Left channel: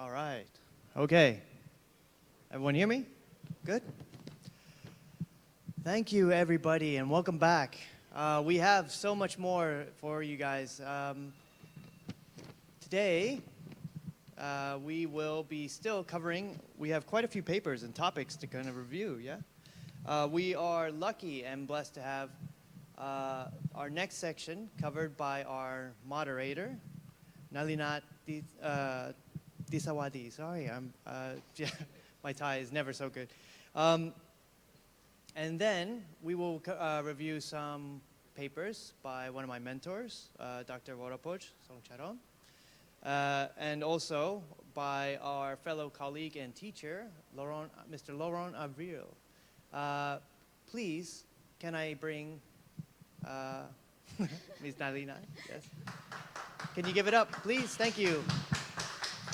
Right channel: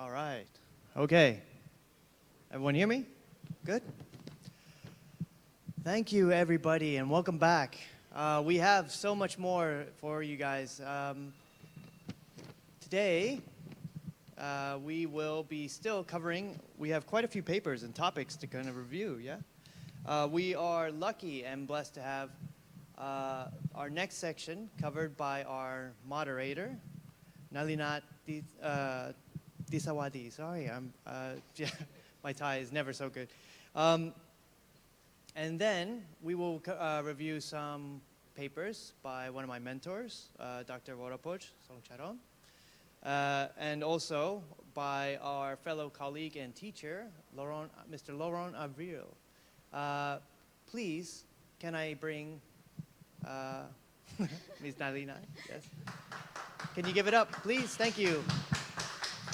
All right. Okay. Everyone hear me? Good? Thank you, everybody, and welcome back. We have so much more for you guys. Today, we will be still covering, we have quite a few papers and topics to kind of review, yeah? We are lucky and blessed to have our next section covered by our moderator, Nalinat Disawadi. Sorry, yeah, my Thai is never so good. And then we will review some papers by one of my mentors, Dr. Worapoj Songcharon, and also by our fellow colleague and teacher, Mr. Laurent Avril. Please, can I bring Ms. Nalina? Yes. Can you give it up, please? Thank you.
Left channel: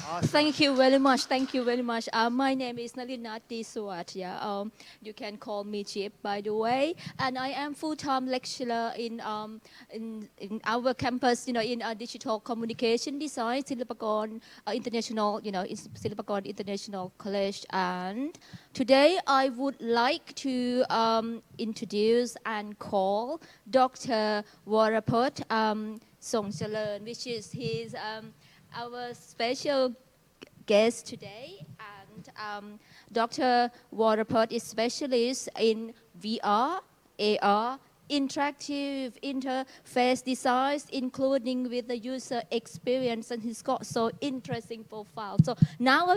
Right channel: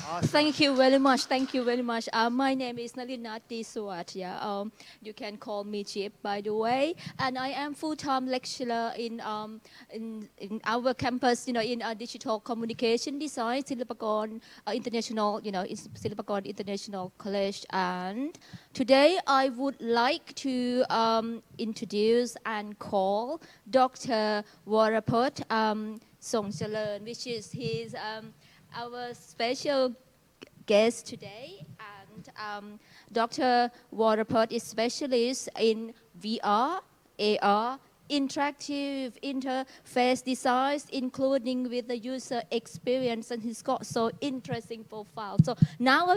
Awesome. Thank you very much. Thank you very much. My name is Nalinati Suwat. Yeah. You can call me Chip, by the way. And I am full-time lecturer in our campus, in digital communication design, Silpakorn International, in Silpakorn International College. And today I would like to introduce and call Dr. Worapoj Songcharan, which is his our special guest today, and Dr. Worapoj is specialist in VR, AR, interactive interface designs, including with the user experience, and he's got so interesting profile. So now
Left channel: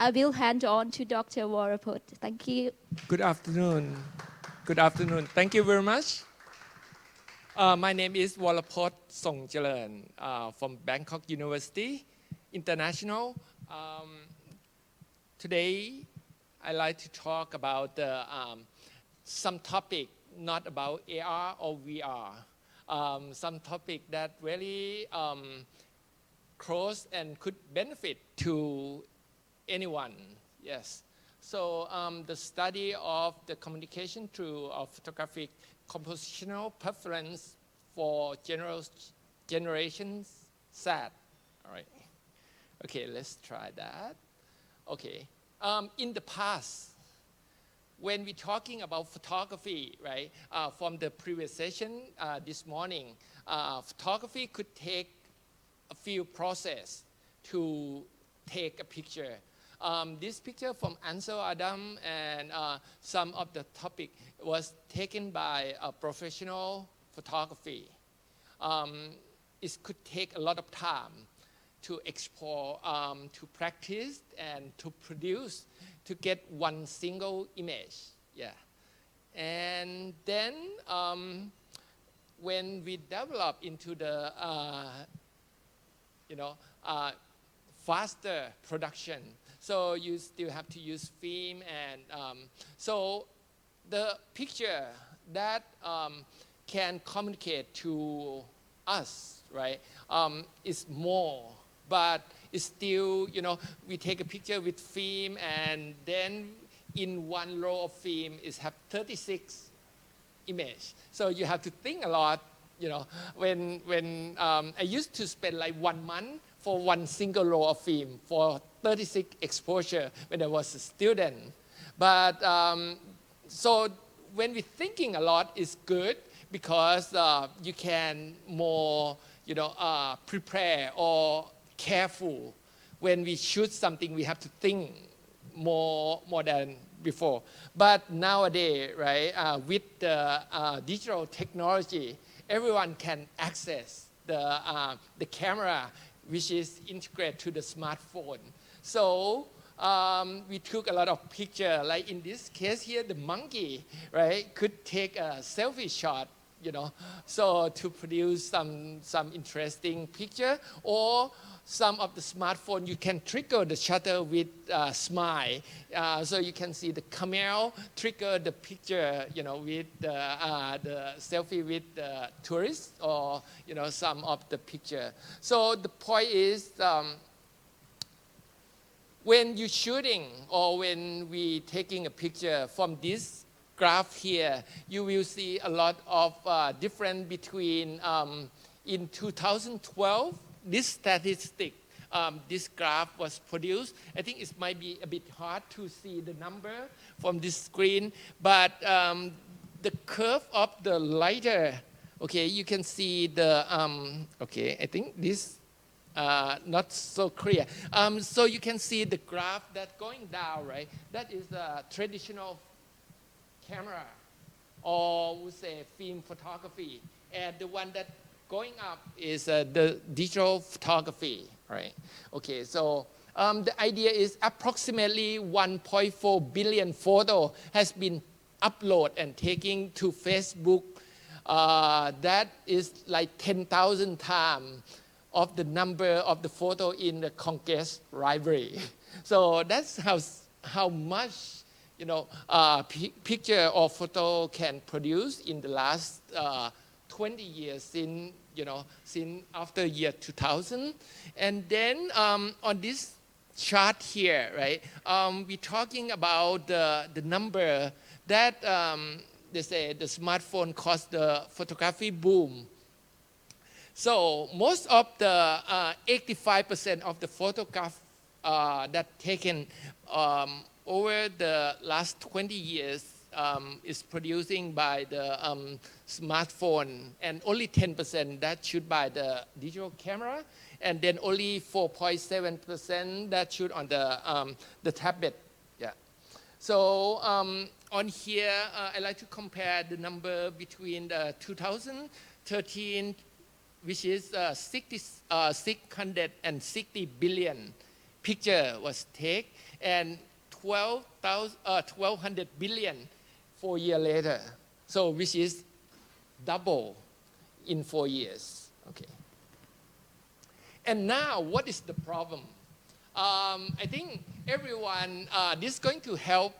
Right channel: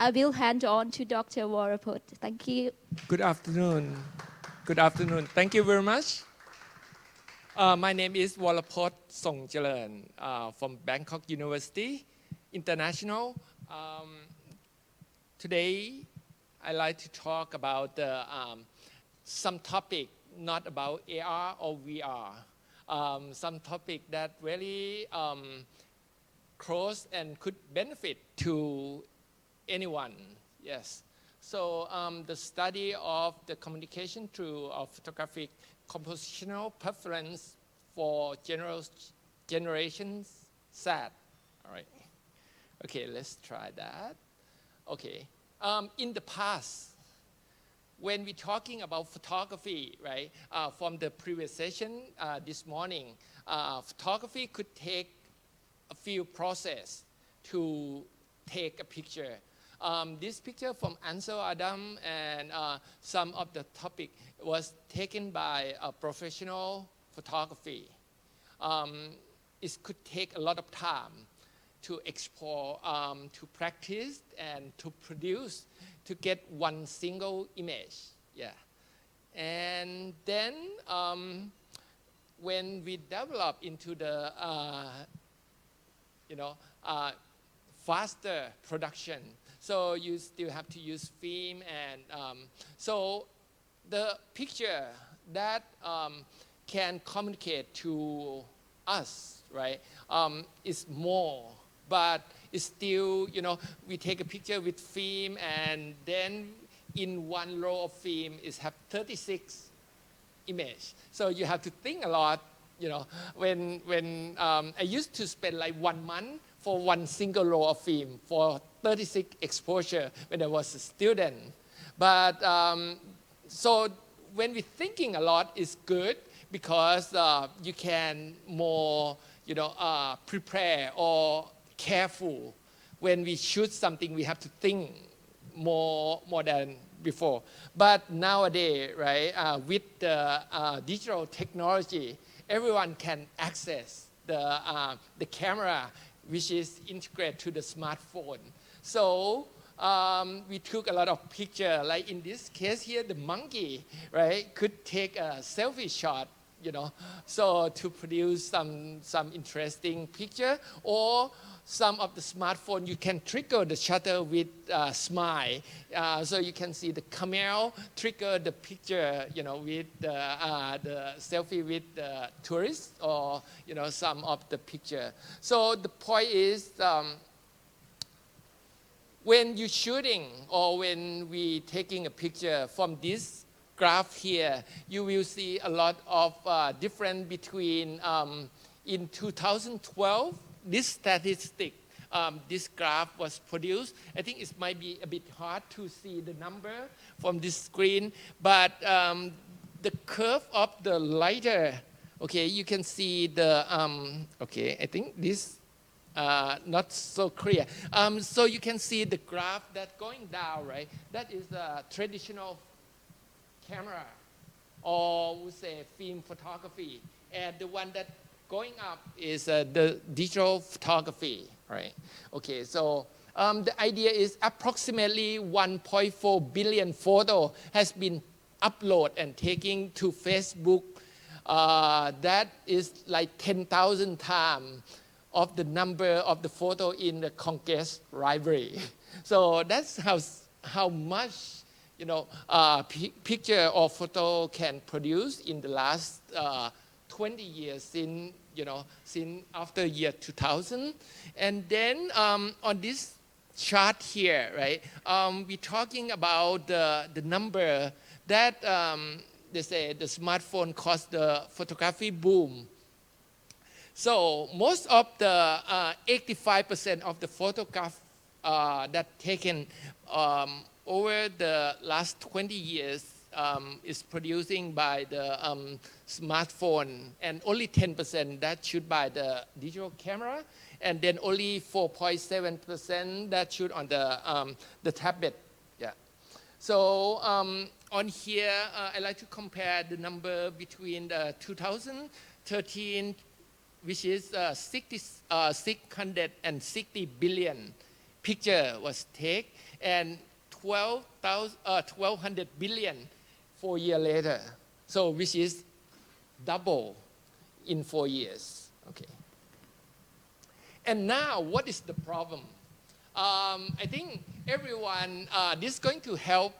I will hand on to Dr. Worapoj. Thank you. Good afternoon. Good afternoon. Thank you very much. My name is Worapoj Songcharan from Bangkok University International. Today, I like to talk about some topic not about AR or VR. Some topic that really close and could benefit to anyone. Yes. So the study of the communication through photographic compositional preference for generations Z. All right. Okay, let's try that. Okay. In the past, when we're talking about photography, right, from the previous session this morning, photography could take a few processes to take a picture. This picture from Ansel Adam and some of the topic was taken by a professional photography. It could take a lot of time to explore, to practice, and to produce, to get one single image. Yeah. And then when we develop into the, faster production, so you still have to use film, and so the picture that can communicate to us, right, is more, but it's still, we take a picture with film, and then in one row of film is have 36 images. So you have to think a lot, when I used to spend like 1 month for one single roll of film for 36 exposure when I was a student. But so when we're thinking a lot, it's good because you can more, prepare or careful. When we shoot something, we have to think more than before. But nowadays, right, with the digital technology, everyone can access the camera, which is integrated to the smartphone. So we took a lot of pictures. Like in this case here, the monkey, right, could take a selfie shot, so to produce some interesting picture. Or some of the smartphone, you can trigger the shutter with smile. So you can see the camera trigger the picture, with the selfie with the tourist, or, some of the picture. So the point is, when you're shooting or when we taking a picture from this graph here, you will see a lot of difference between in 2012, this statistic this graph was produced. I think it might be a bit hard to see the number from this screen, but the curve of the lighter, okay, you can see the, okay, I think this not so clear. So you can see the graph that going down, right? That is a traditional camera, or we say film photography. And the one that going up is the digital photography, right? Okay, so the idea is approximately 1.4 billion photo has been uploaded and taken to Facebook. That is like 10,000 times of the number of the photo in the Congress library. So that's how much, you know, picture or photo can produce in the last 20 years since, you know, since after year 2000. And then on this chart here, right, we're talking about the number that they say the smartphone caused the photography boom. So most of the 85% of the photograph that taken over the last 20 years is producing by the smartphone, and only 10% that shoot by the digital camera, and then only 4.7% that shoot on the tablet. Yeah. So on here, I like to compare the number between the 2013, which is 660 billion picture was taken, and 1,200 billion 4 years later. So which is double in 4 years. Okay. And now, what is the problem? I think everyone, this is going to help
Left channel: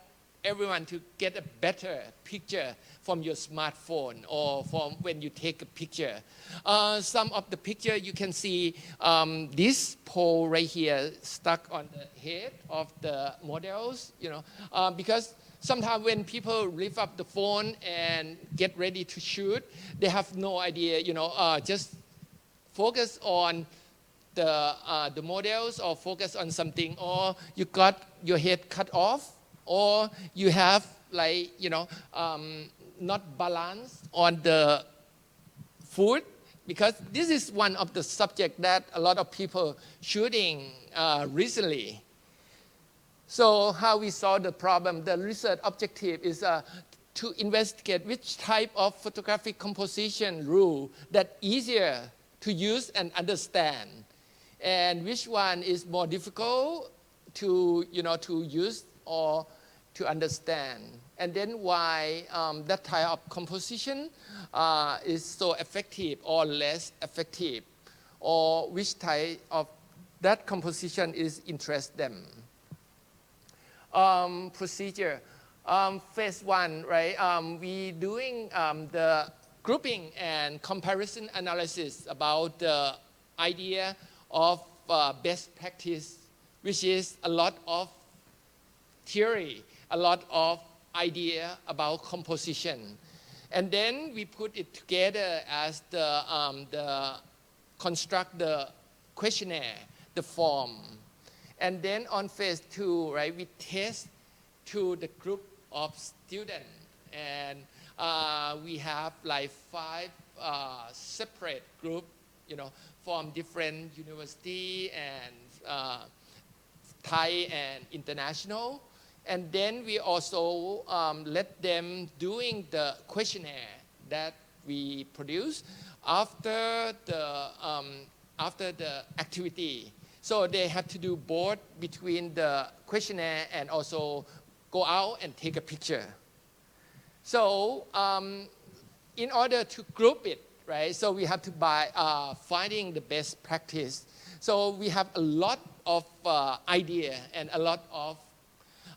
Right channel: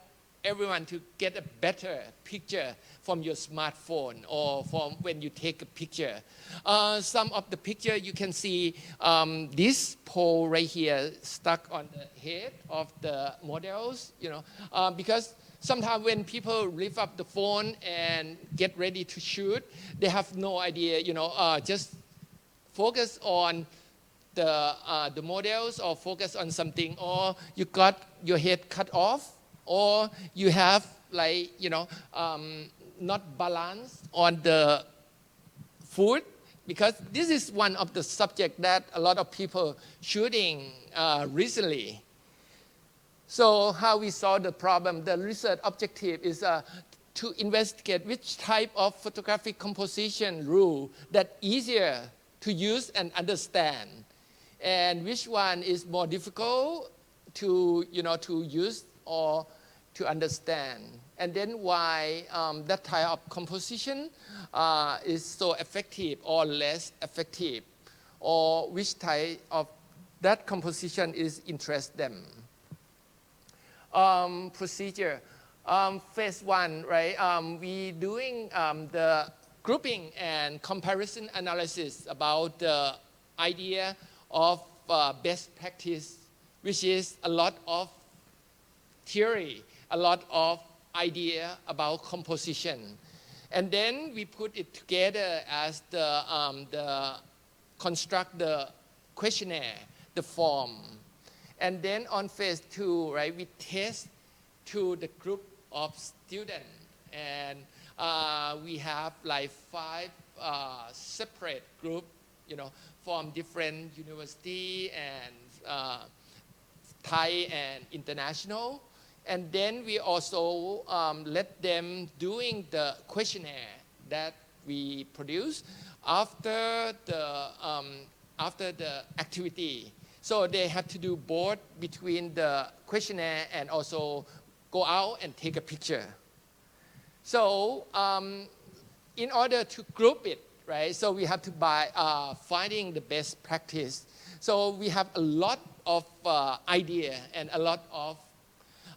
everyone to get a better picture from your smartphone or from when you take a picture. Some of the picture you can see this pole right here stuck on the head of the models, you know, because sometimes when people lift up the phone and get ready to shoot, they have no idea, you know, just focus on the models or focus on something, or you got your head cut off, or you have like, you know, not balanced on the food, because this is one of the subject that a lot of people shooting recently. So how we solve the problem, the research objective is to investigate which type of photographic composition rule that easier to use and understand, and which one is more difficult to, you know, to use or to understand, and then why that type of composition is so effective or less effective, or which type of that composition is interest them. Procedure. Phase one, right? We doing the grouping and comparison analysis about the idea of best practice, which is a lot of theory, a lot of idea about composition. And then we put it together as the construct the questionnaire, the form. And then on phase two, right, we test to the group of students. And we have like 5 separate groups, you know, from different university and Thai and international. And then we also let them doing the questionnaire that we produce after the activity. So they have to do both between the questionnaire and also go out and take a picture. So in order to group it, right, so we have to finding the best practice. So we have a lot of idea and a lot of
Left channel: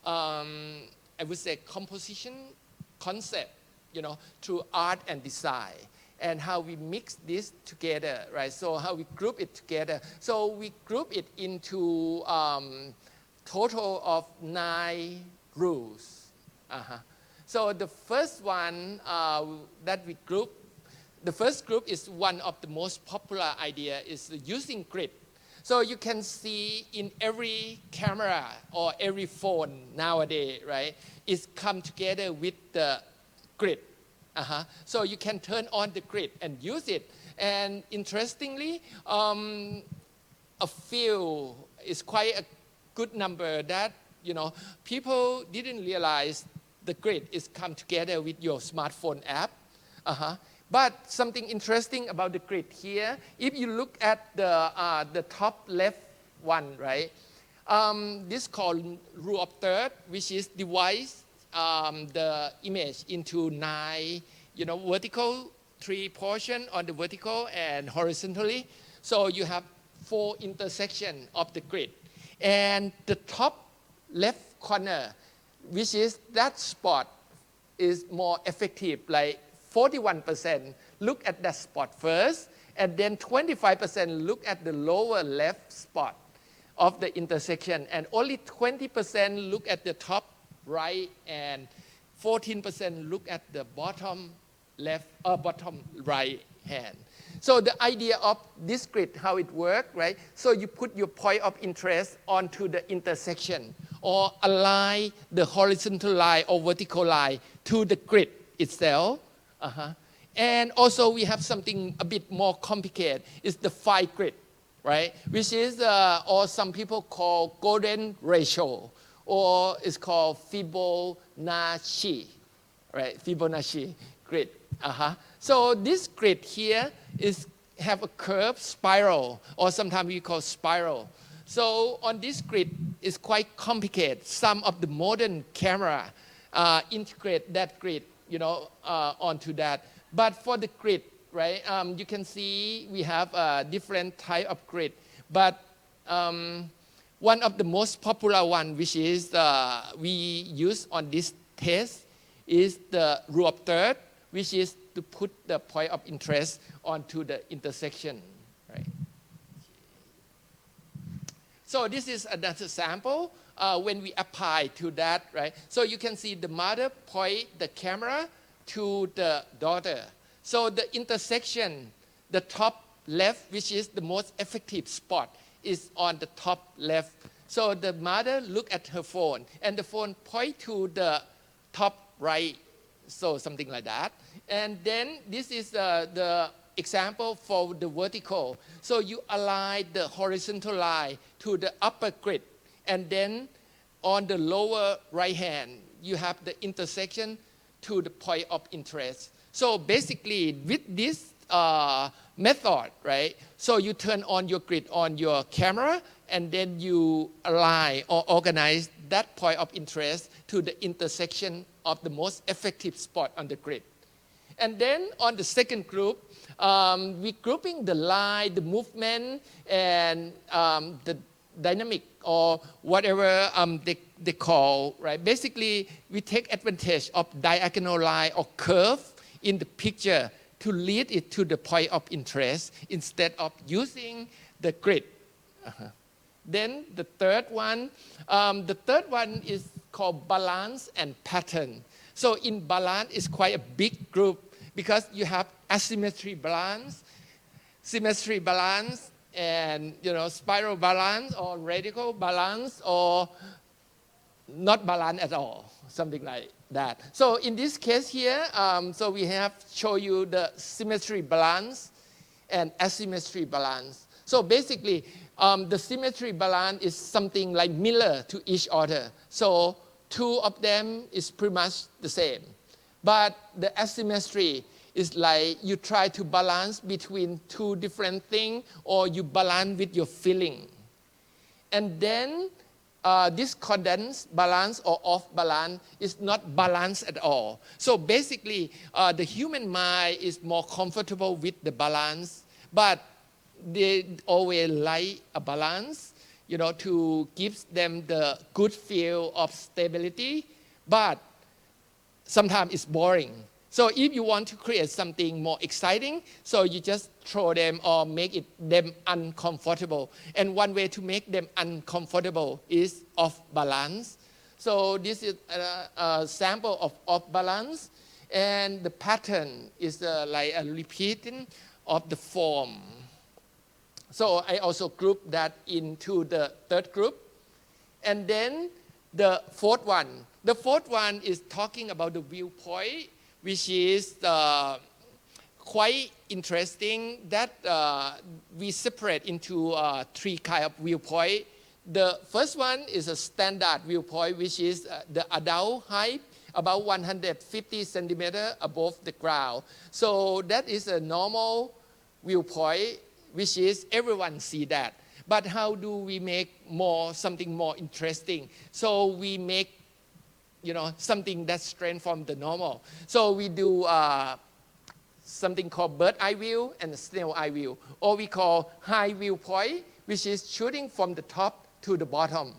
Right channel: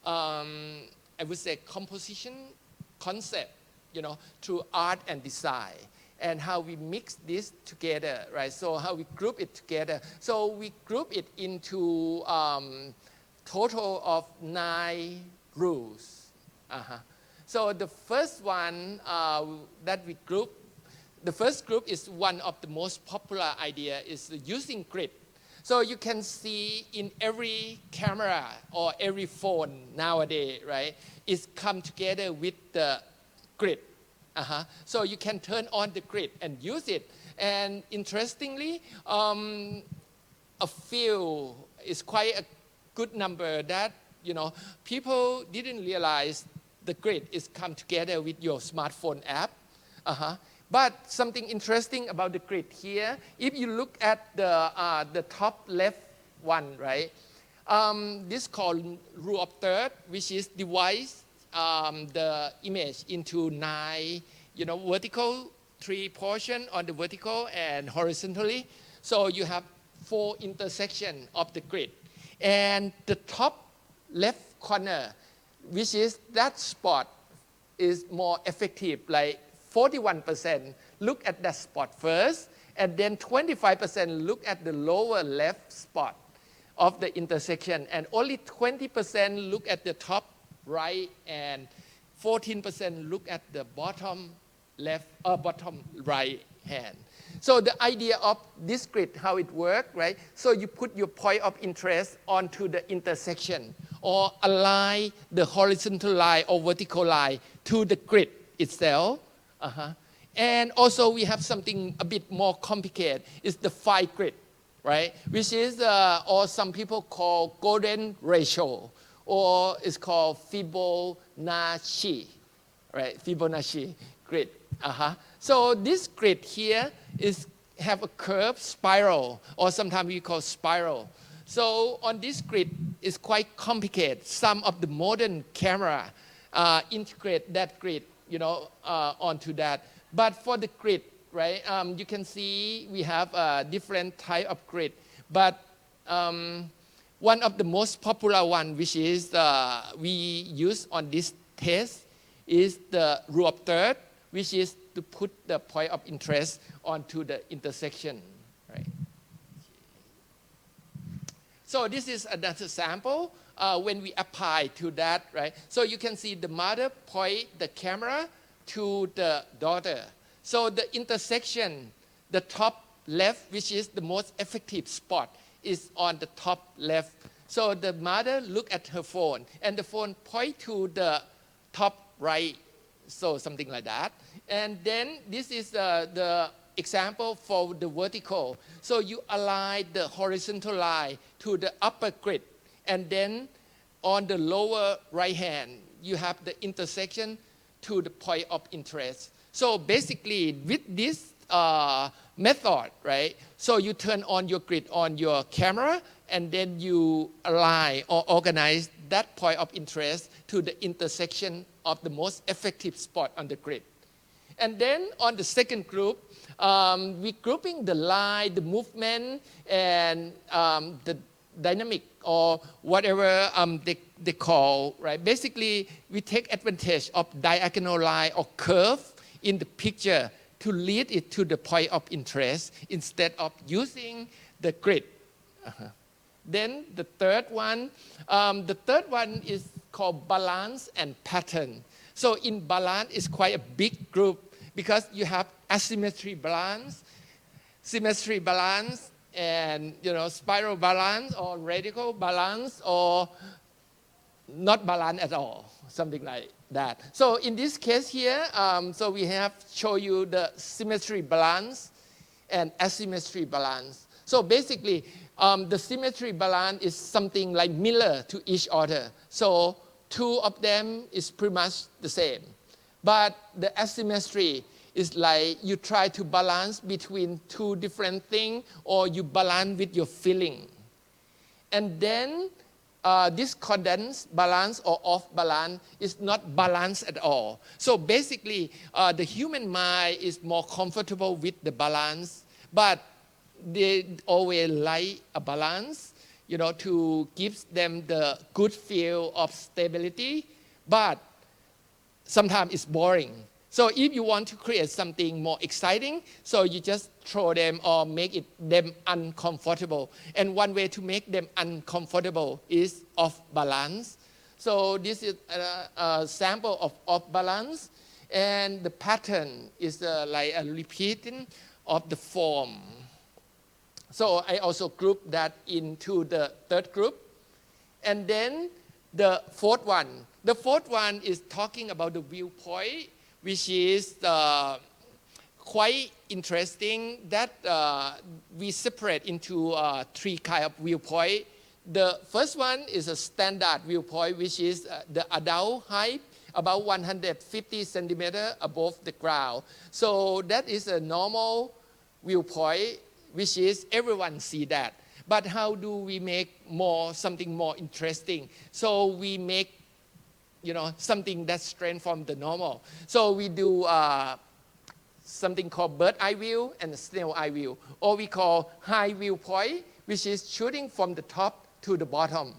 I would say composition concept, you know, through art and design, and how we mix this together, right? So how we group it together. So we group it into total of 9 rules. So the first one that we group, the first group is one of the most popular idea is using grid. So you can see in every camera or every phone nowadays, right, it's come together with the grid. So you can turn on the grid and use it. And interestingly, a few is quite a good number that, people didn't realize the grid is come together with your smartphone app. But something interesting about the grid here, if you look at the top left one, right? This called rule of third, which is divides the image into 9, vertical, 3 portion on the vertical and horizontally. So you have 4 intersections of the grid. And the top left corner, which is that spot, is more effective, like 41% look at that spot first, and then 25% look at the lower left spot of the intersection, and only 20% look at the top right, and 14% look at the bottom left or bottom right hand. So the idea of this grid, how it works, right? So you put your point of interest onto the intersection or align the horizontal line or vertical line to the grid itself. And also we have something a bit more complicated. It's the phi grid, right? Which is, or some people call golden ratio, or it's called Fibonacci, right? Fibonacci grid. So this grid here have a curved spiral, or sometimes we call spiral. So on this grid, it's quite complicated. Some of the modern camera integrate that grid, onto that. But for the grid, right, you can see we have a different type of grid. But one of the most popular one, which is we use on this test, is the rule of third, which is to put the point of interest onto the intersection, right? So this is another sample when we apply to that, right? So you can see the mother point the camera to the daughter. So the intersection, the top left, which is the most effective spot, is on the top left. So the mother look at her phone, and the phone point to the top right, so something like that. And then this is the example for the vertical. So you align the horizontal line to the upper grid, and then on the lower right hand, you have the intersection to the point of interest. So basically, with this method, right? So you turn on your grid on your camera, and then you align or organize that point of interest to the intersection of the most effective spot on the grid. And then on the second group, we're grouping the line, the movement, and the dynamic, or whatever they call, right? Basically, we take advantage of diagonal line or curve in the picture to lead it to the point of interest instead of using the grid. Then the third one is called balance and pattern. So in balance, it's quite a big group because you have asymmetry balance, symmetry balance, and spiral balance or radical balance, or not balance at all, something like that. So in this case here, so we have show you the symmetry balance and asymmetry balance. So basically, the symmetry balance is something like mirror to each other. So two of them is pretty much the same. But the asymmetry is like you try to balance between two different things, or you balance with your feeling. And then discordance balance or off balance is not balanced at all. So basically, the human mind is more comfortable with the balance, but they always like a balance, to give them the good feel of stability, but sometimes it's boring. So if you want to create something more exciting, so you just throw them or make them uncomfortable. And one way to make them uncomfortable is off balance. So this is a sample of off balance, and the pattern is like a repeating of the form. So I also group that into the third group. And then the fourth one. The fourth one is talking about the viewpoint, which is quite interesting that we separate into three kinds of viewpoint. The first one is a standard viewpoint, which is the adult height, about 150 centimeters above the ground. So that is a normal viewpoint, which is everyone see that. But how do we make something more interesting? So we make, something that's strange from the normal. So we do something called bird eye view and snail eye view, or we call high viewpoint, which is shooting from the top to the bottom.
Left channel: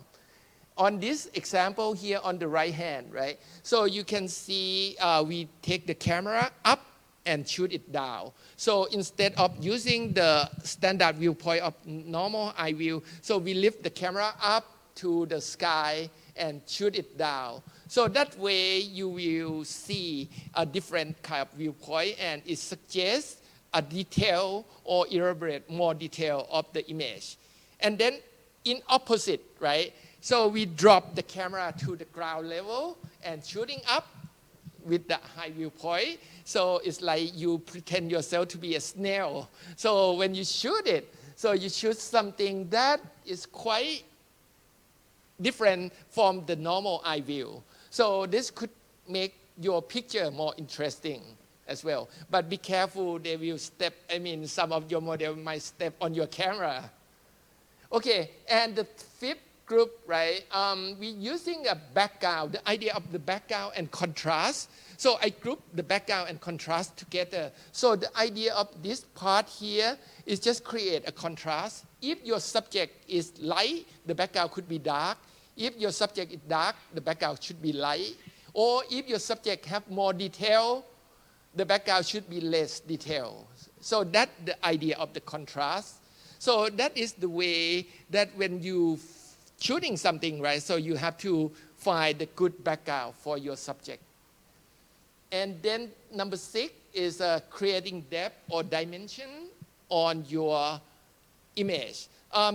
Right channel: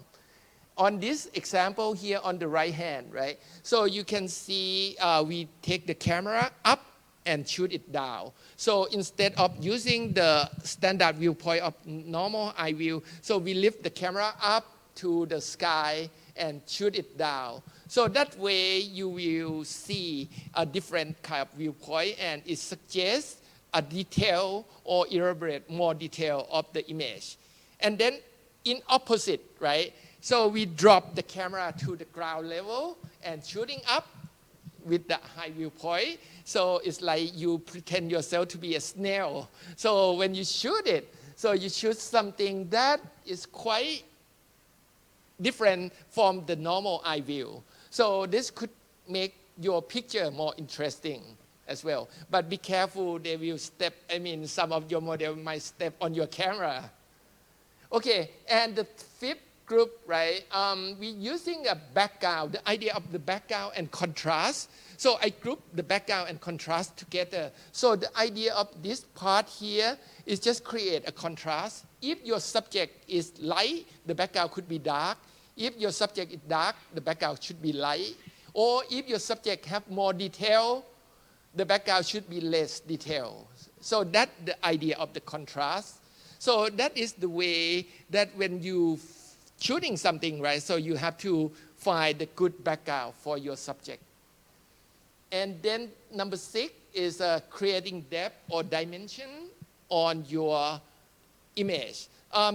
On this example here on the right hand, right? So you can see we take the camera up and shoot it down. So instead of using the standard viewpoint of normal eye view, so we lift the camera up to the sky and shoot it down. So that way you will see a different kind of viewpoint, and it suggests a detail or elaborate more detail of the image. And then in opposite, right? So we drop the camera to the ground level and shooting up with the high viewpoint. So it's like you pretend yourself to be a snail. So when you shoot it, so you shoot something that is quite different from the normal eye view. So this could make your picture more interesting as well. But be careful, they will some of your model might step on your camera. Okay, and the fifth group, right? We're using a background, the idea of the background and contrast. So I group the background and contrast together. So the idea of this part here is just create a contrast. If your subject is light, the background could be dark. If your subject is dark, the background should be light. Or if your subject have more detail, the background should be less detail. So that's the idea of the contrast. So that is the way that when you shooting something, right? So you have to find the good background for your subject. And then number 6 is creating depth or dimension on your image.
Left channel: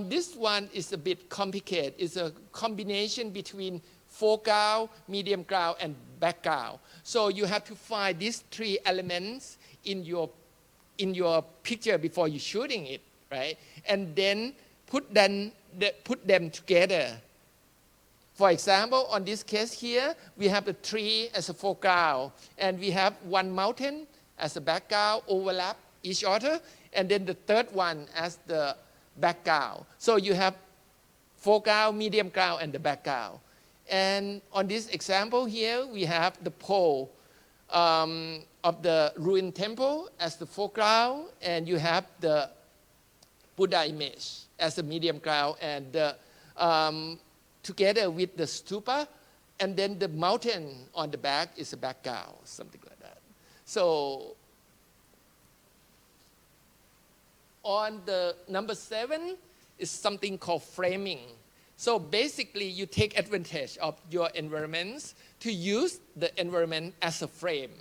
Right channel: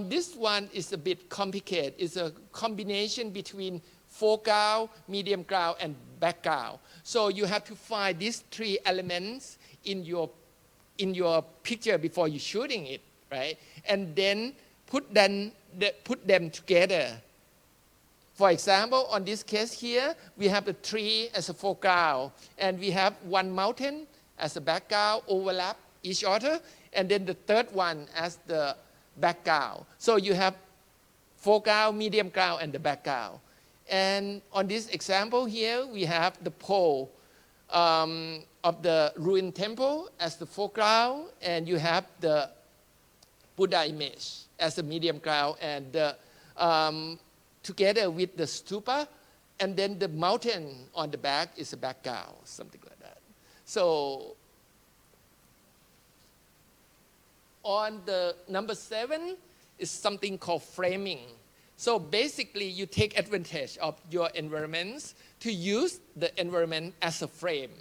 This one is a bit complicated. It's a combination between foreground, medium ground, and background. So you have to find these 3 elements in your picture before you're shooting it, right? And then put them together. For example, on this case here, we have the tree as a foreground, and we have one mountain as a background, overlap each other, and then the third one as the background. So you have foreground, medium ground, and the background. And on this example here, we have the pole of the ruined temple as the foreground, and you have the Buddha image as a medium ground, and together with the stupa, and then the mountain on the back is a background, something like that. So on the number 7 is something called framing. So basically you take advantage of your environments to use the environment as a frame.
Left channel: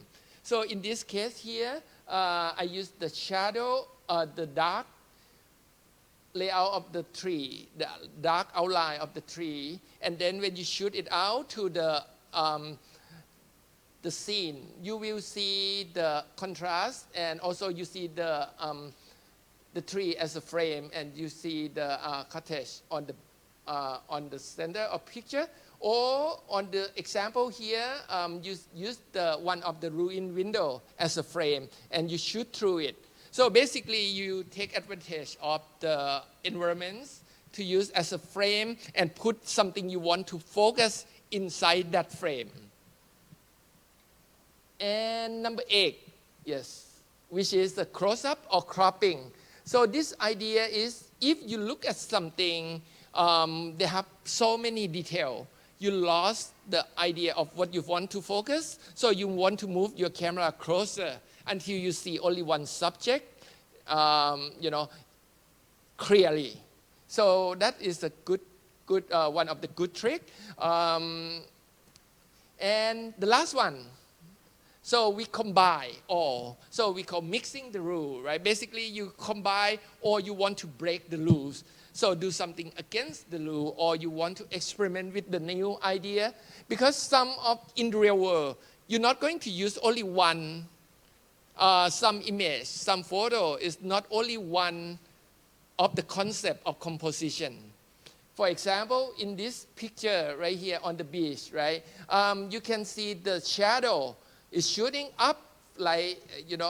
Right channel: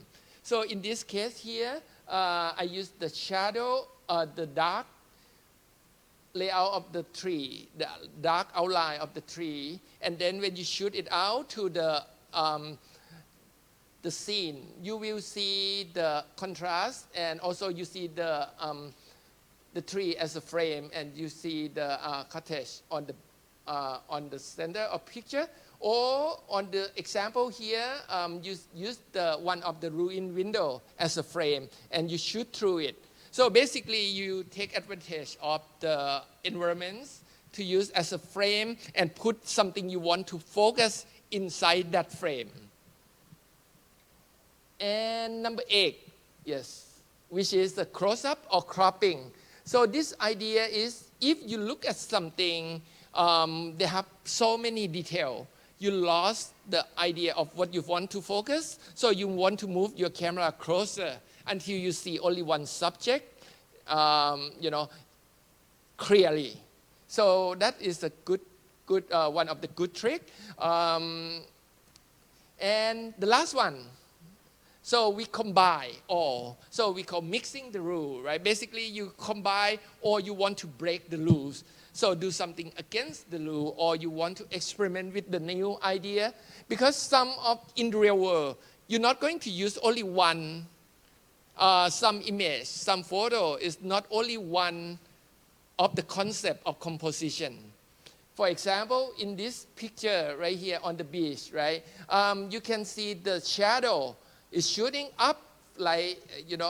So in this case here, I use the shadow, the dark layout of the tree, the dark outline of the tree, and then when you shoot it out to the scene, you will see the contrast, and also you see the tree as a frame, and you see the cottage on the center of picture. Or on the example here, use the one of the ruined window as a frame, and you shoot through it. So basically, you take advantage of the environments to use as a frame and put something you want to focus inside that frame. And number 8, yes, which is the close-up or cropping. So this idea is if you look at something, they have so many details. You lost the idea of what you want to focus, so you want to move your camera closer until you see only one subject, clearly. So that is a good one of the good tricks. And the last one. So we combine all. So we call mixing the rule, right? Basically, you combine or you want to break the rules. So do something against the rule, or you want to experiment with the new idea. Because in the real world, you're not going to use only one, some image, some photo is not only one of the concept of composition. For example, in this picture right here on the beach, right, you can see the shadow is shooting up like,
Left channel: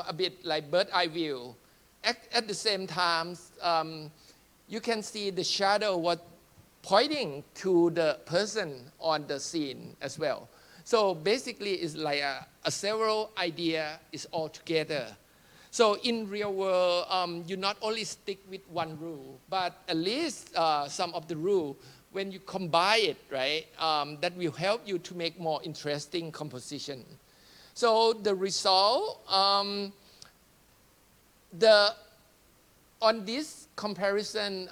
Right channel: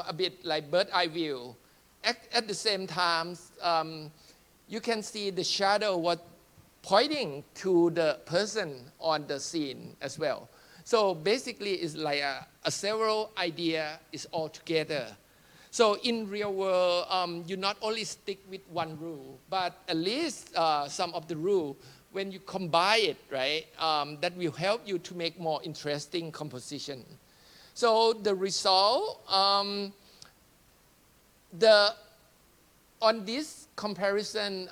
a bit like bird eye view. At the same time, you can see the shadow was pointing to the person on the scene as well. So basically, it's like a several idea is all together. So in real world, you not only stick with one rule, but at least some of the rule, when you combine it, right, that will help you to make more interesting composition. So the result, on this comparison,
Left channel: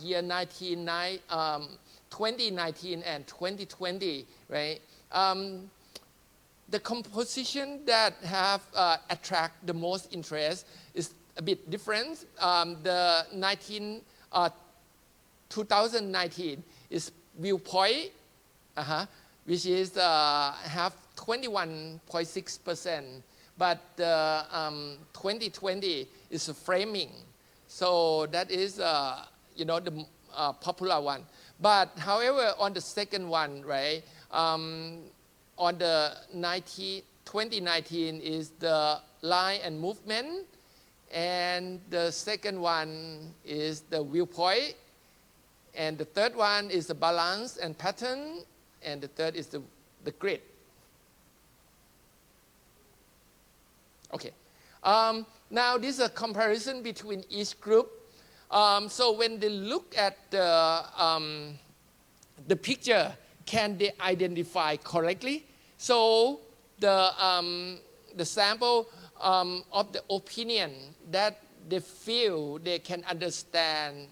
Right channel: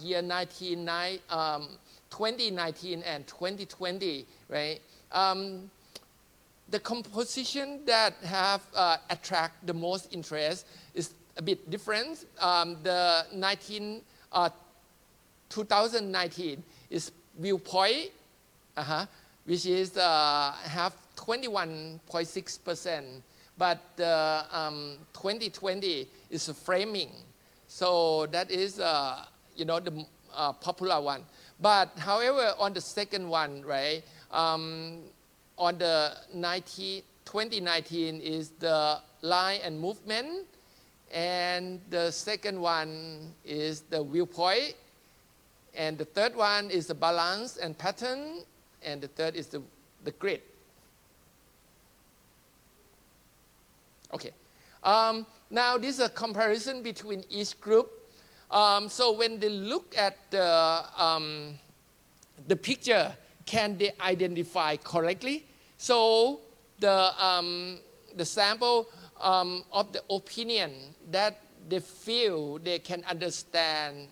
year 2019 and 2020, right? The composition that have attract the most interest is a bit different. The 2019 is viewpoint, which is have 21.6%, but 2020 is framing. So that is, the popular one. But however, on the second one, right, on the 2019 is the line and movement, and the second one is the viewpoint, and the third one is the balance and pattern, and the third is the grid. Okay. Now this is a comparison between each group. So when they look at the picture, can they identify correctly? So the sample of the opinion that they feel they can understand,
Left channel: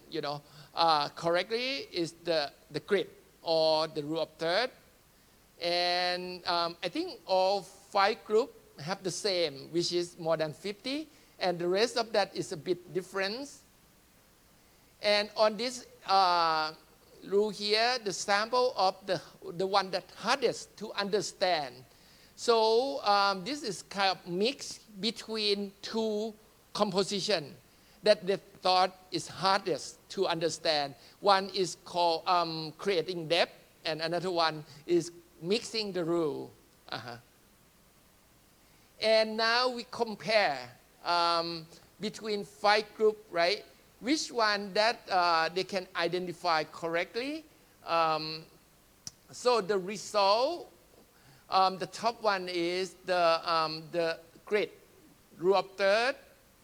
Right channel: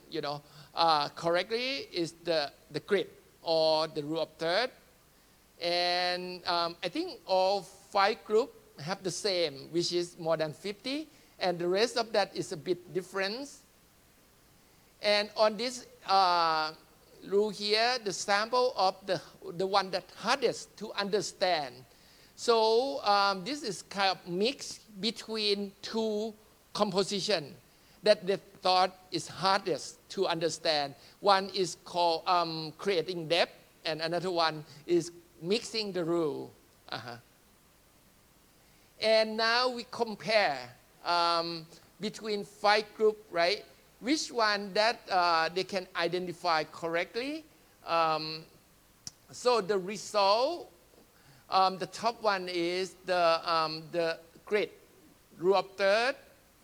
correctly is the grid or the rule of third. And I think all 5 groups have the same, which is more than 50, and the rest of that is a bit different. And on this rule here, the sample of the one that hardest to understand. So this is kind of mix between 2 composition that they thought is hardest to understand. One is called creating depth, and another one is mixing the rule. And now we compare between 5 groups, right? Which one that they can identify correctly. So the result, the top one is the grid, rule of third,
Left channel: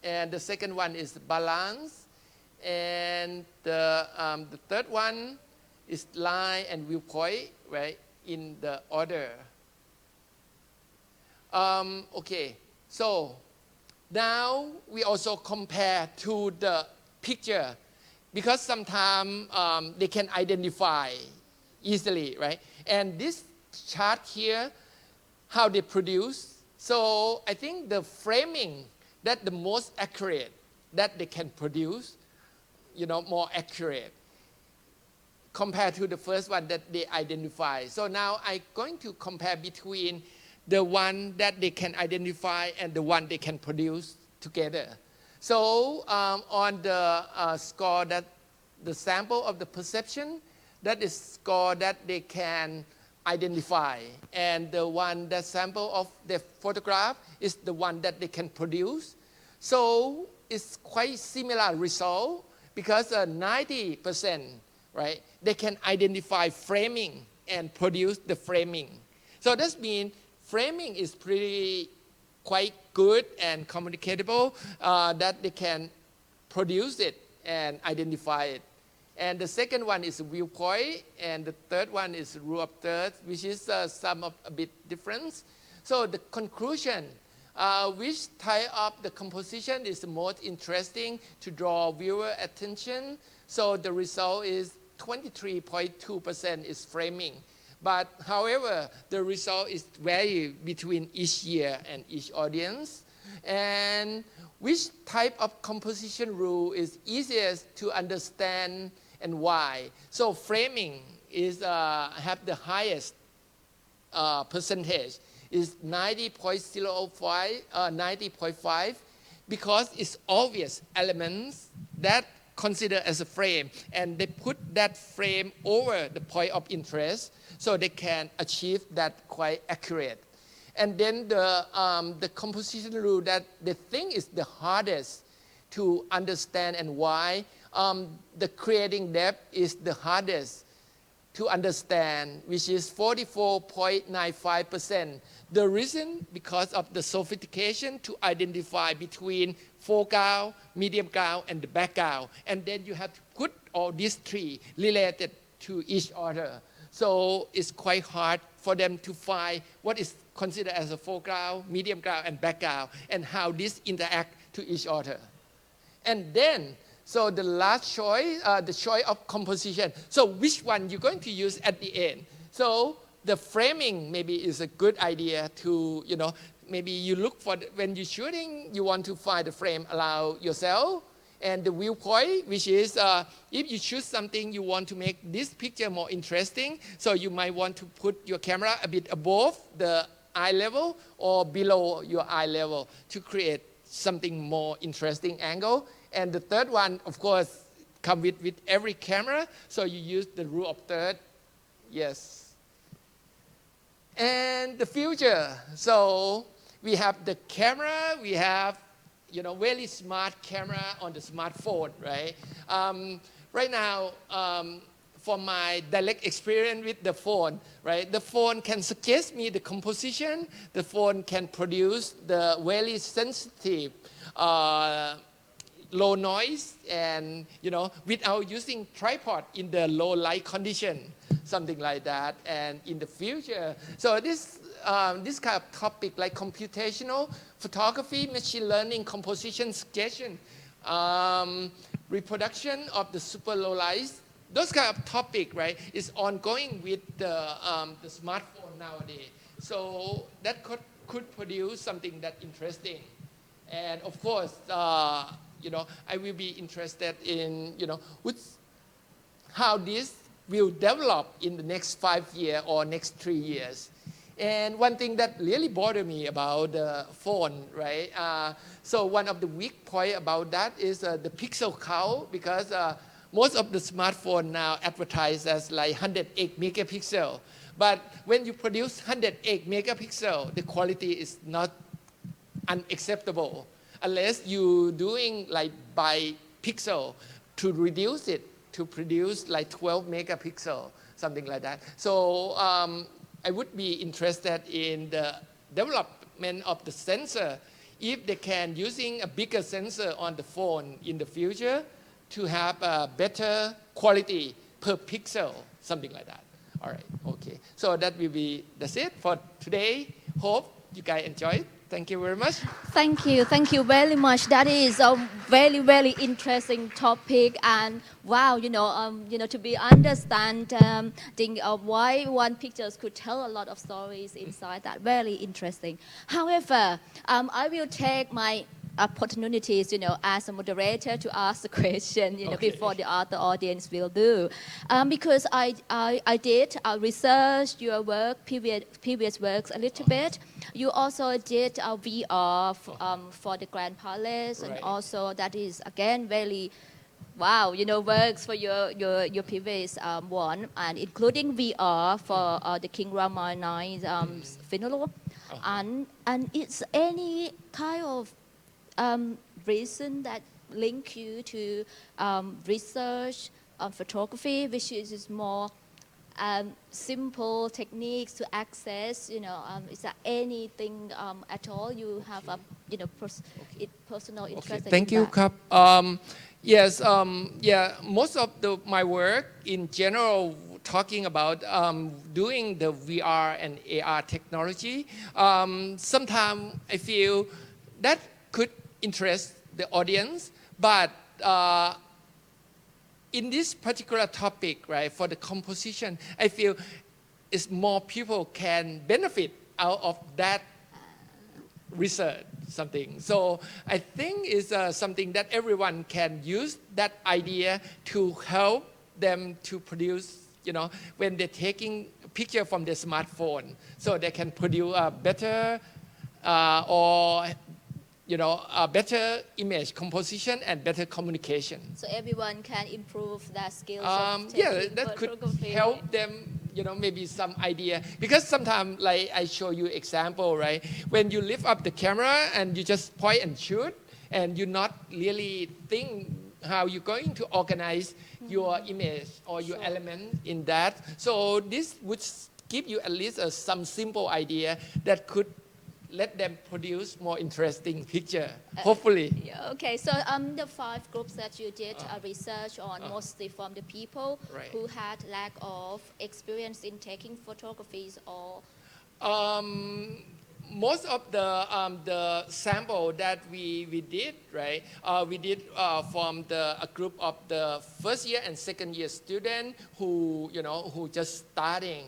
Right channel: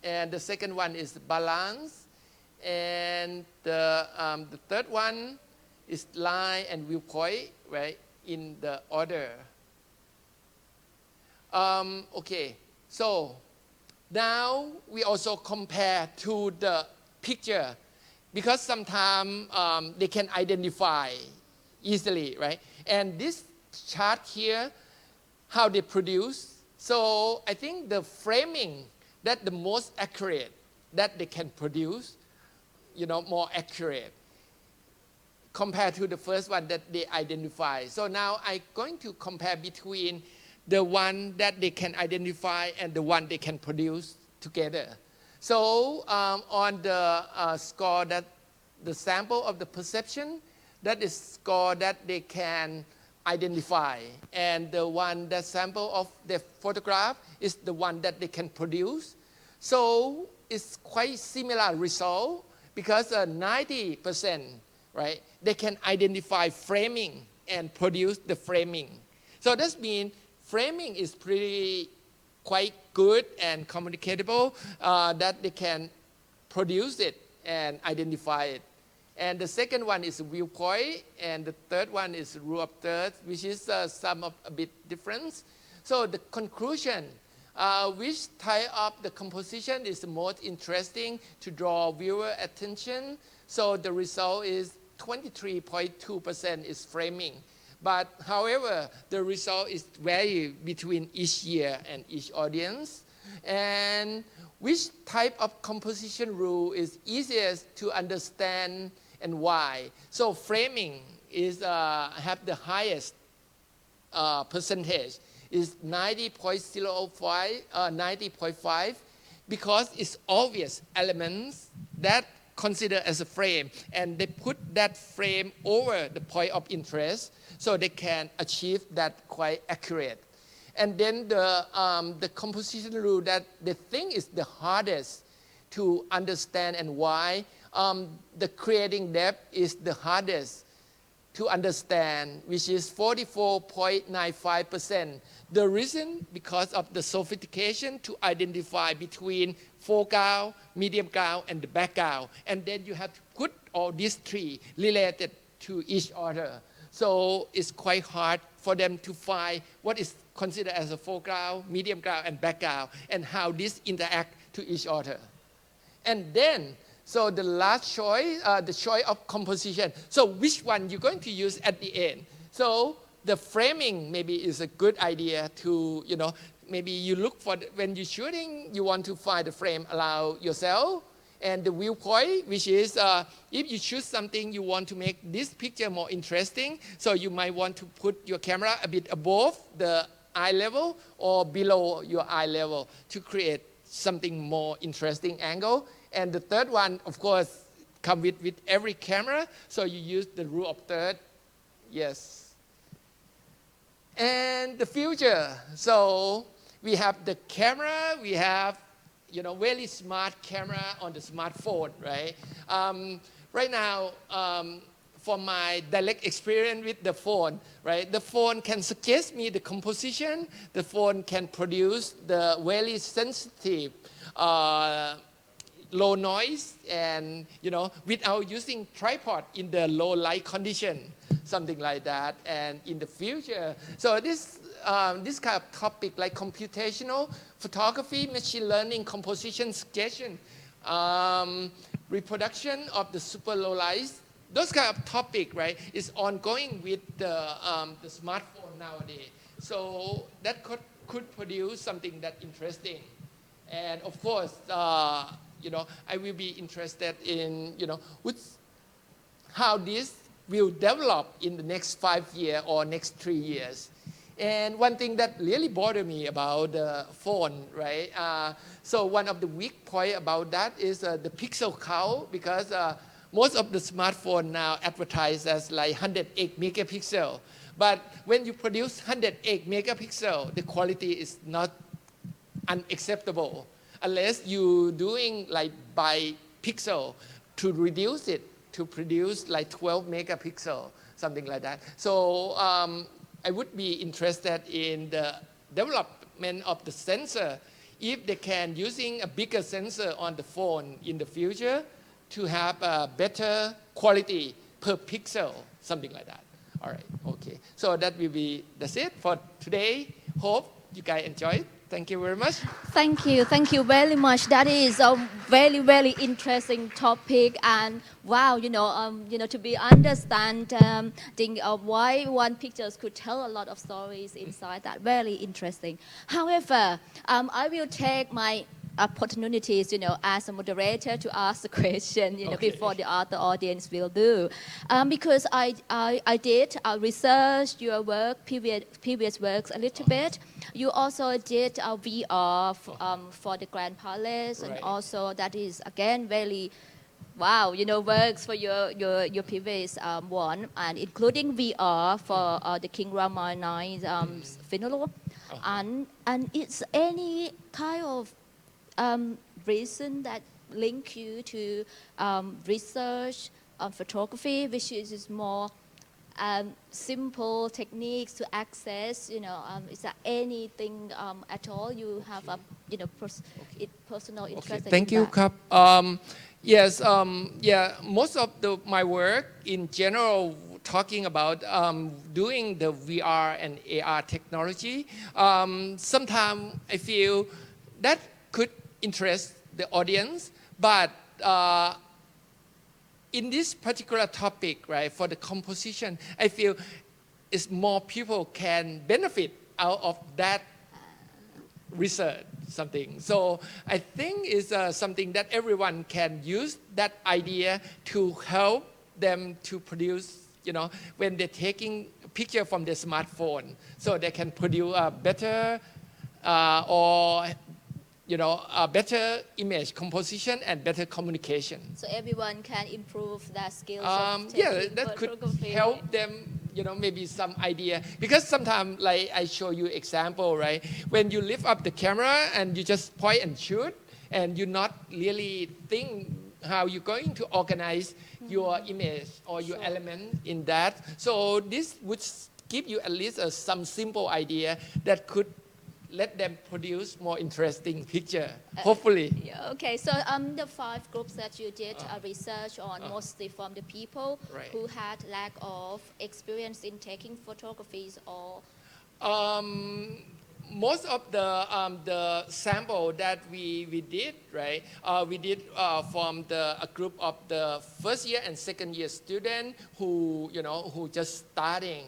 and the second one is balance, and the third one is line and viewpoint, right, in the order. Okay, so now we also compare to the picture, because sometimes they can identify easily, right? And this chart here, how they produce. So I think the framing that the most accurate that they can produce, more accurate compared to the first one that they identify. So now I'm going to compare between the one that they can identify and the one they can produce together. So on the score that the sample of the perception, that is score that they can identify, and the one that sample of the photograph is the one that they can produce. So it's quite similar result, because 90%, right, they can identify framing and produce the framing. So that means framing is quite good and communicable, that they can produce it and identify it. And the second one is viewpoint, and the third one is rule of thirds, which is some of a bit different. So the conclusion, which type of the composition is the most interesting to draw viewer attention? So the result is 23.2% is framing, But however, the result is vary between each year and each audience. And which type of composition rule is easiest to understand and why? So framing is have the highest percentage, is 90.05, 90.5, because it's obvious elements that consider as a frame, and they put that frame over the point of interest, so they can achieve that quite accurate. And then the composition rule that they think is the hardest to understand and why, the creating depth is the hardest to understand, which is 44.95%. The reason, because of the sophistication to identify between foreground, medium ground, and the background. And then you have to put all these three related to each other. So it's quite hard for them to find what is considered as a foreground, medium ground, and background, and how these interact to each other. And then, so the last choice, the choice of composition. So which one you're going to use at the end? So the framing maybe is a good idea to, maybe you look for, when you're shooting, you want to find the frame around yourself, and the viewpoint, which is if you choose something, you want to make this picture more interesting, so you might want to put your camera a bit above the eye level or below your eye level to create something more interesting angle. And the third one, of course, come with every camera, so you use the rule of third. Yes. And the future, so we have the camera, we have very smart camera on the smartphone, right? Right now, from my direct experience with the phone, right? The phone can suggest me the composition. The phone can produce the very sensitive, low noise, and without using tripod in the low light condition, something like that. And in the future, so this kind of topic like computational photography, machine learning, composition, suggestion, reproduction of the super low light, those kind of topic, right, is ongoing with the smartphone nowadays. So that could produce something that interesting. And of course, I will be interested in, how this will develop in the next 5 years or next 3 years. And one thing that really bothered me about the phone, right? So one of the weak points about that is the pixel count, because most of the smartphone now advertise as like 108 megapixel. But when you produce 108 megapixel, the quality is not unacceptable, unless you doing like by pixel to reduce it to produce like 12 megapixel, something like that. So I would be interested in the development of the sensor, if they can using a bigger sensor on the phone in the future to have a better quality per pixel, something like that. All right, okay. So that's it for today. Hope you guys enjoy it. Thank you very much. Thank you very much. That is a very, very interesting topic, and wow, to be understanding why one pictures could tell a lot of stories inside that. Very interesting. However, I will take my opportunities, as a moderator to ask the question, Okay. before the other audience will do, because I did research your work, previous works a little bit. You also did VR for the Grand Palace, and Right. also that is again very wow, works for your previous one, and including VR for the King Rama IX funeral, and it's any kind of reason that link you to research on photography, which is more simple techniques to access. Is there anything at all you have a personal interest? Okay. Thank you, Kap. Yes, most of my work in general talking about doing the VR and AR technology. Sometimes I feel that could interest the audience, but in this particular topic, right, for the composition, I feel is more people can benefit out of that research something. So I think it's something that everyone can use that idea to help them to produce, when they're taking picture from their smartphone, so they can produce a better or a better image composition and better communication. So everyone can improve their skills. That could help them, maybe some idea. Because sometimes, like I show you example, right? When you lift up the camera and you just point and shoot, and you not really think how you're going to organize your image or your element in that. So this would give you at least some simple idea that could let them produce more interesting picture, hopefully. Yeah, okay, so the 5 groups that you did research on mostly from the people who had lack of experience in taking photographies or? Most of the sample that we did, right? We did from a group of the first year and second year student who just starting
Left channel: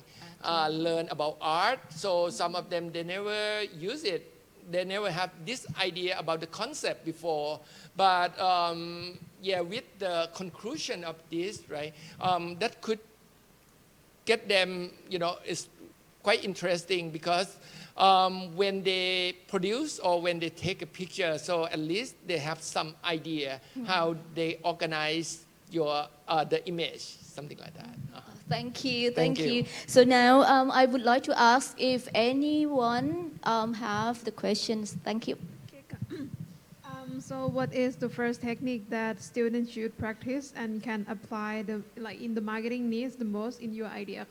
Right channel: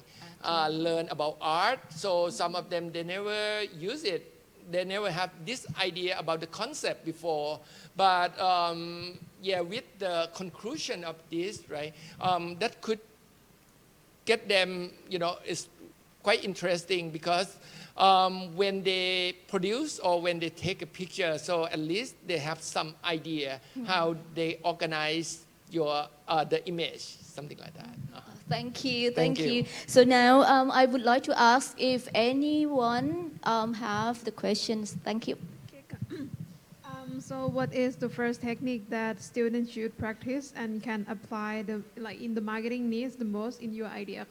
learn about art. So some of them, they never use it. They never have this idea about the concept before. But with the conclusion of this, right? That could get them, it's quite interesting because when they produce or when they take a picture, so at least they have some idea how they organize the image, something like that. Thank you. Thank you. So now I would like to ask if anyone have the questions. Thank you. So what is the first technique that students should practice and can apply in the marketing needs the most in your idea?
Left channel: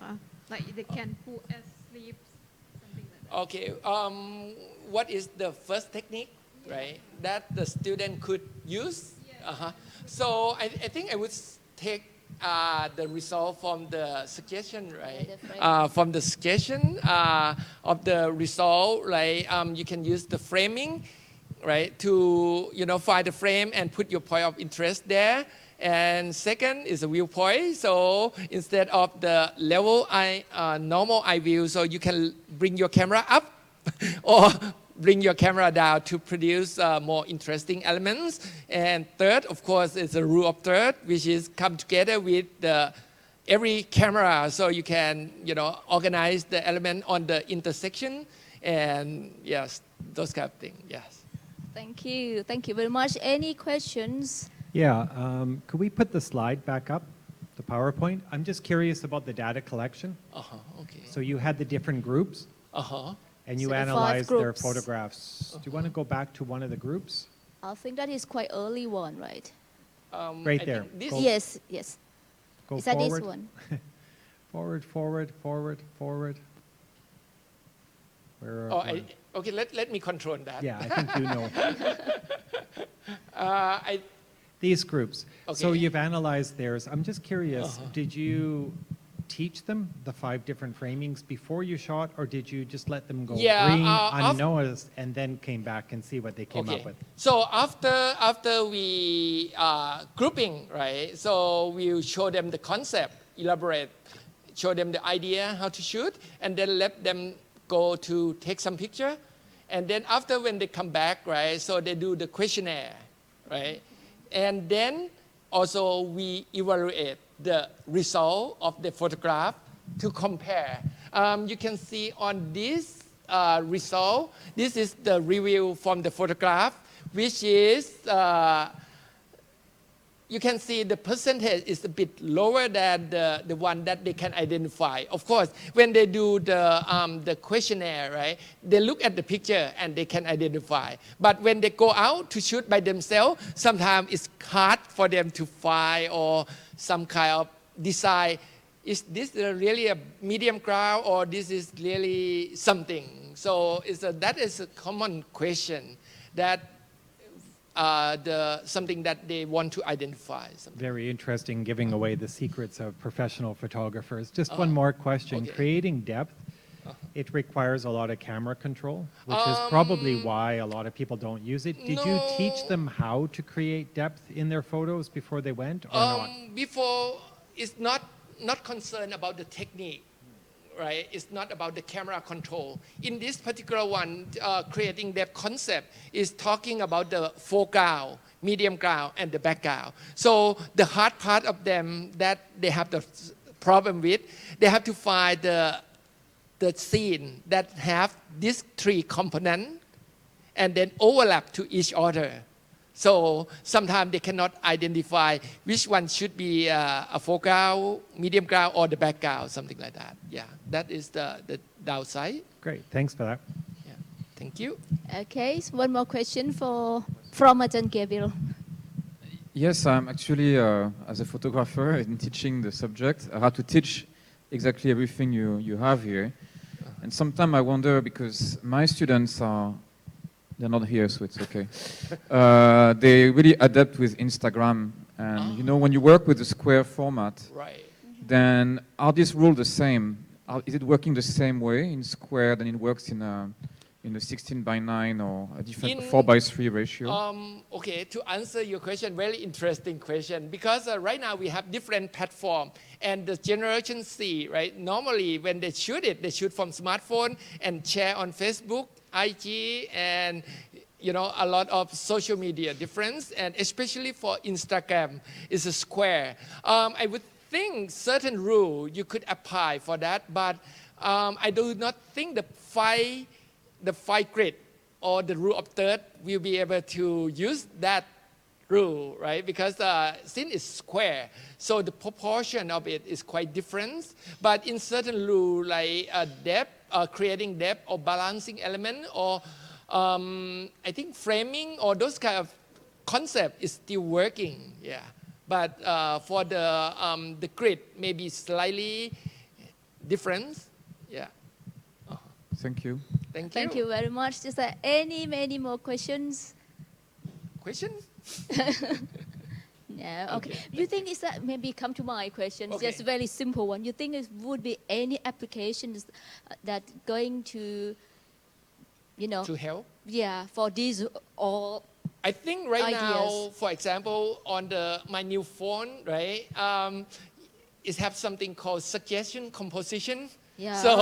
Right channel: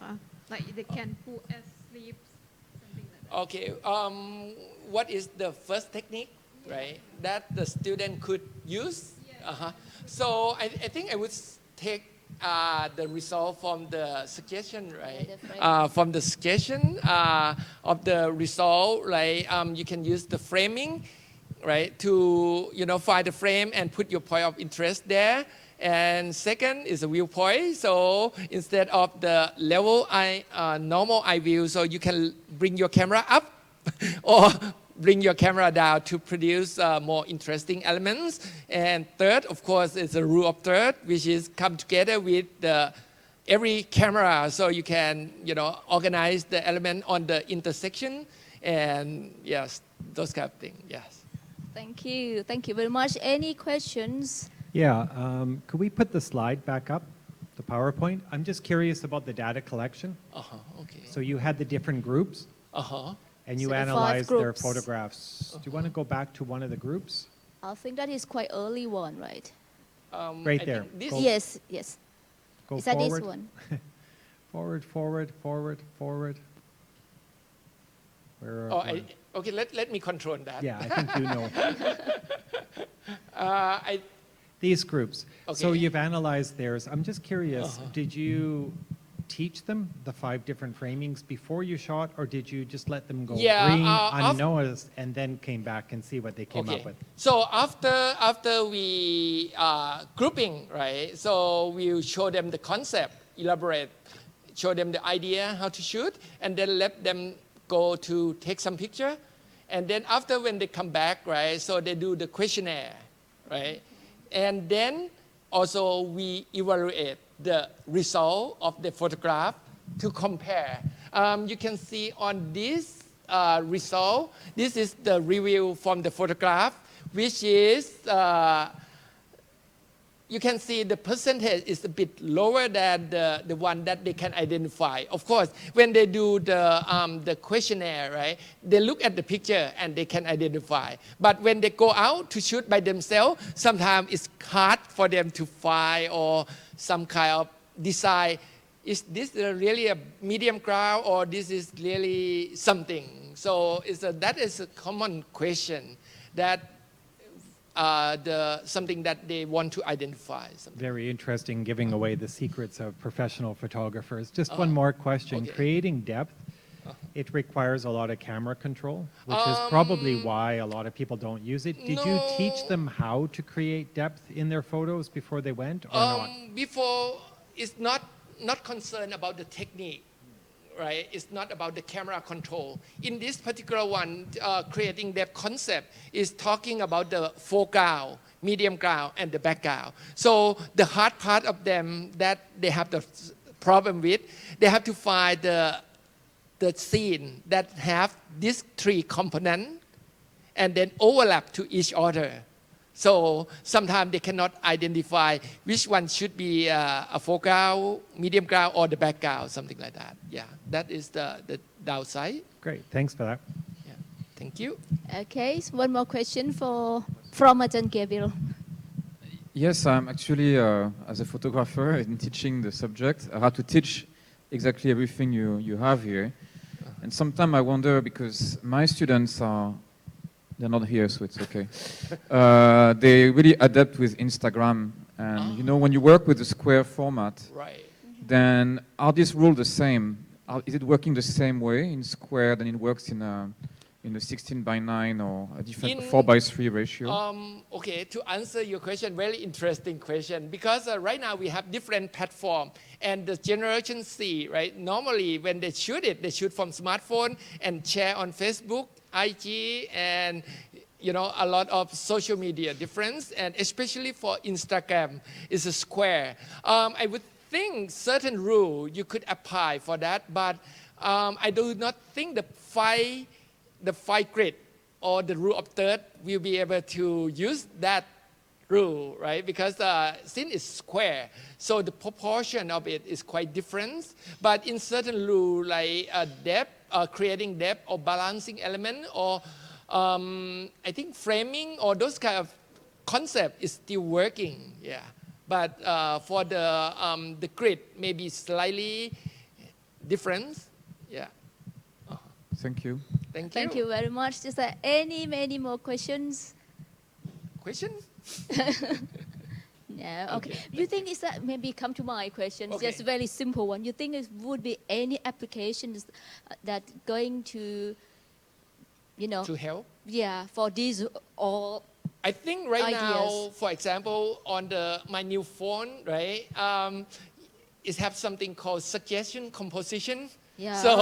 Like they can put as sleep, something like that. Okay. What is the first technique, right? That the student could use? Yeah. So I think I would take the result from the suggestion, right? From the suggestion of the result, right? You can use the framing, right? To find the frame and put your point of interest there. And second is a viewpoint. So instead of the level normal eye view, so you can bring your camera up or bring your camera down to produce more interesting elements. And third, of course, is a rule of third, which is come together with every camera, so you can organize the element on the intersection, and yes, those kind of things. Yes. Thank you very much. Any questions? Yeah, could we put the slide back up, the PowerPoint? I'm just curious about the data collection. Okay. So you had the different groups, and you So the 5 analyzed their groups. photographs. Do you want to go back to one of the groups? I think that is quite early one, right? Right I there. think this- Go- Yes. Go Is that this forward. one? Forward. Where Oh, are- okay. Let me control that. Yeah, I think you know. I These groups. So Okay. you've analyzed theirs. I'm just curious, did you teach them the 5 different framings before you shot, or did you just let them go Yeah, green, af- unnoticed, and then came back and see what they came Okay. up with? So after we grouping, right? So we'll show them the concept, elaborate, show them the idea how to shoot, and then let them go to take some picture. And then after when they come back, right? So they do the questionnaire, right? And then also we evaluate the result of the photograph to compare. You can see on this result, this is the review from the photograph, which is, you can see the percentage is a bit lower than the one that they can identify. Of course, when they do the questionnaire, right, they look at the picture and they can identify. But when they go out to shoot by themselves, sometimes it's hard for them to find or some kind of decide, is this really a medium ground or this is really something? So that is a common question that something that they want to identify. Something. Very interesting, giving away the secrets of professional photographers. Just one more question. Okay. Creating depth, it requires a lot of camera control, which is probably why a lot of people don't use it. Did you teach No. them how to create depth in their photos before they went, or not? Before, it's not concerned about the technique, right? It's not about the camera control. In this particular one, creating that concept is talking about the foreground, medium ground, and the background. So the hard part of them that they have the problem with, they have to find the scene that have these three components and then overlap to each other. So sometimes they cannot identify which one should be a foreground, medium ground, or the background, something like that. Yeah, that is the downside. Great, thanks for that. Yeah, thank you. Okay, so one more question from Ajahn Gabriel. Yes, I'm actually, as a photographer in teaching the subject, I have to teach exactly everything you have here. And sometimes I wonder, because my students they're not here, so it's okay. They really adapt with Instagram. And you know, when you work with the square format, Right. then are these rules the same? Is it working the same way in square than it works in a 16:9 or a different 4:3 ratio? Okay, to answer your question, very interesting question, because right now we have different platform, and the generation C, right? Normally when they shoot from smartphone and share on Facebook, IG, and a lot of social media difference, and especially for Instagram, is a square. I would think certain rule you could apply for that, but I do not think the five grid or the rule of third will be able to use that rule, right? Because since it's square, so the proportion of it is quite different. But in certain rule like depth, creating depth or balancing element, or I think framing or those kind of concept is still working. Yeah, but for the grid maybe slightly different. Yeah. Thank you. Thank you. Thank you very much. Is there many more questions? Questions? No. Okay. Okay, You think is that maybe come to my question? Okay. Just a very simple one. You think it would be any applications that going to, To help? yeah, for these or I think right now, Ideas. for example, on my new phone, right, it have something called suggestion composition. yeah. So,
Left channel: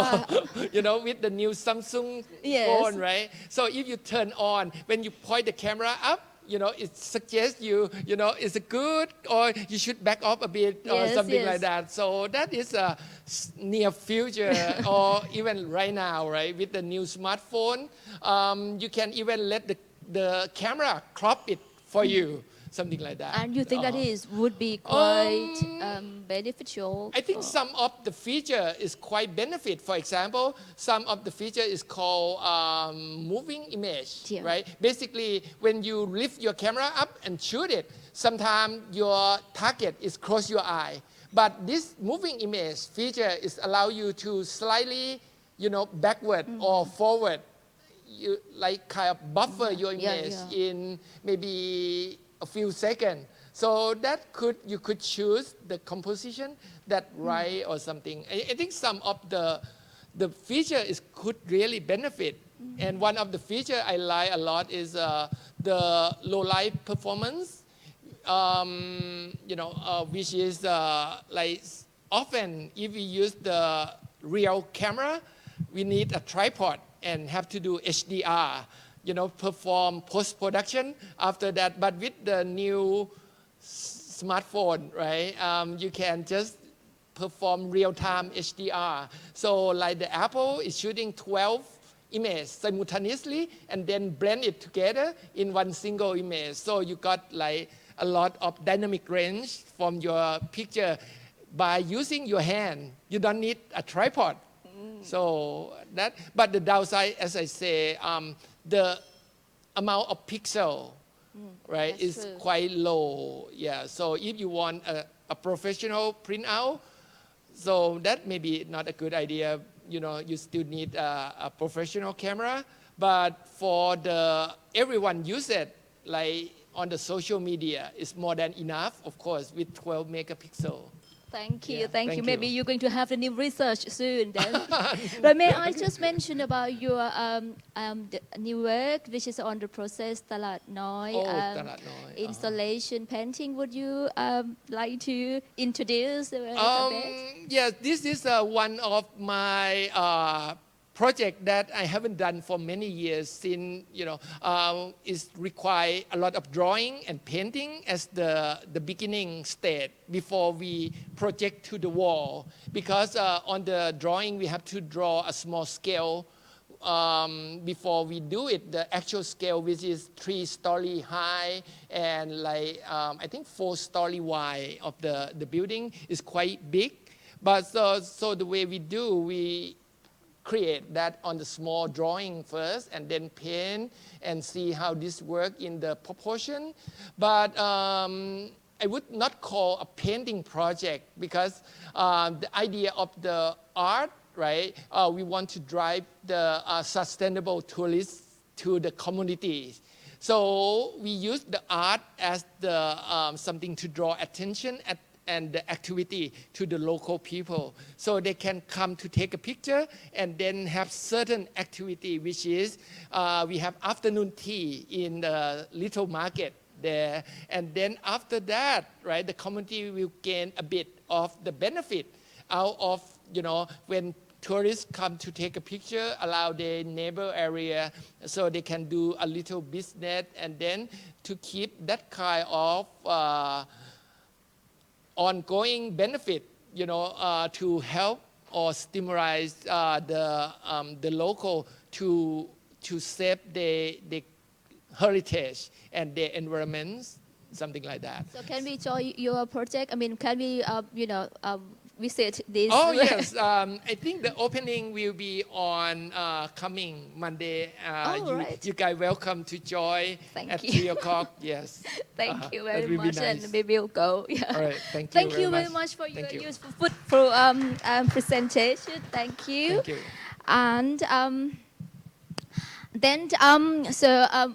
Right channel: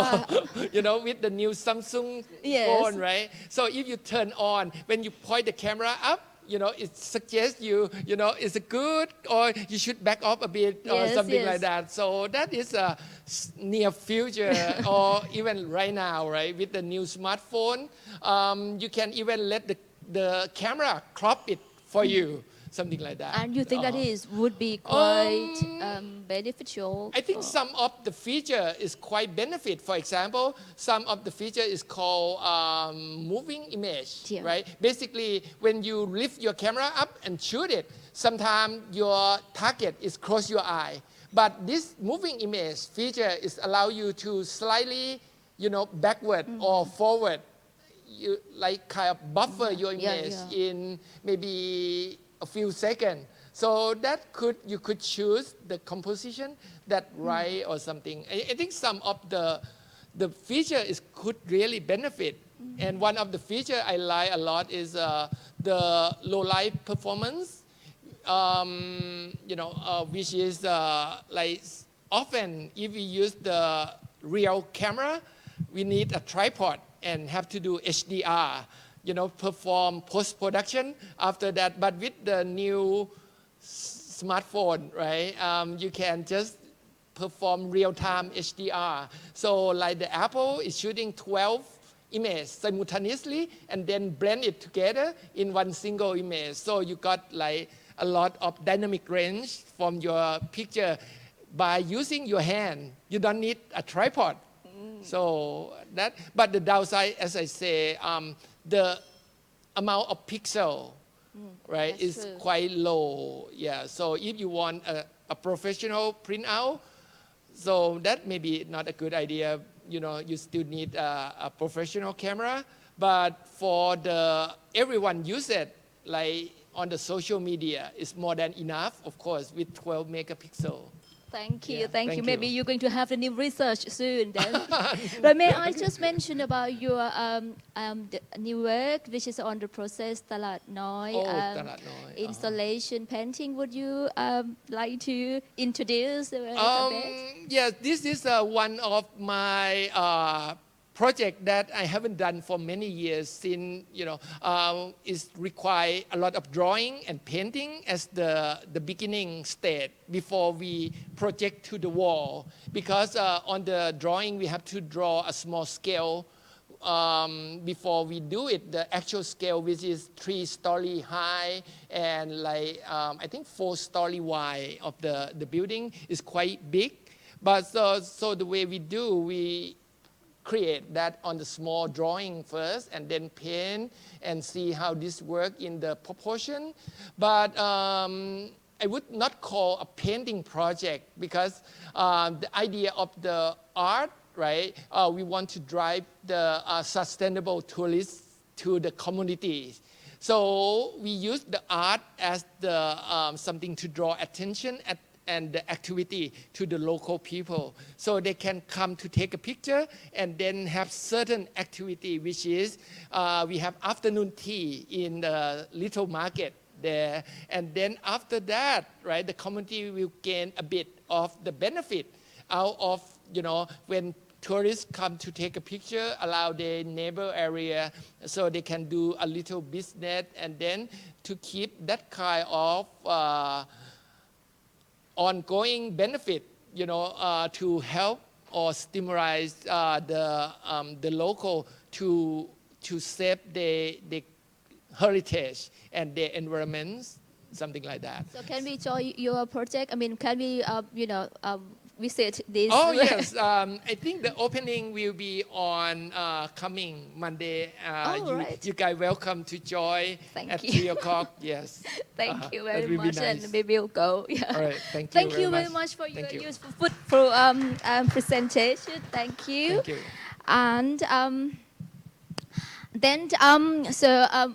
with the new Samsung Yes. phone, right? So if you turn on, when you point the camera up, it suggests is it good or you should back off a bit or Yes, something yes. like that. So that is a near future or even right now, right? With the new smartphone, you can even let the camera crop it for you, something like that. And you think that would be quite beneficial? I think for- some of the feature is quite benefit. For example, some of the feature is called moving image, Yeah. right? Basically, when you lift your camera up and shoot it, sometimes your target is close your eye. But this moving image feature is allow you to slightly, backward or forward. You like kind of buffer your Yeah, image yeah. in maybe a few seconds. So that you could choose the composition that right or something. I think some of the feature could really benefit. And one of the feature I like a lot is the low light performance, which is like often if we use the real camera, we need a tripod and have to do HDR, perform post-production after that. But with the new smartphone, right, you can just perform real-time HDR. So like the Apple is shooting 12 images simultaneously and then blend it together in one single image. So you got like a lot of dynamic range from your picture by using your hand. You don't need a tripod. So but the downside, as I say, the amount of pixel, right, that's is true. quite low. Yeah. So if you want a professional printout, so that may be not a good idea. You still need a professional camera. But for everyone use it, like on the social media, it's more than enough, of course, with 12 megapixel. Thank you, Yeah, thank you. thank Maybe you. you're going to have a new research soon then. But may I just mention about your the new work, which is on the process ตลาดน้อย Oh, ตลาดน้อย installation painting. Would you like to introduce the work a bit? Yes, this is one of my project that I haven't done for many years since, is require a lot of drawing and painting as the beginning stage before we project to the wall. Because on the drawing, we have to draw a small scale before we do it. The actual scale, which is 3-story high and I think 4-story wide of the building is quite big. But so the way we do, we create that on the small drawing first and then paint and see how this work in the proportion. But I would not call a painting project because the idea of the art, right? We want to drive the sustainable tourists to the communities. So we use the art as the something to draw attention and the activity to the local people. So they can come to take a picture and then have certain activity, which is we have afternoon tea in the little market there. And then after that, right, the community will gain a bit of the benefit out of, when tourists come to take a picture, allow their neighbor area so they can do a little business and then to keep that kind of ongoing benefit, to help or stimulate the local to save the heritage and their environments, something like that. So can we join your project? I mean, can we, visit this? Oh yes, I think the opening will be on coming Monday. Right. You guys welcome to join Thank at you. 3 o'clock. Yes. Thank you that very will be much, nice. and we will go. Yeah. All right. Thank you. Thank you very much for your Thank you. useful fruitful presentation. Thank you. Thank you. And then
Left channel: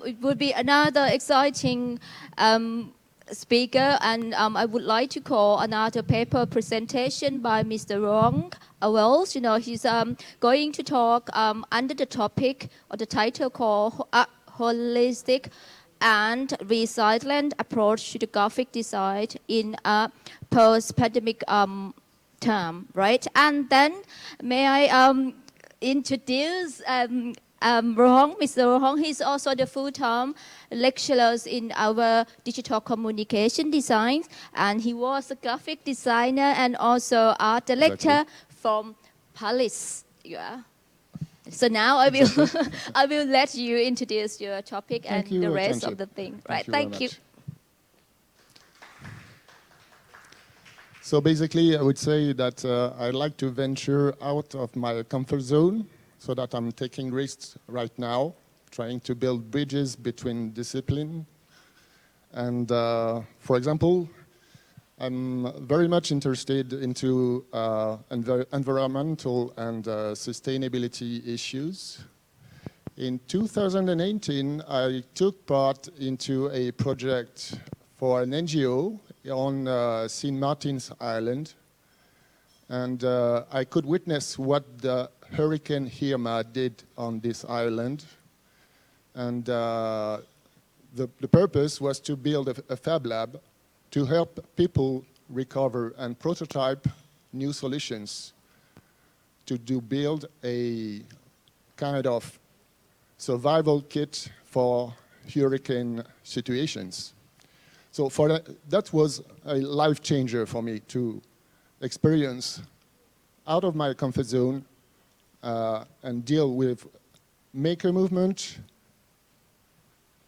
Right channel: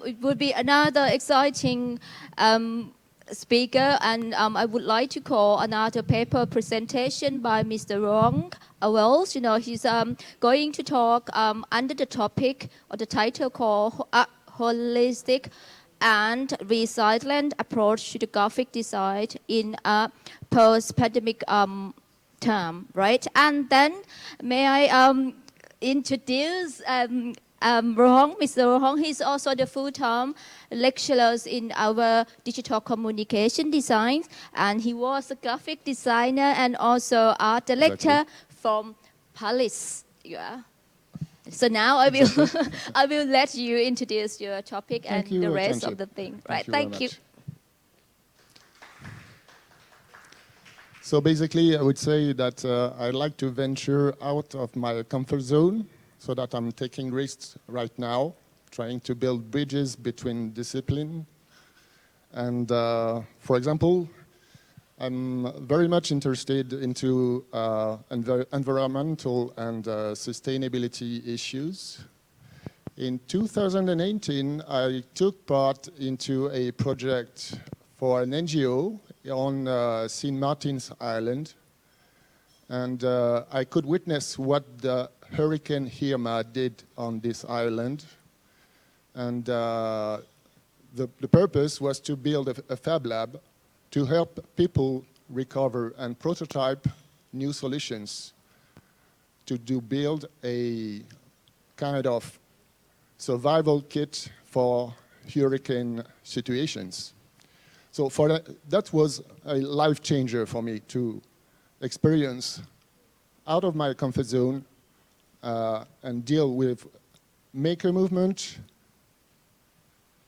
it would be another exciting speaker, and I would like to call another paper presentation by Mr. Rong Wells. He's going to talk under the topic or the title called Holistic and Resilient Approach to the Graphic Design in a Post-Pandemic Term, right? And then may I introduce Mr. Rong. He's also the full-time lecturer in our digital communication design, and he was a graphic designer and also art director from Paris. Yeah. So now I will let you introduce your topic and the rest of the thing. Right. Thank you. So basically, I would say that I'd like to venture out of my comfort zone, so that I'm taking risks right now, trying to build bridges between discipline. And for example, I'm very much interested into environmental and sustainability issues. In 2018, I took part into a project for an NGO on St. Martin's Island. And I could witness what the Hurricane Irma did on this island. And the purpose was to build a fab lab to help people recover and prototype new solutions to build a kind of survival kit for hurricane situations. So that was a life changer for me to experience out of my comfort zone and deal with maker movement,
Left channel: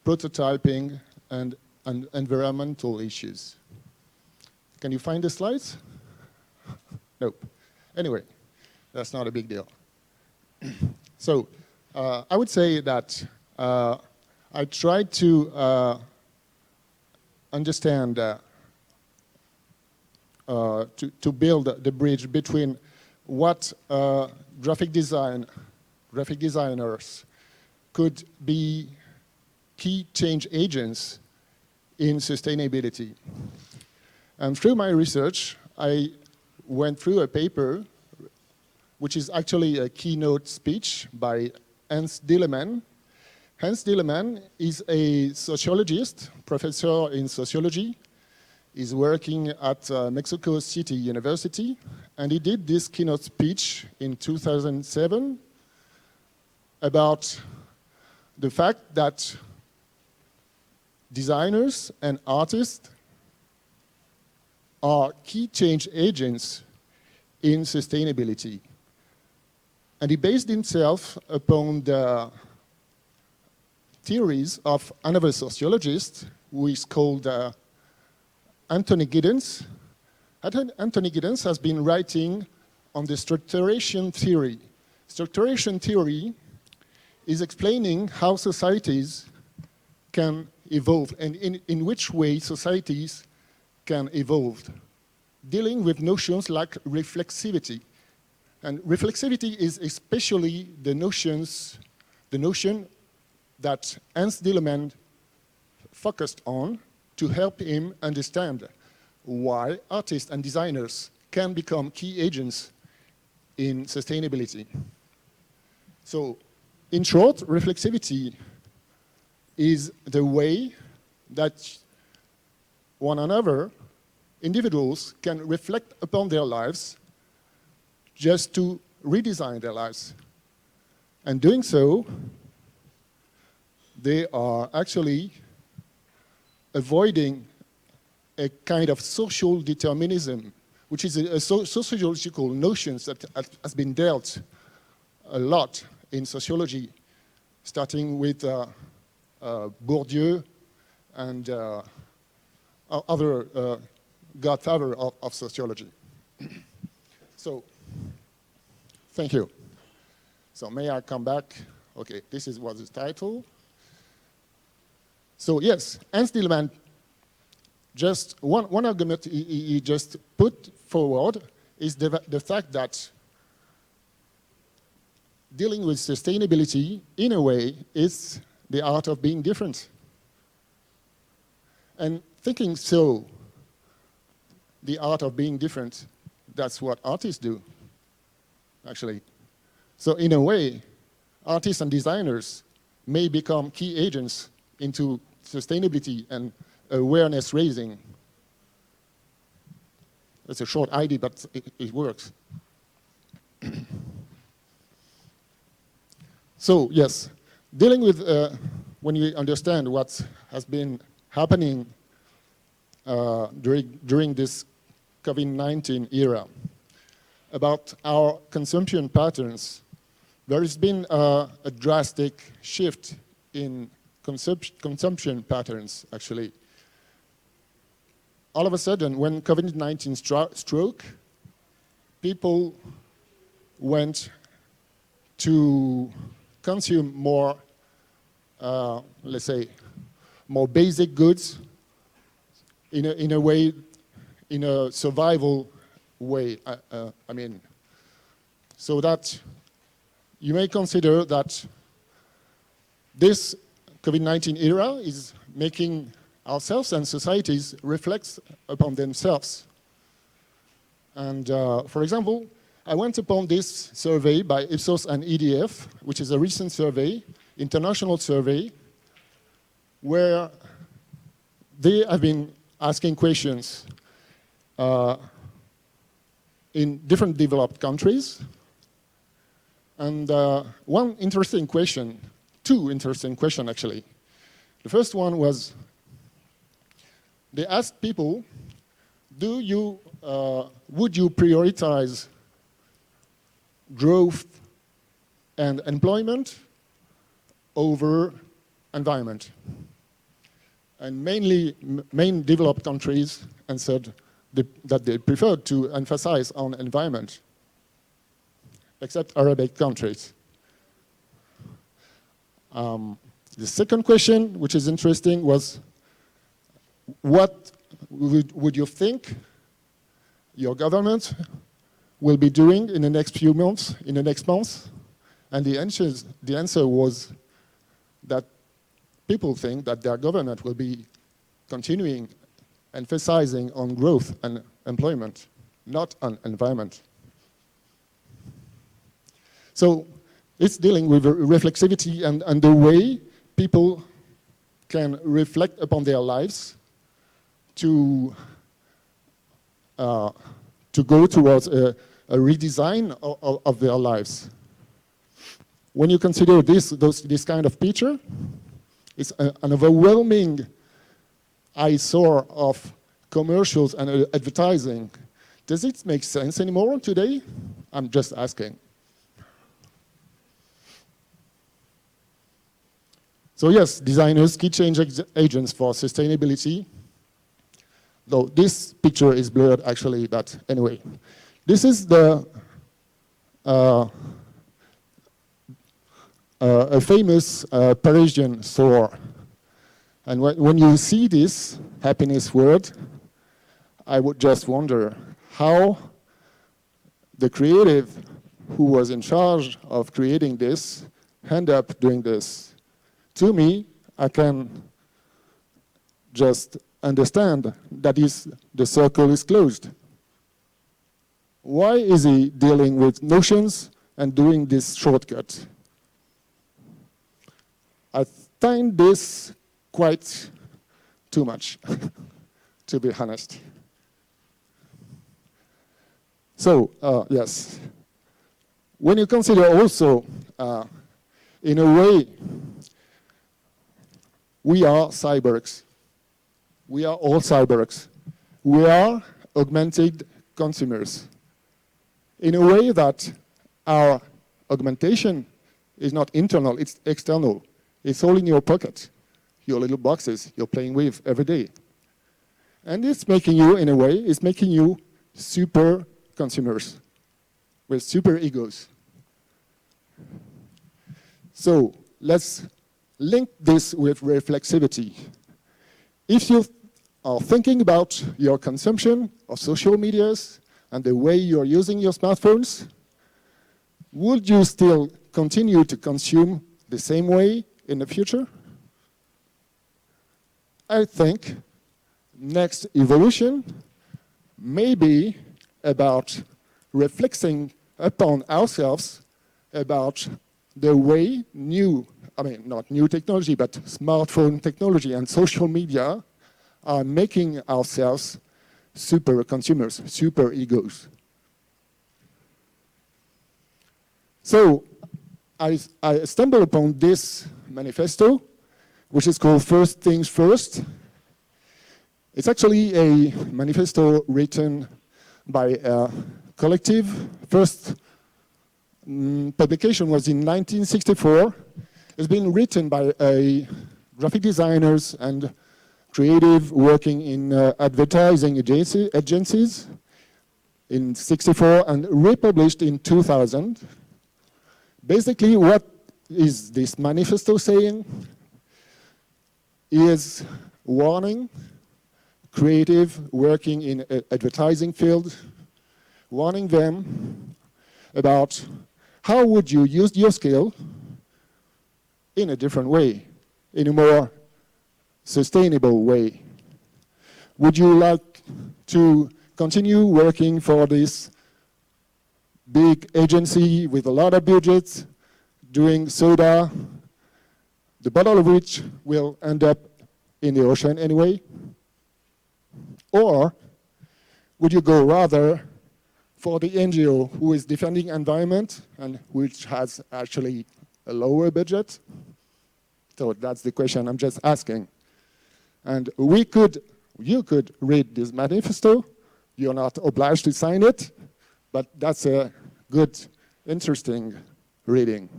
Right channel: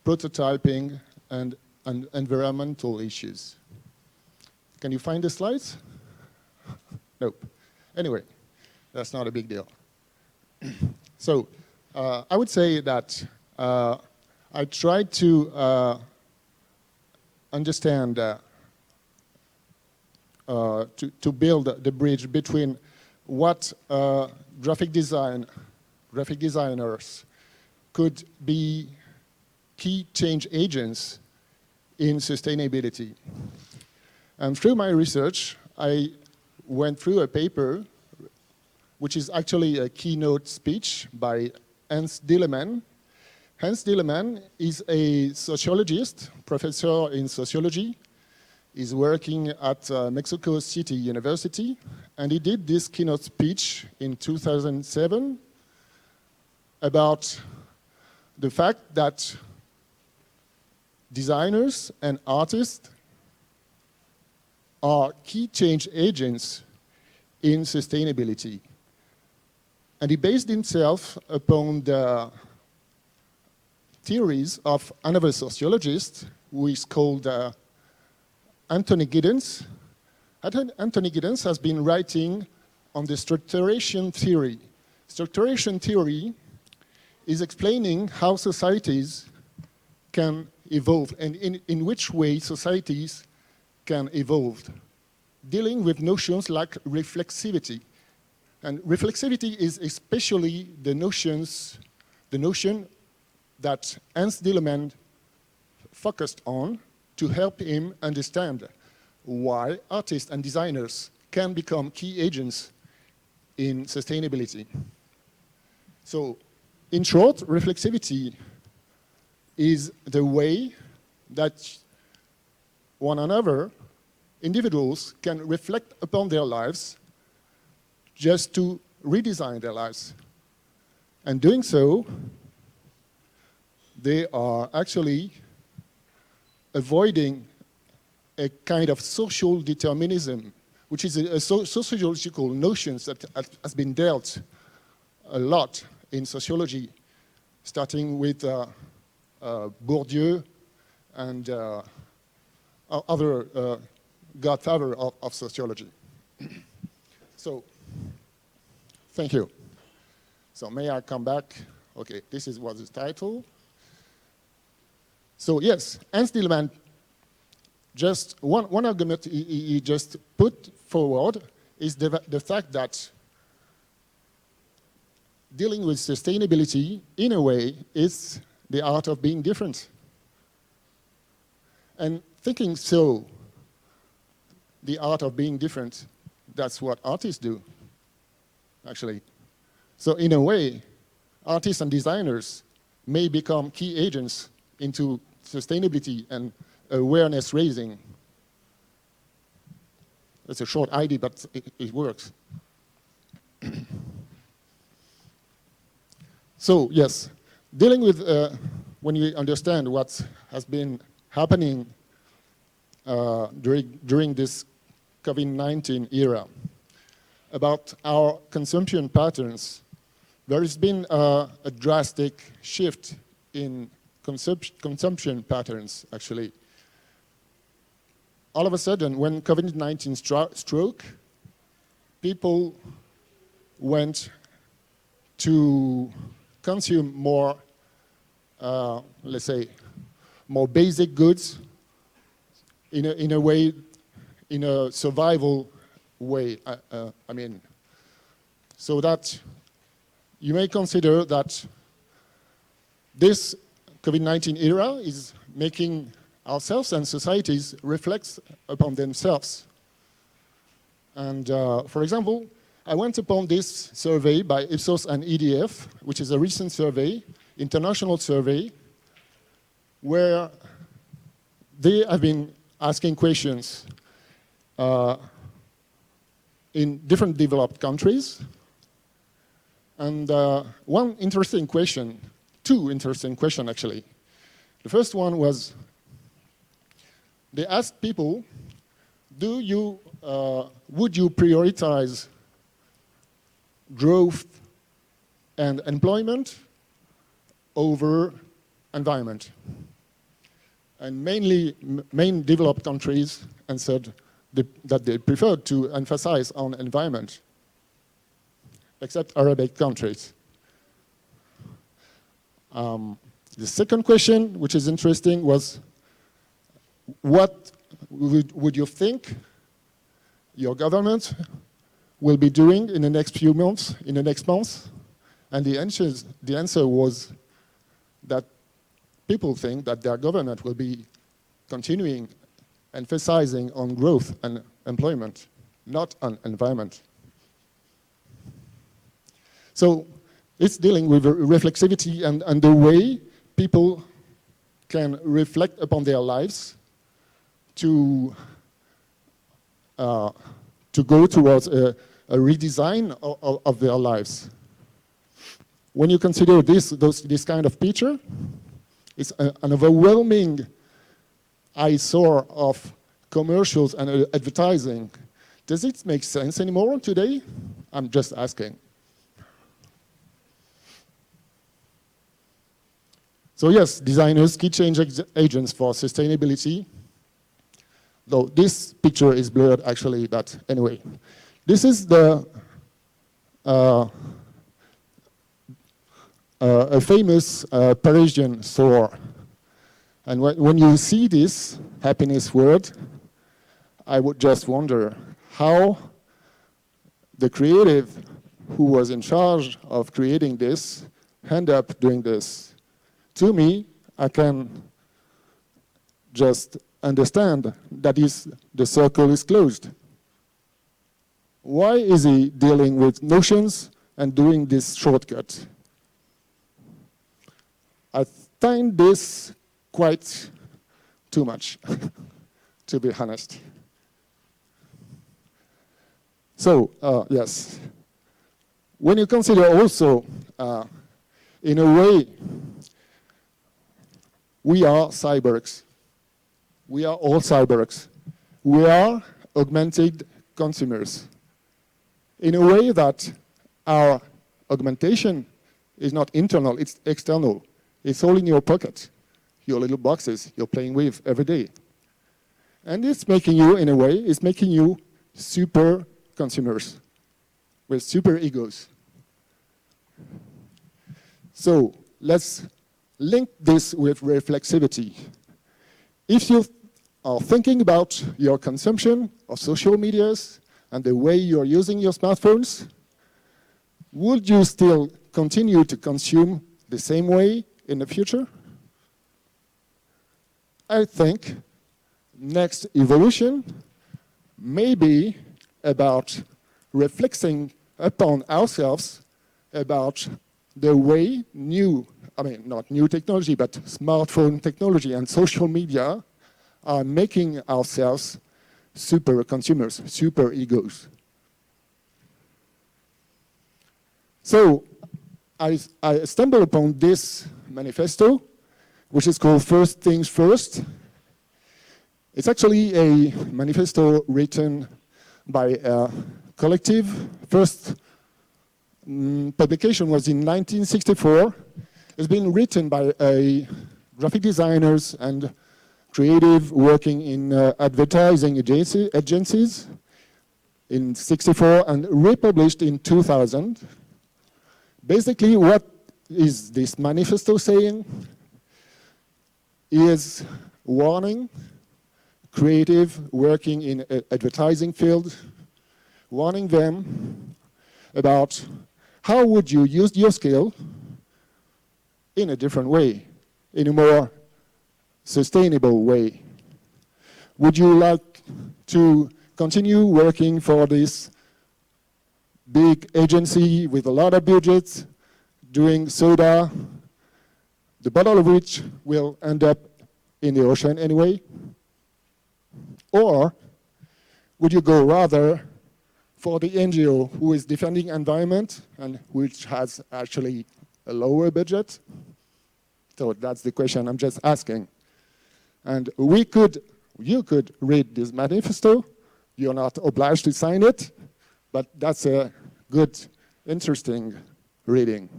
prototyping, and environmental issues. Can you find the slides? Nope. Anyway, that's not a big deal. So I would say that I tried to understand to build the bridge between what graphic designers could be key change agents in sustainability. And through my research, I went through a paper, which is actually a keynote speech by Hans Dilleman. Hans Dilleman is a sociologist, professor in sociology. He's working at Mexico City University, and he did this keynote speech in 2007 about the fact that designers and artists are key change agents in sustainability. And he based himself upon the theories of another sociologist who is called Anthony Giddens. Anthony Giddens has been writing on the structuration theory. Structuration theory is explaining how societies can evolve and in which way societies can evolve, dealing with notions like reflexivity. And reflexivity is especially the notion that Hans Dilleman focused on to help him understand why artists and designers can become key agents in sustainability. So, in short, reflexivity is the way that one another, individuals, can reflect upon their lives just to redesign their lives. And doing so, they are actually avoiding a kind of social determinism, which is a sociological notion that has been dealt a lot in sociology, starting with Bourdieu and other godfather of sociology. So, thank you. So may I come back? Okay, this is what is the title. So yes, Hans Dilleman, just one argument he just put forward is the fact that dealing with sustainability, in a way, is the art of being different. And thinking so, the art of being different, that's what artists do, actually. So in a way, artists and designers may become key agents into sustainability and awareness raising. It's a short idea, but it works. So yes, dealing with, when you understand what has been happening during this COVID-19 era, about our consumption patterns, there has been a drastic shift in consumption patterns, actually. All of a sudden, when COVID-19 struck, people went to consume more, let's say, more basic goods in a way, in a survival way. I mean, so that you may consider that this COVID-19 era is making ourselves and societies reflect upon themselves. And for example, I went upon this survey by Ipsos and EDF, which is a recent survey, international survey, where they have been asking questions in different developed countries. And one interesting question, two interesting questions actually. The first one was, they asked people, would you prioritize growth and employment over environment? And main developed countries answered that they preferred to emphasize on environment, except Arabic countries. The second question, which is interesting, was what would you think your government will be doing in the next few months, in the next months? And the answer was that people think that their government will be continuing emphasizing on growth and employment. not an environment. So it's dealing with reflexivity and the way people can reflect upon their lives to go towards a redesign of their lives. When you consider this kind of picture, it's an overwhelming eyesore of commercials and advertising. Does it make sense anymore today? I'm just asking. So yes, designers, key change agents for sustainability. Though this picture is blurred actually, but anyway. This is a famous Parisian store. And when you see this happiness word, I would just wonder how the creative who was in charge of creating this end up doing this. To me, I can just understand that the circle is closed. Why is he dealing with notions and doing this shortcut? I find this quite too much, to be honest. So, yes. When you consider also, in a way, we are cyborgs. We are all cyborgs. We are augmented consumers. In a way that our augmentation is not internal, it's external. It's all in your pocket, your little boxes you're playing with every day. And it's making you, in a way, it's making you super consumers with super egos. So let's link this with reflexivity. If you are thinking about your consumption of social medias and the way you're using your smartphones, would you still continue to consume the same way in the future? I think next evolution may be about reflecting upon ourselves about the way not new technology, but smartphone technology and social media are making ourselves super consumers, super egos. So I stumbled upon this manifesto, which is called First Things First. It's actually a manifesto written by a collective. First publication was in 1964. It's been written by graphic designers and creative working in advertising agencies in 64 and republished in 2000. Basically, what is this manifesto saying? Is warning creative working in advertising field, warning them about how would you use your skill in a different way, in a more sustainable way. Would you like to continue working for this big agency with a lot of budgets, doing soda, the bottle of which will end up in the ocean anyway? Or would you go rather for the NGO who is defending environment and which has actually a lower budget? So that's the question I'm just asking. And you could read this manifesto. You're not obliged to sign it, but that's a good, interesting reading.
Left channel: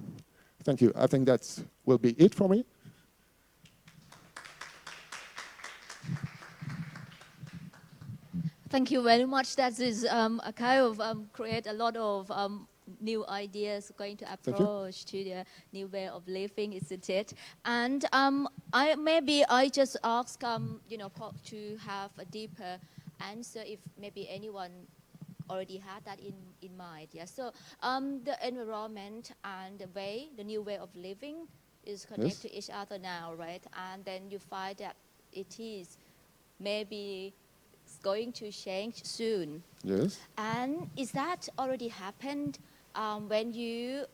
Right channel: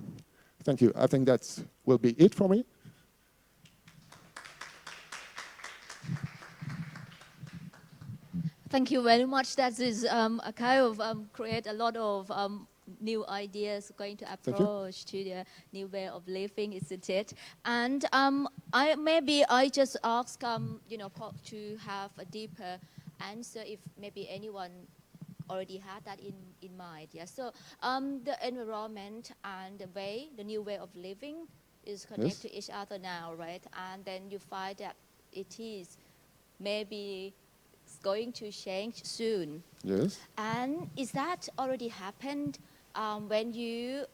Thank you. I think that will be it for me. Thank you very much. That is a kind of create a lot of new ideas going to approach to the new way of living, isn't it? And I just ask to have a deeper answer if maybe anyone already had that in mind. Yeah. So the environment and the new way of living is connected to each other now, right? And then you find that it is maybe going to change soon. Yes. And is that already happened when you,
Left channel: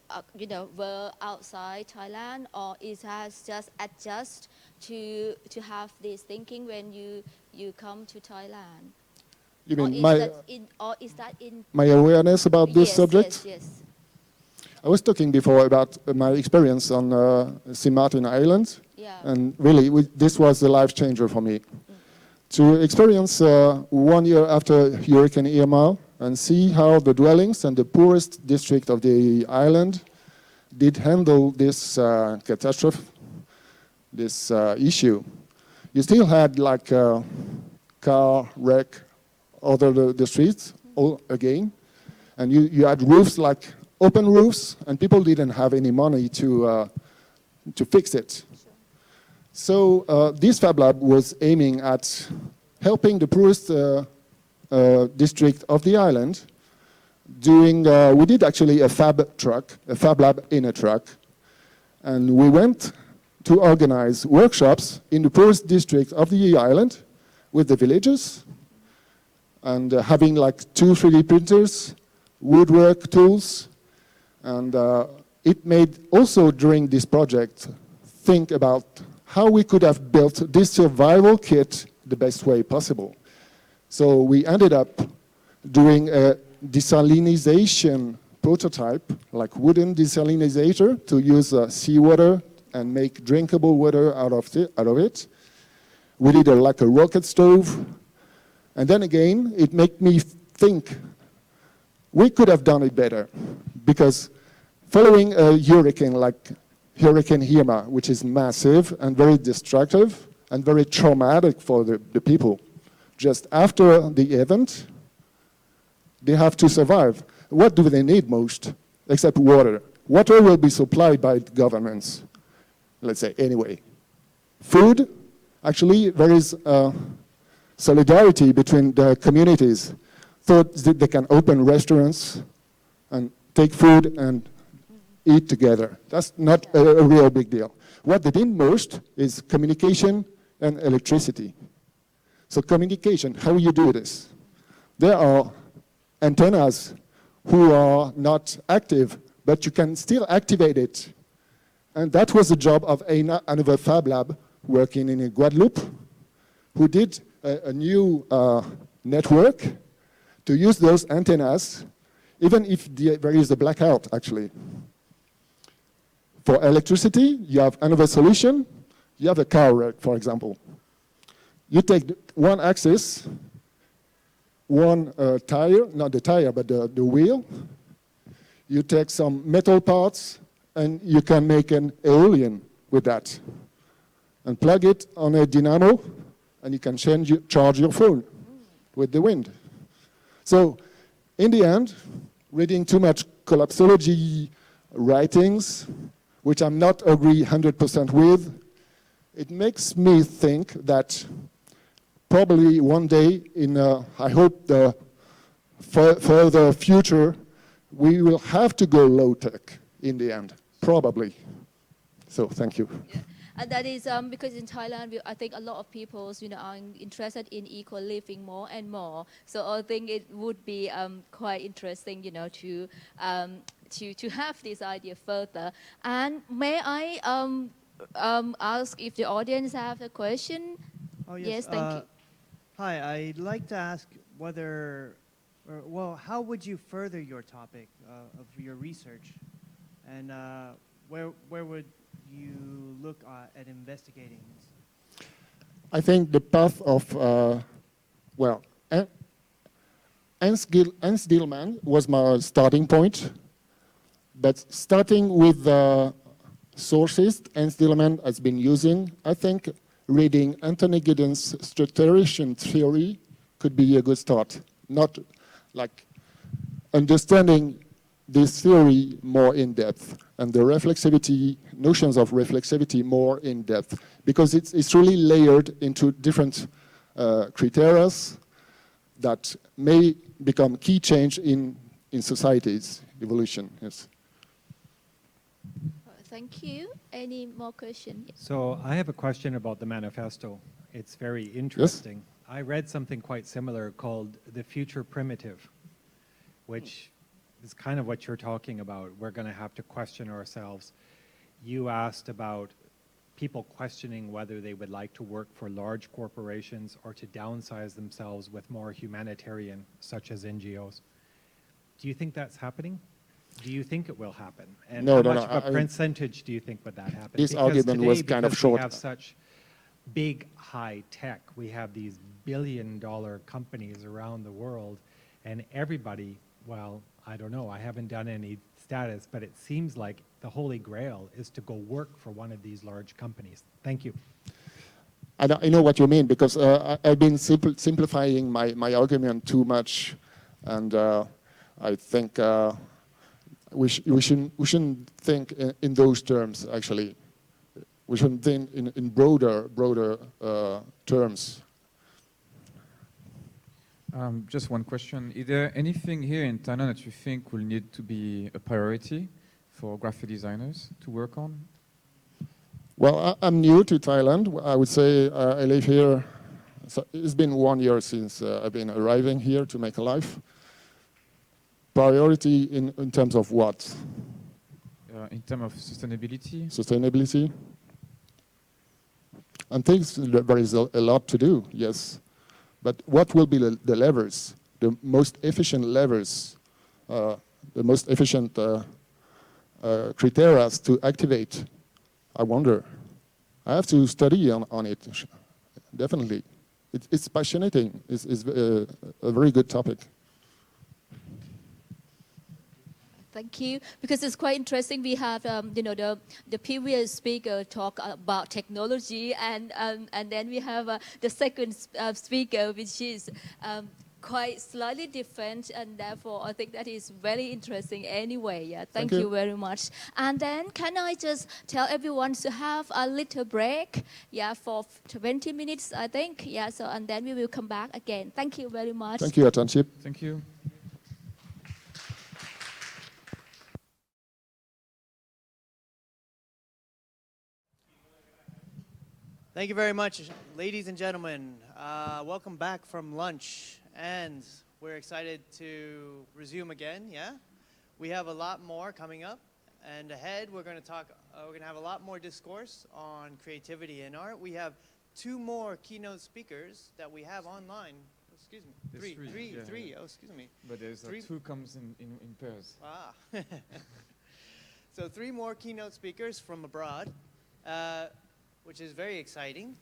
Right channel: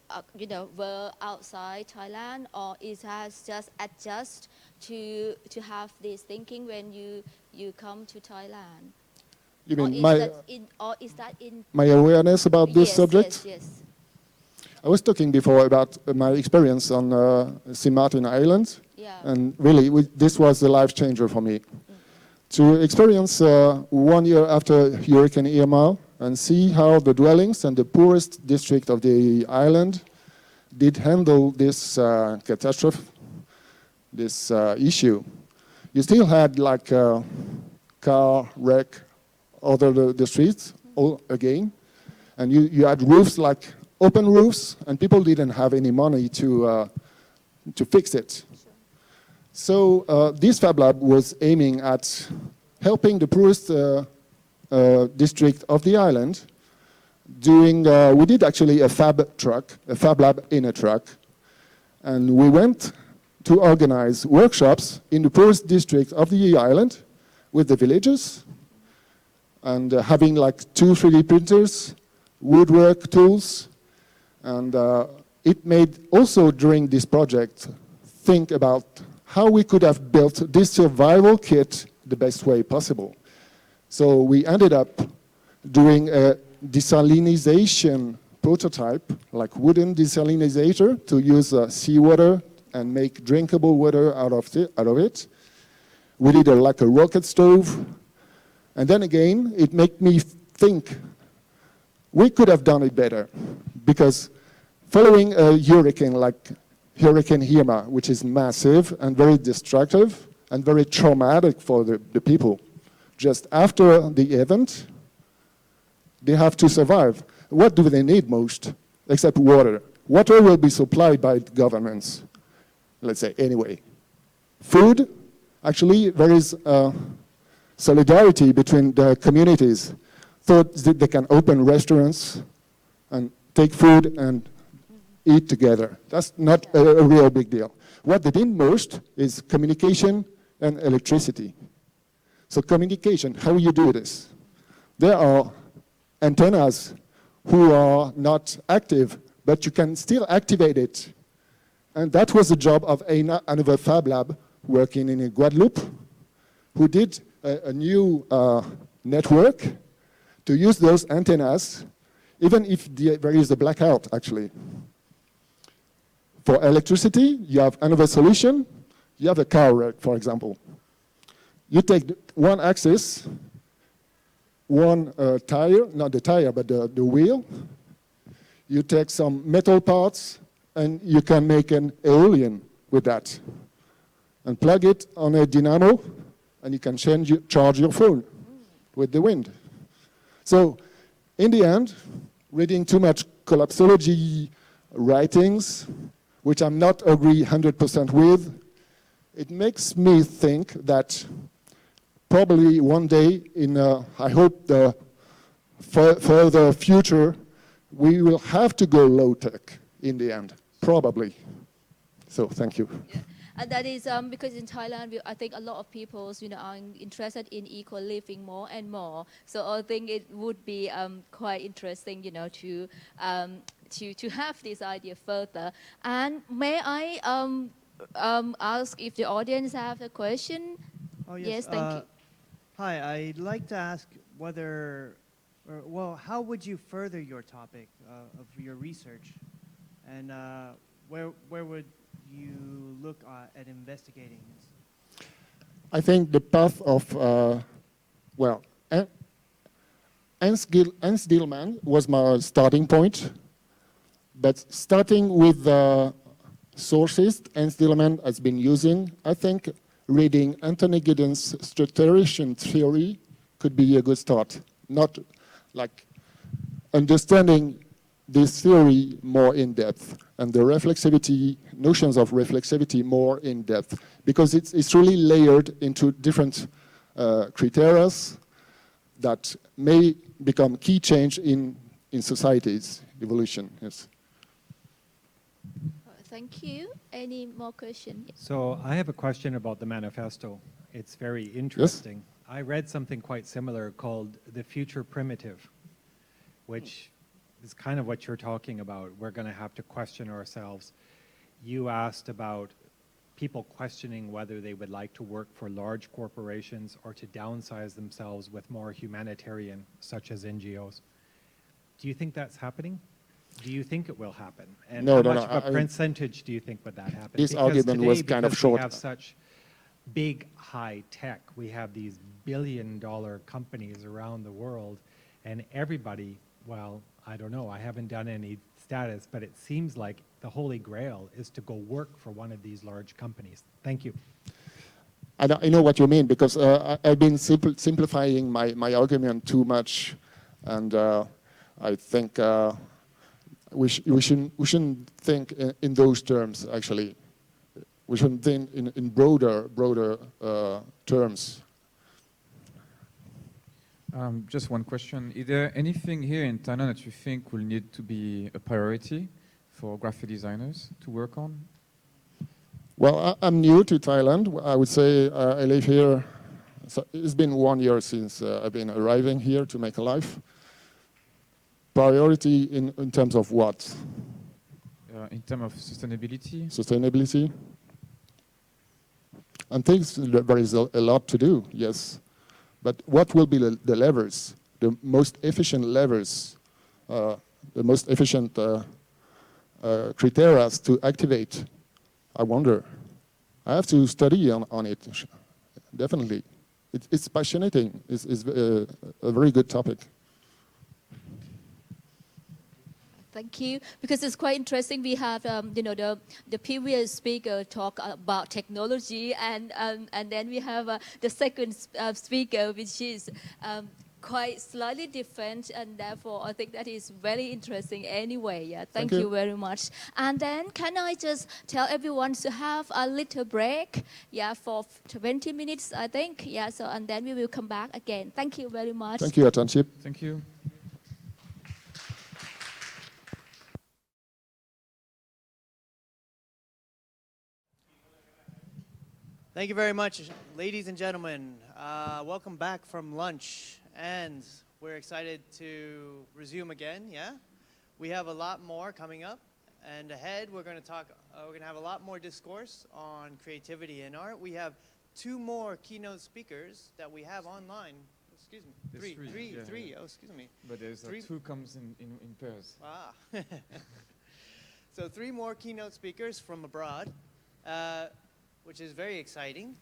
were outside Thailand, or it has just adjust to have this thinking when you come to Thailand? You Or mean is that in? my awareness about this Yes, subject? yes. I was talking before about my experience on Sint Maarten Island, Yeah. and really this was a life changer for me. To experience 1 year after Hurricane Irma and see how the dwellings and the poorest district of the island did handle this catastrophe, this issue. You still had like car wreck over the streets all again, and you had roofs like open roofs, and people didn't have any money to fix it. So this Fab Lab was aiming at helping the poorest district of the island. We did actually a Fab Lab in a truck, and we went to organize workshops in the poorest district of the island with the villagers, and having like 2 3D printers, woodwork tools, and it made also during this project think about how we could have built this survival kit the best way possible. So we ended up doing a desalinization prototype, like wooden desalinizator to use seawater and make drinkable water out of it. We did like a rocket stove. And then again, it made me think we could have done it better, because following a hurricane like Hurricane Irma, which is massive and very destructive and very traumatic for the people, just after the event, they have to survive. What do they need most? Except water. Water will be supplied by governments, let's say, anyway. Food, actually, there is solidarity between the communities. So they can open restaurants and take food and eat together. That's not a real big deal. What they need most is communication and electricity. So communication, how you do this? There are antennas who are not active, but you can still activate it. And that was the job of another Fab Lab working in Guadeloupe, who did a new network to use those antennas, even if there is a blackout, actually. For electricity, you have another solution. You have a car wreck, for example. You take one axis, one tire, not the tire, but the wheel. You take some metal parts, and you can make an aeolian with that. And plug it on a dynamo, and you can charge your phone with the wind. So, in the end, reading too much collapsology writings, which I'm not agree 100% with, it makes me think that probably one day in, I hope, the further future, we will have to go low-tech in the end, probably. So, thank you. Yeah. And that is because in Thailand, I think a lot of people, are interested in eco living more and more. So I think it would be quite interesting, to have this idea further. And may I ask if the audience have a question? Oh, Yes, thank you. Hi, I'd like to ask how would you further your topic of your research? And where would you look at investigating this? I think the path of, Ernst Gilman was my starting point. But starting with the sources Ernst Gilman has been using, I think reading Anthony Giddens' structuration theory could be a good start. Not like understanding this theory more in depth and the reflexivity, notions of reflexivity more in depth, because it's really layered into different criteria that may become key change in society's evolution. Yes. Thank you. Any more questions? So I have a question about the manifesto. It's very interesting. I read something quite similar called the future primitive, which is kind of what you're talking about. We're going to have to question ourselves. You asked about people questioning whether they would like to work for large corporations or to downsize themselves with more humanitarian, such as NGOs. Do you think that's happening? Do you think it will happen? And No, how no, much no, of a percentage do you think would that happen? This Because argument today, was kind of because short. we have such big high tech, we have these billion-dollar companies around the world, and everybody, well, I don't know, I haven't done any status, but it seems like the holy grail is to go work for one of these large companies. Thank you. I know what you mean, because I've been simplifying my argument too much, and I think we shouldn't think in those terms, actually. We shouldn't think in broader terms. Just one question. Is there anything here in Thailand that you think will need to be a priority for graphic designers to work on? Well, I'm new to Thailand. I would say I live here. So it's been 1 year since I've been arriving here to make a life. Priority in terms of what? In terms of sustainability? Sustainability. And things, there is a lot to do, yes. But what will be the levers, the most efficient levers, the most efficient criteria to activate? I wonder. I have to study on it, definitely. It's fascinating. It's a very good topic. Thank you. Because it's quite interesting. We have, the previous speaker talk about technology, and then we have the second speaker, which is quite slightly different, and therefore I think that is very interesting anyway. Yeah, thank you very much. And then can I just tell everyone to have a little break, yeah, for 20 minutes, I think. Yeah, so and then we will come back again. Thank you very much. Thank you, Atanship. Thank you. Thank you very much, ladies and gentlemen. Welcome back from lunch, and we're excited to resume again. Yeah, we have a lot more coming up, and ahead we're going to talk. We're going to have a lot more discourse on creativity and art. We have 2 more keynote speakers that we have online. Excuse me, three. Oh, excuse me. But there's 2 comes in pairs. Ah. So 3 more keynote speakers from abroad. Which is very exciting.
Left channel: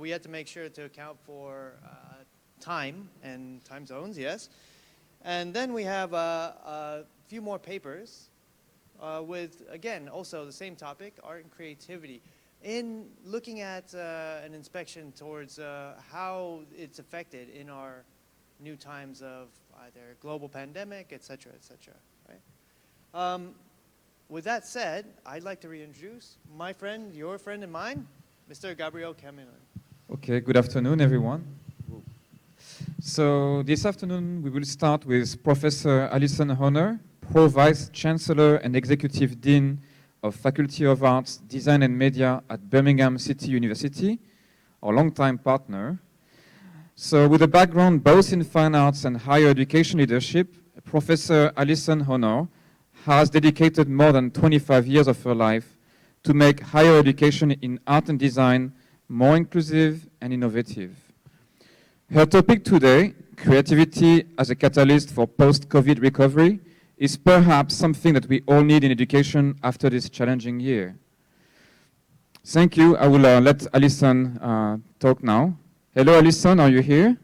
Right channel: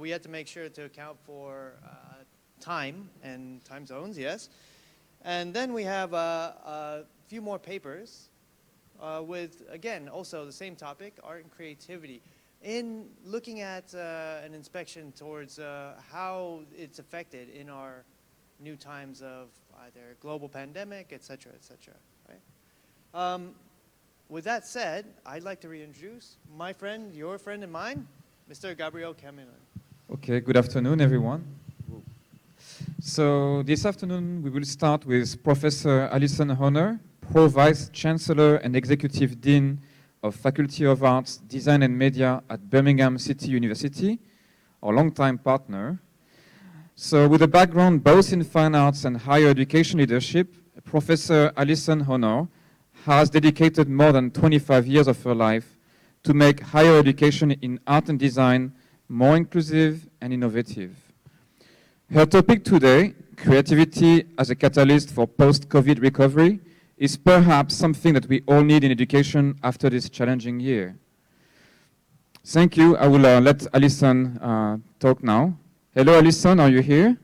We had to make sure to account for time and time zones, yes. And then we have a few more papers with, again, also the same topic, art and creativity. In looking at an inspection towards how it's affected in our new times of either global pandemic, et cetera, right? With that said, I'd like to reintroduce my friend, your friend and mine, Mr. Gabriel Camillin. Okay, good afternoon, everyone. So this afternoon, we will start with Professor Alison Honor, Pro-Vice Chancellor and Executive Dean of Faculty of Arts, Design and Media at Birmingham City University, our longtime partner. So with a background both in fine arts and higher education leadership, Professor Alison Honor has dedicated more than 25 years of her life to make higher education in art and design more inclusive and innovative. Her topic today, creativity as a catalyst for post-COVID recovery, is perhaps something that we all need in education after this challenging year. Thank you. I will let Alison talk now. Hello, Alison, are you here?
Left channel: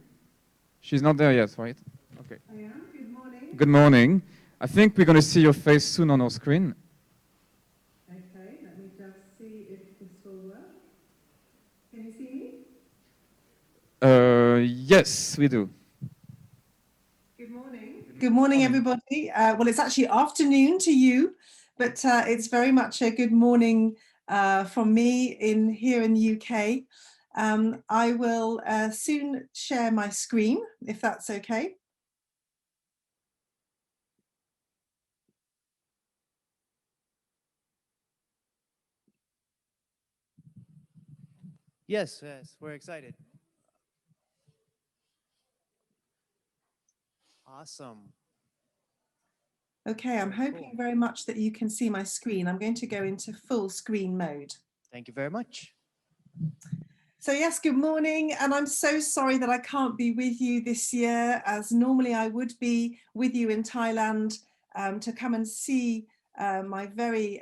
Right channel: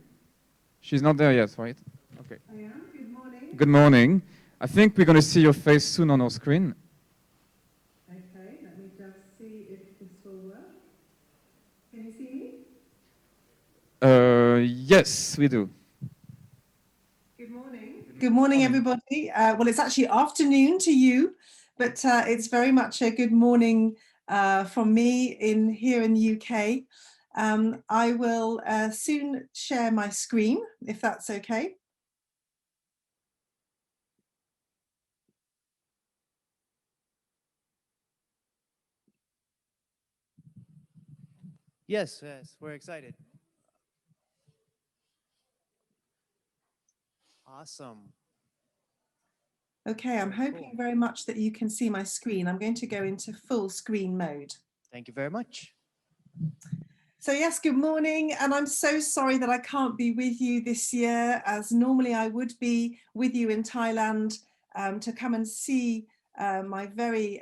She's not there yet, right? Okay. I am. Good morning. Good morning. I think we're going to see your face soon on our screen. Okay, let me just see if this will work. Can you see me? Yes, we do. Good morning. Good morning, everybody. Well, it's actually afternoon to you, but it's very much a good morning from me here in the UK. I will soon share my screen, if that's okay. Yes, we're excited. Awesome. Okay, I'm Very hoping cool. very much that you can see my screen. I'm going to go into full screen mode. Thank you very much. So yes, good morning. And I'm so sorry that I can't be with you this year, as normally I would be with you in Thailand to come and see my very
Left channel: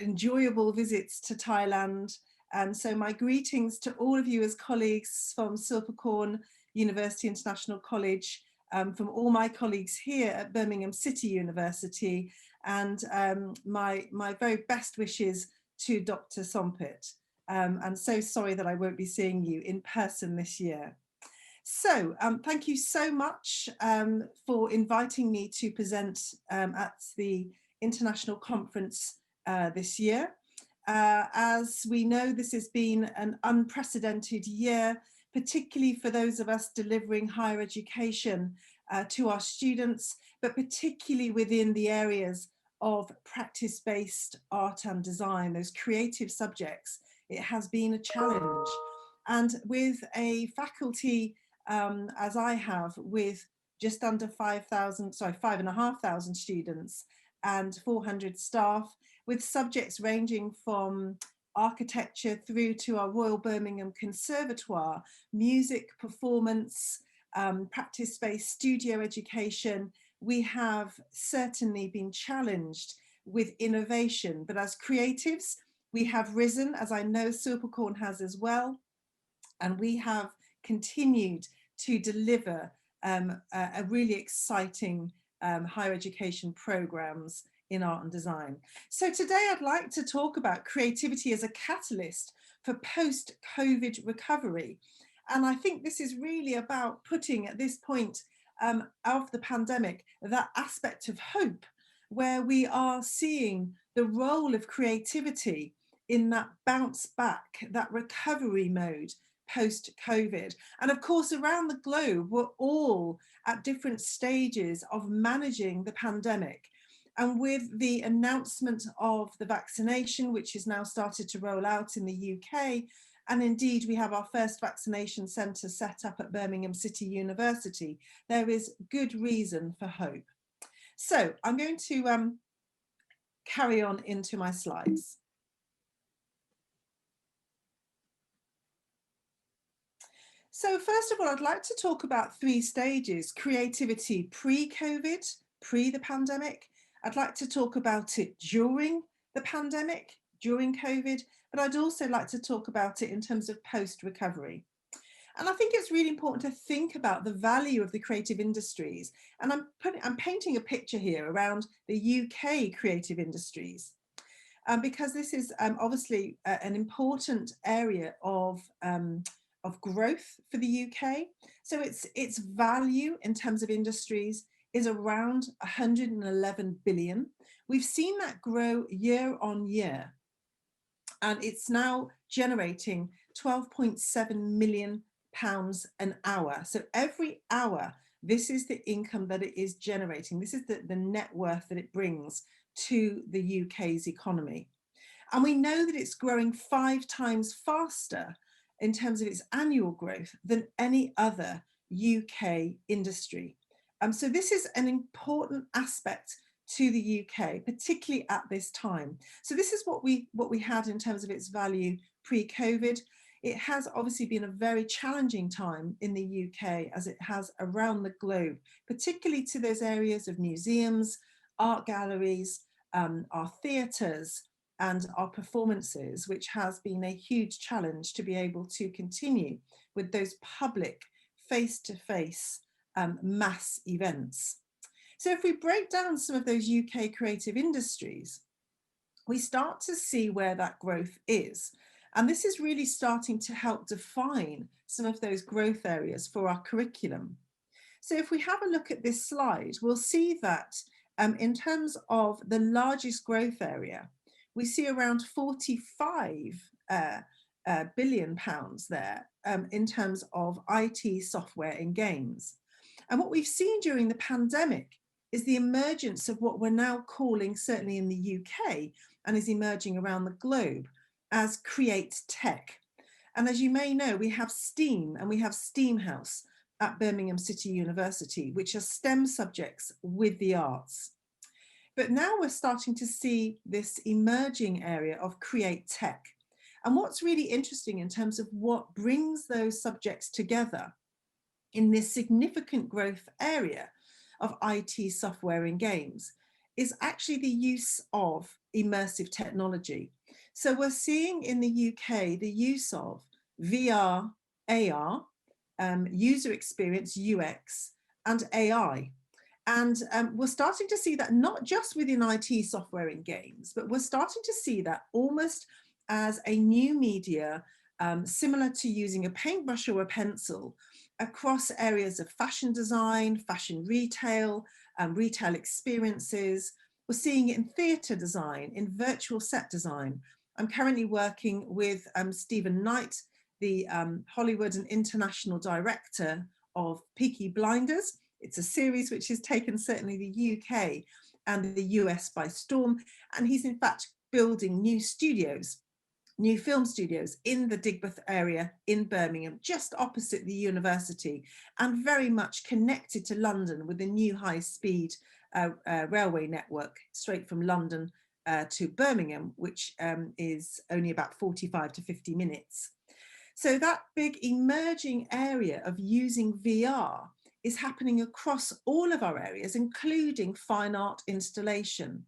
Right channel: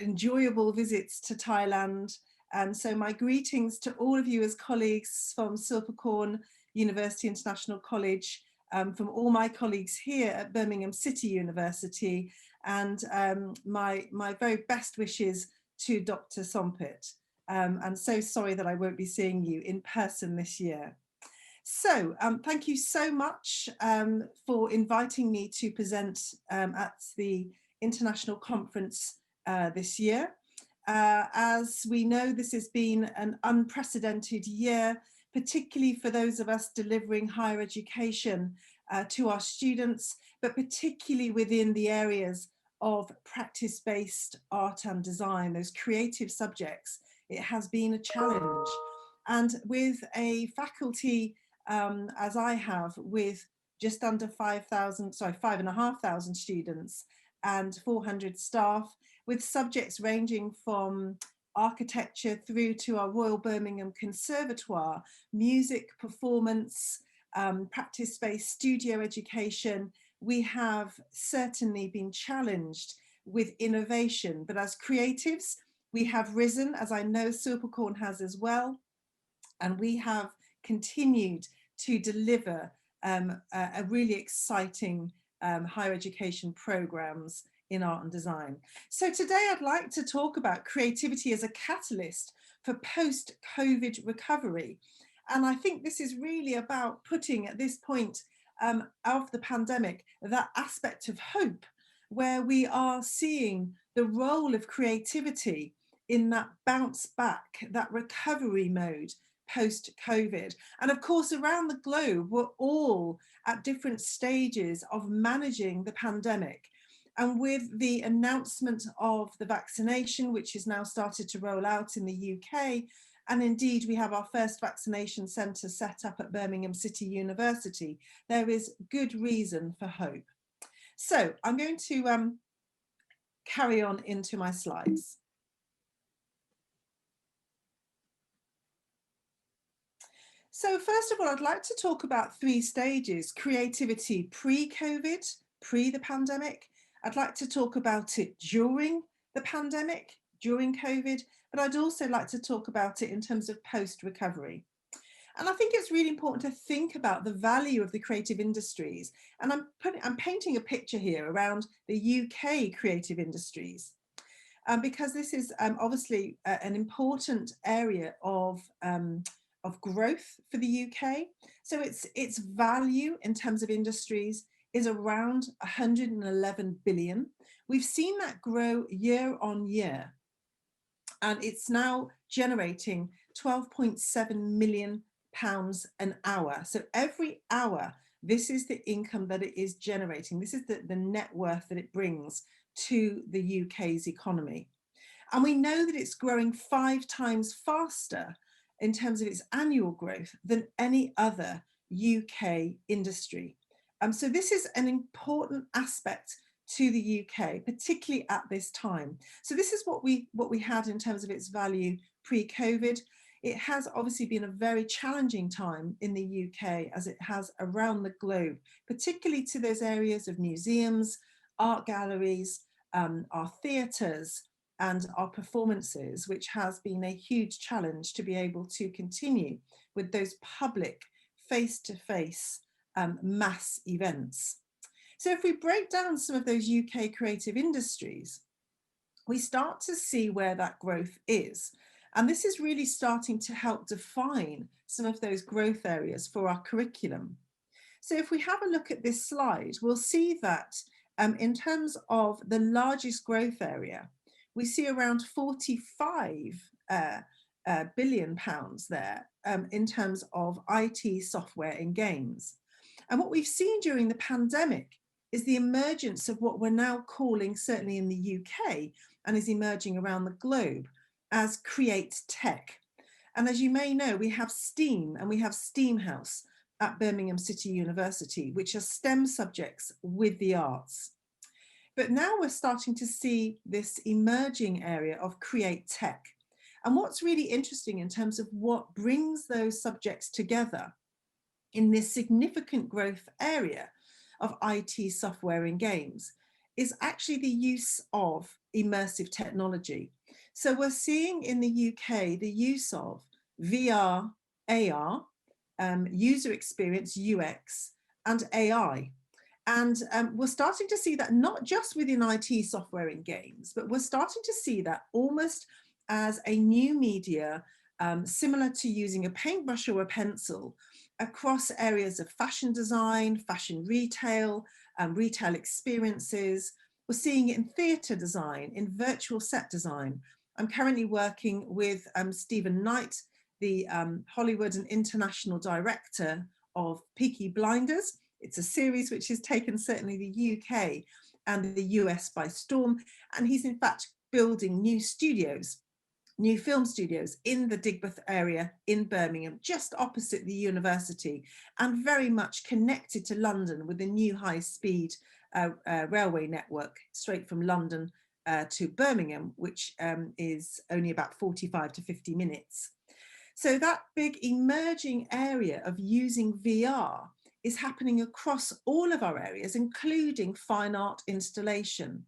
enjoyable visits to Thailand. And so my greetings to all of you as colleagues from Silpakorn University International College, from all my colleagues here at Birmingham City University, and my very best wishes to Dr. Sompit. And so sorry that I won't be seeing you in person this year. So thank you so much for inviting me to present at the international conference this year. As we know, this has been an unprecedented year, particularly for those of us delivering higher education to our students, but particularly within the areas of practice-based art and design, those creative subjects. It has been a challenge. And with a faculty, as I have, with just under 5,500 students and 400 staff, with subjects ranging from architecture through to our Royal Birmingham Conservatoire, music, performance, practice-based studio education, we have certainly been challenged with innovation. But as creatives, we have risen, as I know Silpakorn has as well, and we have continued to deliver a really exciting higher education programs in art and design. So today I'd like to talk about creativity as a catalyst for post-COVID recovery. And I think this is really about putting at this point of the pandemic, that aspect of hope, where we are seeing the role of creativity in that bounce back, that recovery mode post-COVID. And of course, around the globe, we're all at different stages of managing the pandemic. And with the announcement of the vaccination, which is now started to roll out in the UK, and indeed we have our first vaccination centre set up at Birmingham City University, there is good reason for hope. So I'm going to carry on into my slides. So first of all, I'd like to talk about 3 stages: creativity pre-COVID, pre the pandemic. I'd like to talk about it during the pandemic, during COVID, but I'd also like to talk about it in terms of post-recovery. And I think it's really important to think about the value of the creative industries. And I'm painting a picture here around the UK creative industries, because this is obviously an important area of growth for the UK. So its value in terms of industries is around 111 billion. We've seen that grow year on year, and it's now generating 12.7 million pounds an hour. So every hour, this is the income that it is generating. This is the net worth that it brings to the UK's economy. And we know that it's growing 5 times faster in terms of its annual growth than any other UK industry. So this is an important aspect to the UK, particularly at this time. So this is what we had in terms of its value pre-COVID. It has obviously been a very challenging time in the UK, as it has around the globe, particularly to those areas of museums, art galleries, our theatres, and our performances, which has been a huge challenge to be able to continue with those public face-to-face mass events. So if we break down some of those UK creative industries, we start to see where that growth is. And this is really starting to help define some of those growth areas for our curriculum. So if we have a look at this slide, we'll see that in terms of the largest growth area, we see around 45 billion pounds there in terms of IT, software and games. And what we've seen during the pandemic is the emergence of what we're now calling, certainly in the UK, and is emerging around the globe, as create tech. And as you may know, we have STEAM and we have STEAM House. at Birmingham City University, which are STEM subjects with the arts. But now we're starting to see this emerging area of create tech. And what's really interesting in terms of what brings those subjects together in this significant growth area of IT software and games is actually the use of immersive technology. So we're seeing in the UK the use of VR, AR, user experience, UX, and AI. And we're starting to see that not just within IT software and games, but we're starting to see that almost as a new media, similar to using a paintbrush or a pencil across areas of fashion design, fashion retail, retail experiences. We're seeing it in theatre design, in virtual set design. I'm currently working with Stephen Knight, the Hollywood and international director of Peaky Blinders. It's a series which has taken certainly the UK and the US by storm. And he's in fact building new studios, new film studios in the Digbeth area in Birmingham, just opposite the university, and very much connected to London with a new high-speed railway network straight from London to Birmingham, which is only about 45 to 50 minutes. So that big emerging area of using VR is happening across all of our areas, including fine art installation.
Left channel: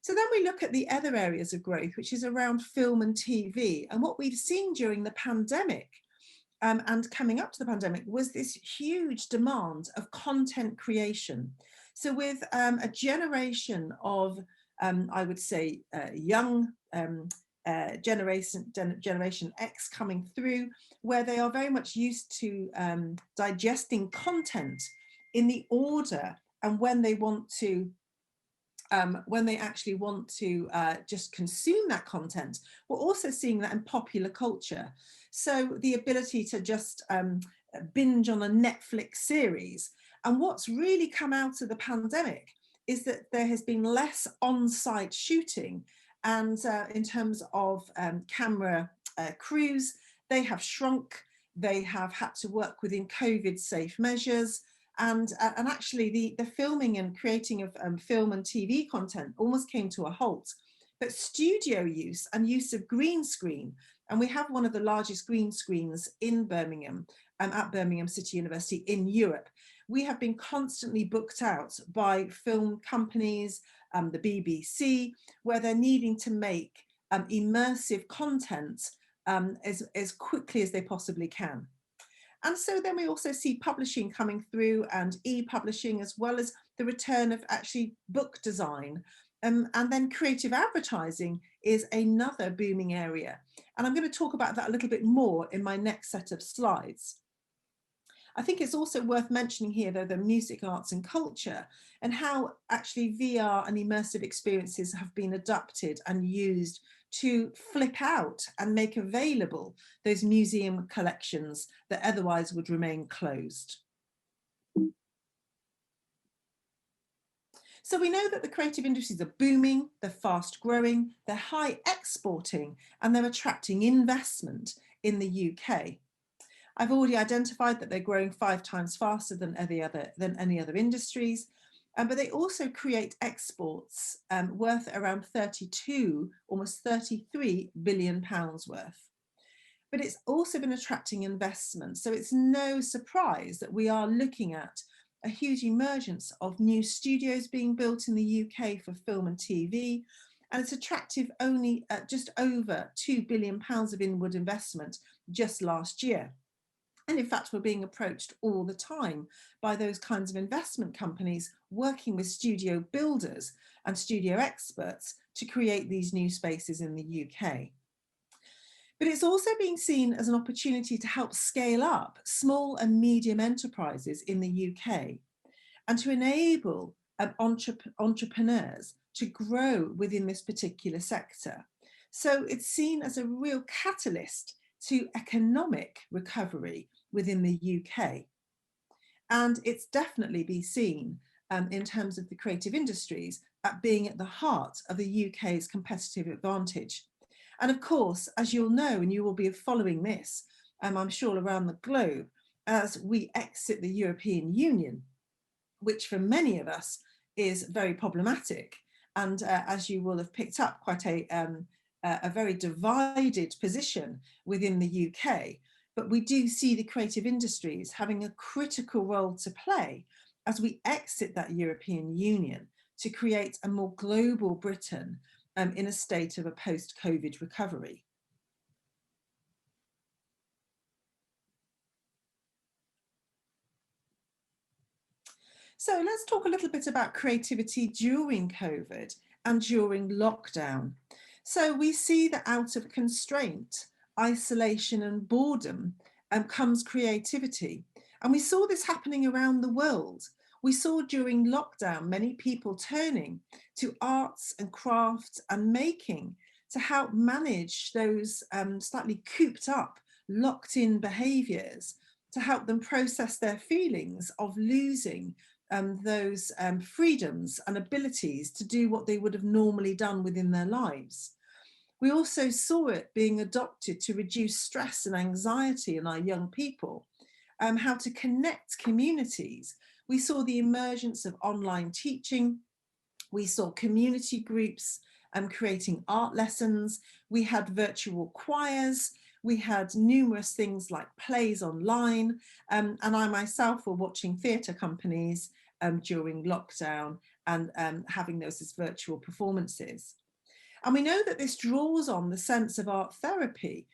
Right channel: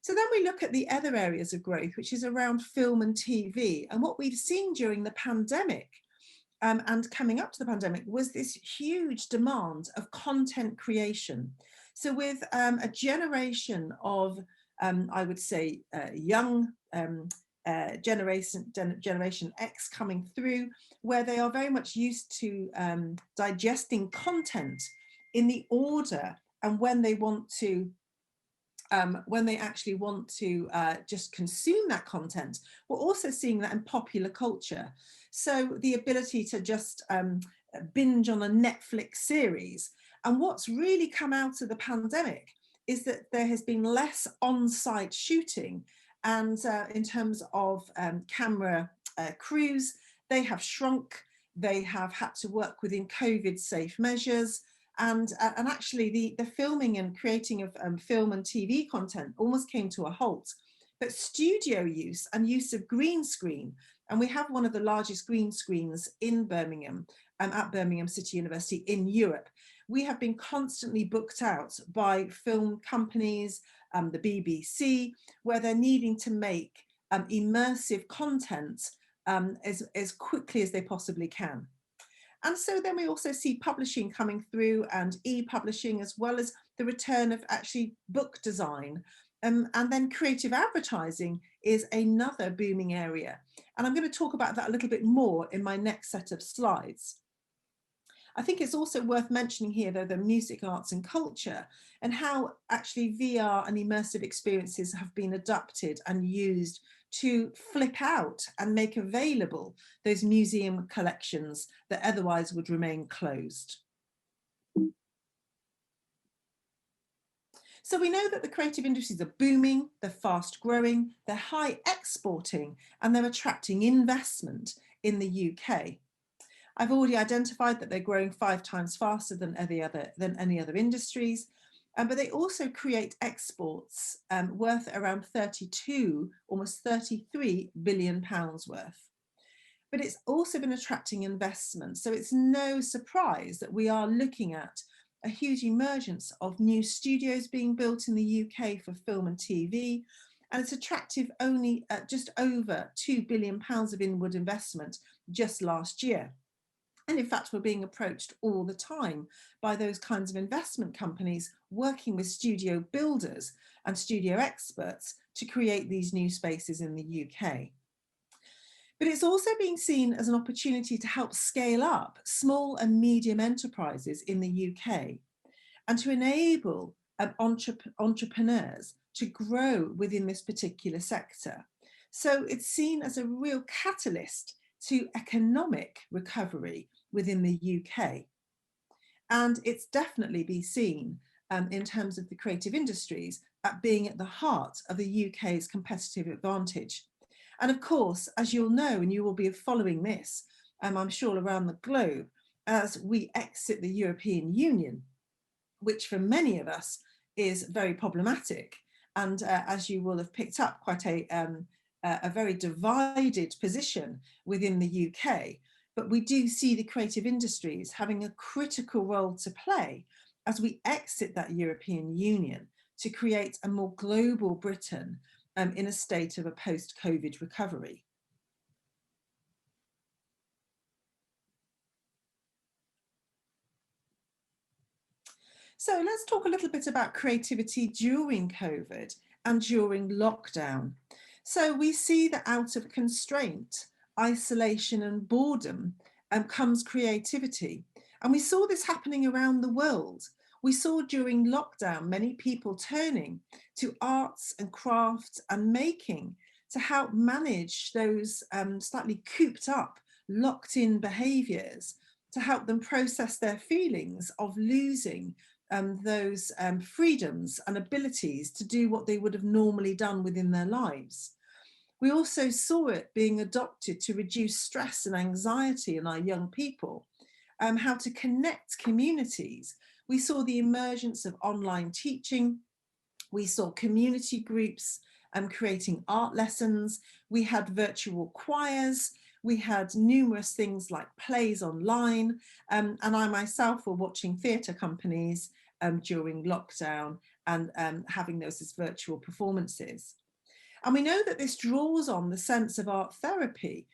So then we look at the other areas of growth, which is around film and TV. And what we've seen during the pandemic and coming up to the pandemic was this huge demand of content creation. So with a generation of, I would say, young Generation X coming through, where they are very much used to digesting content in the order and when they want to when they actually want to just consume that content. We're also seeing that in popular culture. So the ability to just binge on a Netflix series. And what's really come out of the pandemic is that there has been less on-site shooting. And in terms of camera crews, they have shrunk. They have had to work within COVID safe measures. And actually the filming and creating of film and TV content almost came to a halt. But studio use and use of green screen, and we have one of the largest green screens in Birmingham, at Birmingham City University in Europe. We have been constantly booked out by film companies, the BBC, where they're needing to make immersive content as quickly as they possibly can. And so then we also see publishing coming through and e-publishing, as well as the return of actually book design. And then creative advertising is another booming area. And I'm going to talk about that a little bit more in my next set of slides. I think it's also worth mentioning here, though, the music, arts and culture, and how actually VR and immersive experiences have been adapted and used to flip out and make available those museum collections that otherwise would remain closed. So we know that the creative industries are booming, they're fast growing, they're high exporting, and they're attracting investment in the UK. I've already identified that they're growing 5 times faster than any other industries, but they also create exports worth around 32, almost 33 billion pounds worth. But it's also been attracting investment. So it's no surprise that we are looking at a huge emergence of new studios being built in the UK for film and TV. And it's attractive only at just over 2 billion pounds of inward investment just last year. And in fact, we're being approached all the time by those kinds of investment companies working with studio builders and studio experts to create these new spaces in the UK. But it's also being seen as an opportunity to help scale up small and medium enterprises in the UK and to enable entrepreneurs to grow within this particular sector. So it's seen as a real catalyst to economic recovery within the UK. And it's definitely been seen in terms of the creative industries at being at the heart of the UK's competitive advantage. And of course, as you'll know, and you will be following this, I'm sure around the globe, as we exit the European Union, which for many of us is very problematic. And as you will have picked up, quite a very divided position within the UK. But we do see the creative industries having a critical role to play as we exit that European Union to create a more global Britain in a state of a post-COVID recovery. So let's talk a little bit about creativity during COVID and during lockdown. So we see that out of constraint, isolation and boredom comes creativity. And we saw this happening around the world. We saw during lockdown many people turning to arts and crafts and making to help manage those slightly cooped up, locked in behaviours, to help them process their feelings of losing those freedoms and abilities to do what they would have normally done within their lives. We also saw it being adopted to reduce stress and anxiety in our young people, how to connect communities. We saw the emergence of online teaching. We saw community groups creating art lessons. We had virtual choirs. We had numerous things like plays online. And I myself were watching theatre companies during lockdown and having those as virtual performances. And we know that this draws on the sense of art therapy,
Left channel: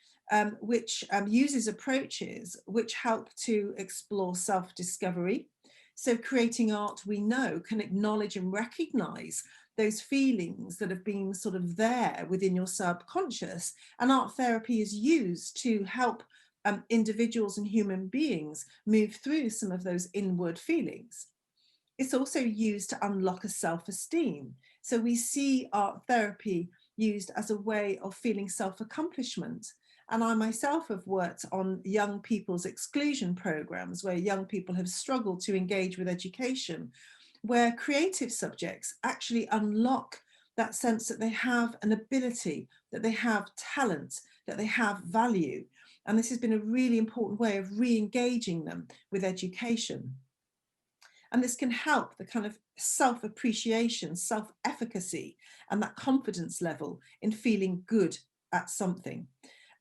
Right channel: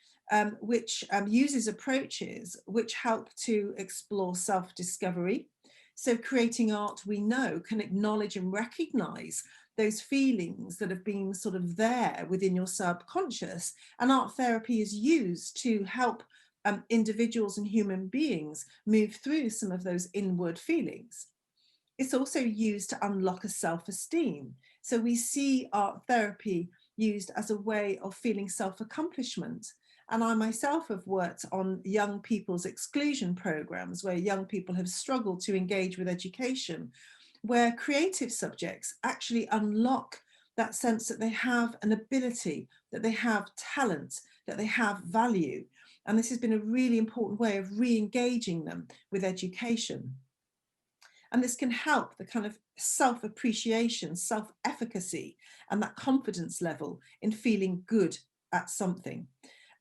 which uses approaches which help to explore self-discovery. So creating art, we know, can acknowledge and recognize those feelings that have been sort of there within your subconscious. And art therapy is used to help individuals and human beings move through some of those inward feelings. It's also used to unlock a self-esteem. So we see art therapy used as a way of feeling self-accomplishment. And I myself have worked on young people's exclusion programs where young people have struggled to engage with education, where creative subjects actually unlock that sense that they have an ability, that they have talent, that they have value. And this has been a really important way of re-engaging them with education. And this can help the kind of self-appreciation, self-efficacy, and that confidence level in feeling good at something.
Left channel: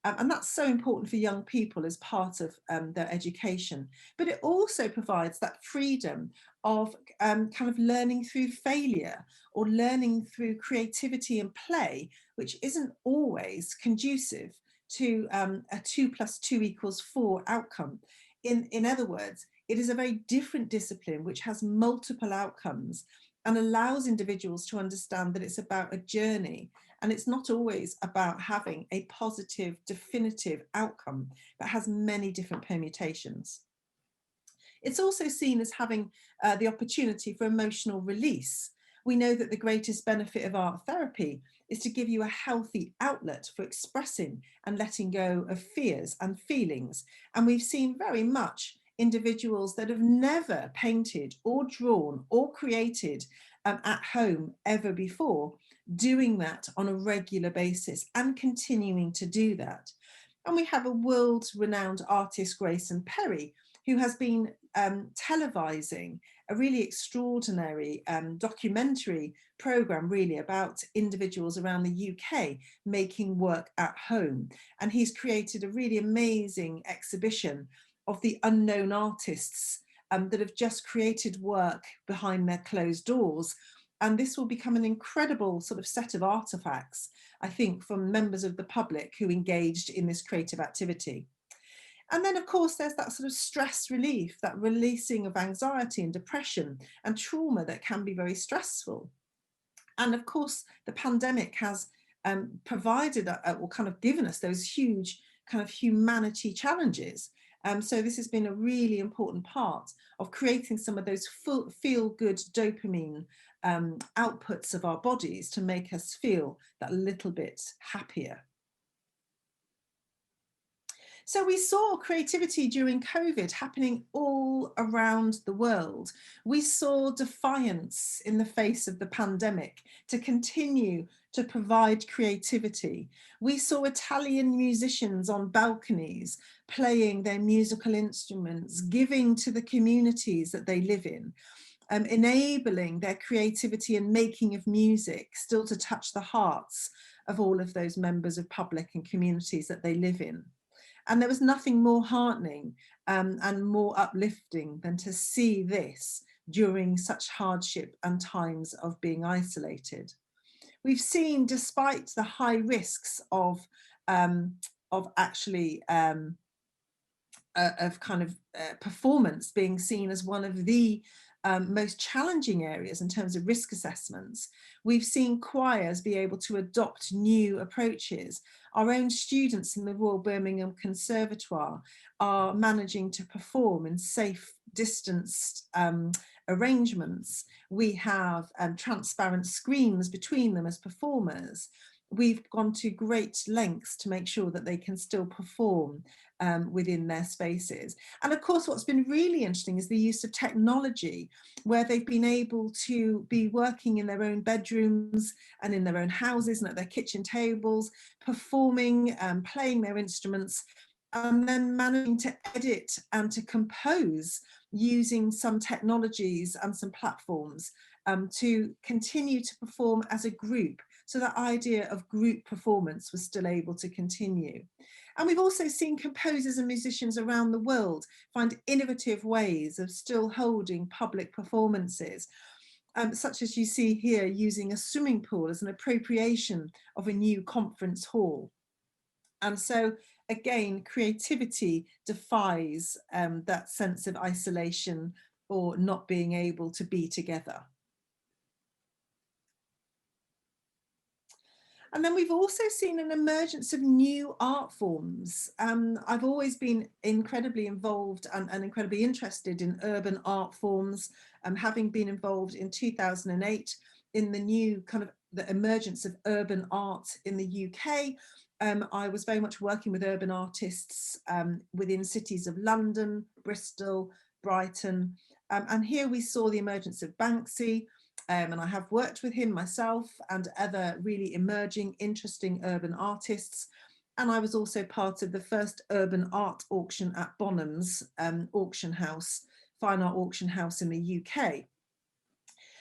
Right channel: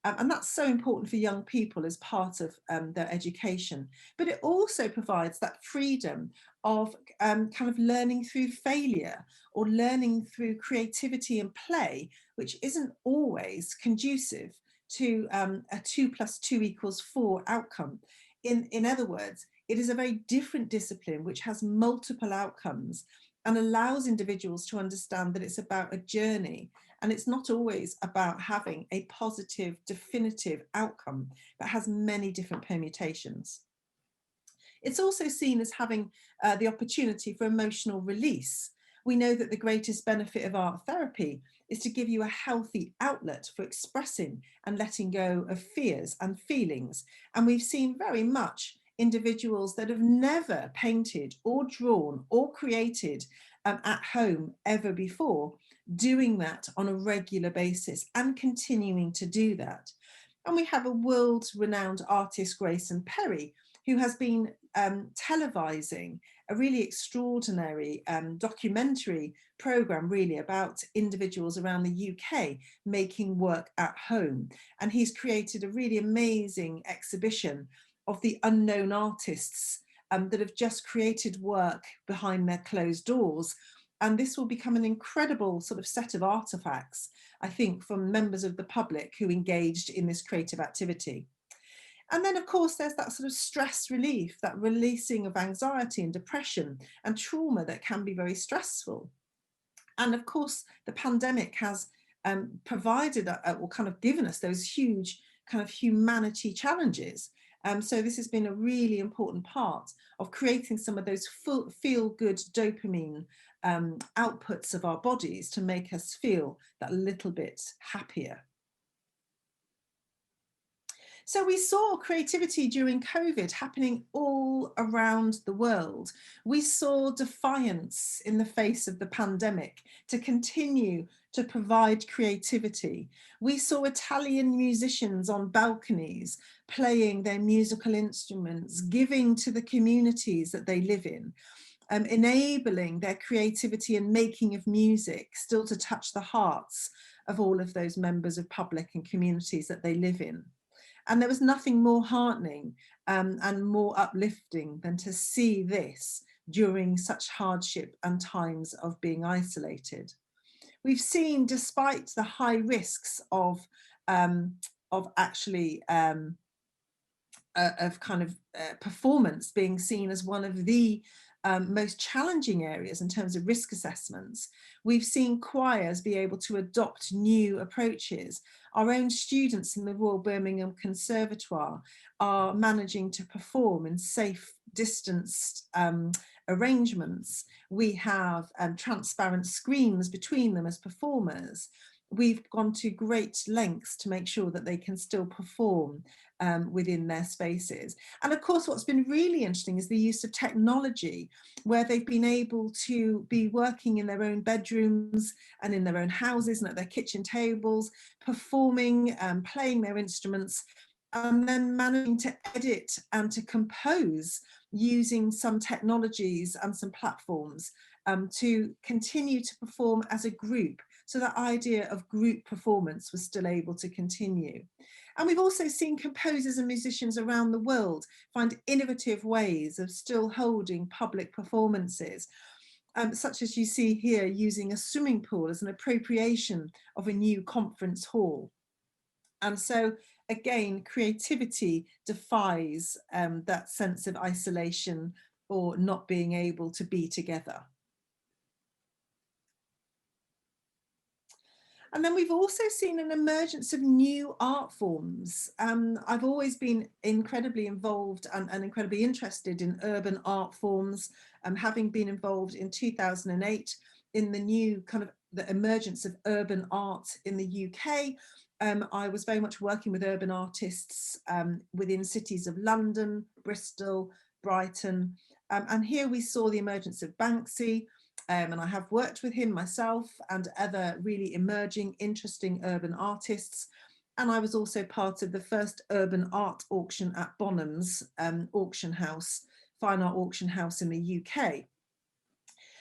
And that's so important for young people as part of their education. But it also provides that freedom of kind of learning through failure or learning through creativity and play, which isn't always conducive to a 2 + 2 = 4 outcome. In other words, it is a very different discipline which has multiple outcomes and allows individuals to understand that it's about a journey and it's not always about having a positive, definitive outcome, but has many different permutations. It's also seen as having the opportunity for emotional release. We know that the greatest benefit of art therapy is to give you a healthy outlet for expressing and letting go of fears and feelings. And we've seen very much individuals that have never painted or drawn or created at home ever before, doing that on a regular basis and continuing to do that. And we have a world-renowned artist, Grayson Perry, who has been televising a really extraordinary documentary program really about individuals around the UK making work at home. And he's created a really amazing exhibition of the unknown artists that have just created work behind their closed doors. And this will become an incredible sort of set of artifacts, I think, from members of the public who engaged in this creative activity. And then, of course, there's that sort of stress relief, that releasing of anxiety and depression and trauma that can be very stressful. And of course, the pandemic has provided or kind of given us those huge kind of humanity challenges. So this has been a really important part of creating some of those feel-good dopamine outputs of our bodies to make us feel that little bit happier. So we saw creativity during COVID happening all around the world. We saw defiance in the face of the pandemic to continue to provide creativity. We saw Italian musicians on balconies playing their musical instruments, giving to the communities that they live in, enabling their creativity and making of music still to touch the hearts of all of those members of public and communities that they live in. And there was nothing more heartening and more uplifting than to see this during such hardship and times of being isolated. We've seen, despite the high risks of actually performance being seen as one of the most challenging areas in terms of risk assessments, we've seen choirs be able to adopt new approaches. Our own students in the Royal Birmingham Conservatoire are managing to perform in safe, distanced arrangements. We have transparent screens between them as performers. We've gone to great lengths to make sure that they can still perform within their spaces. And of course, what's been really interesting is the use of technology, where they've been able to be working in their own bedrooms and in their own houses and at their kitchen tables, performing, playing their instruments, and then managing to edit and to compose using some technologies and some platforms to continue to perform as a group. So that idea of group performance was still able to continue. And we've also seen composers and musicians around the world find innovative ways of still holding public performances, such as you see here, using a swimming pool as an appropriation of a new conference hall. And so again, creativity defies that sense of isolation or not being able to be together. And then we've also seen an emergence of new art forms. I've always been incredibly involved and incredibly interested in urban art forms, having been involved in 2008 in the new kind of the emergence of urban art in the UK. I was very much working with urban artists within cities of London, Bristol, Brighton. And here we saw the emergence of Banksy, and I have worked with him myself and other really emerging, interesting urban artists. And I was also part of the first urban art auction at Bonham's auction house, fine art auction house in the UK.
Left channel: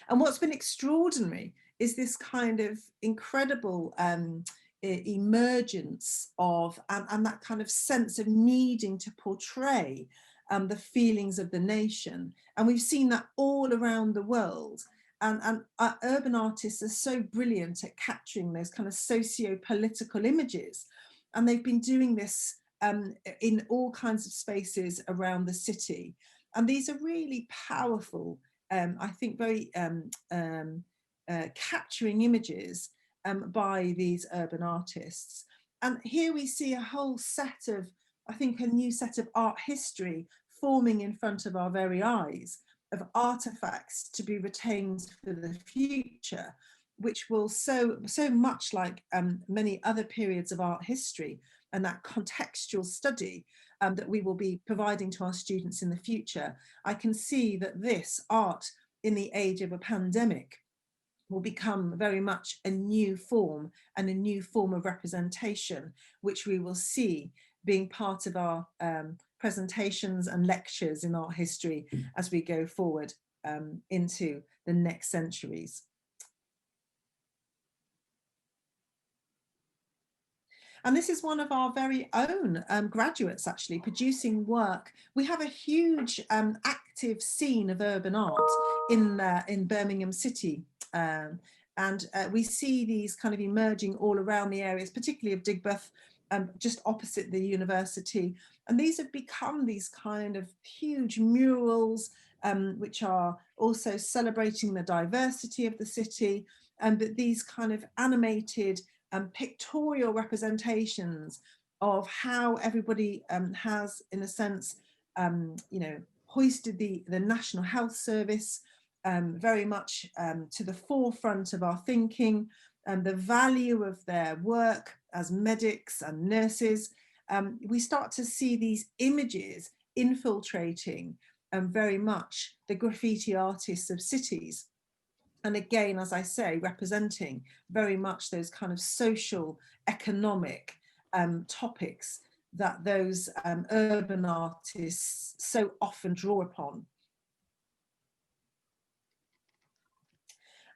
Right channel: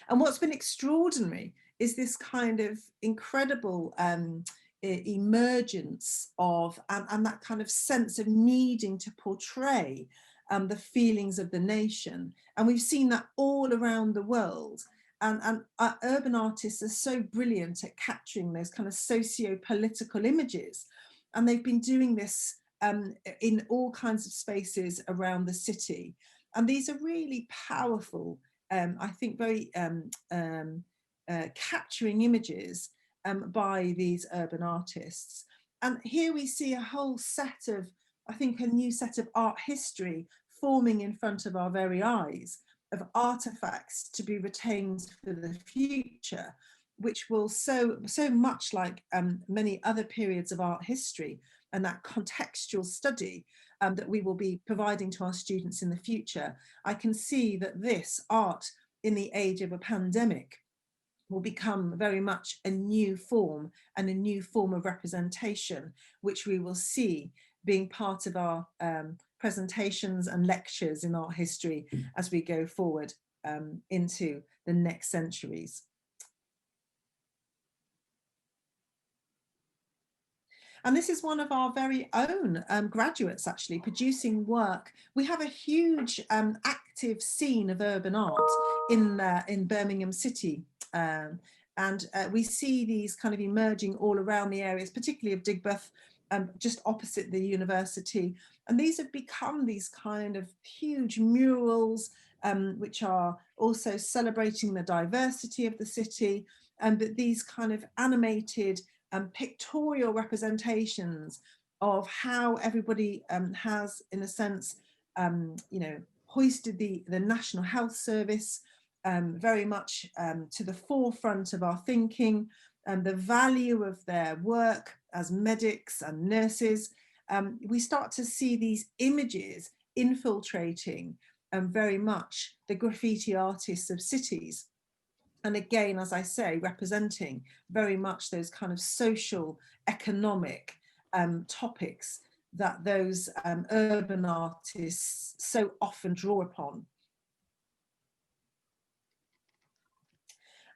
And what's been extraordinary is this kind of incredible emergence of, and that kind of sense of needing to portray the feelings of the nation. And we've seen that all around the world. And urban artists are so brilliant at capturing those kind of socio-political images. And they've been doing this in all kinds of spaces around the city. And these are really powerful, I think very capturing images by these urban artists. And here we see a whole set of, I think, a new set of art history forming in front of our very eyes, of artifacts to be retained for the future, which will so much like many other periods of art history and that contextual study that we will be providing to our students in the future. I can see that this art in the age of a pandemic will become very much a new form and a new form of representation, which we will see being part of our presentations and lectures in art history as we go forward into the next centuries. And this is one of our very own graduates actually producing work. We have a huge active scene of urban art in Birmingham City. And we see these kind of emerging all around the areas, particularly of Digbeth, just opposite the university. And these have become these kind of huge murals, which are also celebrating the diversity of the city, but these kind of animated pictorial representations of how everybody has, in a sense, you know, hoisted the National Health Service very much to the forefront of our thinking, and the value of their work as medics and nurses, we start to see these images infiltrating very much the graffiti artists of cities. And again, as I say, representing very much those kind of social, economic topics that those urban artists so often draw upon.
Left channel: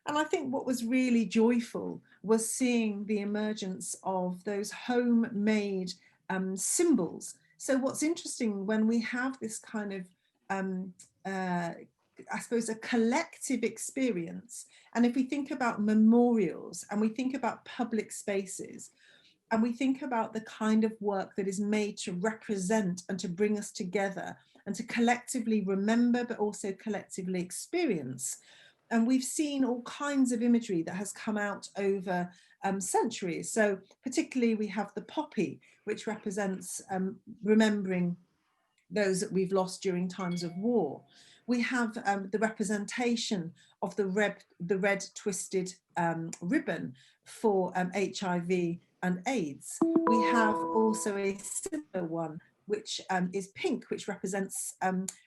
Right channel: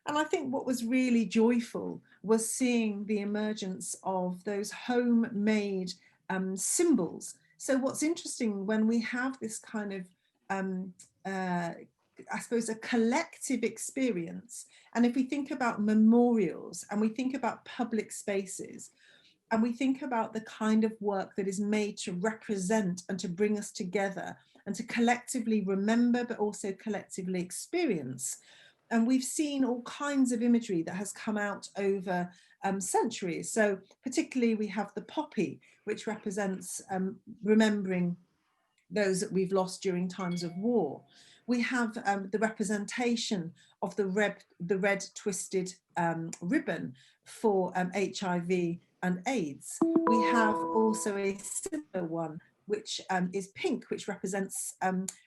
And I think what was really joyful was seeing the emergence of those homemade symbols. So what's interesting when we have this kind of, I suppose, a collective experience, and if we think about memorials and we think about public spaces, and we think about the kind of work that is made to represent and to bring us together and to collectively remember, but also collectively experience. And we've seen all kinds of imagery that has come out over centuries. So particularly we have the poppy, which represents remembering those that we've lost during times of war. We have the representation of the red twisted ribbon for HIV and AIDS. We have also a similar one, which is pink, which represents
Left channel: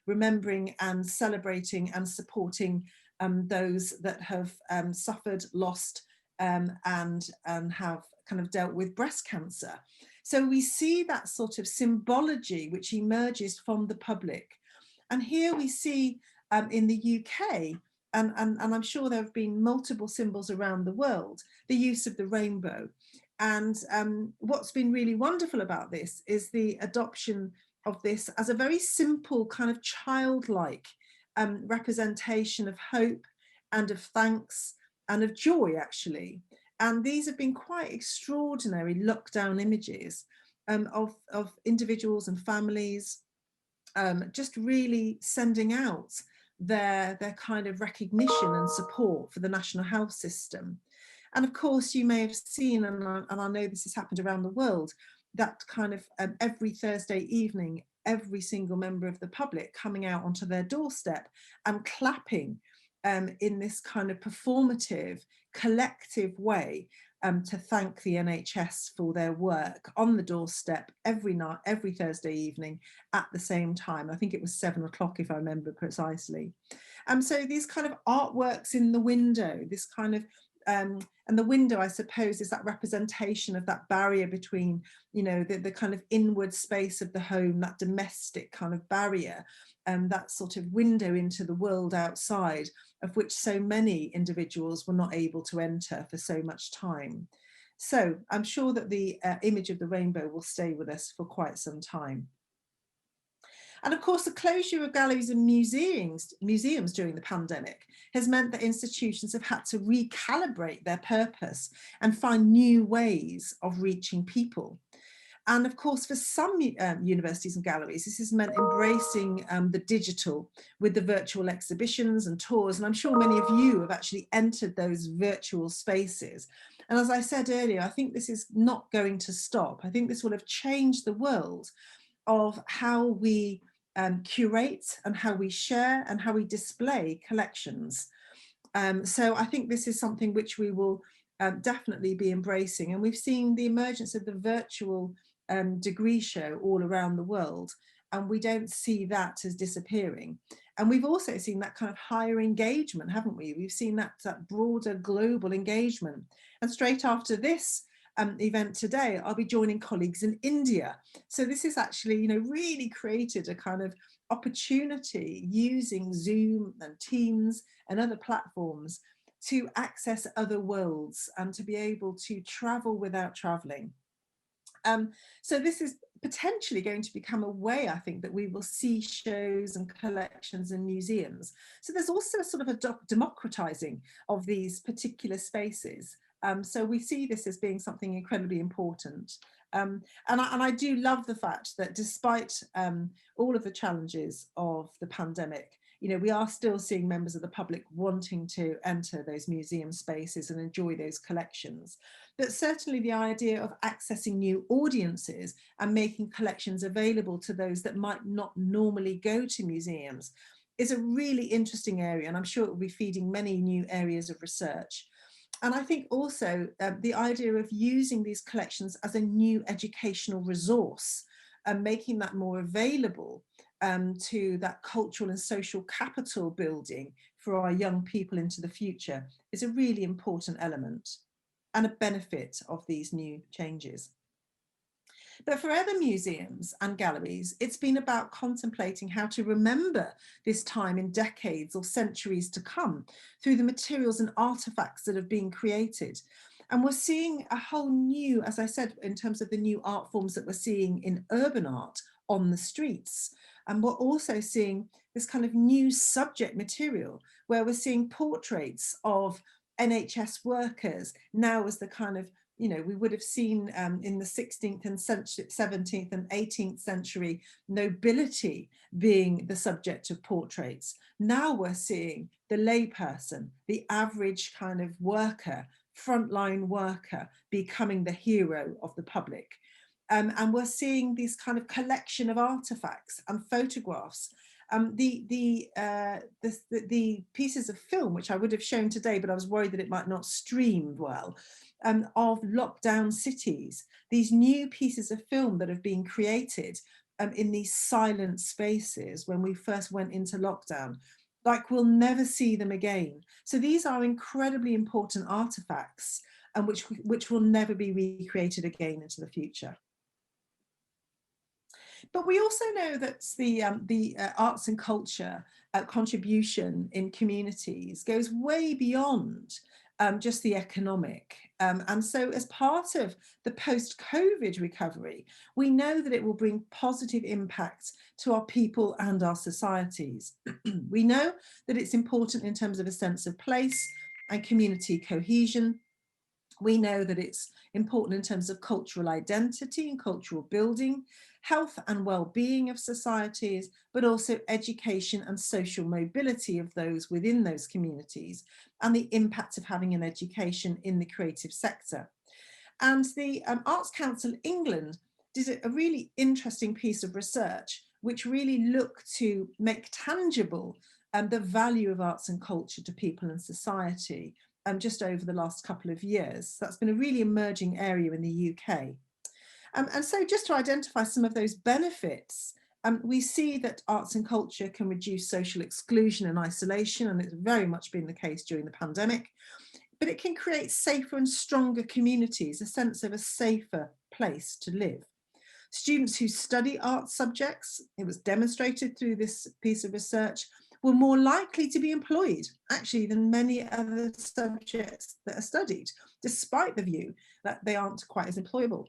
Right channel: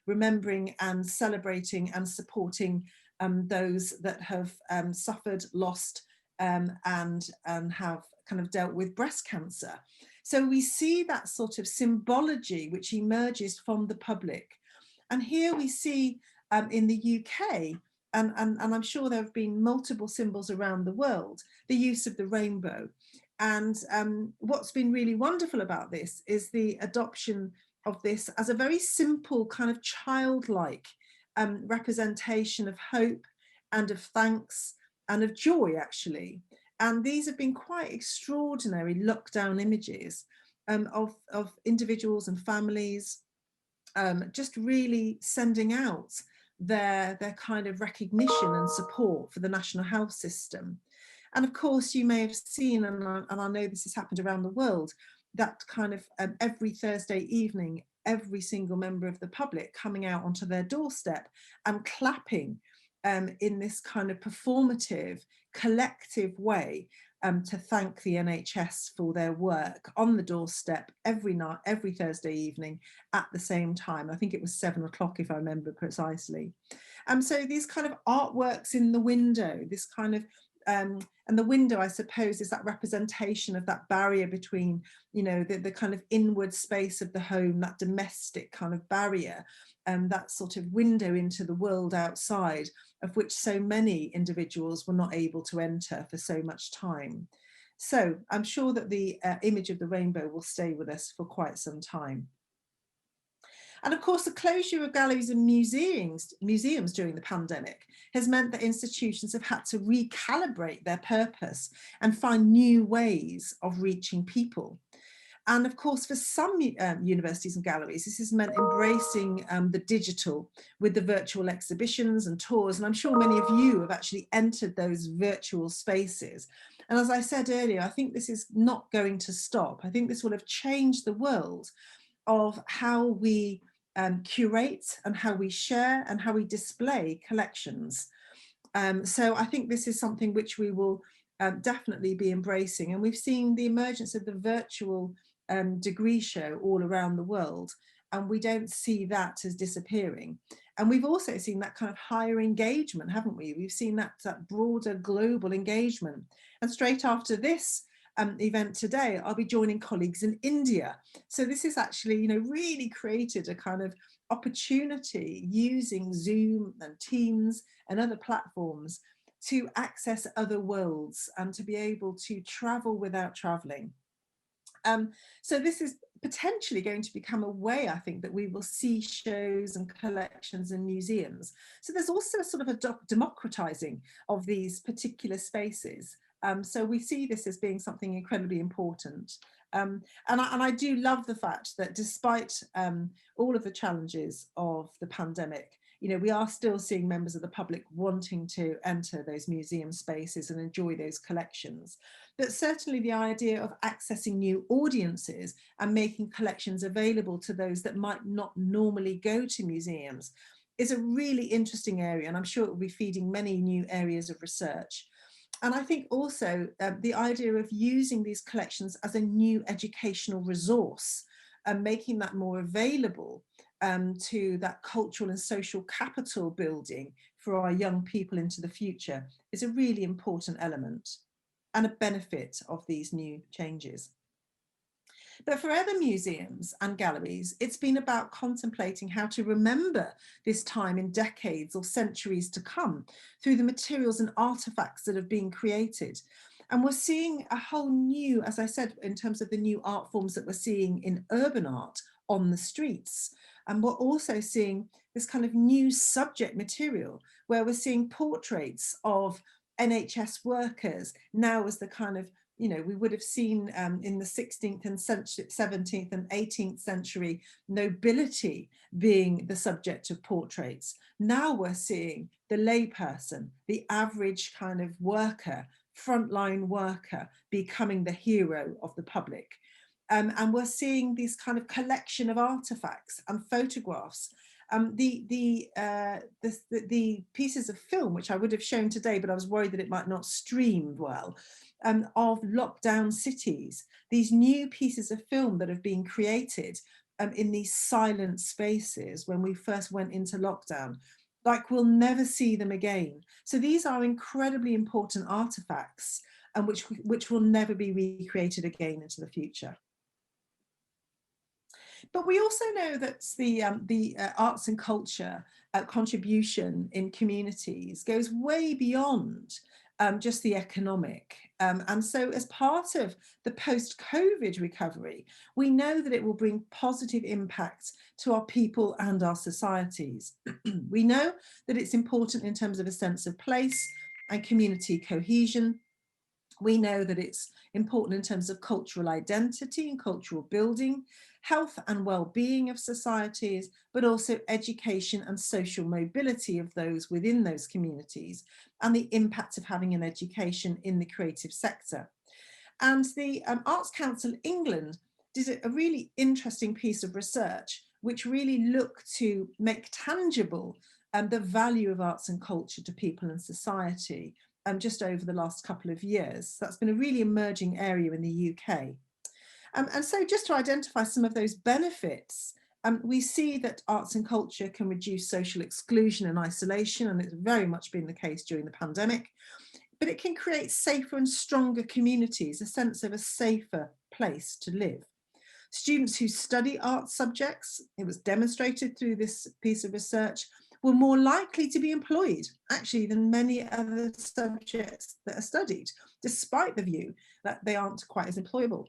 remembering and celebrating and supporting those that have suffered, lost, and have kind of dealt with breast cancer. So we see that sort of symbology which emerges from the public. And here we see in the UK, and I'm sure there have been multiple symbols around the world, the use of the rainbow. And what's been really wonderful about this is the adoption of this as a very simple kind of childlike representation of hope and of thanks and of joy, actually. And these have been quite extraordinary lockdown images of individuals and families just really sending out their kind of recognition and support for the national health system. And of course, you may have seen, and I know this has happened around the world, that kind of every Thursday evening, every single member of the public coming out onto their doorstep and clapping in this kind of performative, collective way to thank the NHS for their work on the doorstep every night, every Thursday evening at the same time. I think it was 7 o'clock, if I remember precisely. So these kind of artworks in the window, this kind of and the window, I suppose, is that representation of that barrier between, you know, the kind of inward space of the home, that domestic kind of barrier, and that sort of window into the world outside, of which so many individuals were not able to enter for so much time. So I'm sure that the image of the rainbow will stay with us for quite some time. And of course, the closure of galleries and museums during the pandemic has meant that institutions have had to recalibrate their purpose and find new ways of reaching people. And of course, for some universities and galleries, this has meant embracing the digital with the virtual exhibitions and tours. And I'm sure many of you have actually entered those virtual spaces. And as I said earlier, I think this is not going to stop. I think this will have changed the world of how we curate and how we share and how we display collections. So I think this is something which we will definitely be embracing. And we've seen the emergence of the virtual degree show all around the world, and we don't see that as disappearing. And we've also seen that kind of higher engagement, haven't we? We've seen that broader global engagement. And straight after this event today, I'll be joining colleagues in India. So this is actually, you know, really created a kind of opportunity using Zoom and Teams and other platforms to access other worlds and to be able to travel without traveling. So this is potentially going to become a way, I think, that we will see shows and collections in museums. So there's also a sort of a democratizing of these particular spaces. So we see this as being something incredibly important. And I do love the fact that despite all of the challenges of the pandemic, you know, we are still seeing members of the public wanting to enter those museum spaces and enjoy those collections. But certainly the idea of accessing new audiences and making collections available to those that might not normally go to museums is a really interesting area, and I'm sure it will be feeding many new areas of research. And I think also the idea of using these collections as a new educational resource and making that more available to that cultural and social capital building for our young people into the future is a really important element and a benefit of these new changes. But for other museums and galleries, it's been about contemplating how to remember this time in decades or centuries to come through the materials and artifacts that have been created. And we're seeing a whole new, as I said, in terms of the new art forms that we're seeing in urban art on the streets. And we're also seeing this kind of new subject material where we're seeing portraits of NHS workers now as the kind of, you know, we would have seen in the 16th and 17th and 18th century nobility being the subject of portraits. Now we're seeing the layperson, the average kind of worker, frontline worker, becoming the hero of the public. And we're seeing this kind of collection of artifacts and photographs. The pieces of film, which I would have shown today, but I was worried that it might not stream well, of lockdown cities, these new pieces of film that have been created in these silent spaces when we first went into lockdown, like we'll never see them again. So these are incredibly important artifacts and which will never be recreated again into the future. But we also know that the arts and culture contribution in communities goes way beyond just the economic. And so as part of the post-COVID recovery, we know that it will bring positive impacts to our people and our societies. We know that it's important in terms of a sense of place and community cohesion. We know that it's important in terms of cultural identity and cultural building, health and well-being of societies, but also education and social mobility of those within those communities, and the impact of having an education in the creative sector. And the Arts Council England did a really interesting piece of research which really looked to make tangible the value of arts and culture to people and society just over the last couple of years. That's been a really emerging area in the UK. And so just to identify some of those benefits, we see that arts and culture can reduce social exclusion and isolation, and it's very much been the case during the pandemic, but it can create safer and stronger communities, a sense of a safer place to live. Students who study art subjects, it was demonstrated through this piece of research, were more likely to be employed, actually, than many other subjects that are studied, despite the view that they aren't quite as employable,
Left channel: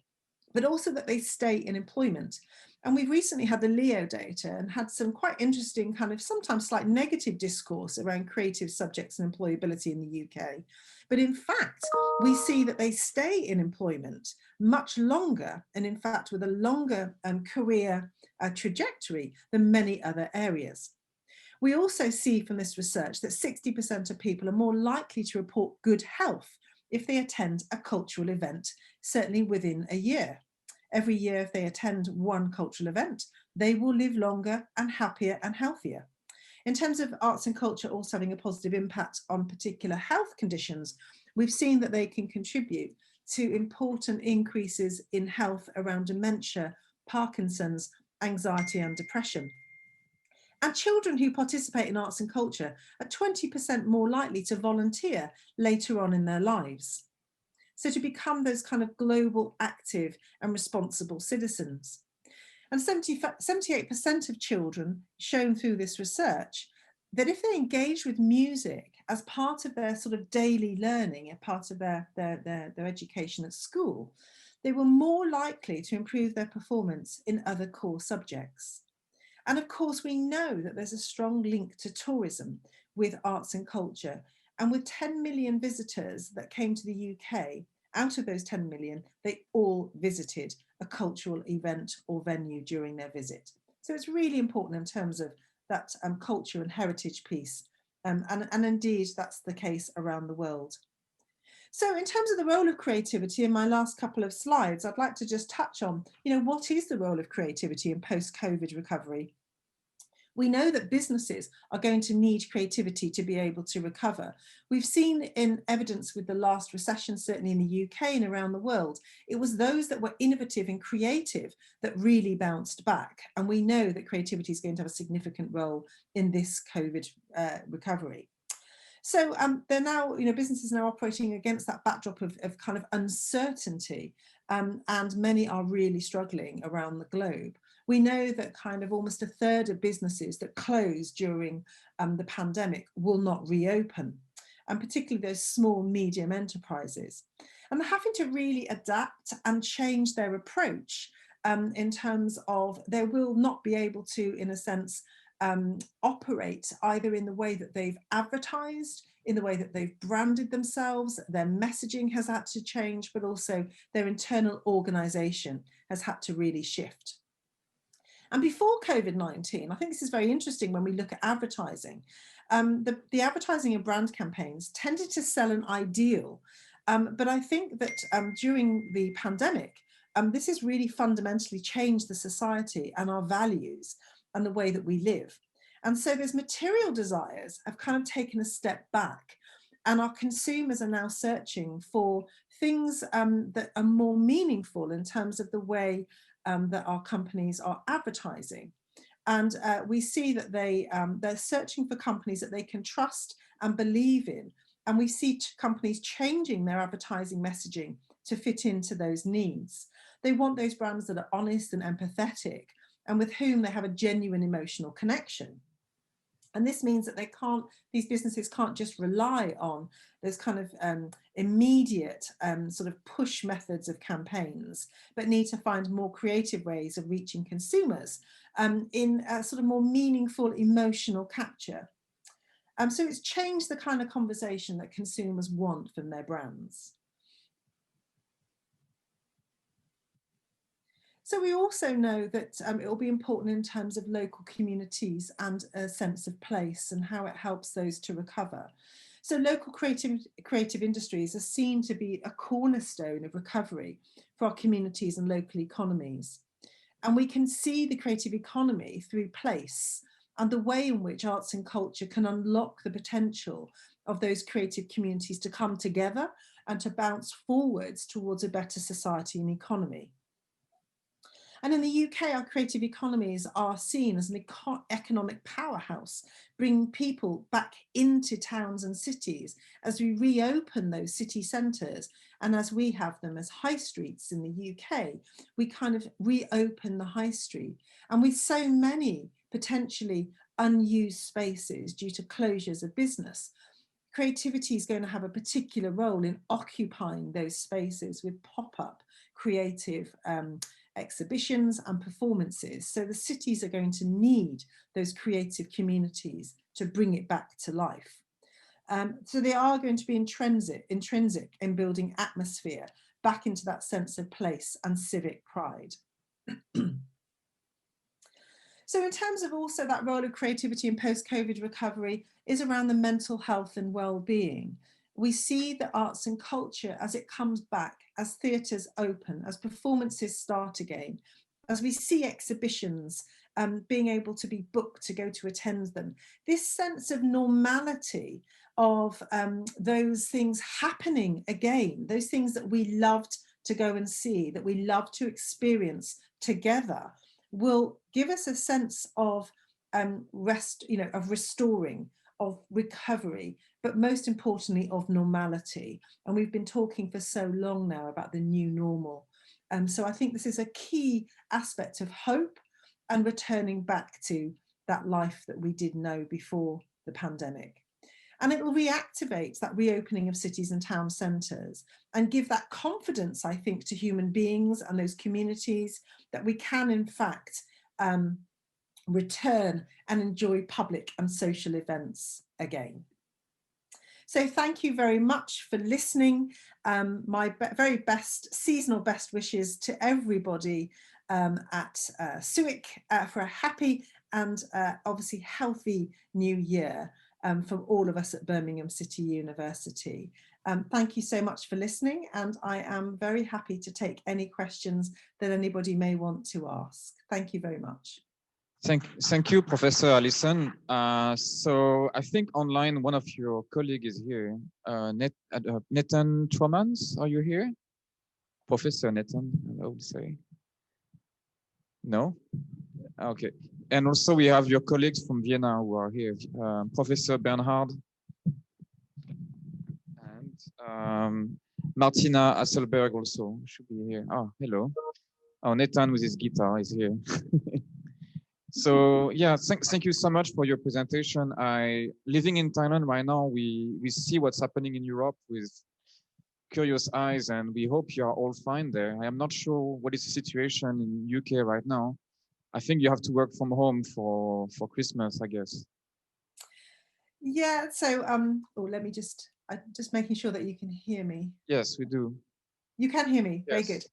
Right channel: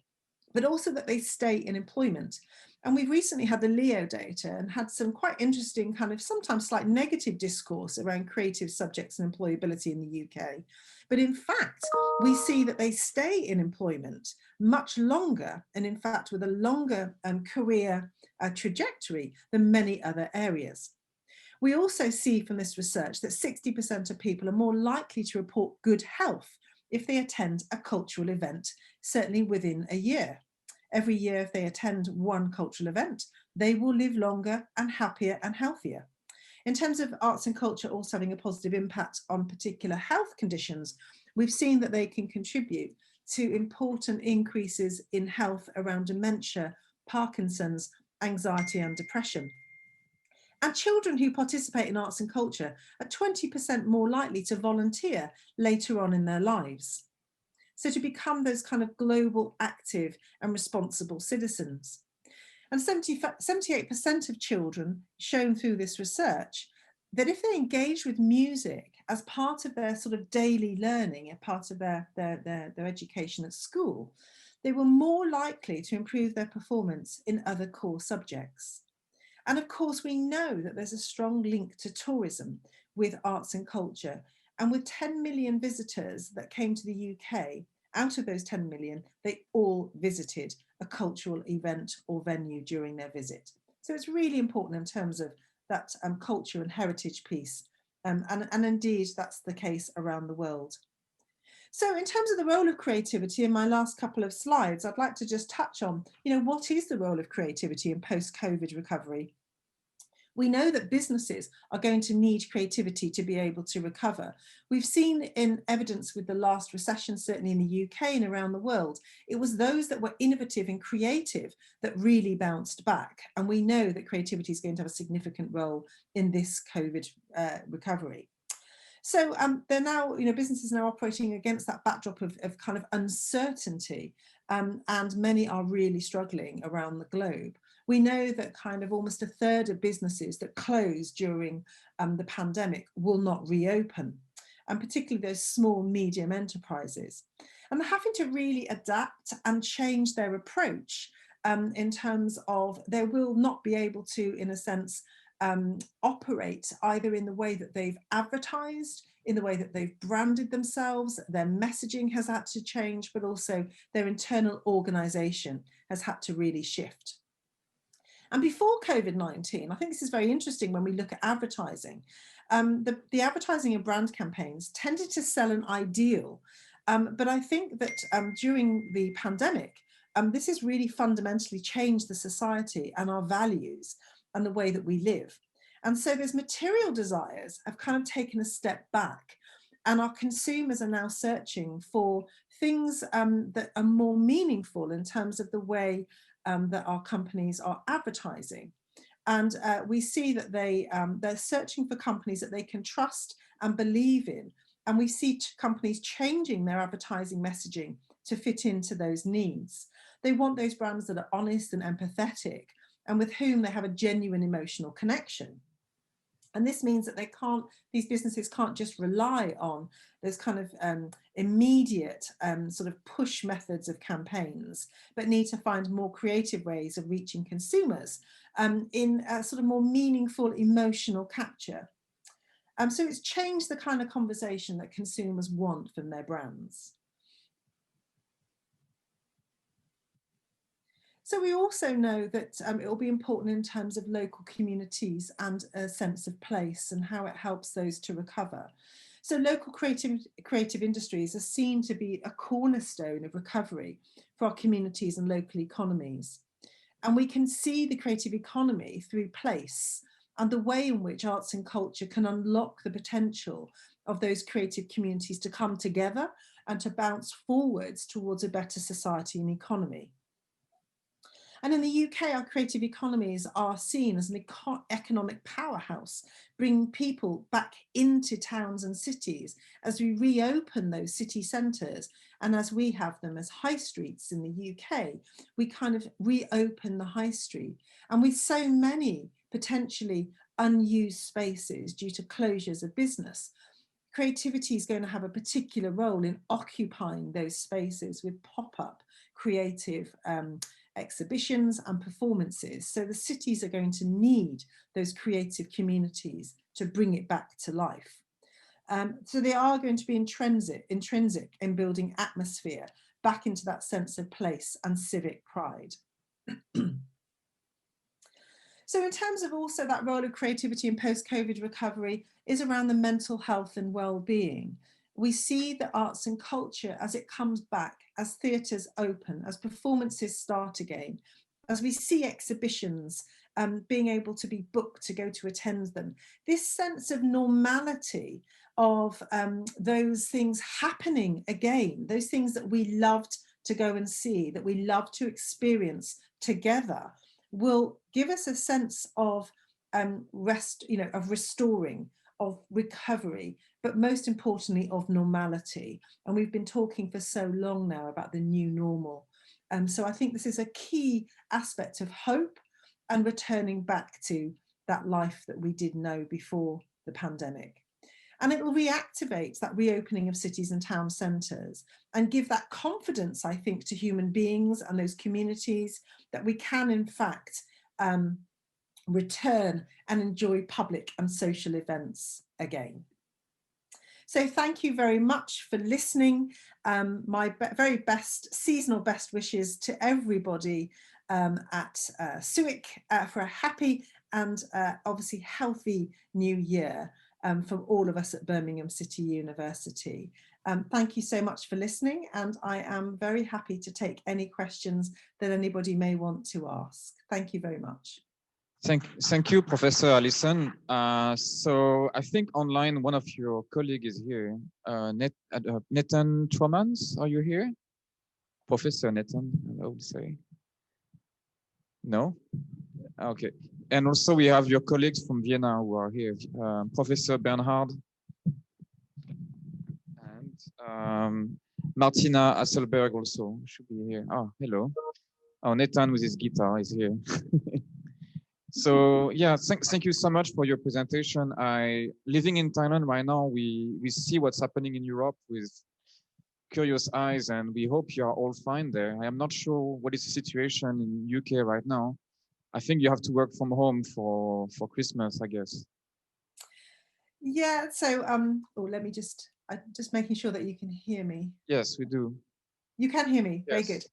but also that they stay in employment. And we've recently had the Leo data and had some quite interesting kind of sometimes slight negative discourse around creative subjects and employability in the UK. But in fact, we see that they stay in employment much longer, and in fact, with a longer career trajectory than many other areas. We also see from this research that 60% of people are more likely to report good health if they attend a cultural event, certainly within a year. Every year, if they attend one cultural event, they will live longer and happier and healthier. In terms of arts and culture also having a positive impact on particular health conditions, we've seen that they can contribute to important increases in health around dementia, Parkinson's, anxiety and depression. And children who participate in arts and culture are 20% more likely to volunteer later on in their lives. So to become those kind of global, active and responsible citizens. And 78% of children shown through this research that if they engage with music as part of their sort of daily learning, a part of their education at school, they were more likely to improve their performance in other core subjects. And of course, we know that there's a strong link to tourism with arts and culture. And with 10 million visitors that came to the UK, out of those 10 million, they all visited a cultural event or venue during their visit. So it's really important in terms of that culture and heritage piece. And indeed, that's the case around the world. So in terms of the role of creativity, in my last couple of slides, I'd like to just touch on, what is the role of creativity in post-COVID recovery? We know that businesses are going to need creativity to be able to recover. We've seen in evidence with the last recession, certainly in the UK and around the world, it was those that were innovative and creative that really bounced back. And we know that creativity is going to have a significant role in this COVID recovery. So they're now, businesses are now operating against that backdrop of kind of uncertainty, and many are really struggling around the globe. We know that kind of almost a third of businesses that closed during the pandemic will not reopen, and particularly those small, medium enterprises. And they're having to really adapt and change their approach in terms of they will not be able to, in a sense, operate either in the way that they've advertised, in the way that they've branded themselves. Their messaging has had to change, but also their internal organization has had to really shift. And before COVID-19, I think this is very interesting when we look at advertising. The advertising and brand campaigns tended to sell an ideal, but I think that during the pandemic, this has really fundamentally changed the society and our values and the way that we live. And so those material desires have kind of taken a step back, and our consumers are now searching for things that are more meaningful in terms of the way that our companies are advertising. And we see that they're searching for companies that they can trust and believe in. And we see companies changing their advertising messaging to fit into those needs. They want those brands that are honest and empathetic, and with whom they have a genuine emotional connection. And this means that these businesses can't just rely on those kind of immediate sort of push methods of campaigns, but need to find more creative ways of reaching consumers in a sort of more meaningful emotional capture. So it's changed the kind of conversation that consumers want from their brands. So we also know that it will be important in terms of local communities and a sense of place and how it helps those to recover. So local creative industries are seen to be a cornerstone of recovery for our communities and local economies. And we can see the creative economy through place and the way in which arts and culture can unlock the potential of those creative communities to come together and to bounce forwards towards a better society and economy. And in the UK, our creative economies are seen as an economic powerhouse, bringing people back into towns and cities as we reopen those city centres. And as we have them as high streets in the UK, we kind of reopen the high street. And with so many potentially unused spaces due to closures of business, creativity is going to have a particular role in occupying those spaces with pop-up creative exhibitions and performances. So the cities are going to need those creative communities to bring it back to life. So they are going to be intrinsic in building atmosphere back into that sense of place and civic pride. So in terms of also that role of creativity in post-COVID recovery is around the mental health and well-being. We see the arts and culture as it comes back, as theatres open, as performances start again, as we see exhibitions being able to be booked to go to attend them. This sense of normality of those things happening again, those things that we loved to go and see, that we love to experience together, will give us a sense of of restoring, of recovery, but most importantly of normality. And we've been talking for so long now about the new normal. So I think this is a key aspect of hope and returning back to that life that we did know before the pandemic. And it will reactivate that reopening of cities and town centres and give that confidence, I think, to human beings and those communities that we can, in fact, return and enjoy public and social events again. So thank you very much for listening. My very best seasonal best wishes to everybody at SUIC for a happy and obviously healthy new year from all of us at Birmingham City University. Thank you so much for listening, and I am very happy to take any questions that anybody may want to ask. Thank you very much. Thank you, Professor Allison. So I think online one of your colleagues is here. Nathan Tromans, are you here? Professor Nathan, I would say. No? Okay. And also we have your colleagues from Vienna who are here. Professor Bernhard and Martina Hasselberg also should be here. Oh, hello. Oh, Nathan with his guitar is here. So yeah, thank you so much for your presentation. Living in Thailand right now, we see what's happening in Europe with curious eyes, and we hope you are all fine there. I am not sure what is the situation in UK right now. I think you have to work from home for Christmas, I guess. Yeah, so let me I'm just making sure that you can hear me. Yes, we do. You can hear me. Very Yes. good.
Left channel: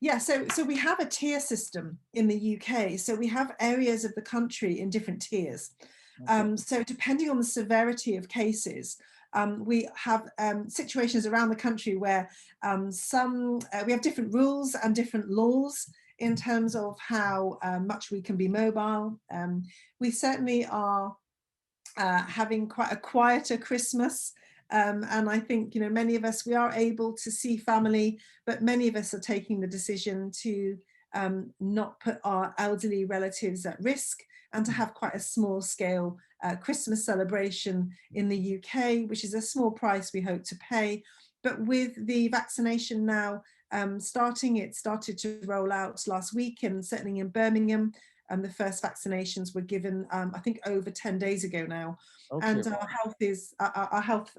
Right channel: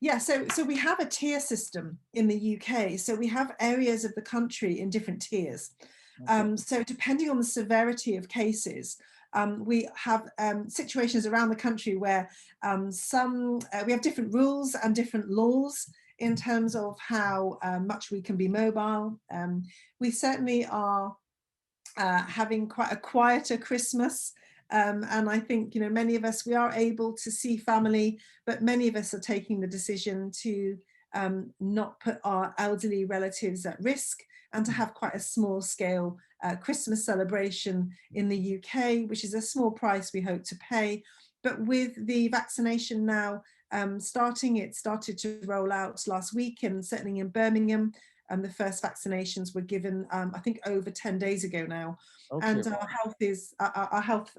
Yeah, so we have a tier system in the UK. So we have areas of the country in different tiers. Okay. So depending on the severity of cases, we have situations around the country where we have different rules and different laws in terms of how much we can be mobile. We certainly are having quite a quieter Christmas. And I think, many of us, we are able to see family, but many of us are taking the decision to not put our elderly relatives at risk and to have quite a small scale Christmas celebration in the UK, which is a small price we hope to pay. But with the vaccination now it started to roll out last week, and certainly in Birmingham, the first vaccinations were given, I think, over 10 days ago now. Okay. And our health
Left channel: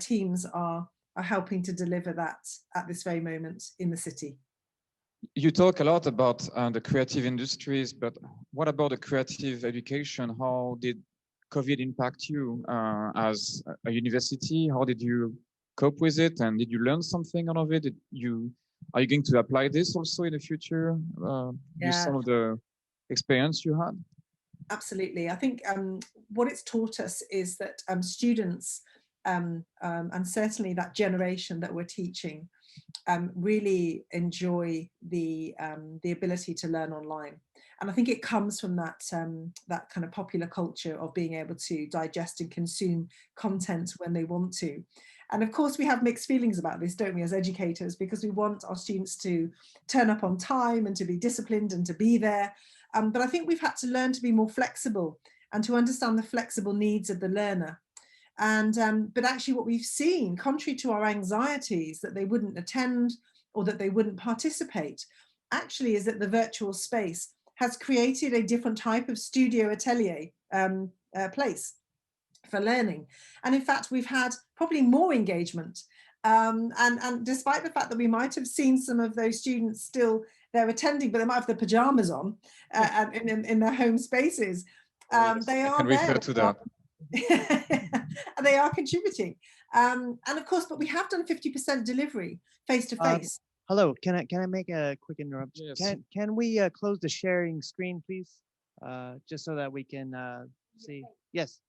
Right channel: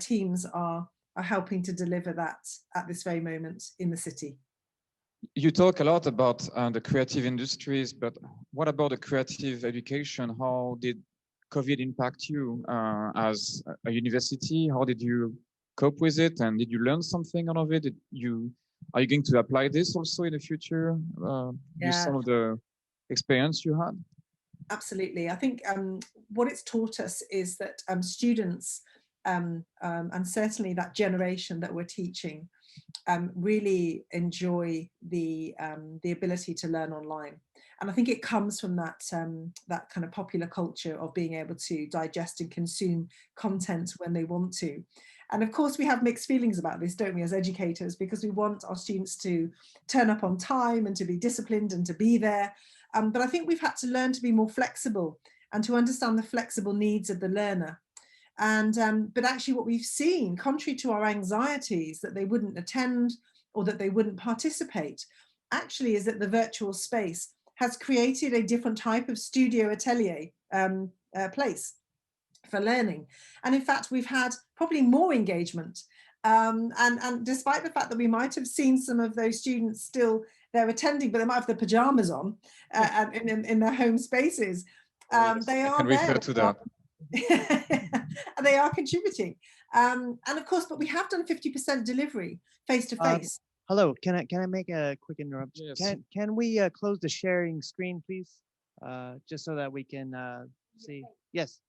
teams are helping to deliver that at this very moment in the city. You talk a lot about the creative industries, but what about the creative education? How did COVID impact you as a university? How did you cope with it? And did you learn something out of it? Are you going to apply this also in the future? Use some of the experience you had? Absolutely. I think what it's taught us is that students and certainly that generation that we're teaching really enjoy the ability to learn online. And I think it comes from that kind of popular culture of being able to digest and consume content when they want to. And of course, we have mixed feelings about this, don't we, as educators, because we want our students to turn up on time and to be disciplined and to be there. But I think we've had to learn to be more flexible and to understand the flexible needs of the learner. And but actually what we've seen, contrary to our anxieties that they wouldn't attend or that they wouldn't participate, actually is that the virtual space has created a different type of studio atelier place for learning. And in fact, we've had probably more engagement. And despite the fact that we might have seen some of those students still there attending, but they might have their pajamas on in their home spaces, they are there. To that. And they are contributing. And of course, but we have done 50% delivery face to face. Hello, can I make a quick interruption? Yes. Can we close the sharing screen, please? Just so that we can see. Yes.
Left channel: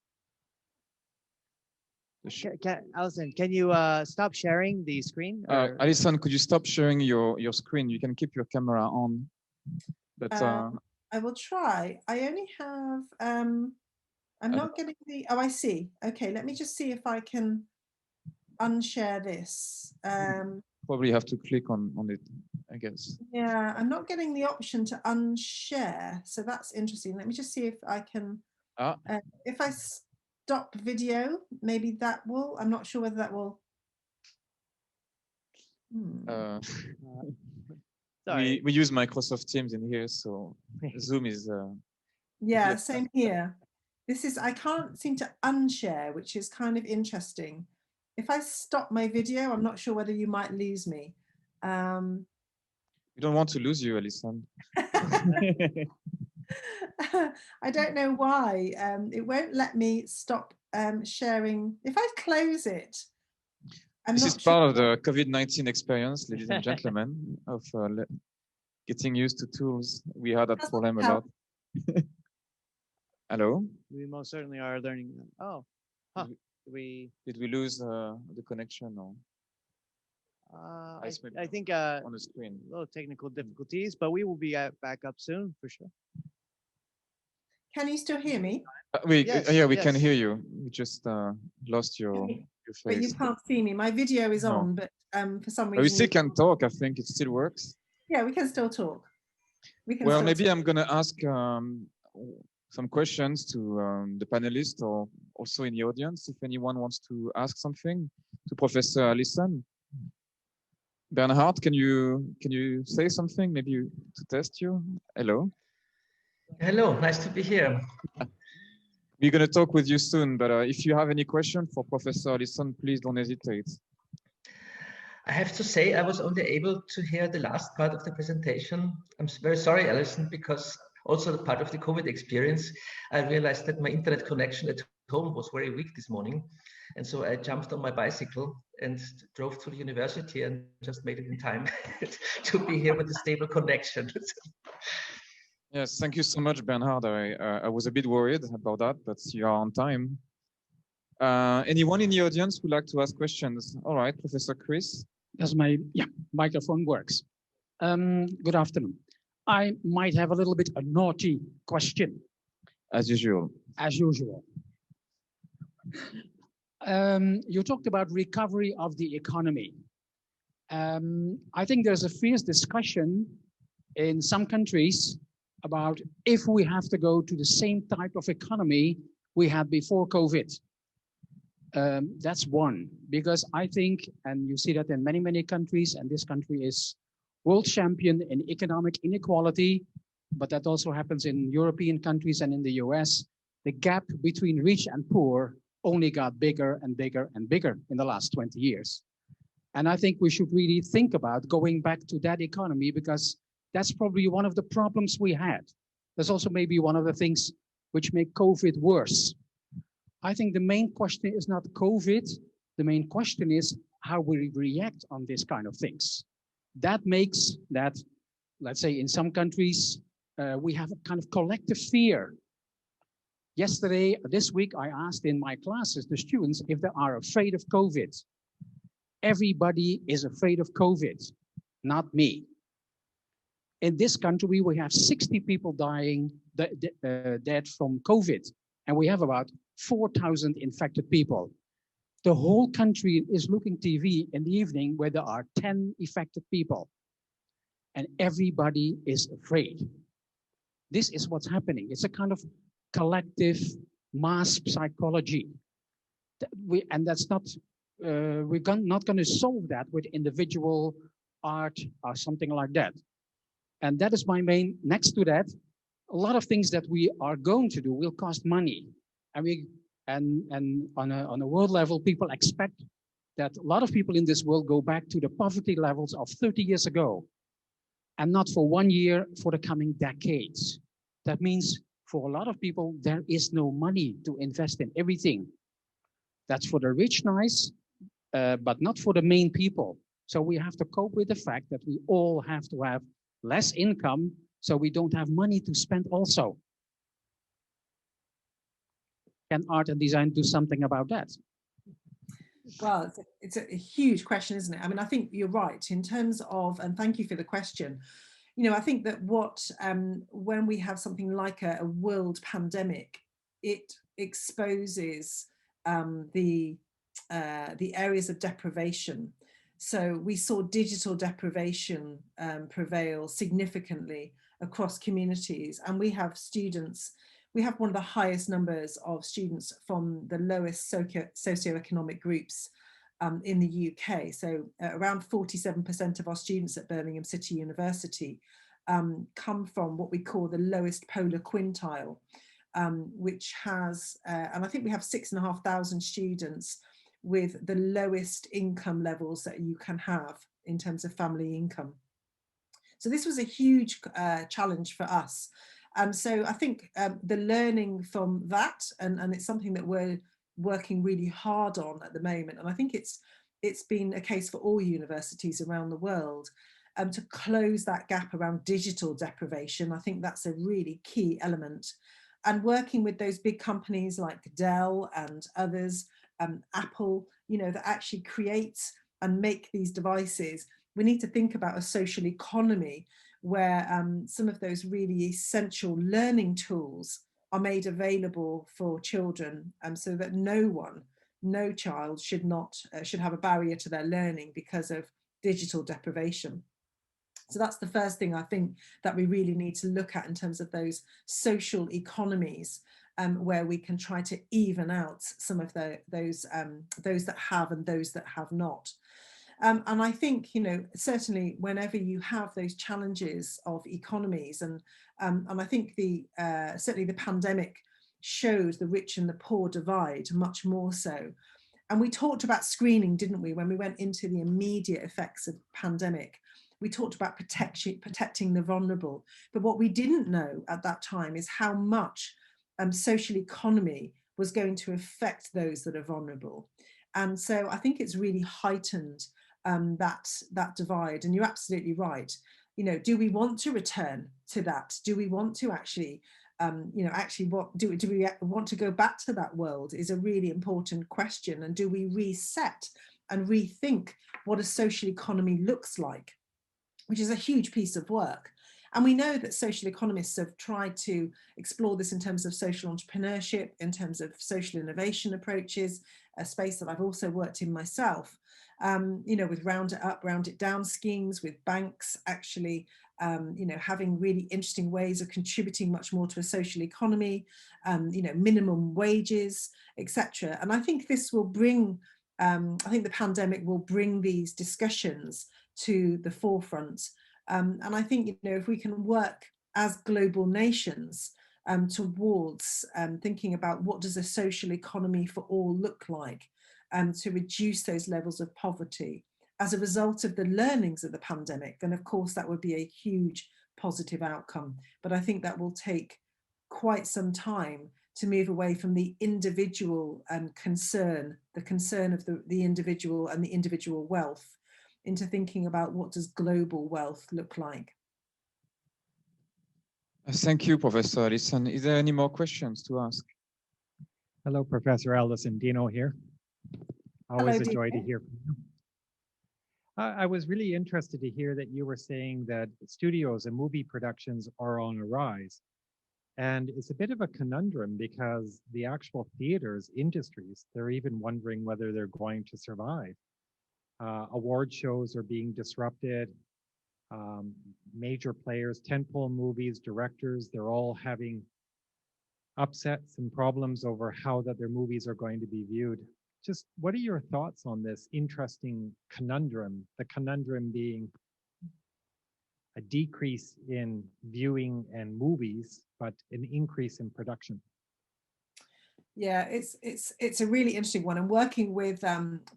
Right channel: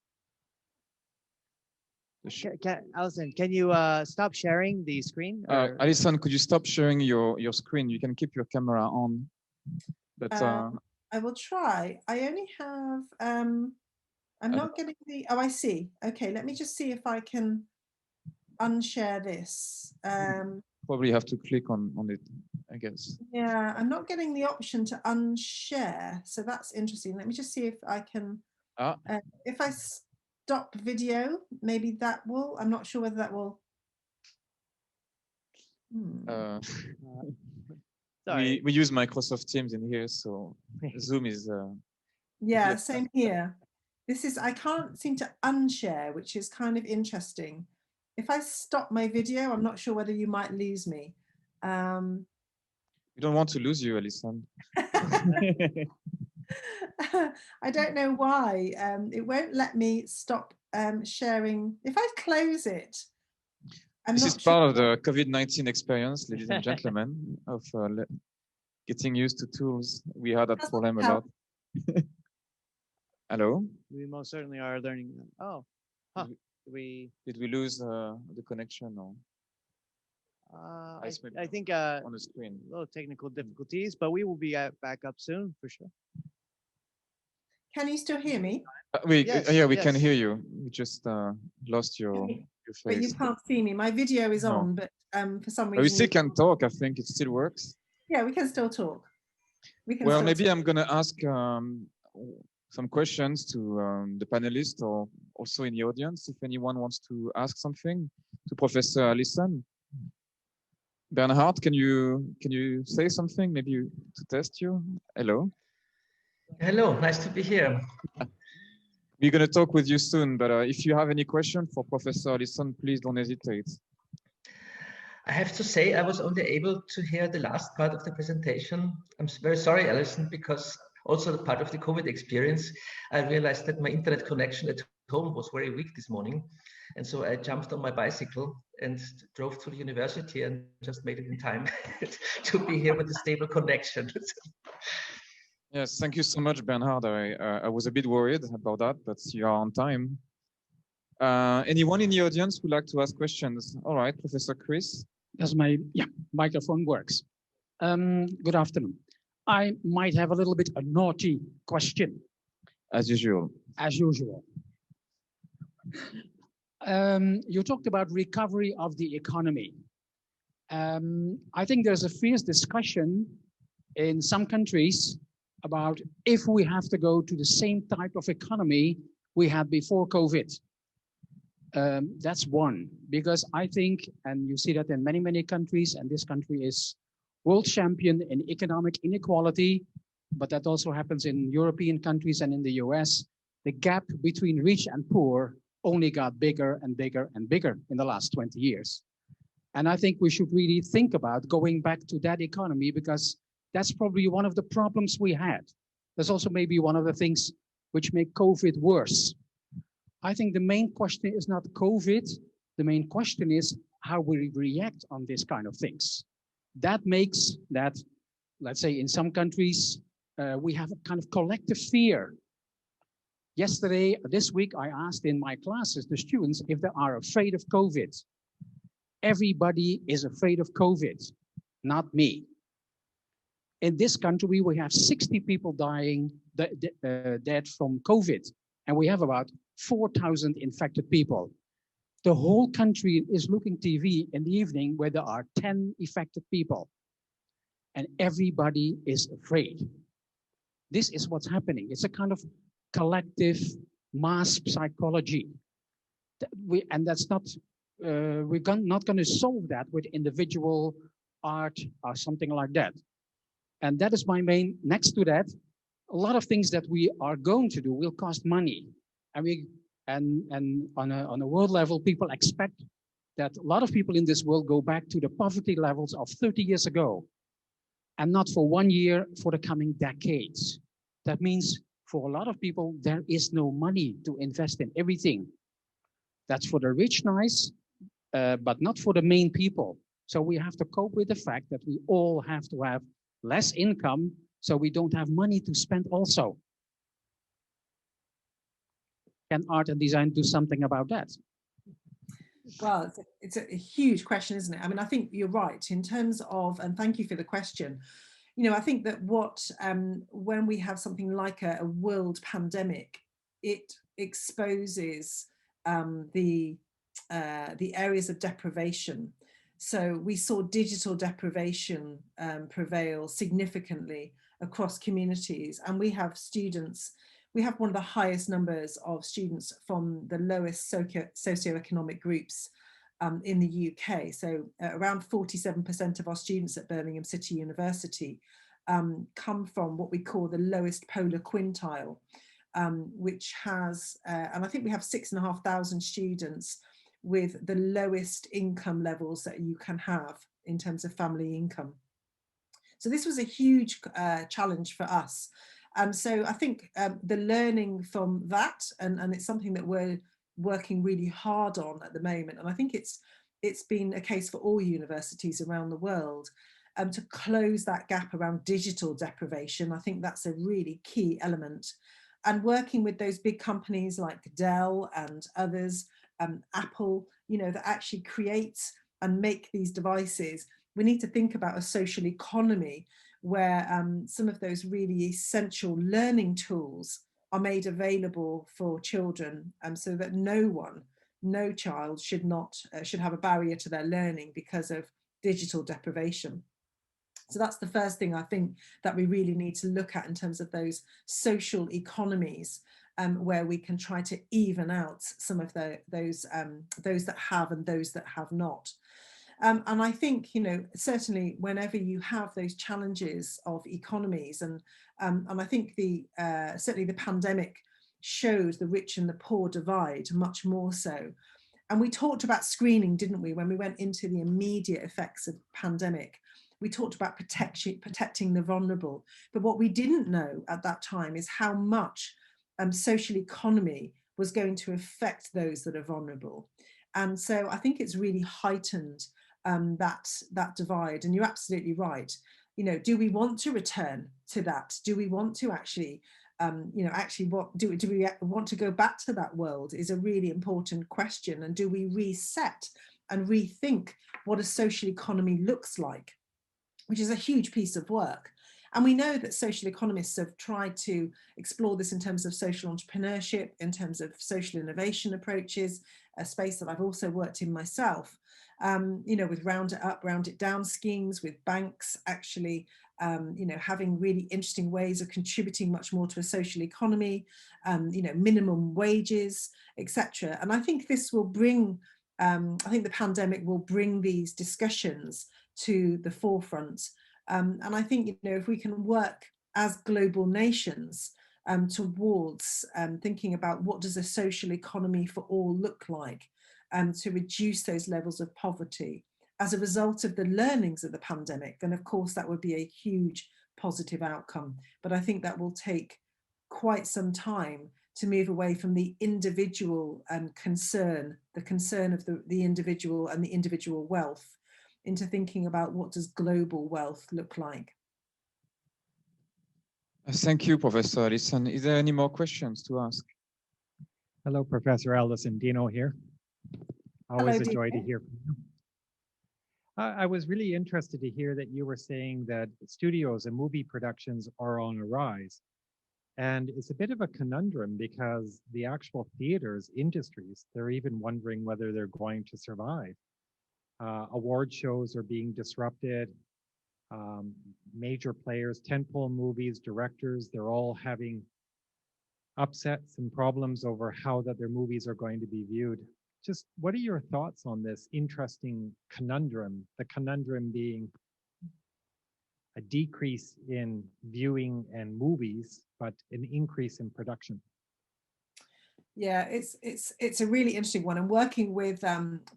Alison, can you stop sharing the screen? Alison, could you stop sharing your screen? You can keep your camera on. But I will try. I only have, I'm not getting the, oh, I see. Okay, let me just see if I can unshare this. Probably have to click on it, I guess. Yeah, I'm not getting the option to unshare. So that's interesting. Let me just see if I can, if I stop video, maybe that will, I'm not sure whether that will. We use Microsoft Teams in here, so Zoom is. Yeah, same here. This is, I can't seem to unshare, which is kind of interesting. If I stop my video, I'm not sure whether you might lose me. We don't want to lose you, Alison. I don't know why. It won't let me stop sharing. If I close it, this is part of the COVID-19 experience, ladies and gentlemen, of getting used to tools. We had that problem a lot. Hello? We most certainly are learning. Oh, huh. Did we lose the connection? Or? I think on the screen. A little technical difficulties, but we will be back up soon for sure. Can you still hear me? Yes, Yeah, we can yes. hear you. We just lost your But you face. can't see me. My video is No. on, but for some We reason, still can talk. I think it still works. yeah, we can still talk. We can Well, still maybe talk. I'm gonna ask some questions to the panelists or also in the audience if anyone wants to ask something to Professor Allison. Bernhard, can you say something? Maybe to test you. Hello. Hello, nice to be here. We're gonna talk with you soon, but if you have any question for Professor Allison, please don't hesitate. I have to say I was only able to hear the last part of the presentation. I'm very sorry, Alison, because also the part of the COVID experience, I realized that my internet connection at home was very weak this morning. And so I jumped on my bicycle and drove to the university and just made it in time to be here with a stable connection. Yes, thank you so much, Bernhard. I was a bit worried about that, but you are on time. Anyone in the audience would like to ask questions? All right, Professor Chris. Does my microphone works? Good afternoon. I might have a little bit a naughty question. As usual. As usual. You talked about recovery of the economy. I think there's a fierce discussion in some countries about if we have to go to the same type of economy we had before COVID. That's one, because I think, and you see that in many, many countries, and this country is world champion in economic inequality, but that also happens in European countries and in the US. The gap between rich and poor only got bigger and bigger and bigger in the last 20 years. And I think we should really think about going back to that economy, because that's probably one of the problems we had. That's also maybe one of the things which make COVID worse. I think the main question is not COVID. The main question is how we react on this kind of things. That makes that, let's say in some countries, we have a kind of collective fear. Yesterday, this week, I asked in my classes, the students, if they are afraid of COVID. Everybody is afraid of COVID, not me. In this country, we have 60 people dying dead from COVID, and we have about 4,000 infected people. The whole country is looking TV in the evening where there are 10 affected people, and everybody is afraid. This is what's happening. It's a kind of collective mass psychology. And that's not, we're not going to solve that with individual art or something like that. And that is my main, next to that, a lot of things that we are going to do will cost money. And on a world level, people expect that a lot of people in this world go back to the poverty levels of 30 years ago, and not for 1 year, for the coming decades. That means for a lot of people, there is no money to invest in everything. That's for the rich, nice, but not for the main people. So we have to cope with the fact that we all have to have less income, so we don't have money to spend also. Can art and design do something about that? Well, it's a huge question, isn't it? I mean, I think you're right in terms of, and thank you for the question. You know, I think that when we have something like a world pandemic, it exposes the areas of deprivation. So we saw digital deprivation prevail significantly across communities, and we have students. We have one of the highest numbers of students from the lowest socioeconomic groups in the UK. So around 47% of our students at Birmingham City University come from what we call the lowest polar quintile, which has, and I think we have 6,500 students with the lowest income levels that you can have in terms of family income. So this was a huge challenge for us. And so I think the learning from that, and it's something that we're working really hard on at the moment, and I think it's been a case for all universities around the world, to close that gap around digital deprivation. I think that's a really key element. And working with those big companies like Dell and others, Apple, you know, that actually create and make these devices, we need to think about a social economy where some of those really essential learning tools are made available for children, so that no child should have a barrier to their learning because of digital deprivation. So that's the first thing I think that we really need to look at in terms of those social economies, where we can try to even out some of those that have and those that have not. And I think, certainly whenever you have those challenges of economies, and I think certainly the pandemic showed the rich and the poor divide much more so. And we talked about screening, didn't we, when we went into the immediate effects of pandemic. We talked about protecting the vulnerable. But what we didn't know at that time is how much social economy was going to affect those that are vulnerable. And so I think it's really heightened that divide. And you're absolutely right. Do we want to return to that? Do we want to actually do we want to go back to that world is a really important question. And do we reset and rethink what a social economy looks like, which is a huge piece of work. And we know that social economists have tried to explore this in terms of social entrepreneurship, in terms of social innovation approaches, a space that I've also worked in myself, with round it up, round it down schemes, with banks actually, having really interesting ways of contributing much more to a social economy, minimum wages, etc. And I think this will bring, I think the pandemic will bring these discussions to the forefront. And I think, if we can work as global nations towards thinking about what does a social economy for all look like, to reduce those levels of poverty as a result of the learnings of the pandemic, then of course that would be a huge positive outcome. But I think that will take quite some time to move away from the individual concern, the concern of the individual and the individual wealth, into thinking about what does global wealth look like. Thank you, Professor Allison. Is there any more questions to ask? Hello, Professor Allison. Dino here. Always a joy to hear from you. I was really interested to hear that you were saying that studios and movie productions are on a rise. And it's a bit of a conundrum because the actual theaters industries, they're even wondering whether they're going to survive. Award shows are being disrupted. Major players, tentpole movies, directors, they're all having upsets and problems over how that their movies are going to be viewed. Just what are your thoughts on this interesting conundrum? The conundrum being a decrease in viewing and movies, but an increase in production. Yeah, it's a really interesting one. And working with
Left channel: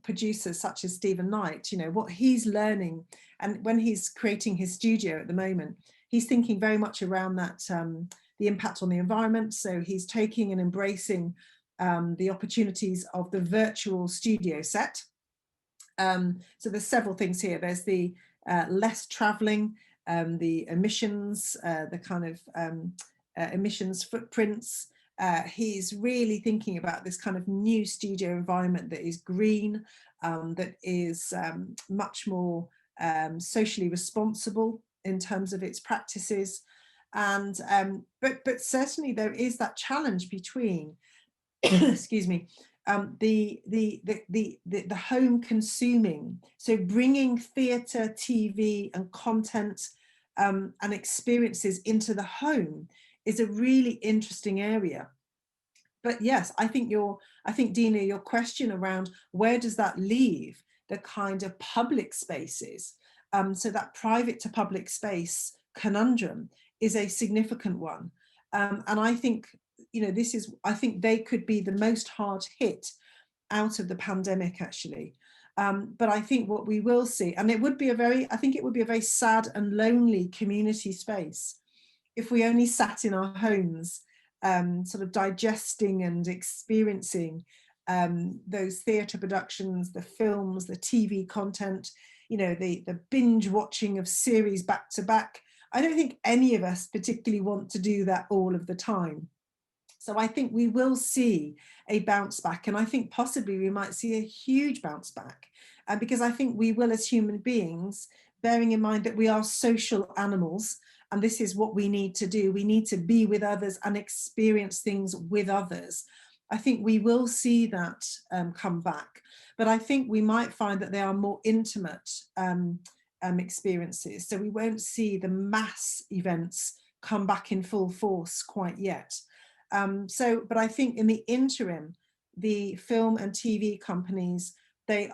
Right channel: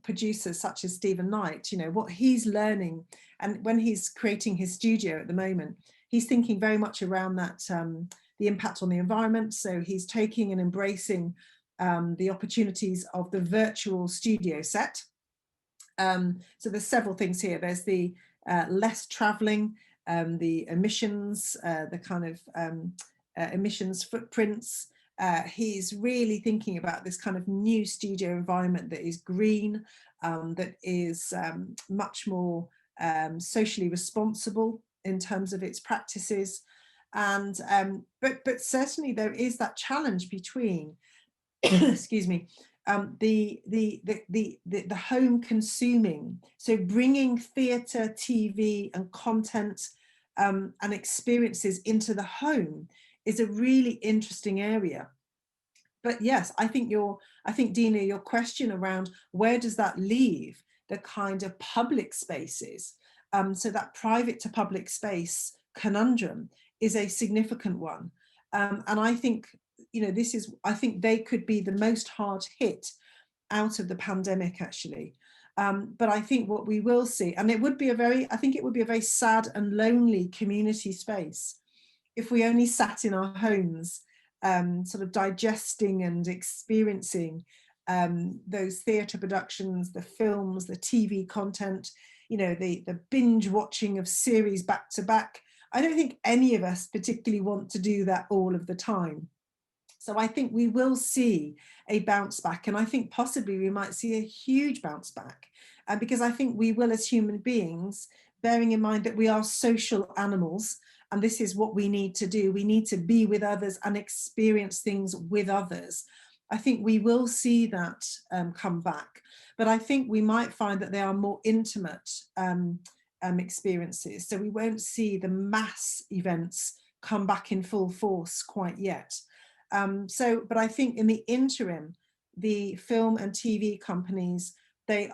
producers such as Stephen Knight, what he's learning, and when he's creating his studio at the moment, he's thinking very much around that, the impact on the environment. So he's taking and embracing the opportunities of the virtual studio set. So there's several things here. There's the less traveling, the emissions, the kind of emissions footprints. He's really thinking about this kind of new studio environment that is green, that is much more socially responsible in terms of its practices. And but certainly there is that challenge between excuse me, the home consuming, so bringing theatre, TV and content and experiences into the home is a really interesting area. But yes, I think Dina, your question around where does that leave the kind of public spaces, so that private to public space conundrum is a significant one. And I think, I think they could be the most hard hit out of the pandemic, actually. But I think what we will see, and it would be a very sad and lonely community space if we only sat in our homes, sort of digesting and experiencing those theatre productions, the films, the TV content, the binge watching of series back to back. I don't think any of us particularly want to do that all of the time. So I think we will see a bounce back, and I think possibly we might see a huge bounce back, because I think we will, as human beings, bearing in mind that we are social animals, And this is what we need to do. We need to be with others and experience things with others. I think we will see that come back, but I think we might find that they are more intimate experiences. So we won't see the mass events come back in full force quite yet. But I think in the interim, the film and TV companies, they're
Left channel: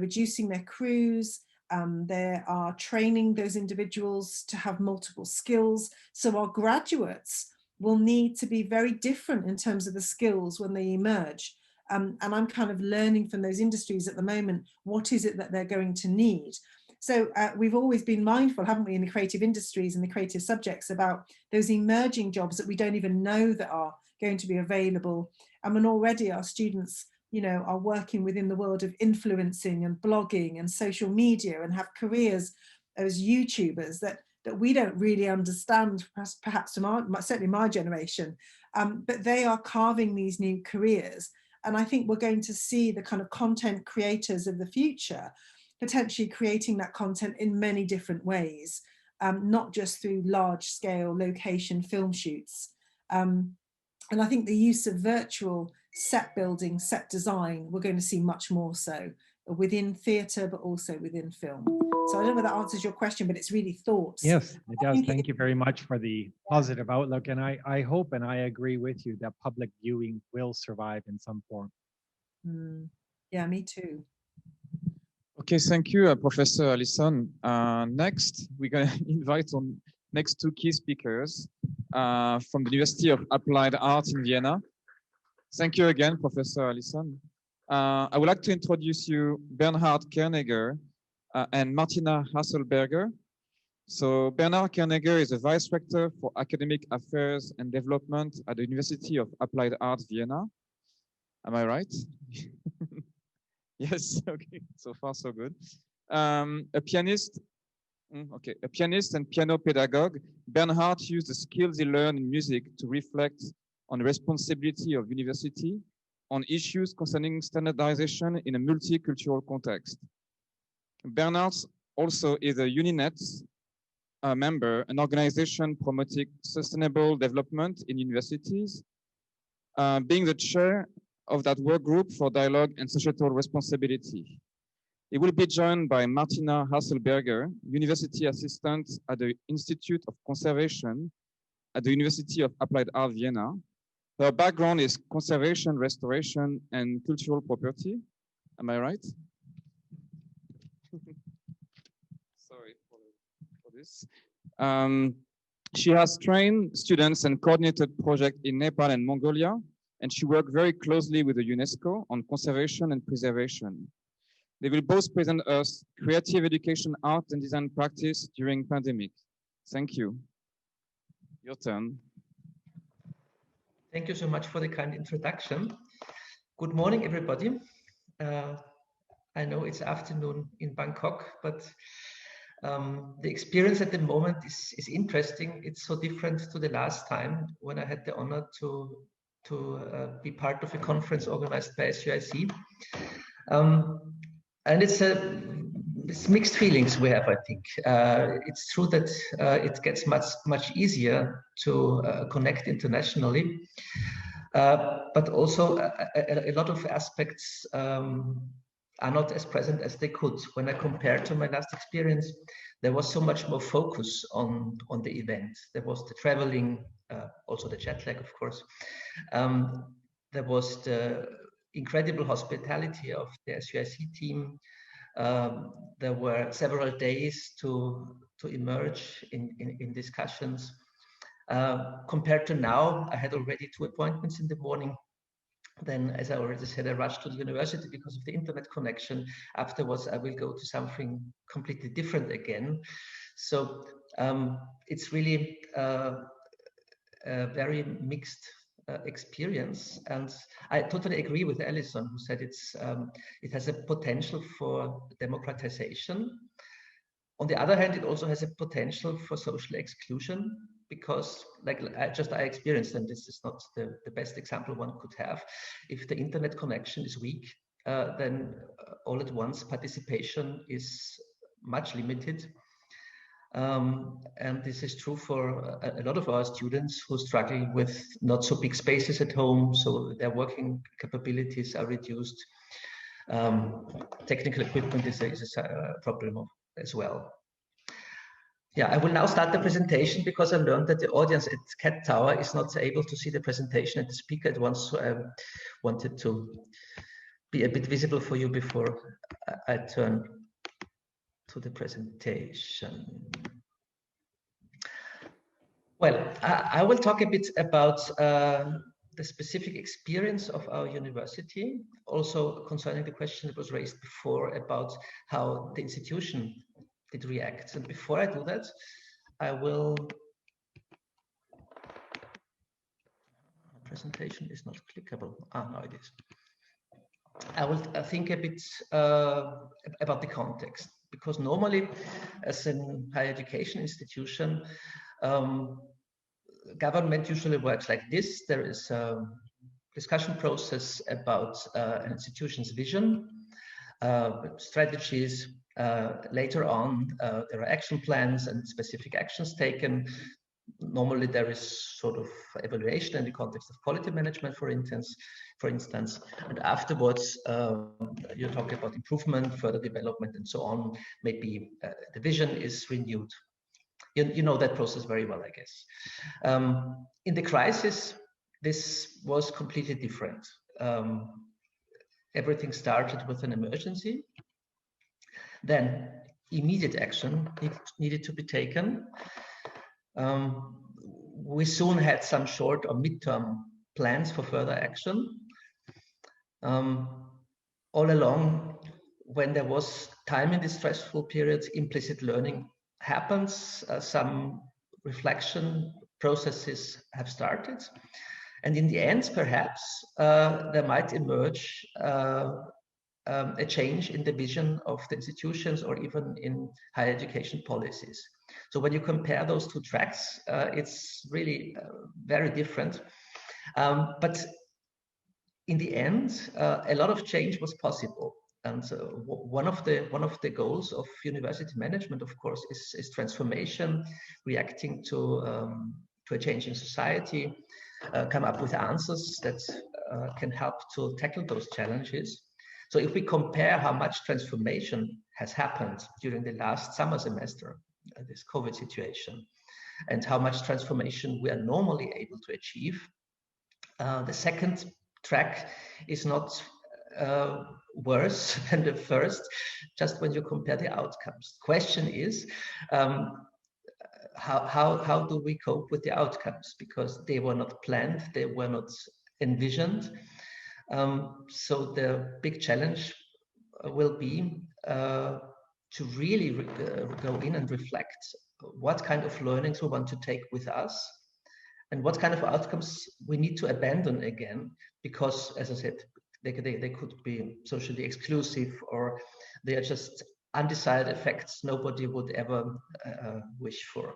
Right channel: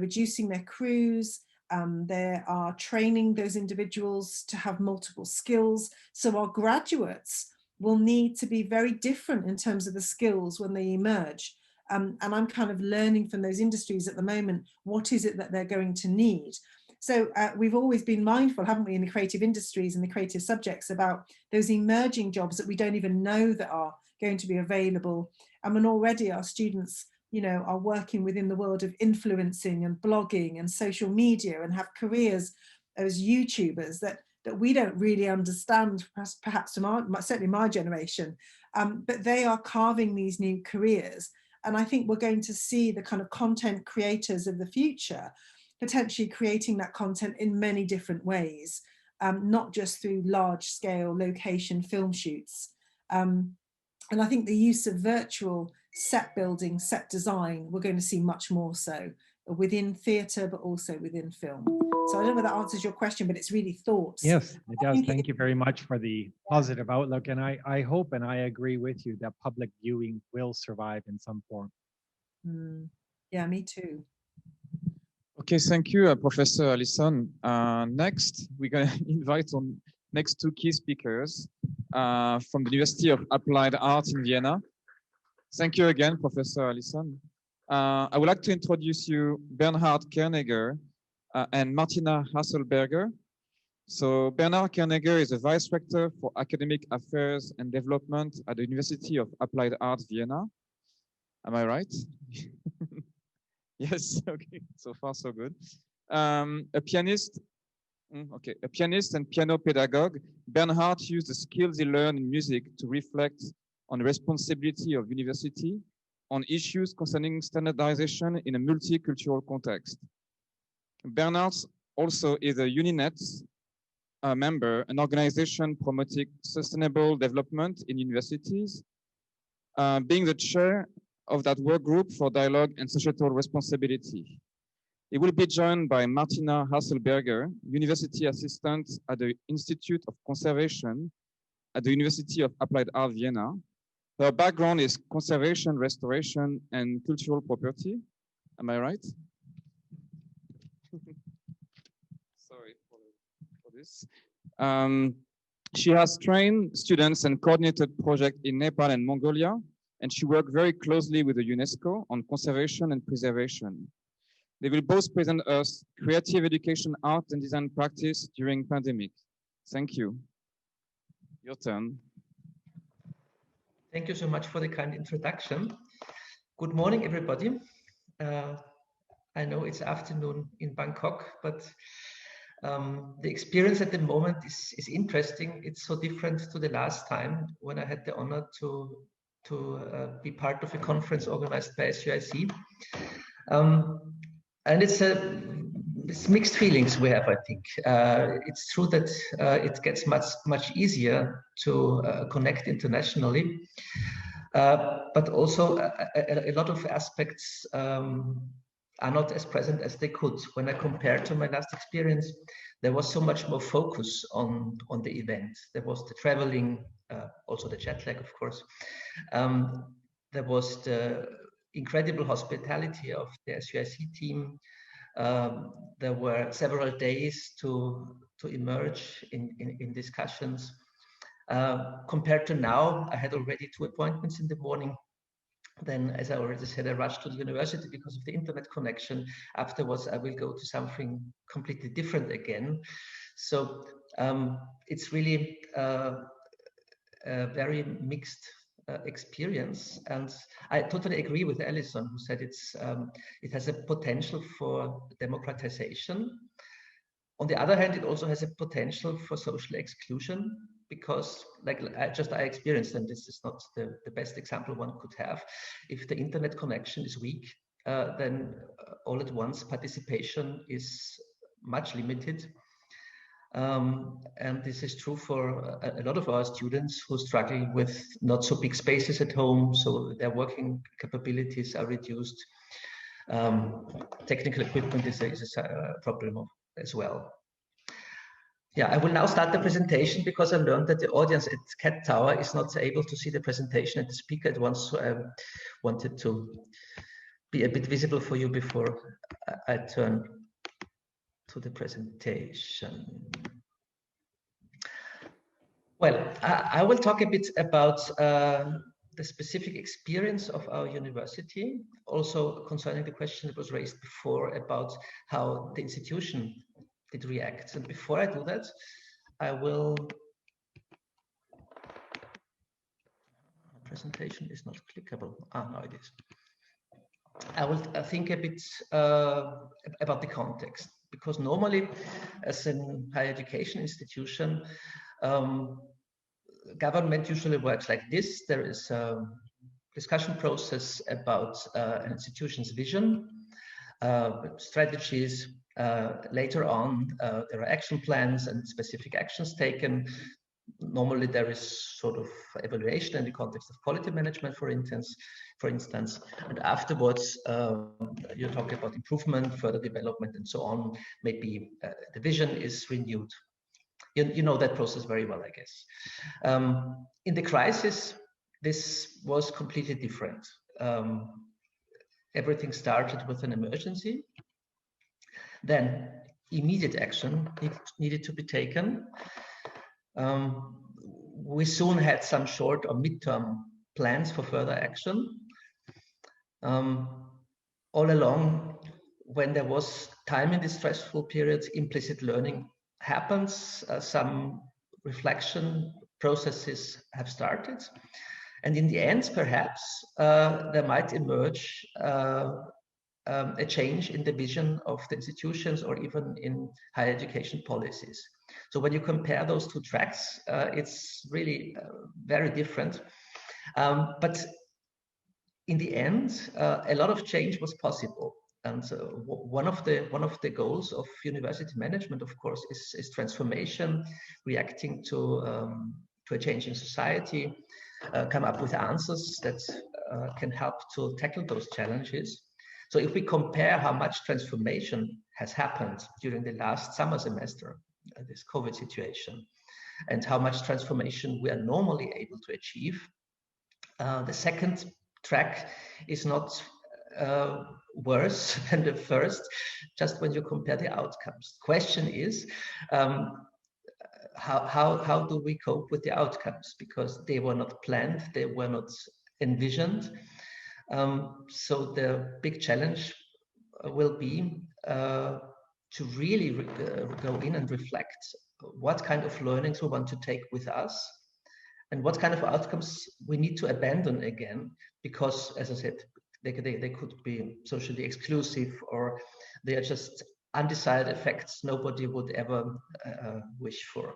reducing their crews. They are training those individuals to have multiple skills. So our graduates will need to be very different in terms of the skills when they emerge. And I'm kind of learning from those industries at the moment, what is it that they're going to need? So we've always been mindful, haven't we, in the creative industries and the creative subjects, about those emerging jobs that we don't even know that are going to be available. And when already our students, are working within the world of influencing and blogging and social media and have careers as YouTubers that we don't really understand, perhaps from certainly my generation, but they are carving these new careers. And I think we're going to see the kind of content creators of the future potentially creating that content in many different ways, not just through large scale location film shoots. And I think the use of virtual set building, set design, we're going to see much more so within theatre, but also within film. So I don't know if that answers your question, but it's really thoughts. Yes, it does. Thank you very much for the positive outlook. And I hope and I agree with you that public viewing will survive in some form. Yeah, me too. Okay, thank you, Professor Allison. Next, we're going to invite on next two key speakers from the University of Applied Arts in Vienna. Thank you again, Professor Allison. I would like to introduce you Bernhard Kernegger and Martina Hasselberger. So Bernhard Kernegger is a Vice Rector for Academic Affairs and Development at the University of Applied Arts, Vienna. Am I right? Yes, okay, so far so good. A pianist and piano pedagogue, Bernhard used the skills he learned in music to reflect on the responsibility of university on issues concerning standardization in a multicultural context. Bernhard also is a UNINET member, an organization promoting sustainable development in universities, being the chair of that work group for dialogue and societal responsibility. He will be joined by Martina Hasselberger, university assistant at the Institute of Conservation at the University of Applied Arts, Vienna. Her background is conservation, restoration, and cultural property. Am I right? Sorry for this. She has trained students and coordinated projects in Nepal and Mongolia, and she worked very closely with the UNESCO on conservation and preservation. They will both present us creative education, art, and design practice during pandemic. Thank you. Your turn. Thank you so much for the kind introduction. Good morning, everybody. I know it's afternoon in Bangkok, but the experience at the moment is interesting. It's so different to the last time when I had the honor to be part of a conference organized by SUIC. And it's mixed feelings we have, I think. It's true that it gets much easier to connect internationally, but also a lot of aspects are not as present as they could. When I compare to my last experience, there was so much more focus on the event. There was the traveling, also the jet lag, of course. There was the incredible hospitality of the SUIC team. There were several days to emerge in discussions. Compared to now, I had already 2 appointments in the morning. Then, as I already said, I rushed to the university because of the internet connection. Afterwards, I will go to something completely different again. So it's really a very mixed experience, and I totally agree with Alison, who said it has a potential for democratization. On the other hand, it also has a potential for social exclusion, because like I experienced, and this is not the best example one could have, if the internet connection is weak, then all at once participation is much limited. And this is true for a lot of our students who struggle with not so big spaces at home, so their working capabilities are reduced. Technical equipment is a problem as well. Yeah, I will now start the presentation because I learned that the audience at Cat Tower is not able to see the presentation and the speaker at once, so I wanted to be a bit visible for you before I turn to the presentation. Well, I will talk a bit about the specific experience of our university, also concerning the question that was raised before about how the institution did react. And before I do that, I will, presentation is not clickable. Now it is. I will think a bit about the context, because normally as a higher education institution, government usually works like this. There is a discussion process about an institution's vision, strategies. Later on, there are action plans and specific actions taken. Normally, there is sort of evaluation in the context of quality management, for instance, and afterwards, you talk about improvement, further development, and so on. Maybe the vision is renewed. You know that process very well, I guess. In the crisis, this was completely different. Everything started with an emergency. Then immediate action needed to be taken. We soon had some short or midterm plans for further action. All along, when there was time in this stressful period, implicit learning happens. Some reflection processes have started. And in the end, perhaps, there might emerge a change in the vision of the institutions or even in higher education policies. So when you compare those two tracks, it's really very different. But in the end, a lot of change was possible. And one of the goals of university management, of course, is transformation, reacting to a changing society, come up with answers that can help to tackle those challenges. So if we compare how much transformation has happened during the last summer semester, this COVID situation, and how much transformation we are normally able to achieve, the second track is not worse than the first, just when you compare the outcomes. Question is, how do we cope with the outcomes? Because they were not planned, they were not envisioned. So the big challenge will be to really go in and reflect what kind of learnings we want to take with us and what kind of outcomes we need to abandon again, because, as I said, they could be socially exclusive, or they are just undesired effects nobody would ever wish for.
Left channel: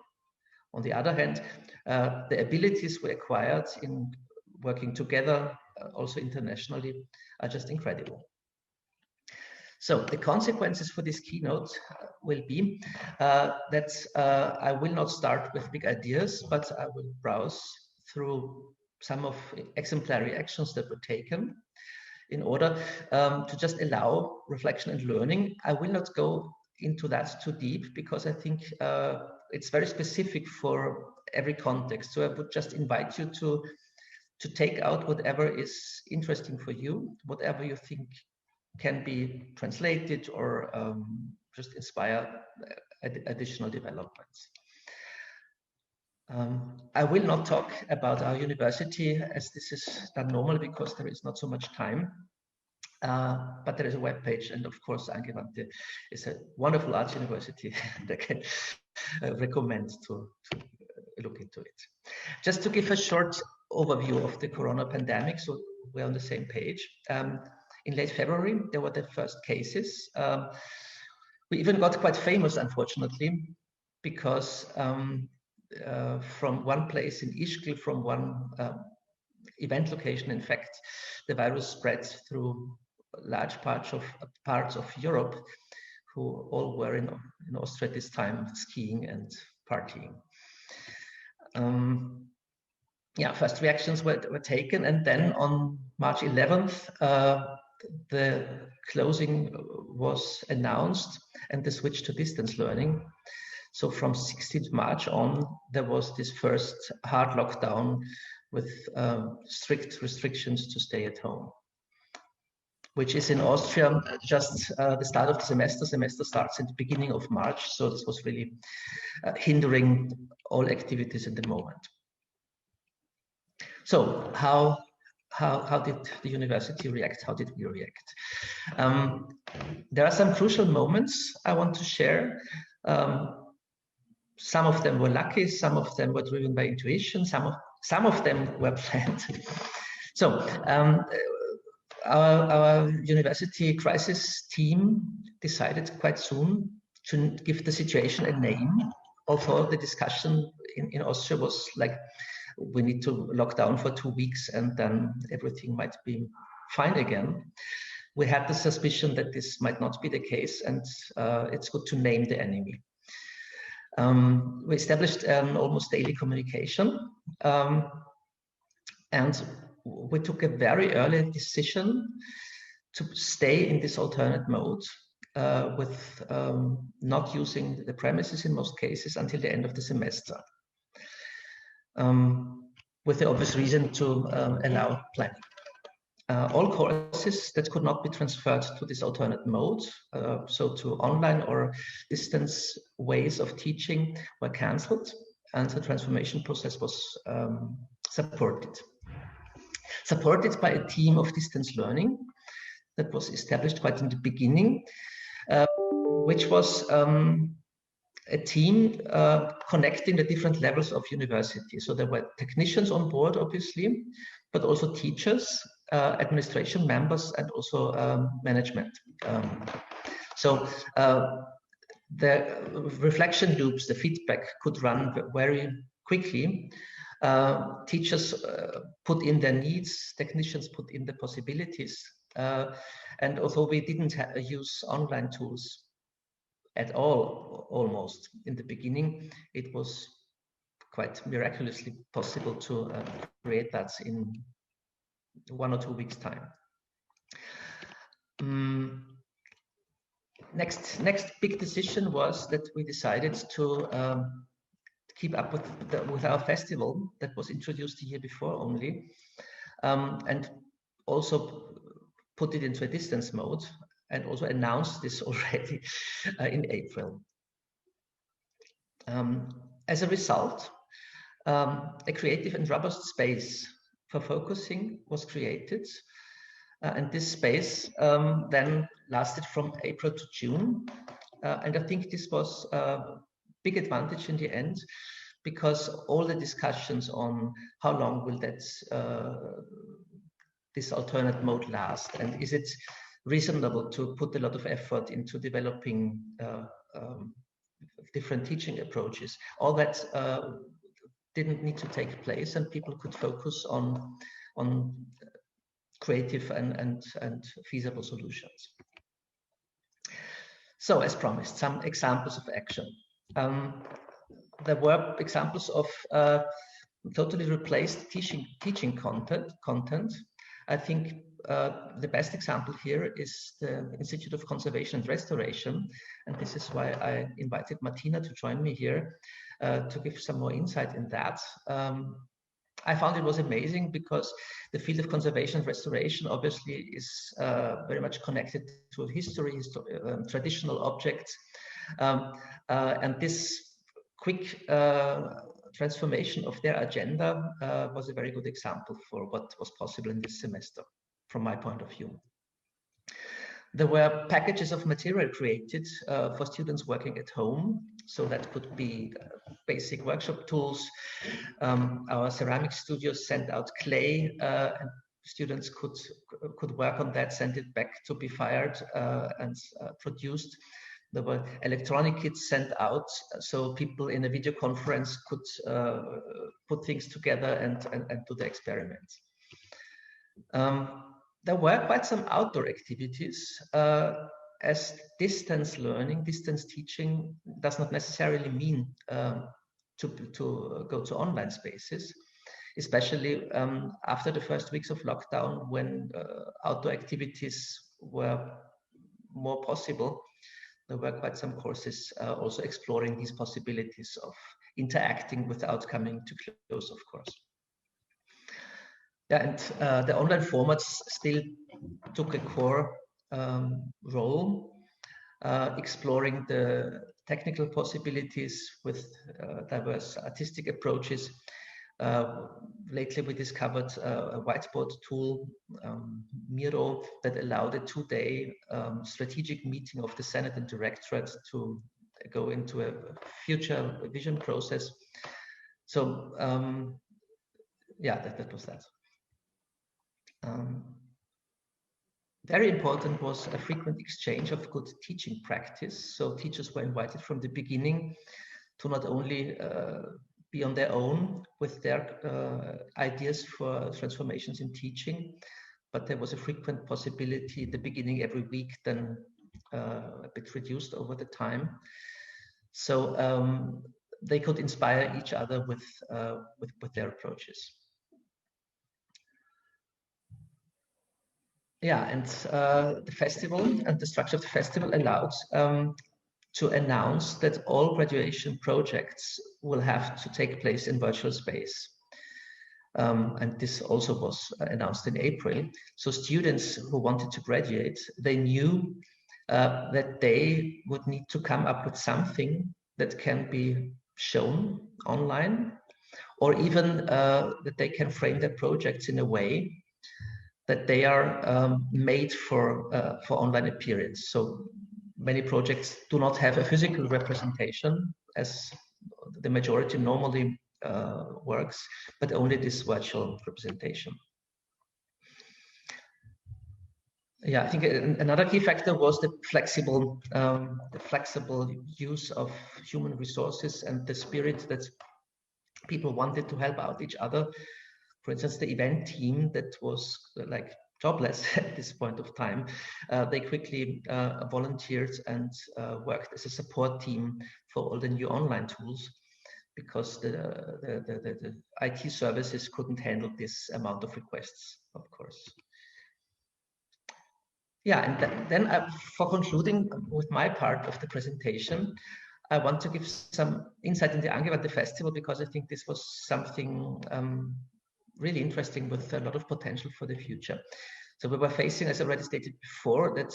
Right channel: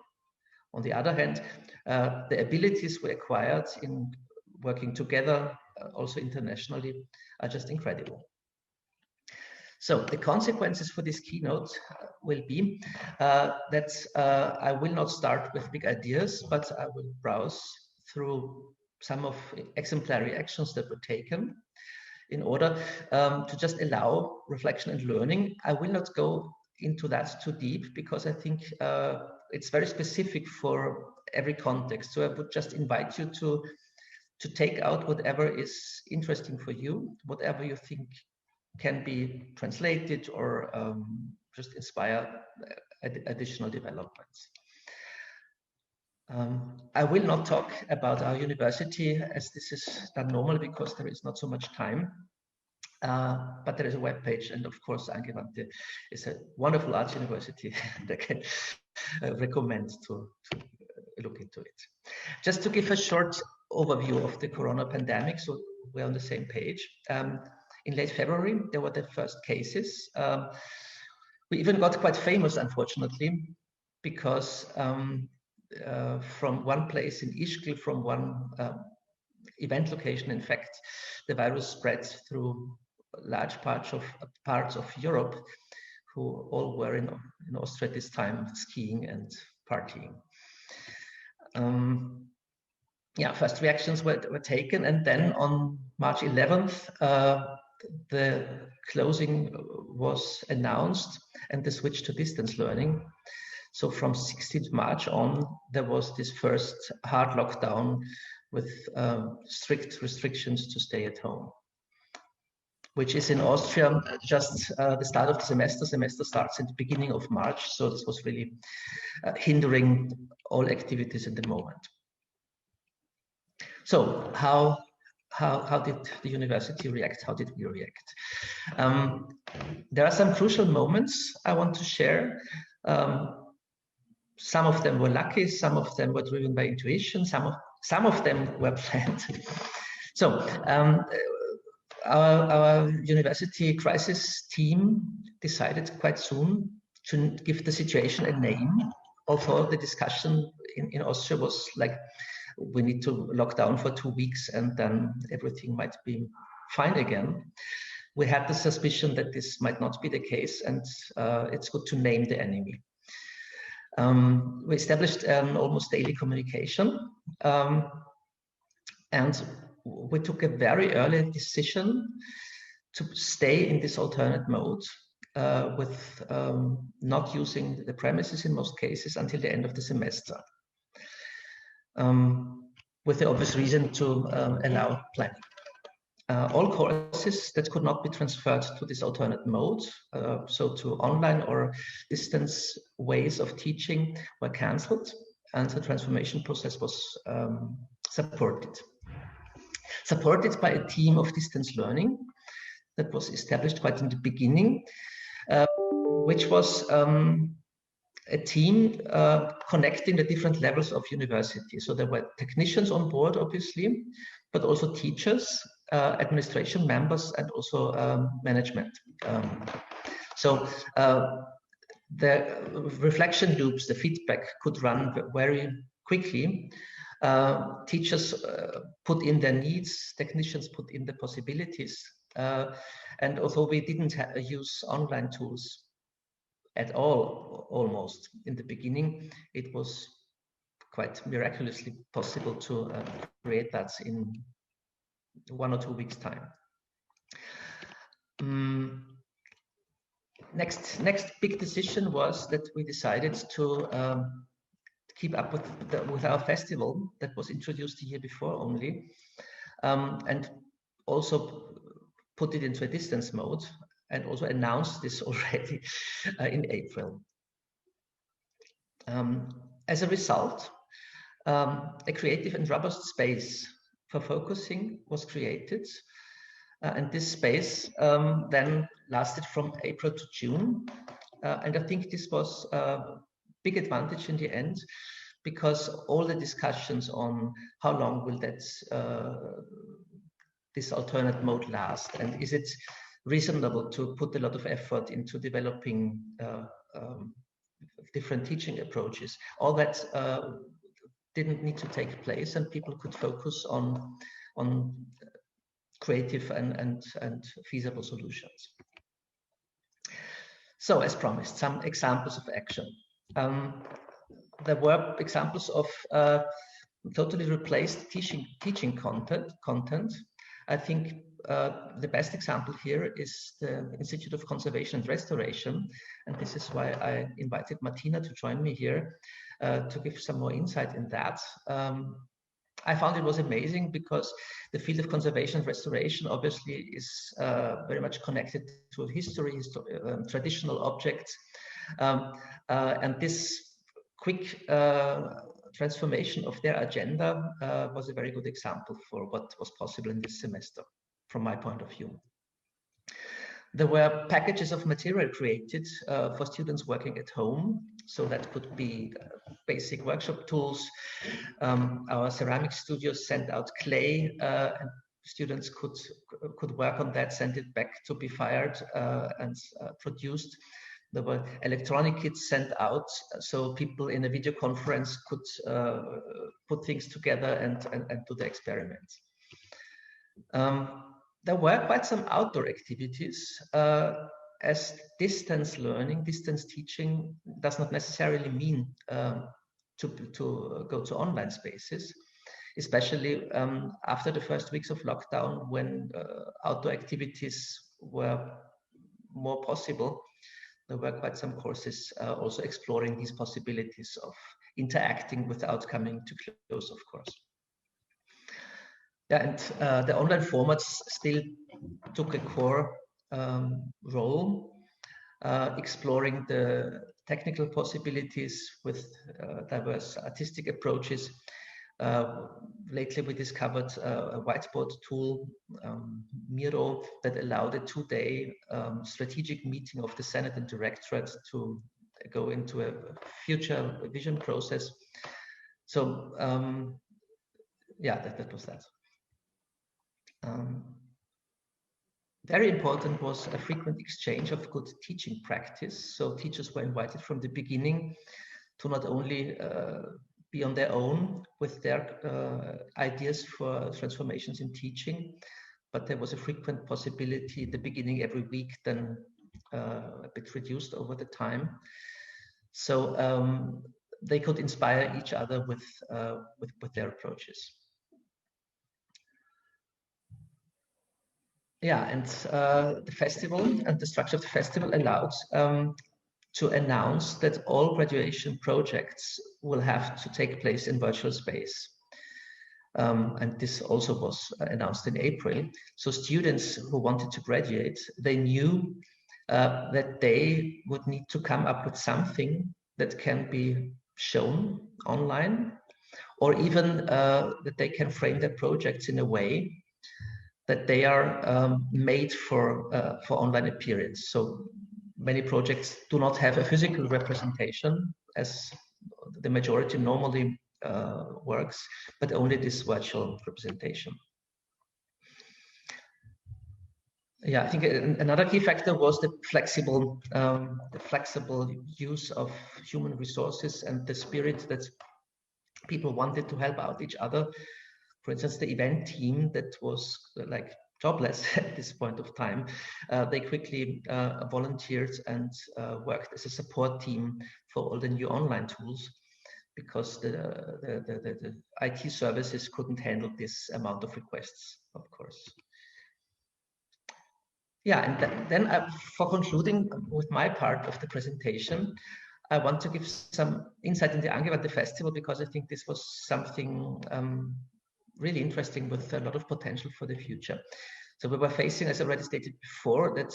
On the other hand, the abilities we acquired in working together, also internationally, are just incredible. So the consequences for this keynote will be that I will not start with big ideas, but I will browse through some of exemplary actions that were taken in order to just allow reflection and learning. I will not go into that too deep because I think it's very specific for every context. So I would just invite you to take out whatever is interesting for you, whatever you think can be translated or just inspire additional developments. I will not talk about our university as this is done normally because there is not so much time, but there is a web page, and of course Angewandte is a wonderful arts university that I can recommend to look into it. Just to give a short overview of the corona pandemic, so we're on the same page. In late February, there were the first cases. We even got quite famous, unfortunately, because from one place in Ischgl, from one event location, in fact, the virus spread through large parts of Europe, who all were in Austria at this time, skiing and partying. Yeah, first reactions were taken, and then on March 11th, the closing was announced and the switch to distance learning. So from 16th March on, there was this first hard lockdown with strict restrictions to stay at home, which is in Austria just the start of the semester. Semester starts in the beginning of March, so this was really hindering all activities in the moment. So how did the university react? How did we react? There are some crucial moments I want to share. Some of them were lucky, some of them were driven by intuition, some of them were planned. So our university crisis team decided quite soon to give the situation a name, although the discussion in Austria was like, we need to lock down for 2 weeks and then everything might be fine again. We had the suspicion that this might not be the case, and it's good to name the enemy. We established almost daily communication, and we took a very early decision to stay in this alternate mode with not using the premises in most cases until the end of the semester. With the obvious reason to allow planning. All courses that could not be transferred to this alternate mode, so to online or distance ways of teaching, were cancelled, and the transformation process was supported by a team of distance learning that was established quite in the beginning, which was a team connecting the different levels of university. So there were technicians on board, obviously, but also teachers, administration members, and also management. So the reflection loops, the feedback could run very quickly. Teachers put in their needs, technicians put in the possibilities. And although we didn't use online tools at all, almost in the beginning, it was quite miraculously possible to create that in 1 or 2 weeks' time. Next big decision was that we decided to keep up with our festival that was introduced the year before only, and also put it into a distance mode, and also announced this already in April. As a result, a creative and robust space for focusing was created, and this space then lasted from April to June, and I think this was a big advantage in the end, because all the discussions on how long will that this alternate mode last, and is it reasonable to put a lot of effort into developing different teaching approaches, all that didn't need to take place, and people could focus on creative and feasible solutions. So, as promised, some examples of action. There were examples of totally replaced teaching content. I think the best example here is the Institute of Conservation and Restoration, and this is why I invited Martina to join me here to give some more insight in that. I found it was amazing because the field of conservation and restoration obviously is very much connected to history, traditional objects, and this quick transformation of their agenda was a very good example for what was possible in this semester, from my point of view. There were packages of material created for students working at home. So that could be basic workshop tools. Our ceramic studios sent out clay, and students could work on that, send it back to be fired and produced. There were electronic kits sent out, so people in a video conference could put things together and do the experiments. There were quite some outdoor activities, as distance learning, distance teaching does not necessarily mean to go to online spaces, especially after the first weeks of lockdown, when outdoor activities were more possible. There were quite some courses also exploring these possibilities of interacting without coming too close, of course. Yeah, and the online formats still took a core role, exploring the technical possibilities with diverse artistic approaches. Lately, we discovered a whiteboard tool, Miro, that allowed a 2-day strategic meeting of the Senate and Directorate to go into a future vision process. So, yeah, that was that. Very important was a frequent exchange of good teaching practice. So teachers were invited from the beginning to not only be on their own with their ideas for transformations in teaching, but there was a frequent possibility at the beginning every week, then a bit reduced over the time. So they could inspire each other with their approaches. Yeah, and the festival and the structure of the festival allowed to announce that all graduation projects will have to take place in virtual space. And this also was announced in April. So students who wanted to graduate, they knew that they would need to come up with something that can be shown online, or even that they can frame their projects in a way that they are made for online appearance. So many projects do not have a physical representation, as the majority normally works, but only this virtual representation. Yeah, I think another key factor was the flexible use of human resources and the spirit that people wanted to help out each other. For instance, the event team that was like jobless at this point of time, they quickly volunteered and worked as a support team for all the new online tools, because the IT services couldn't handle this amount of requests, of course. Yeah, and then for concluding with my part of the presentation, I want to give some insight in the Angewandte Festival, because I think this was something really interesting with a lot of potential for the future. So we were facing, as I already stated before, that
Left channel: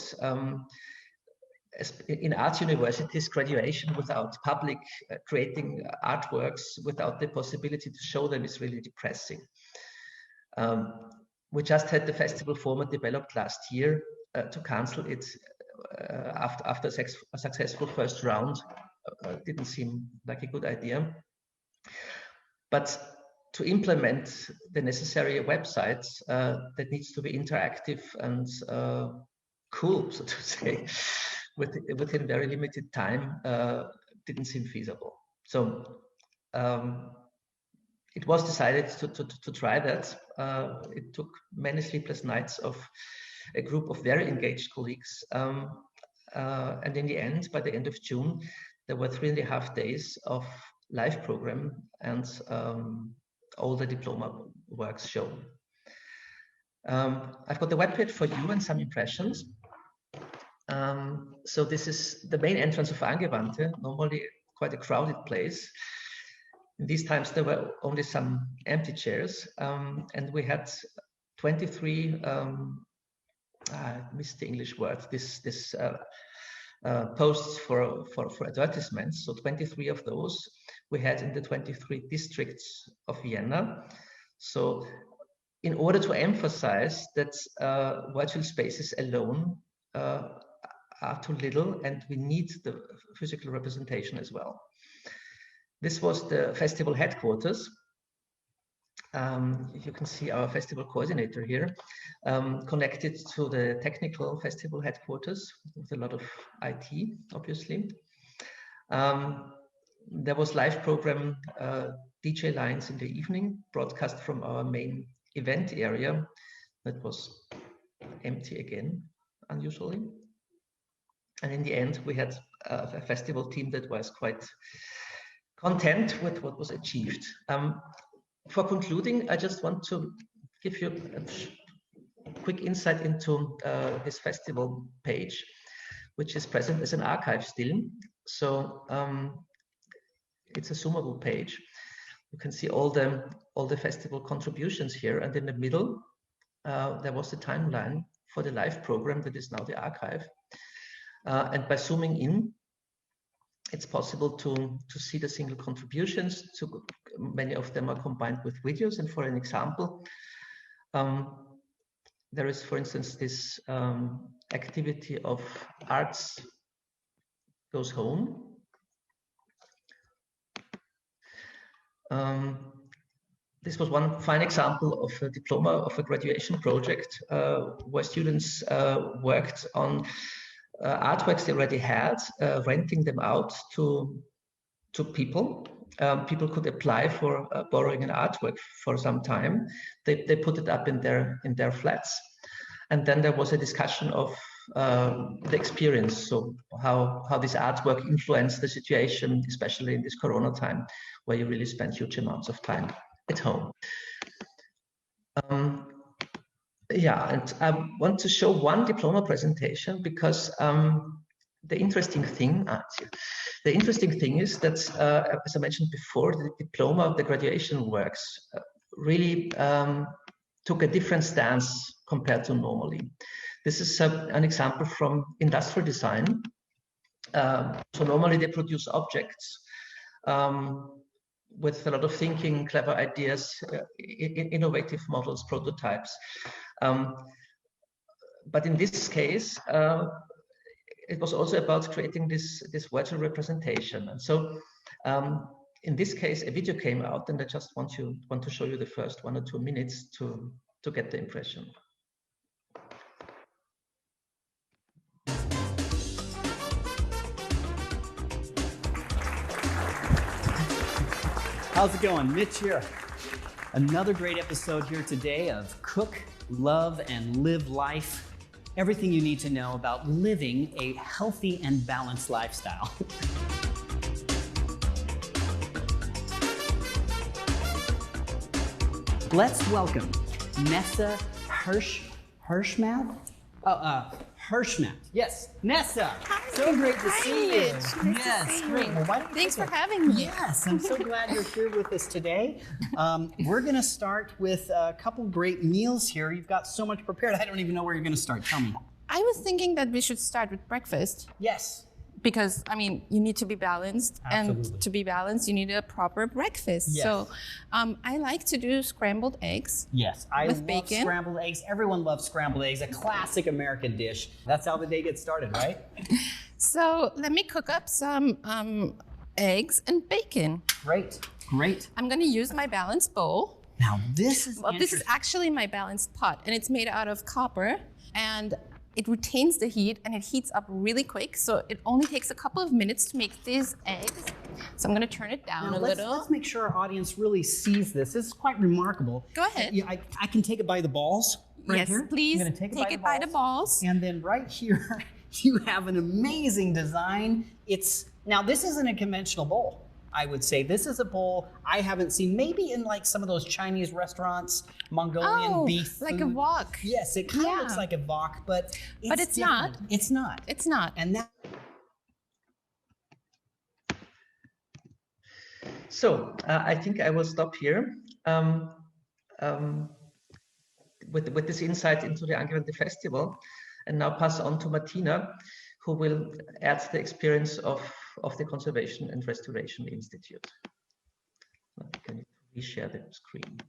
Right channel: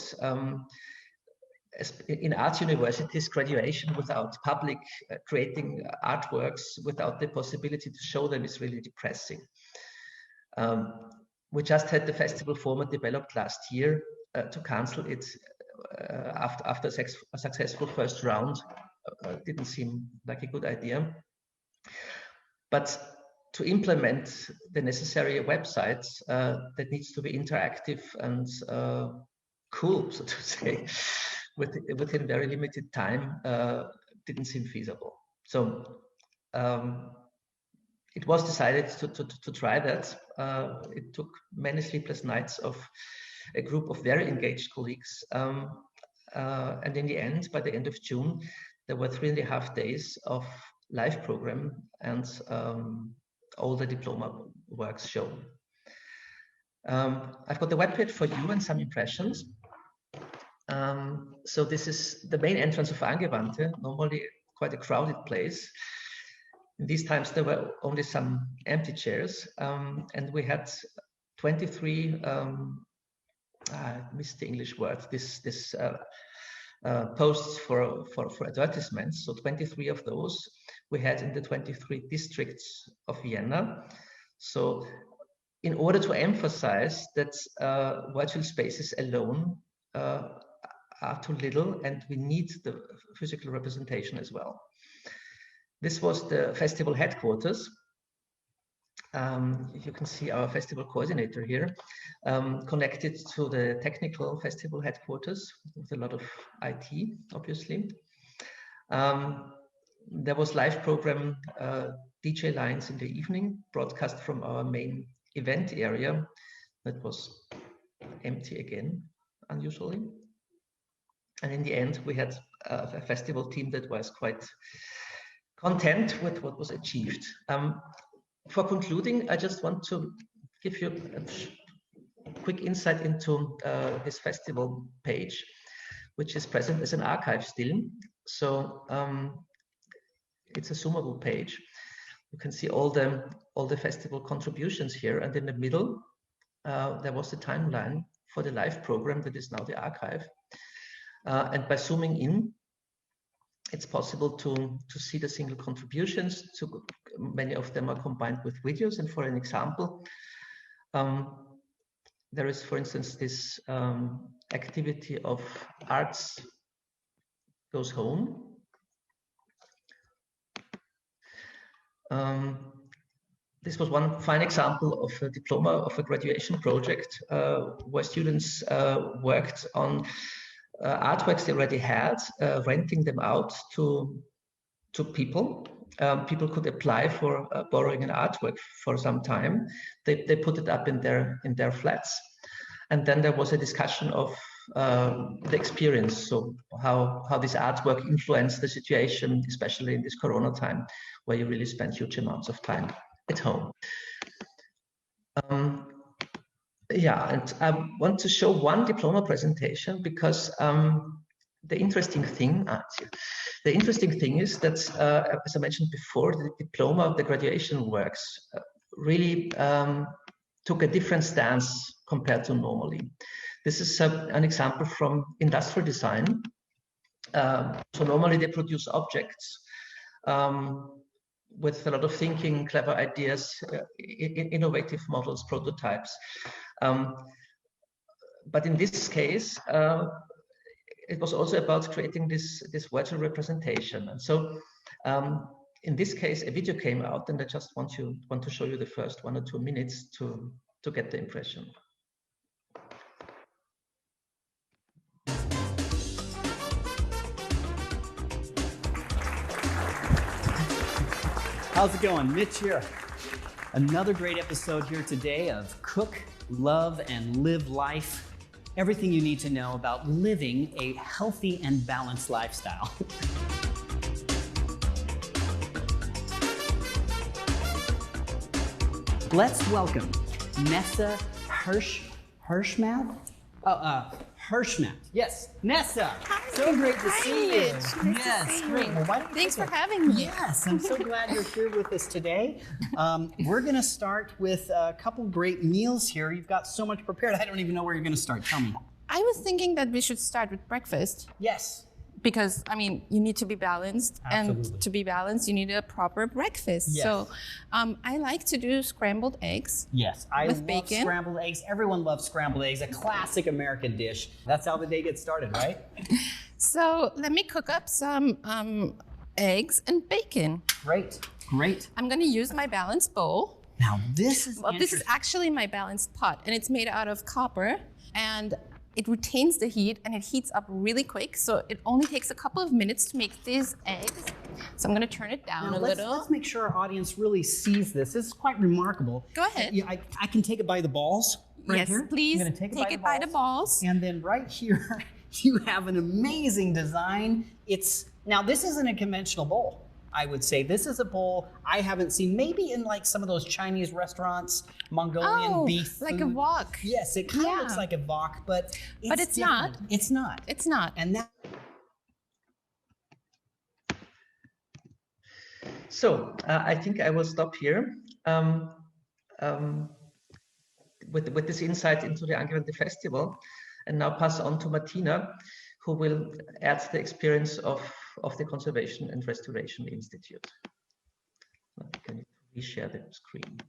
in art universities, graduation without public creating artworks, without the possibility to show them, is really depressing. We just had the festival format developed last year. To cancel it after a successful first round didn't seem like a good idea. But to implement the necessary websites that needs to be interactive and cool, so to say, within very limited time, didn't seem feasible. So it was decided to try that. It took many sleepless nights of a group of very engaged colleagues. And in the end, by the end of June, there were 3.5 days of live program and all the diploma works shown. I've got the webpage for you and some impressions. So this is the main entrance of Angewandte, normally quite a crowded place. In these times, there were only some empty chairs, and we had 23, I missed the English word, this posts for advertisements. So 23 of those we had in the 23 districts of Vienna. So in order to emphasize that virtual spaces alone are too little, and we need the physical representation as well. This was the festival headquarters. You can see our festival coordinator here, connected to the technical festival headquarters with a lot of IT, obviously. There was live program, DJ lines in the evening, broadcast from our main event area that was empty again, unusually. And in the end, we had a festival team that was quite content with what was achieved. For concluding, I just want to give you a quick insight into this festival page, which is present as an archive still. So it's a zoomable page. You can see all the festival contributions here, and in the middle there was the timeline for the live program that is now the archive. And by zooming in, it's possible to see the single contributions. Many of them are combined with videos. And for an example, there is, for instance, this activity of Arts Goes Home. This was one fine example of a diploma of a graduation project where students worked on artworks they already had, renting them out to people. People could apply for borrowing an artwork for some time. They put it up in their flats, and then there was a discussion of the experience. So how this artwork influenced the situation, especially in this Corona time, where you really spend huge amounts of time at home. Yeah, and I want to show one diploma presentation because the interesting thing is that, as I mentioned before, the diploma, the graduation works really took a different stance compared to normally. This is an example from industrial design. So normally they produce objects with a lot of thinking, clever ideas, innovative models, prototypes. But in this case, it was also about creating this virtual representation. And so in this case, a video came out, and I just want to show you the first 1 or 2 minutes to get the impression. How's it going? Mitch here. Another great episode here today of Cook, Love, and Live Life. Everything you need to know about living a healthy and balanced lifestyle. Let's welcome Nessa Hirschmath. Hirschmath. Yes, Nessa. Hi. So great to Hi, see you. Mitch. Nice to Yes, see you. great. Well, why don't you Thanks take for having me. Yes, I'm so glad you're here with us today. We're going to start with a couple great meals here. You've got so much prepared. I don't even know where you're going to start. Tell me. I was thinking that we should start with breakfast. Yes. Because, I mean, you need to be balanced. Absolutely. And to be balanced, you need a proper breakfast. Yes. So I like to do scrambled eggs. Yes, I with love bacon. scrambled eggs. Everyone loves scrambled eggs, a classic American dish. That's how the day gets started, right? So let me cook up some eggs and bacon. Great, great. I'm going to use my balanced bowl. Now this is This is actually my balanced pot, and it's made out of copper, and it retains the heat, and it heats up really quick. So it only takes a couple of minutes to make these eggs. So I'm going to turn it down a little. Let's make sure our audience really sees this. This is quite remarkable. Go ahead. I can take it by the balls right Yes, here. please I'm gonna take it by the balls. And then right here, you have an amazing design. Now this isn't a conventional bowl. I would say this is a bowl I haven't seen, maybe in like some of those Chinese restaurants, Mongolian beef like food. a wok. Yes, it kind of Yeah. looks like a wok, but it's different. not. It's not. It's not. And that. So I think I will stop here with this insight into the Angewandte Festival, and now pass on to Martina, who will add the experience of the Conservation and Restoration Institute. Can you reshare the screen?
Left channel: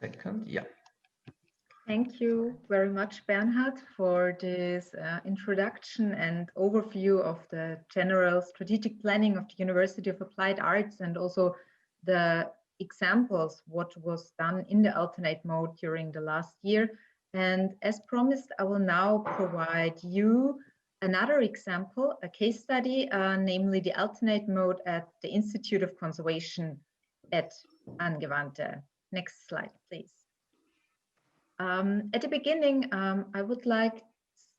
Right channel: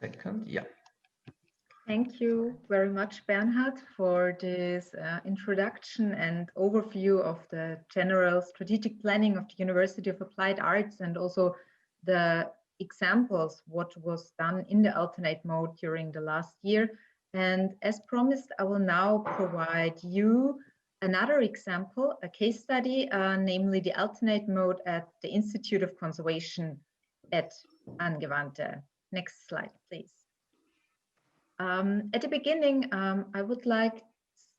Second, yeah. Thank you very much, Bernhard, for this introduction and overview of the general strategic planning of the University of Applied Arts, and also the examples what was done in the alternate mode during the last year. And as promised, I will now provide you another example, a case study, namely the alternate mode at the Institute of Conservation at Angewandte. Next slide, please. At the beginning, I would like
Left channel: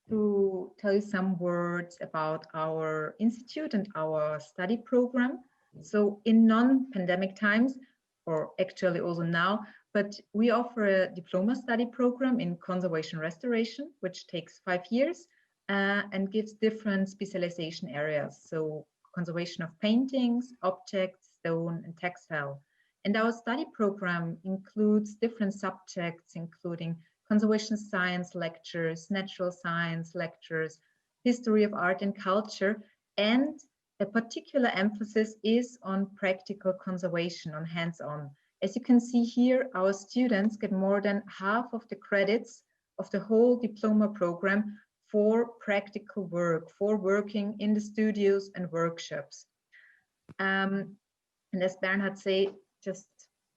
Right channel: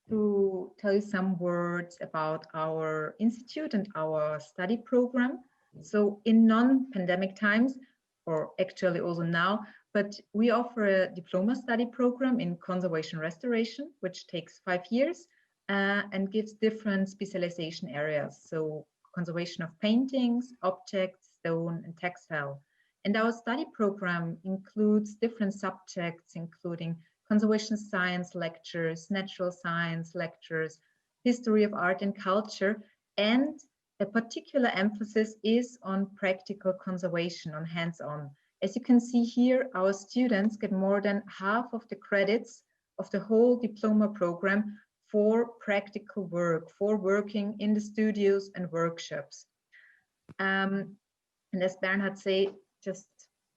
to tell you some words about our institute and our study program. So in non-pandemic times, or actually also now, but we offer a diploma study program in conservation restoration, which takes 5 years and gives different specialization areas. So conservation of paintings, objects, stone, and textile. And our study program includes different subjects, including conservation science lectures, natural science lectures, history of art and culture, and a particular emphasis is on practical conservation, on hands-on. As you can see here, our students get more than half of the credits of the whole diploma program for practical work, for working in the studios and workshops. And as Bernhard said, just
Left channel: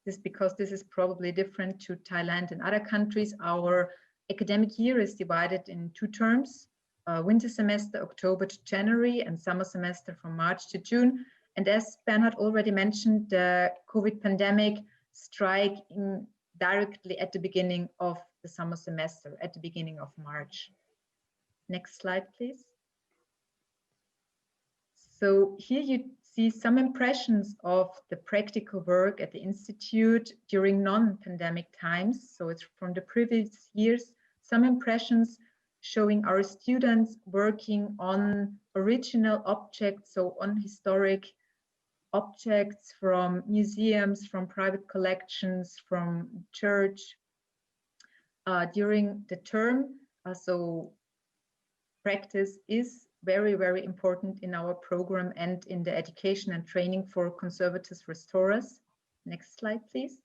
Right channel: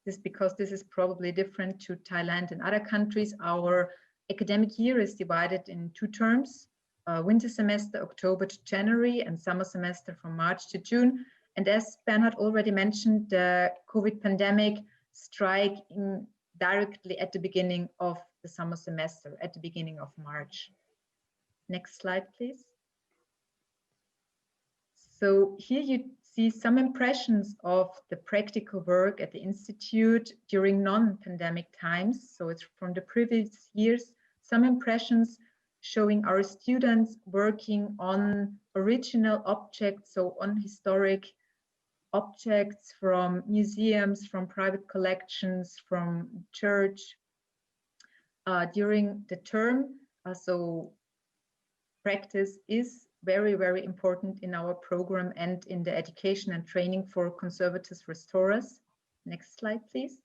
this because this is probably different to Thailand and other countries, our academic year is divided in 2 terms, winter semester, October to January, and summer semester from March to June. And as Bernhard already mentioned, the COVID pandemic strike directly at the beginning of the summer semester, at the beginning of March. Next slide, please. So here you see some impressions of the practical work at the Institute during non-pandemic times. So it's from the previous years, some impressions showing our students working on original objects, so on historic objects from museums, from private collections, from church during the term. So practice is very, very important in our program and in the education and training for conservators restorers. Next slide, please.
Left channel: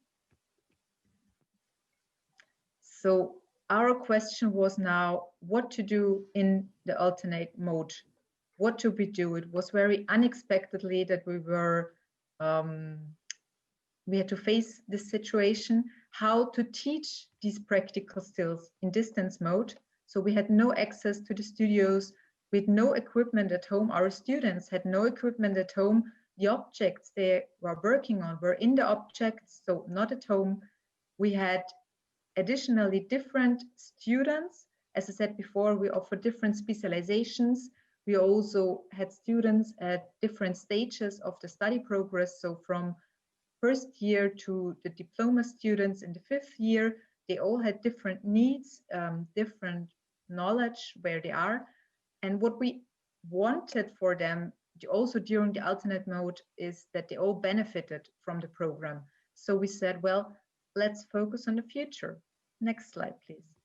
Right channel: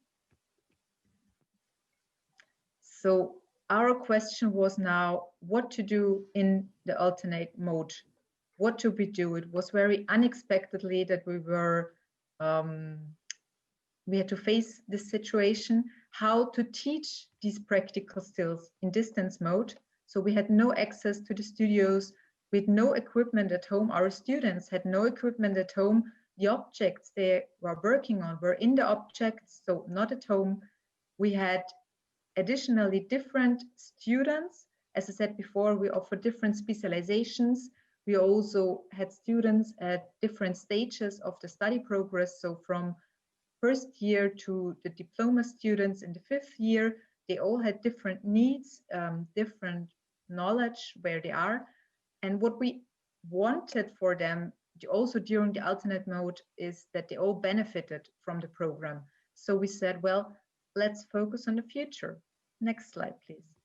So our question was now what to do in the alternate mode. What should we do? It was very unexpectedly that we had to face this situation, how to teach these practical skills in distance mode. So we had no access to the studios, with no equipment at home. Our students had no equipment at home. The objects they were working on were in the objects, so not at home. We had additionally different students. As I said before, we offer different specializations. We also had students at different stages of the study progress. So from first year to the diploma students in the 5th year, they all had different needs, different knowledge where they are. And what we wanted for them also during the alternate mode is that they all benefited from the program. So we said, well, let's focus on the future. Next slide, please.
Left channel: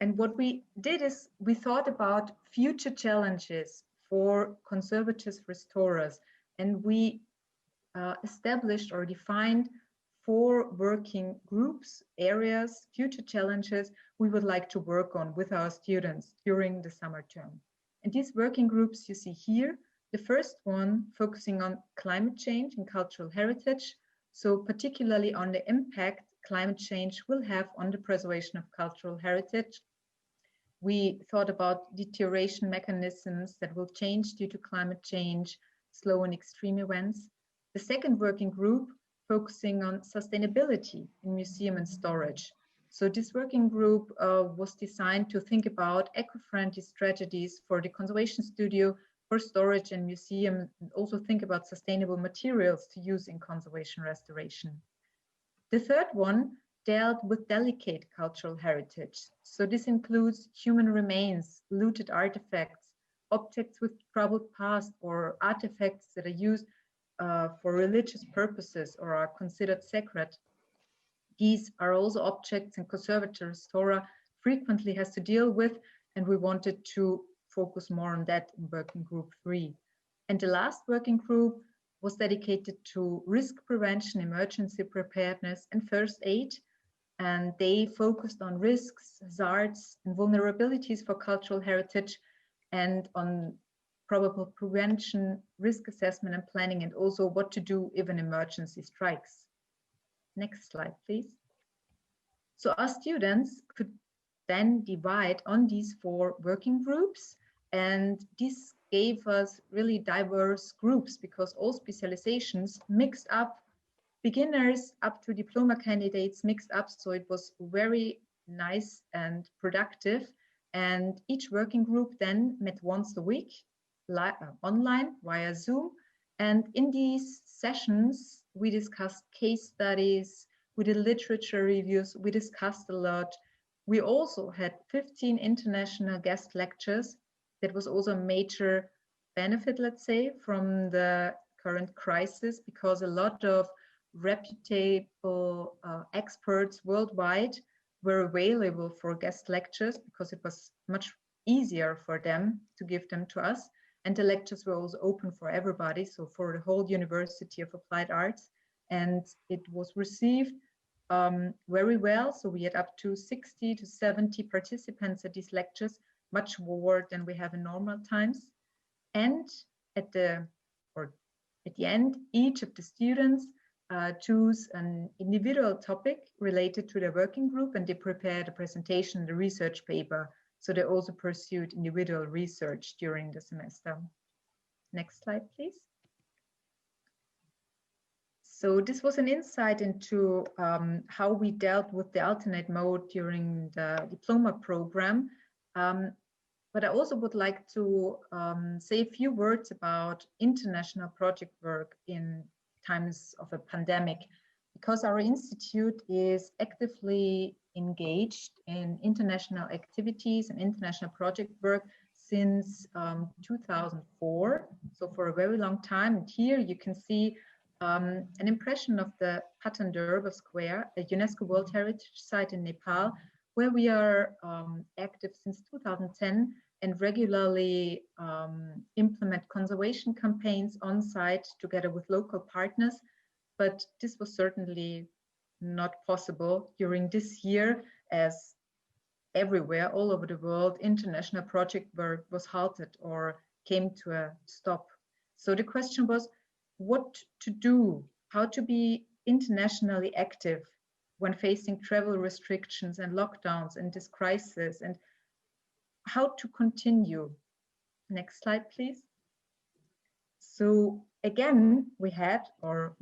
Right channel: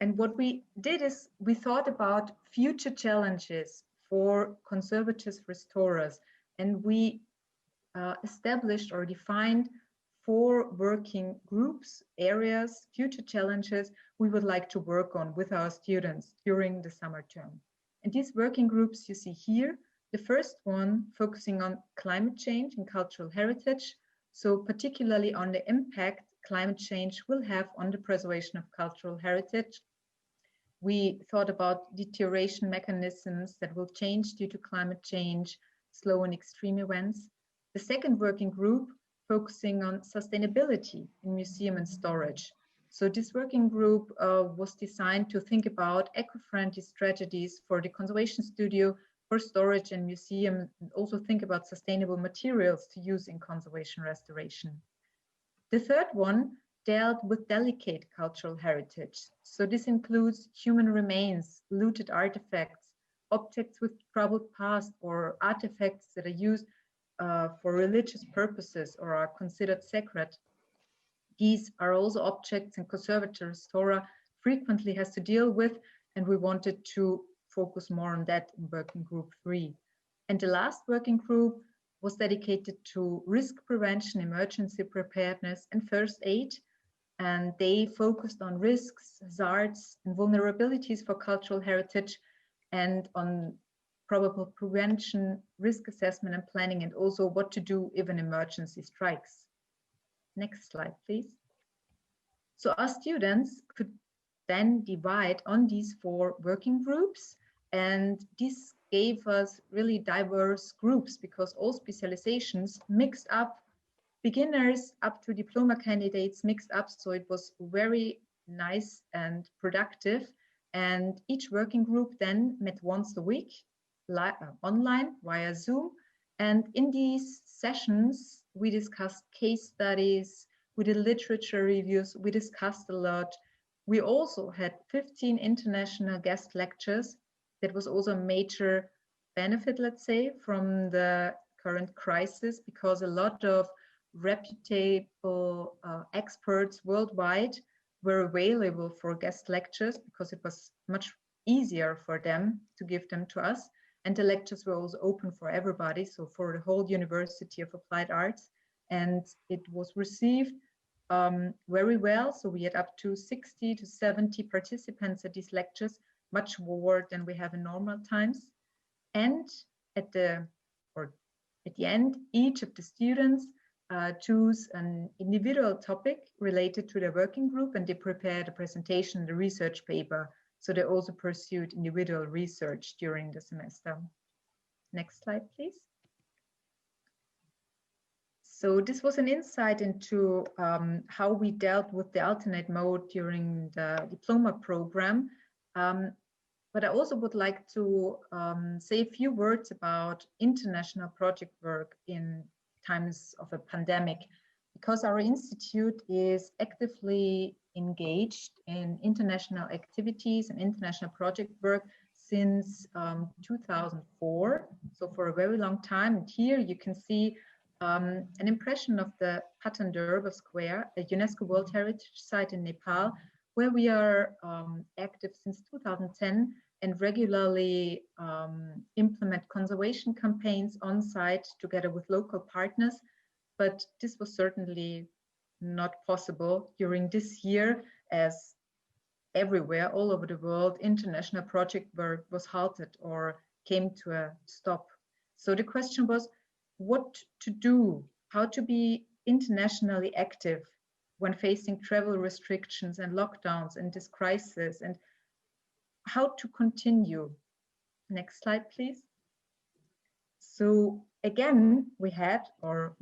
And what we did is we thought about future challenges for conservative restorers. And we established or defined 4 working groups, areas, future challenges we would like to work on with our students during the summer term. And these working groups you see here, the first one focusing on climate change and cultural heritage, so particularly on the impact climate change will have on the preservation of cultural heritage. We thought about deterioration mechanisms that will change due to climate change, slow and extreme events. The second working group focusing on sustainability in museum and storage. So this working group was designed to think about eco-friendly strategies for the conservation studio, for storage and museum, and also think about sustainable materials to use in conservation restoration. The third one dealt with delicate cultural heritage. So this includes human remains, looted artifacts, objects with troubled past, or artifacts that are used for religious purposes or are considered sacred. These are also objects and conservator restorer frequently has to deal with, and we wanted to focus more on that in working group 3. And the last working group was dedicated to risk prevention, emergency preparedness, and first aid. And they focused on risks, hazards, and vulnerabilities for cultural heritage, and on probable prevention, risk assessment and planning, and also what to do if an emergency strikes. Next slide, please. So our students could then divide on these 4 working groups, and this gave us really diverse groups because all specializations mixed up beginners up to diploma candidates mixed up. So it was very nice and productive. And each working group then met once a week online via Zoom. And in these sessions, we discussed case studies, we did literature reviews, we discussed a lot. We also had 15 international guest lectures. That was also a major benefit, let's say, from the current crisis, because a lot of reputable experts worldwide were available for guest lectures, because it was much easier for them to give them to us. And the lectures were also open for everybody, so for the whole University of Applied Arts. And it was received very well. So we had up to 60 to 70 participants at these lectures, much more than we have in normal times. And at the end, each of the students choose an individual topic related to their working group, and they prepared a presentation, the research paper. So they also pursued individual research during the semester. Next slide, please. So this was an insight into how we dealt with the alternate mode during the diploma program. But I also would like to say a few words about international project work in times of a pandemic, because our institute is actively engaged in international activities and international project work since 2004, so for a very long time. And here you can see an impression of the Patan Durbar Square, a UNESCO World Heritage Site in Nepal, where we are active since 2010 and regularly implement conservation campaigns on site together with local partners. But this was certainly not possible during this year, as everywhere, all over the world, international project work was halted or came to a stop. So the question was what to do, how to be internationally active when facing travel restrictions and lockdowns in this crisis, and how to continue. Next slide, please. So again, we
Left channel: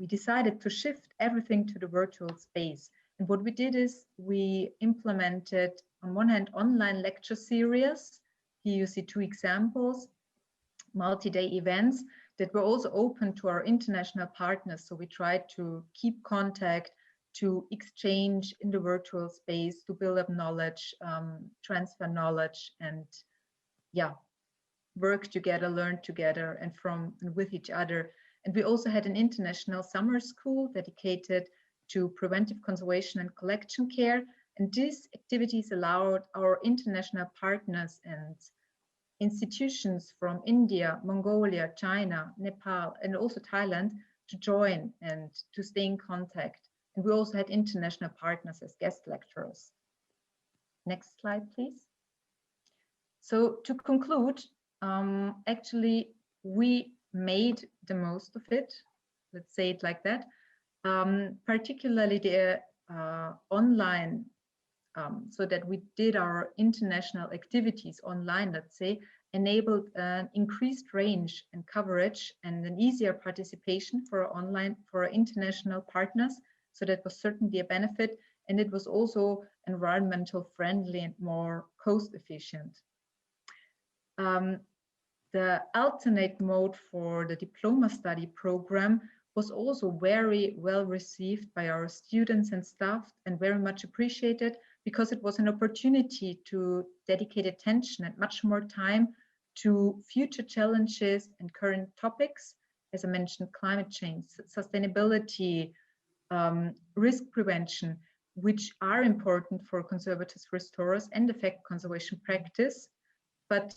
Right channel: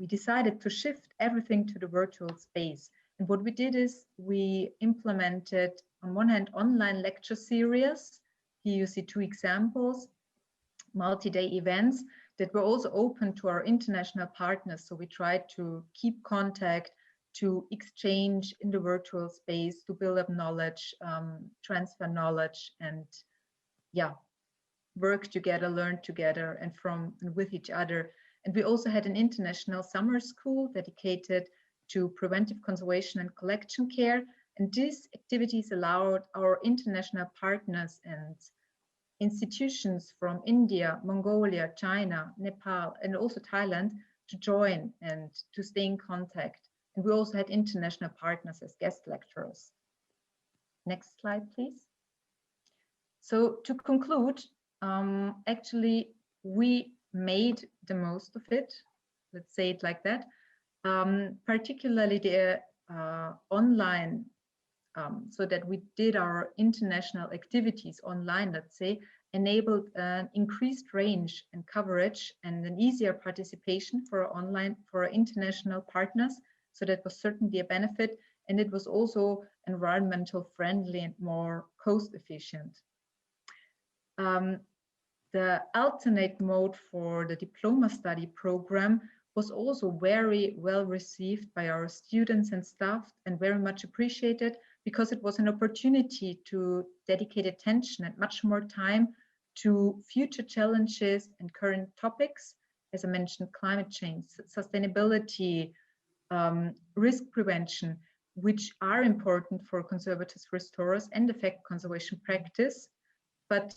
decided to shift everything to the virtual space. And what we did is we implemented, on one hand, online lecture series. Here you see two examples, multi-day events that were also open to our international partners. So we tried to keep contact, to exchange in the virtual space, to build up knowledge, transfer knowledge, and work together, learn together, and from and with each other. And we also had an international summer school dedicated to preventive conservation and collection care. And these activities allowed our international partners and institutions from India, Mongolia, China, Nepal, and also Thailand to join and to stay in contact. And we also had international partners as guest lecturers. Next slide, please. So to conclude, actually, we made the most of it, let's say it like that, particularly the online, so that we did our international activities online, let's say, enabled an increased range and coverage and an easier participation for our international partners. So that was certainly a benefit, and it was also environmental friendly and more cost efficient. The alternate mode for the diploma study program was also very well received by our students and staff, and very much appreciated, because it was an opportunity to dedicate attention and much more time to future challenges and current topics, as I mentioned, climate change, sustainability, risk prevention, which are important for conservators, restorers, and affect conservation practice. But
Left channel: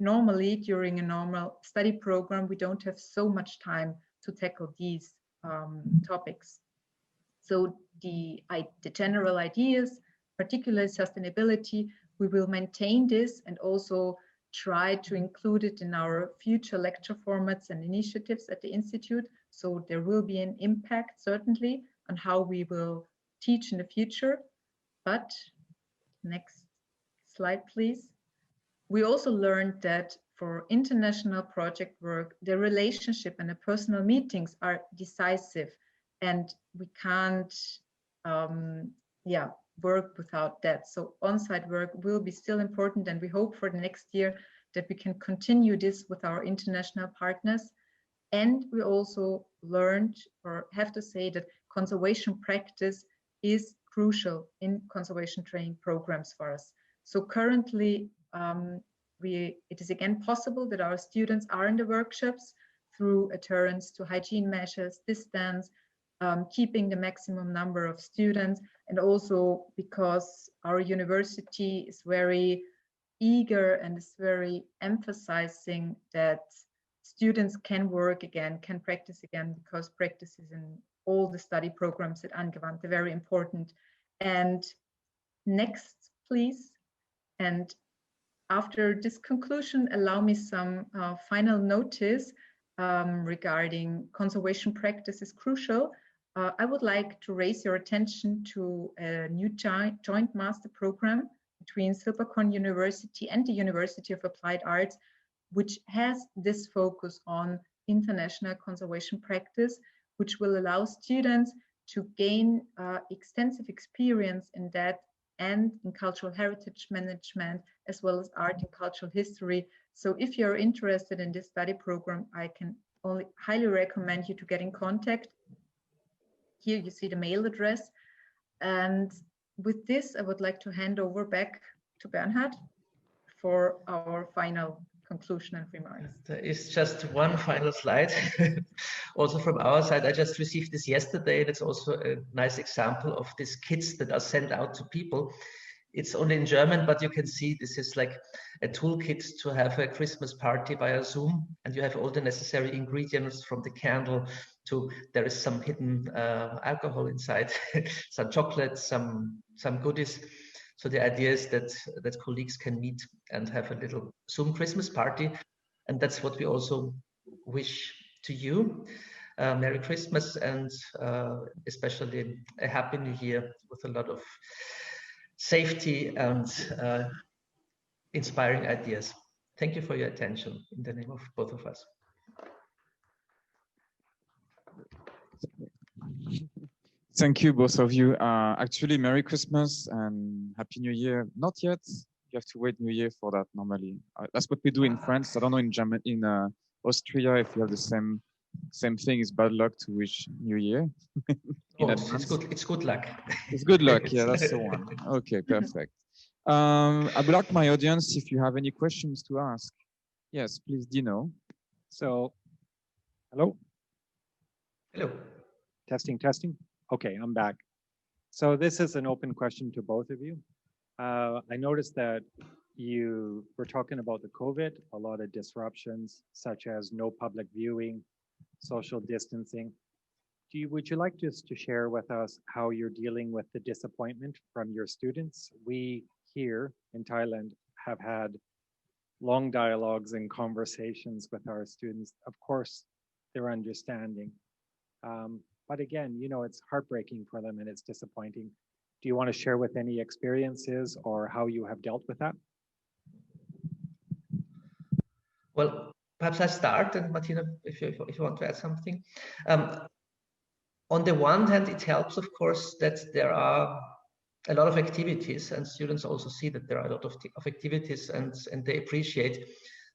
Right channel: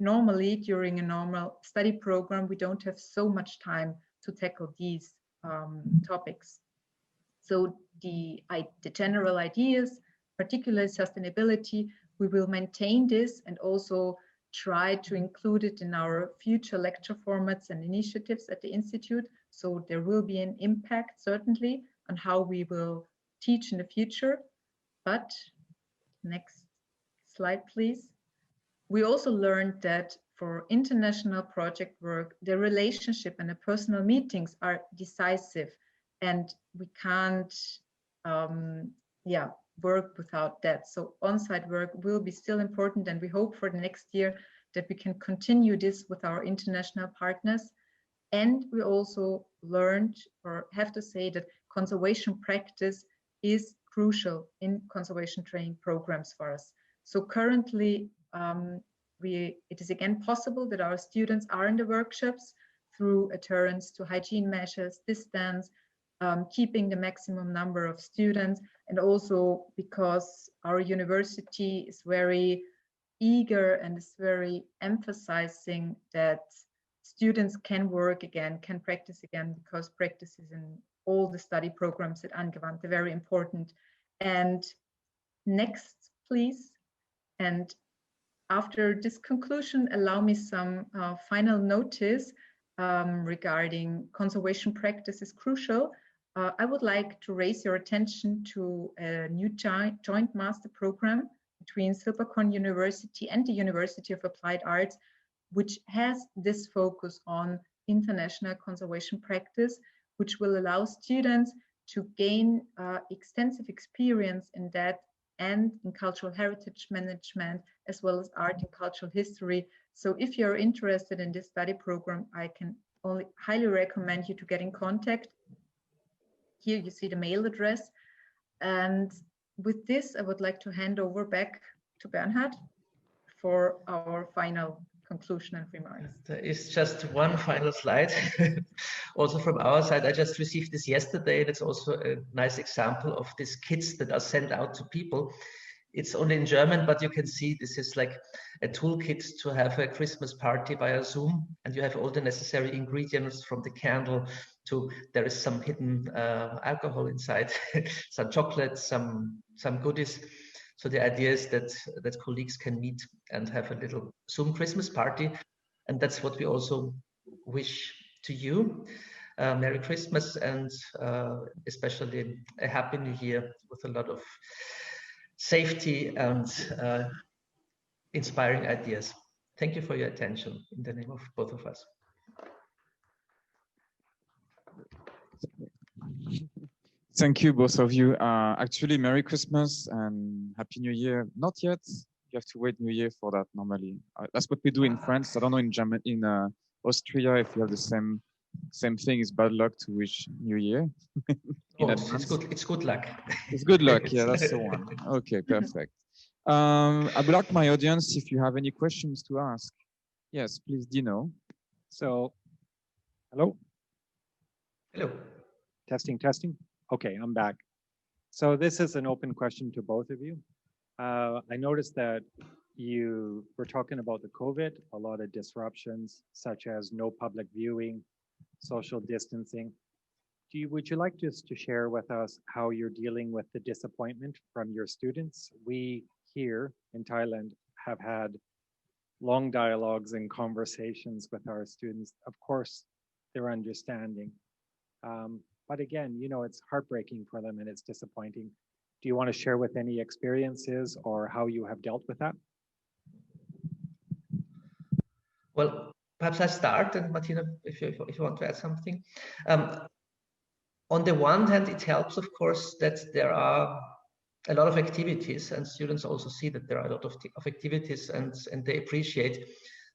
normally, during a normal study program, we don't have so much time to tackle these topics. So the general ideas, particularly sustainability, we will maintain this and also try to include it in our future lecture formats and initiatives at the Institute. So there will be an impact, certainly, on how we will teach in the future. But next slide, please. We also learned that for international project work, the relationship and the personal meetings are decisive, and we can't yeah, work without that. So on-site work will be still important, and we hope for the next year that we can continue this with our international partners. And we also learned, or have to say, that conservation practice is crucial in conservation training programs for us. So currently, it is again possible that our students are in the workshops through adherence to hygiene measures, distance, keeping the maximum number of students, and also because our university is very eager and is very emphasizing that students can work again, can practice again, because practice is in all the study programs at Angewandte very important. And next, please. And after this conclusion, allow me some final notice regarding conservation practice is crucial. I would like to raise your attention to a new joint master program between Silberkorn University and the University of Applied Arts, which has this focus on international conservation practice, which will allow students to gain extensive experience in that and in cultural heritage management, as well as art and cultural history. So if you're interested in this study program, I can only highly recommend you to get in contact. Here you see the mail address. And with this, I would like to hand over back to Bernhard for our final conclusion and remarks. There is just one final slide. Also from our side, I just received this yesterday, and it's also a nice example of these kits that are sent out to people. It's only in German, but you can see this is like a toolkit to have a Christmas party via Zoom, and you have all the necessary ingredients, from the candle to there is some hidden alcohol inside, some chocolate, some goodies. So the idea is that colleagues can meet and have a little Zoom Christmas party, and that's what we also wish to you. Merry Christmas, and especially a Happy New Year with a lot of safety and inspiring ideas. Thank you for your attention in the name of both of us. Thank you, both of you. Actually, Merry Christmas and Happy New Year. Not yet. You have to wait New Year for that normally. That's what we do in France. I don't know in Germany, in Austria, if you have the same thing. It's bad luck to wish New Year. It's good luck. It's good luck. Yeah, that's the one. Okay, perfect. I would like my audience, if you have any questions to ask. Yes, please, Dino. So, hello? Hello. Testing, testing. Okay, I'm back. So this is an open question to both of you. I noticed that you were talking about the COVID, a lot of disruptions, such as no public viewing, social distancing. Would you like just to share with us how you're dealing with the disappointment from your students? We here in Thailand have had long dialogues and conversations with our students. Of course, they're understanding. But again, you know, it's heartbreaking for them and it's disappointing. Do you want to share with any experiences or how you have dealt with that? Well, perhaps I start, and Martina, if you want to add something. On the one hand, it helps, of course, that there are a lot of activities, and students also see that there are a lot of activities, and they appreciate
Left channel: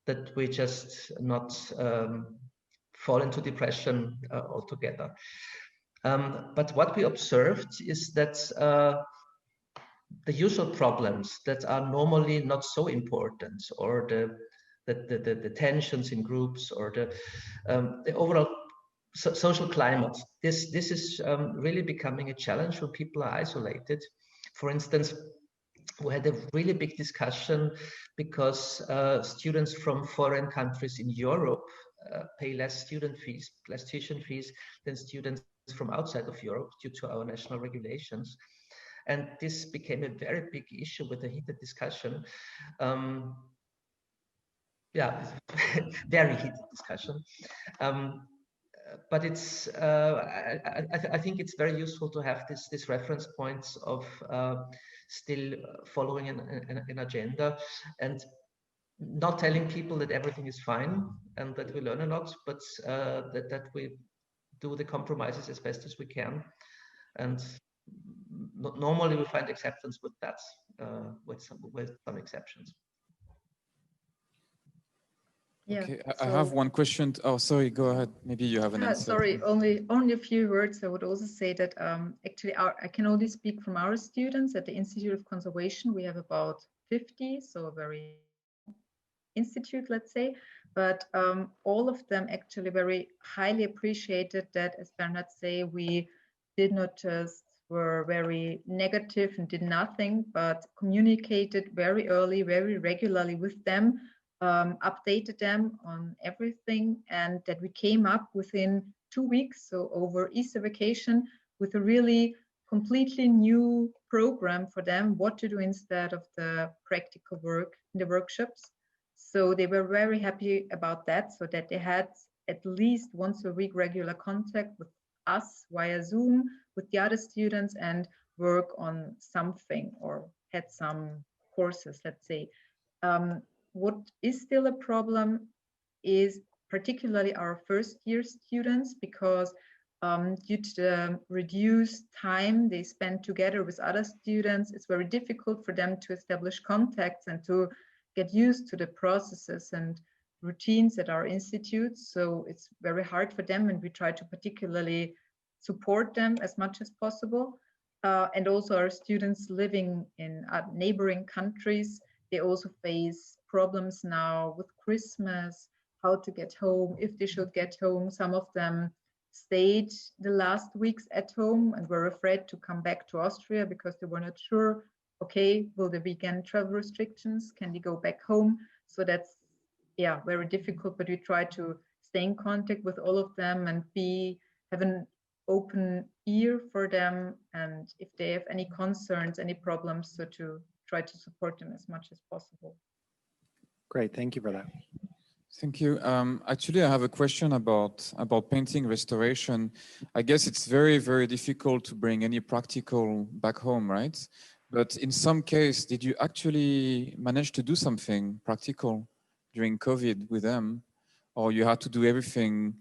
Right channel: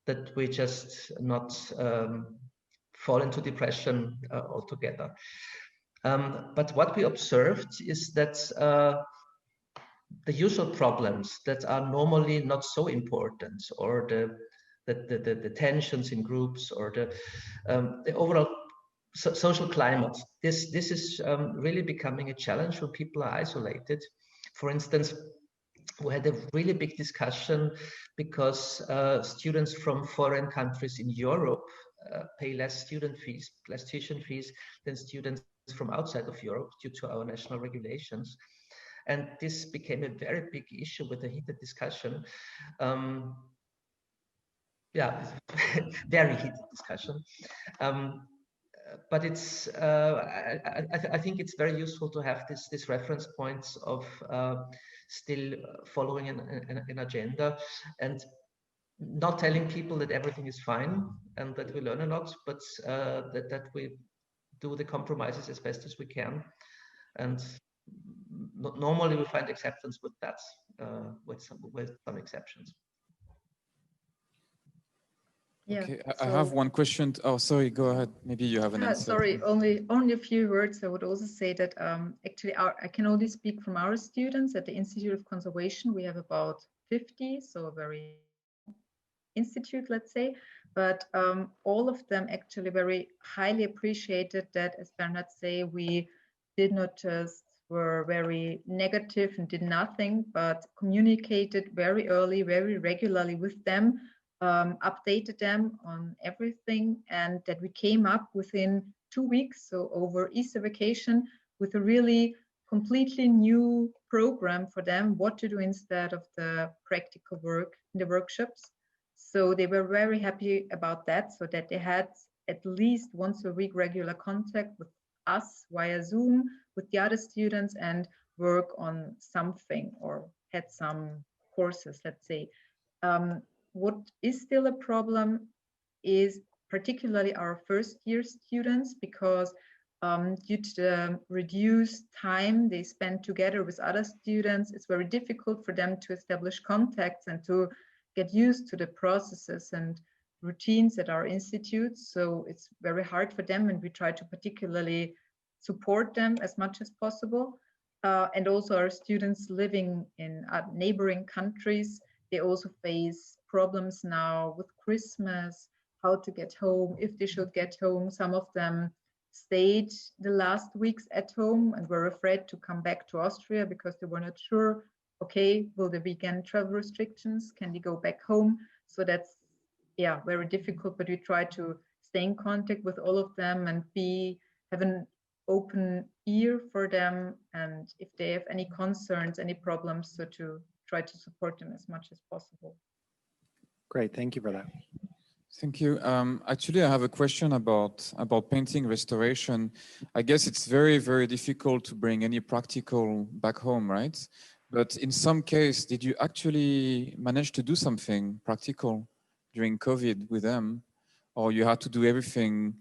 that we just not fall into depression altogether. But what we observed is that the usual problems that are normally not so important, or the tensions in groups, or the overall social climate, this is really becoming a challenge when people are isolated. For instance, we had a really big discussion because students from foreign countries in Europe pay less tuition fees than students from outside of Europe due to our national regulations. And this became a very big issue with a heated discussion. Yeah, very heated discussion. But it's, I think it's very useful to have this reference points of still following an agenda, and not telling people that everything is fine and that we learn a lot, but that we do the compromises as best as we can. And normally we find acceptance with that, with some exceptions. Yeah, Okay, I have one question. Oh, sorry, go ahead. Maybe you have an answer. Sorry, only a few words. I would also say that actually I can only speak from our students at the Institute of Conservation. We have about 50, so a very institute, let's say, but all of them actually very highly appreciated that, as Bernhard say, we did not just were very negative and did nothing, but communicated very early, very regularly with them, updated them on everything, and that we came up within 2 weeks, so over Easter vacation, with a really completely new program for them, what to do instead of the practical work in the workshops. So they were very happy about that, so that they had at least once a week regular contact with us via Zoom, with the other students, and work on something or had some courses, let's say. What is still a problem is particularly our first year students, because due to the reduced time they spend together with other students, it's very difficult for them to establish contacts and to get used to the processes and routines at our institutes. So it's very hard for them, and we try to particularly support them as much as possible. And also our students living in neighboring countries, they also face problems now with Christmas, how to get home, if they should get home. Some of them stayed the last weeks at home and were afraid to come back to Austria because they were not sure, okay, will there be again travel restrictions? Can they go back home? So that's, yeah, very difficult, but we try to stay in contact with all of them and have an open ear for them. And if they have any concerns, any problems, so to try to support them as much as possible. Great, thank you for that. Thank you. Actually, I have a question about painting restoration. I guess it's very, very difficult to bring any practical back home, right? But in some case, did you actually manage to do something practical during COVID with them? Or you had to do everything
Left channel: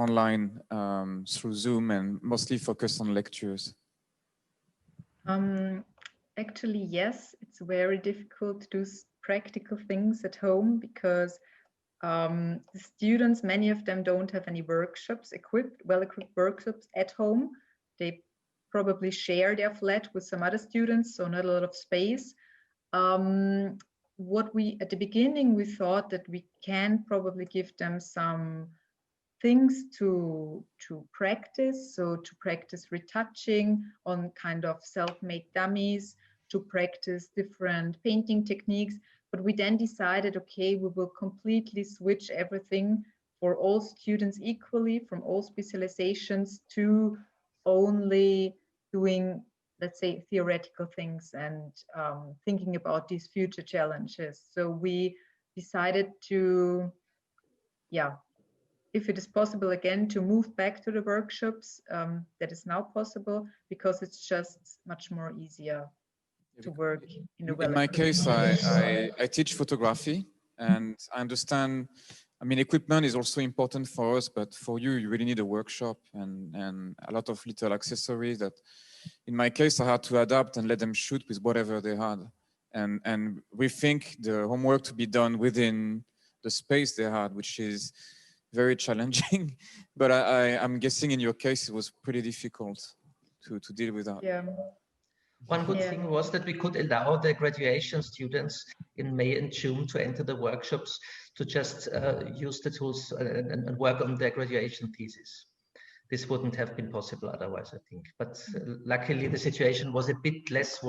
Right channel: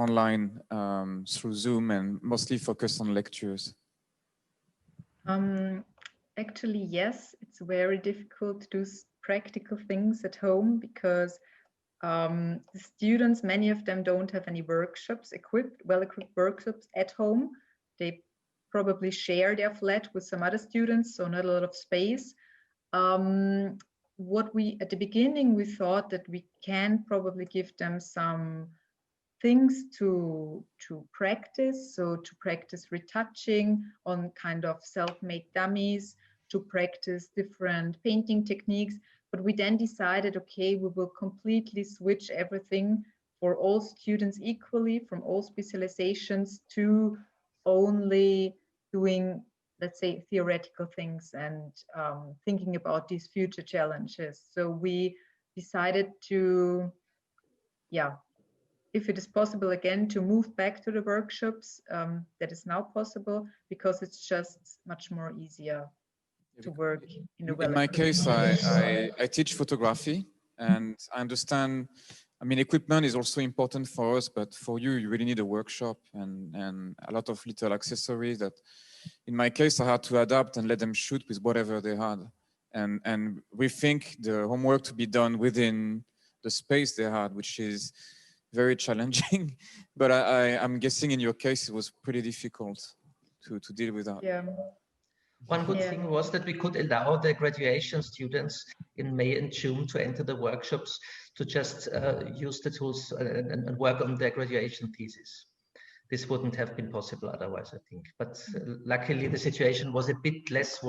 online through Zoom and mostly focus on lectures? Actually, yes, it's very difficult to do practical things at home because the students, many of them don't have any workshops well-equipped workshops at home. They probably share their flat with some other students, so not a lot of space. What we, at the beginning, we thought that we can probably give them some things to practice, so to practice retouching on kind of self-made dummies, to practice different painting techniques. But we then decided, okay, we will completely switch everything for all students equally, from all specializations, to only doing, let's say, theoretical things and thinking about these future challenges. So we decided to, yeah, if it is possible again, to move back to the workshops, that is now possible, because it's just much more easier to work in the In my case, I teach photography, and I understand, I mean, equipment is also important for us, but for you, you really need a workshop and a lot of little accessories that, in my case, I had to adapt and let them shoot with whatever they had. And we think the homework to be done within the space they had, which is very challenging. But I'm guessing in your case, it was pretty difficult to deal with that. Yeah. One good thing was that we could allow the graduation students in May and June to enter the workshops to just use the tools and work on their graduation thesis. This wouldn't have been possible otherwise, I think. But luckily, the situation was a bit less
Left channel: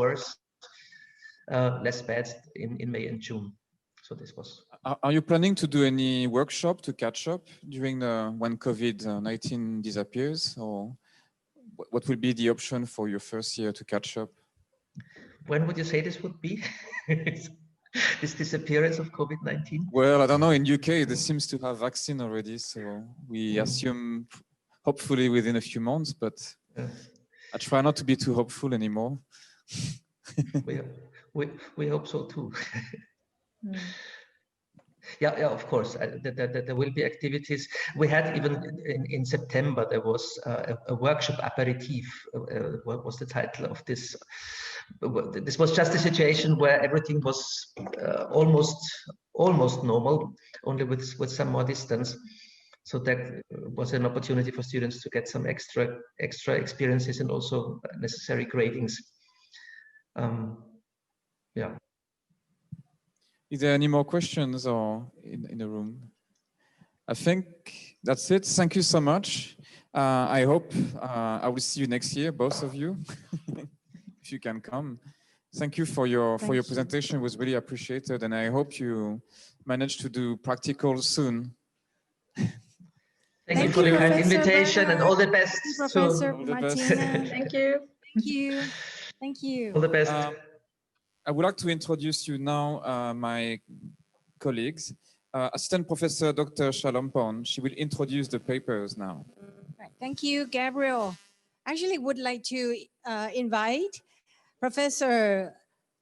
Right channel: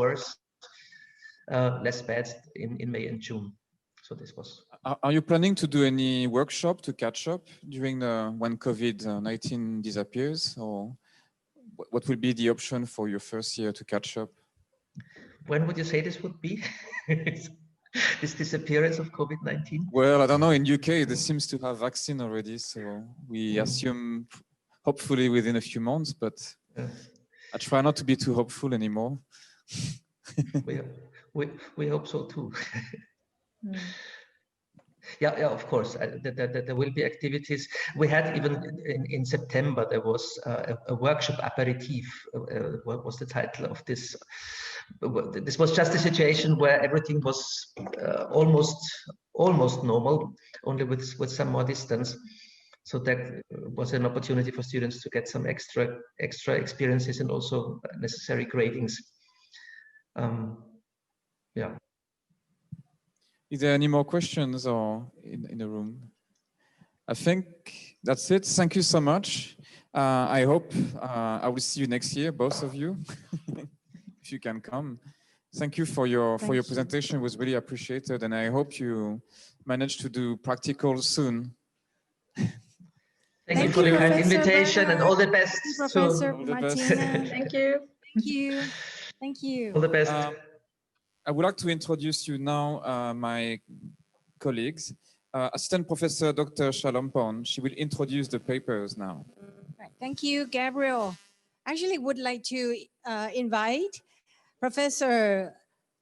bad in May and June. So this was. Are you planning to do any workshop to catch up during when COVID-19 disappears, or what will be the option for your first year to catch up? When would you say this would be? This disappearance of COVID-19? Well, I don't know. In UK, there seems to have vaccine already, so we assume hopefully within a few months. But I try not to be too hopeful anymore. we hope so too. Yeah, of course. There will be activities. We had even in September, there was a workshop aperitif. What was the title of this? This was just a situation where everything was almost normal, only with some more distance. So that was an opportunity for students to get some extra experiences and also necessary gradings. Yeah. Is there any more questions or in the room? I think that's it. Thank you so much. I hope I will see you next year, both of you, if you can come. Thank you for your presentation. It was really appreciated, and I hope you manage to do practical soon. Thank you for the kind Professor invitation Bernhard. and all the best. Professor All the best. Martina. Thank you. Thank you. Thank you. All the best. I would like to introduce you now, my colleagues. Assistant Professor Dr. Shalompon, she will introduce the papers now. Right. Thank you, Gabriel. Actually, would like to invite Professor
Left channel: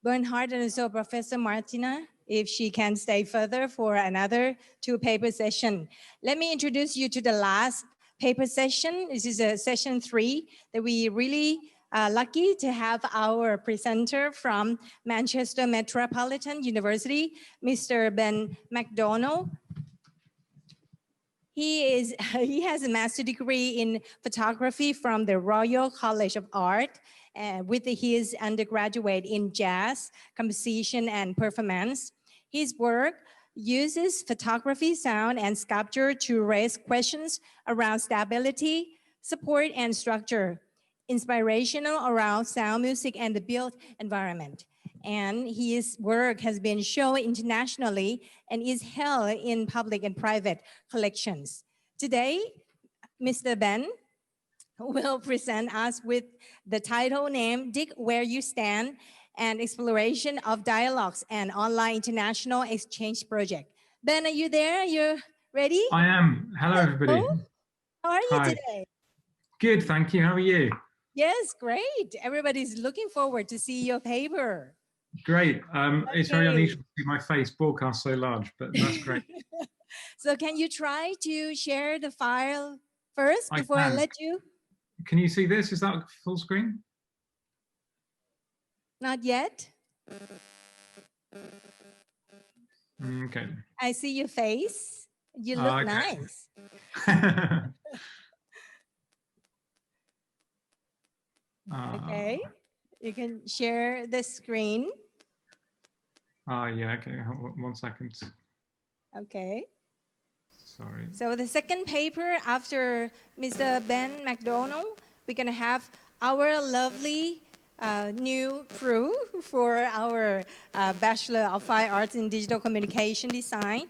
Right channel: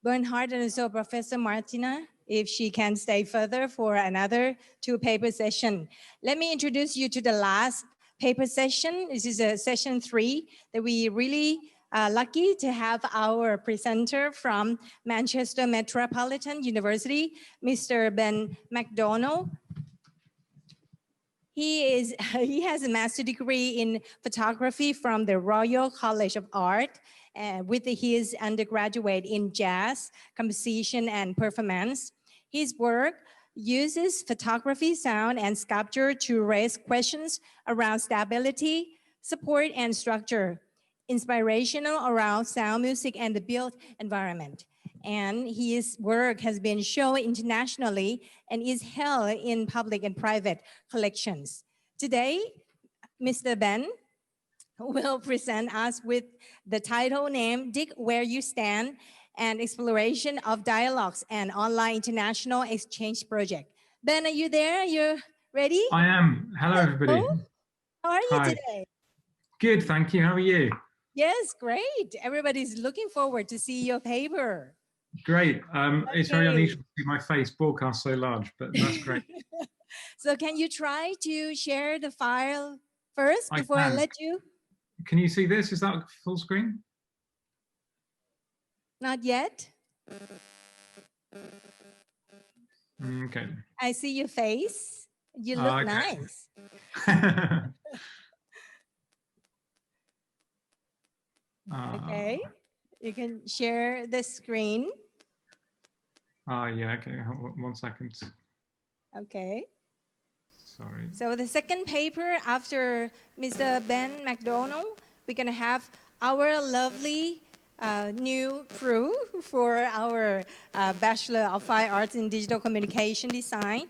Bernhard and also Professor Martina, if she can stay further for another 2 paper session. Let me introduce you to the last paper session. This is session 3 that we really lucky to have our presenter from Manchester Metropolitan University, Mr. Ben McDonald. He has a master's degree in photography from the Royal College of Art, with his undergraduate in jazz, composition, and performance. His work uses photography, sound, and sculpture to raise questions around stability, support, and structure, inspirational around sound, music, and the built environment. And his work has been shown internationally and is held in public and private collections. Today, Mr. Ben will present us with the title name, Dig Where You Stand, an exploration of dialogues and online international exchange project. Ben, are you there? Are you ready? I am. Hello, everybody. How are you Hi. today? Good, thank you. How are you? Yes, great. Everybody's looking forward to see your paper. Great. It's very Okay. unusual to see my face broadcast so large, but that's great. So can you try to share the file first I before I can. let you? Can you see this? Is that full screen? Not yet. Okay. I see your face. You look Okay. nice. Okay. You can share the screen. Yeah, okay. 1 second. Okay. Sorry. So the second paper after Mr. Ben McDonald, we're going to have our lovely new crew for our Bachelor of Fine Arts in Digital Communication Design.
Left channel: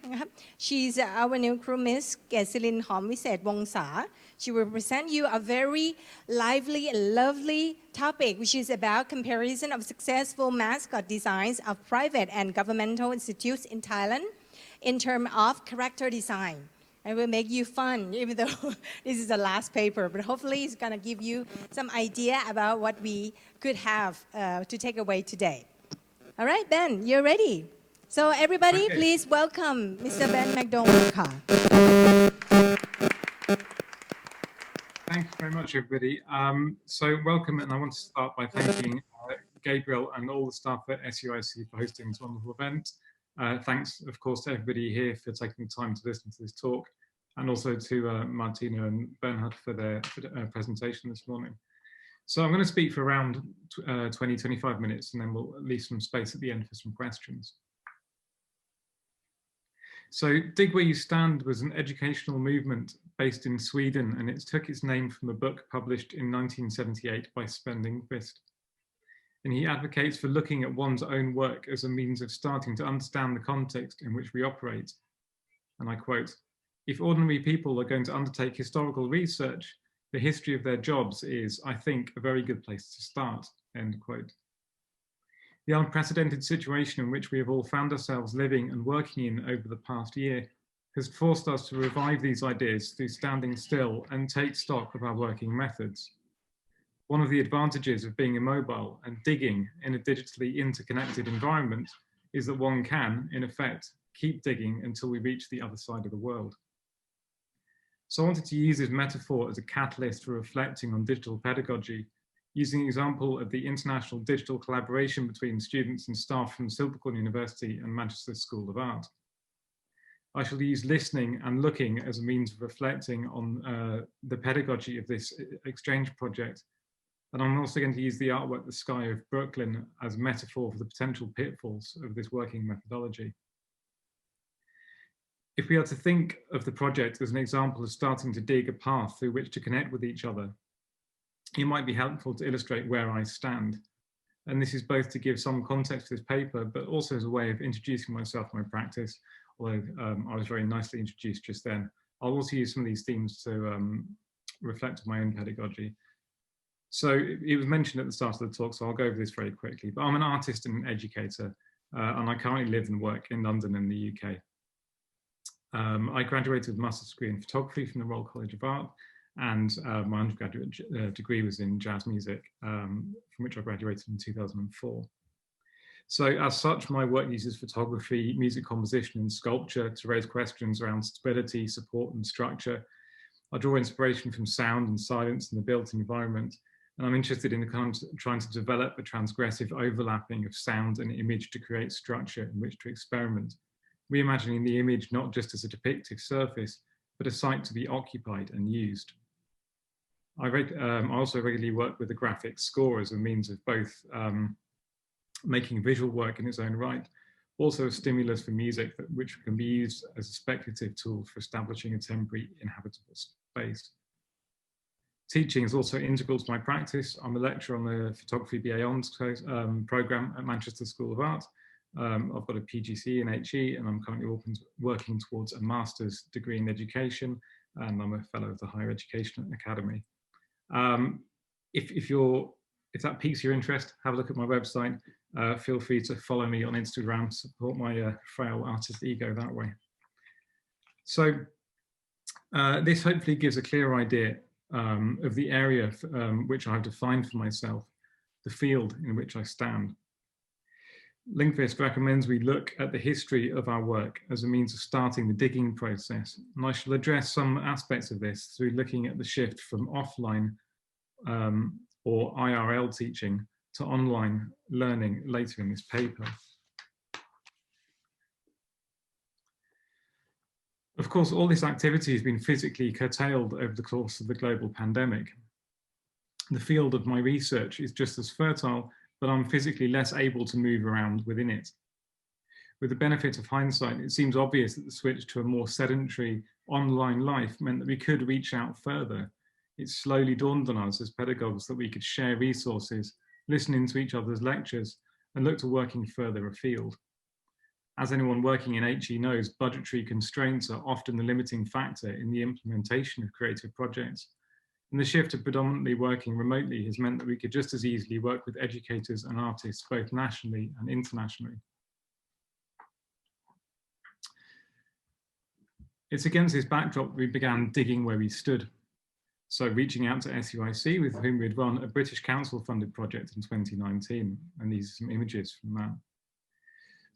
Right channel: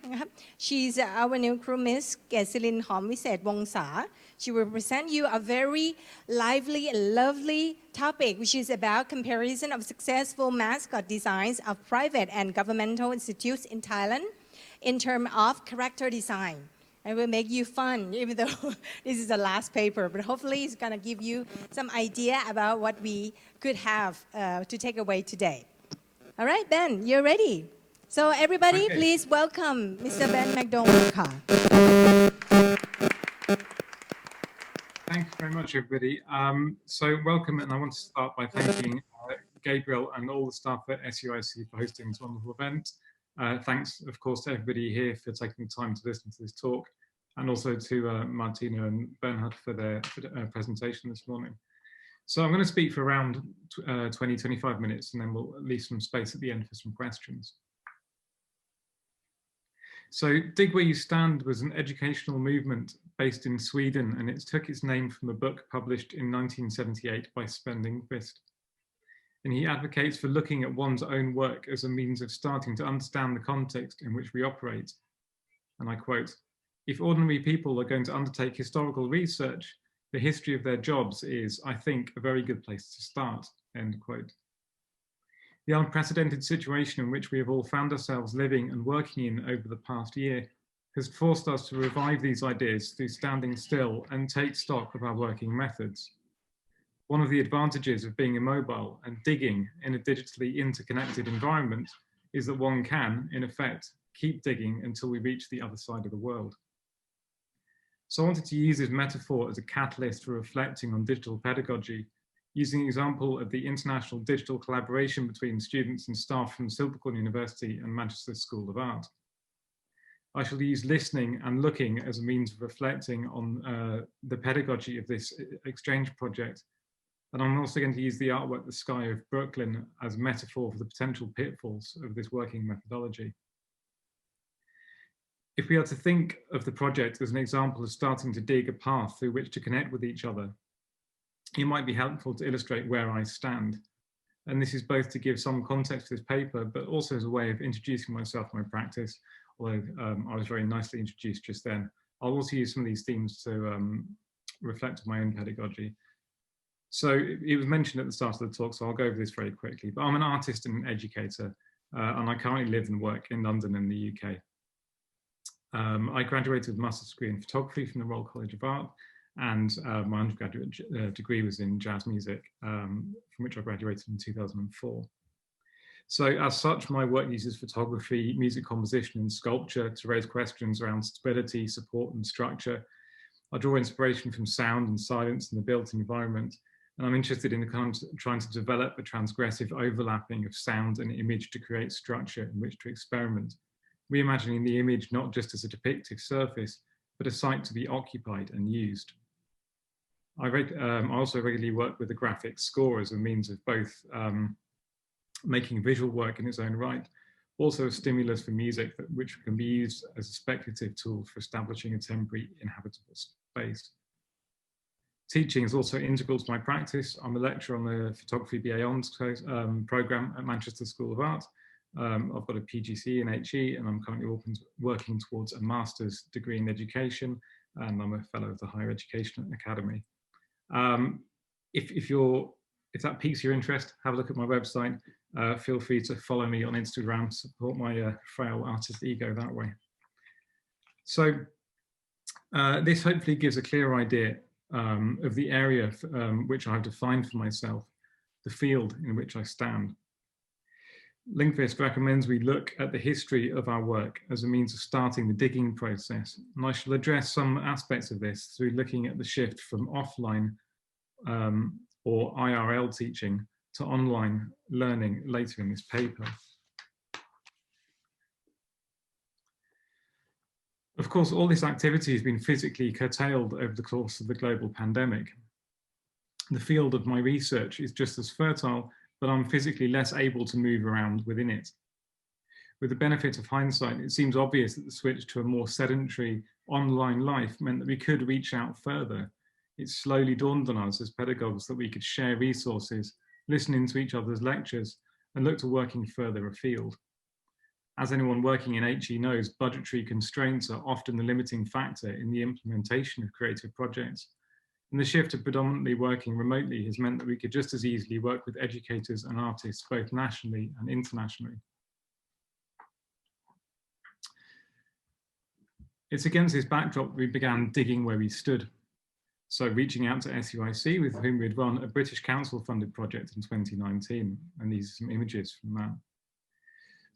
She's our new crew, Miss Kesilin Homwiset Wongsa. She will present you a very lively and lovely topic, which is about comparison of successful mascot designs of private and governmental institutes in Thailand in terms of character design. It will make you fun, even though this is the last paper, but hopefully it's gonna give you some idea about what we could have to take away today. All right, Ben, you're ready. So everybody, Okay. please welcome Mr. Ben McDonald. Thanks very much, everybody. So welcome, and I want to start by thanking Gabriel and all the staff at SUIC for hosting this wonderful event. Thanks, of course, to everybody here for taking the time to listen to this talk, and also to Martina and Bernhard for their presentation this morning. So I'm going to speak for around 20-25 minutes, and then we'll leave some space at the end for some questions. So Dig Where You Stand was an educational movement based in Sweden, and it took its name from a book published in 1978 by Sven Lindqvist. And he advocates for looking at one's own work as a means of starting to understand the context in which we operate. And I quote, "If ordinary people are going to undertake historical research, the history of their jobs is, I think, a very good place to start," end quote. The unprecedented situation in which we have all found ourselves living and working in over the past year has forced us to revive these ideas through standing still and take stock of our working methods. One of the advantages of being immobile and digging in a digitally interconnected environment is that one can, in effect, keep digging until we reach the other side of the world. So I wanted to use this metaphor as a catalyst for reflecting on digital pedagogy, using an example of the international digital collaboration between students and staff from Silvercorn University and Manchester School of Art. I shall use listening and looking as a means of reflecting on the pedagogy of this exchange project. And I'm also going to use the artwork, The Sky of Brooklyn, as a metaphor for the potential pitfalls of this working methodology. If we are to think of the project as an example of starting to dig a path through which to connect with each other, it might be helpful to illustrate where I stand. And this is both to give some context to this paper, but also as a way of introducing myself and my practice, although I was very nicely introduced just then. I'll also use some of these themes to reflect on my own pedagogy. So it was mentioned at the start of the talk, so I'll go over this very quickly, but I'm an artist and an educator, and I currently live and work in London in the UK. I graduated with a master's degree in photography from the Royal College of Art, and my undergraduate degree was in jazz music, from which I graduated in 2004. So as such, my work uses photography, music composition and sculpture to raise questions around stability, support and structure. I draw inspiration from sound and silence in the built environment, and I'm interested in trying to develop a transgressive overlapping of sound and image to create structure in which to experiment, reimagining the image not just as a depictive surface, but a site to be occupied and used. I also regularly work with the graphic score as a means of both making visual work in its own right, also a stimulus for music which can be used as a speculative tool for establishing a temporary inhabitable space. Teaching is also integral to my practice. I'm a lecturer on the Photography BA Honours programme at Manchester School of Art. I've got a PGC in HE, and I'm currently working towards a master's degree in education, and I'm a fellow of the Higher Education Academy. If that piques your interest, have a look at my website. Feel free to follow me on Instagram, support my frail artist ego that way. So this hopefully gives a clear idea of the area which I've defined for myself, the field in which I stand. Lindqvist recommends we look at the history of our work as a means of starting the digging process. And I shall address some aspects of this through looking at the shift from offline or IRL teaching to online learning later in this paper. Of course, all this activity has been physically curtailed over the course of the global pandemic. The field of my research is just as fertile, but I'm physically less able to move around within it. With the benefit of hindsight, it seems obvious that the switch to a more sedentary online life meant that we could reach out further. It slowly dawned on us as pedagogues that we could share resources, listen into each other's lectures, and look to working further afield. As anyone working in HE knows, budgetary constraints are often the limiting factor in the implementation of creative projects. And the shift to predominantly working remotely has meant that we could just as easily work with educators and artists, both nationally and internationally. It's against this backdrop we began digging where we stood. So reaching out to SUIC, with whom we'd run a British Council-funded project in 2019. And these are some images from that.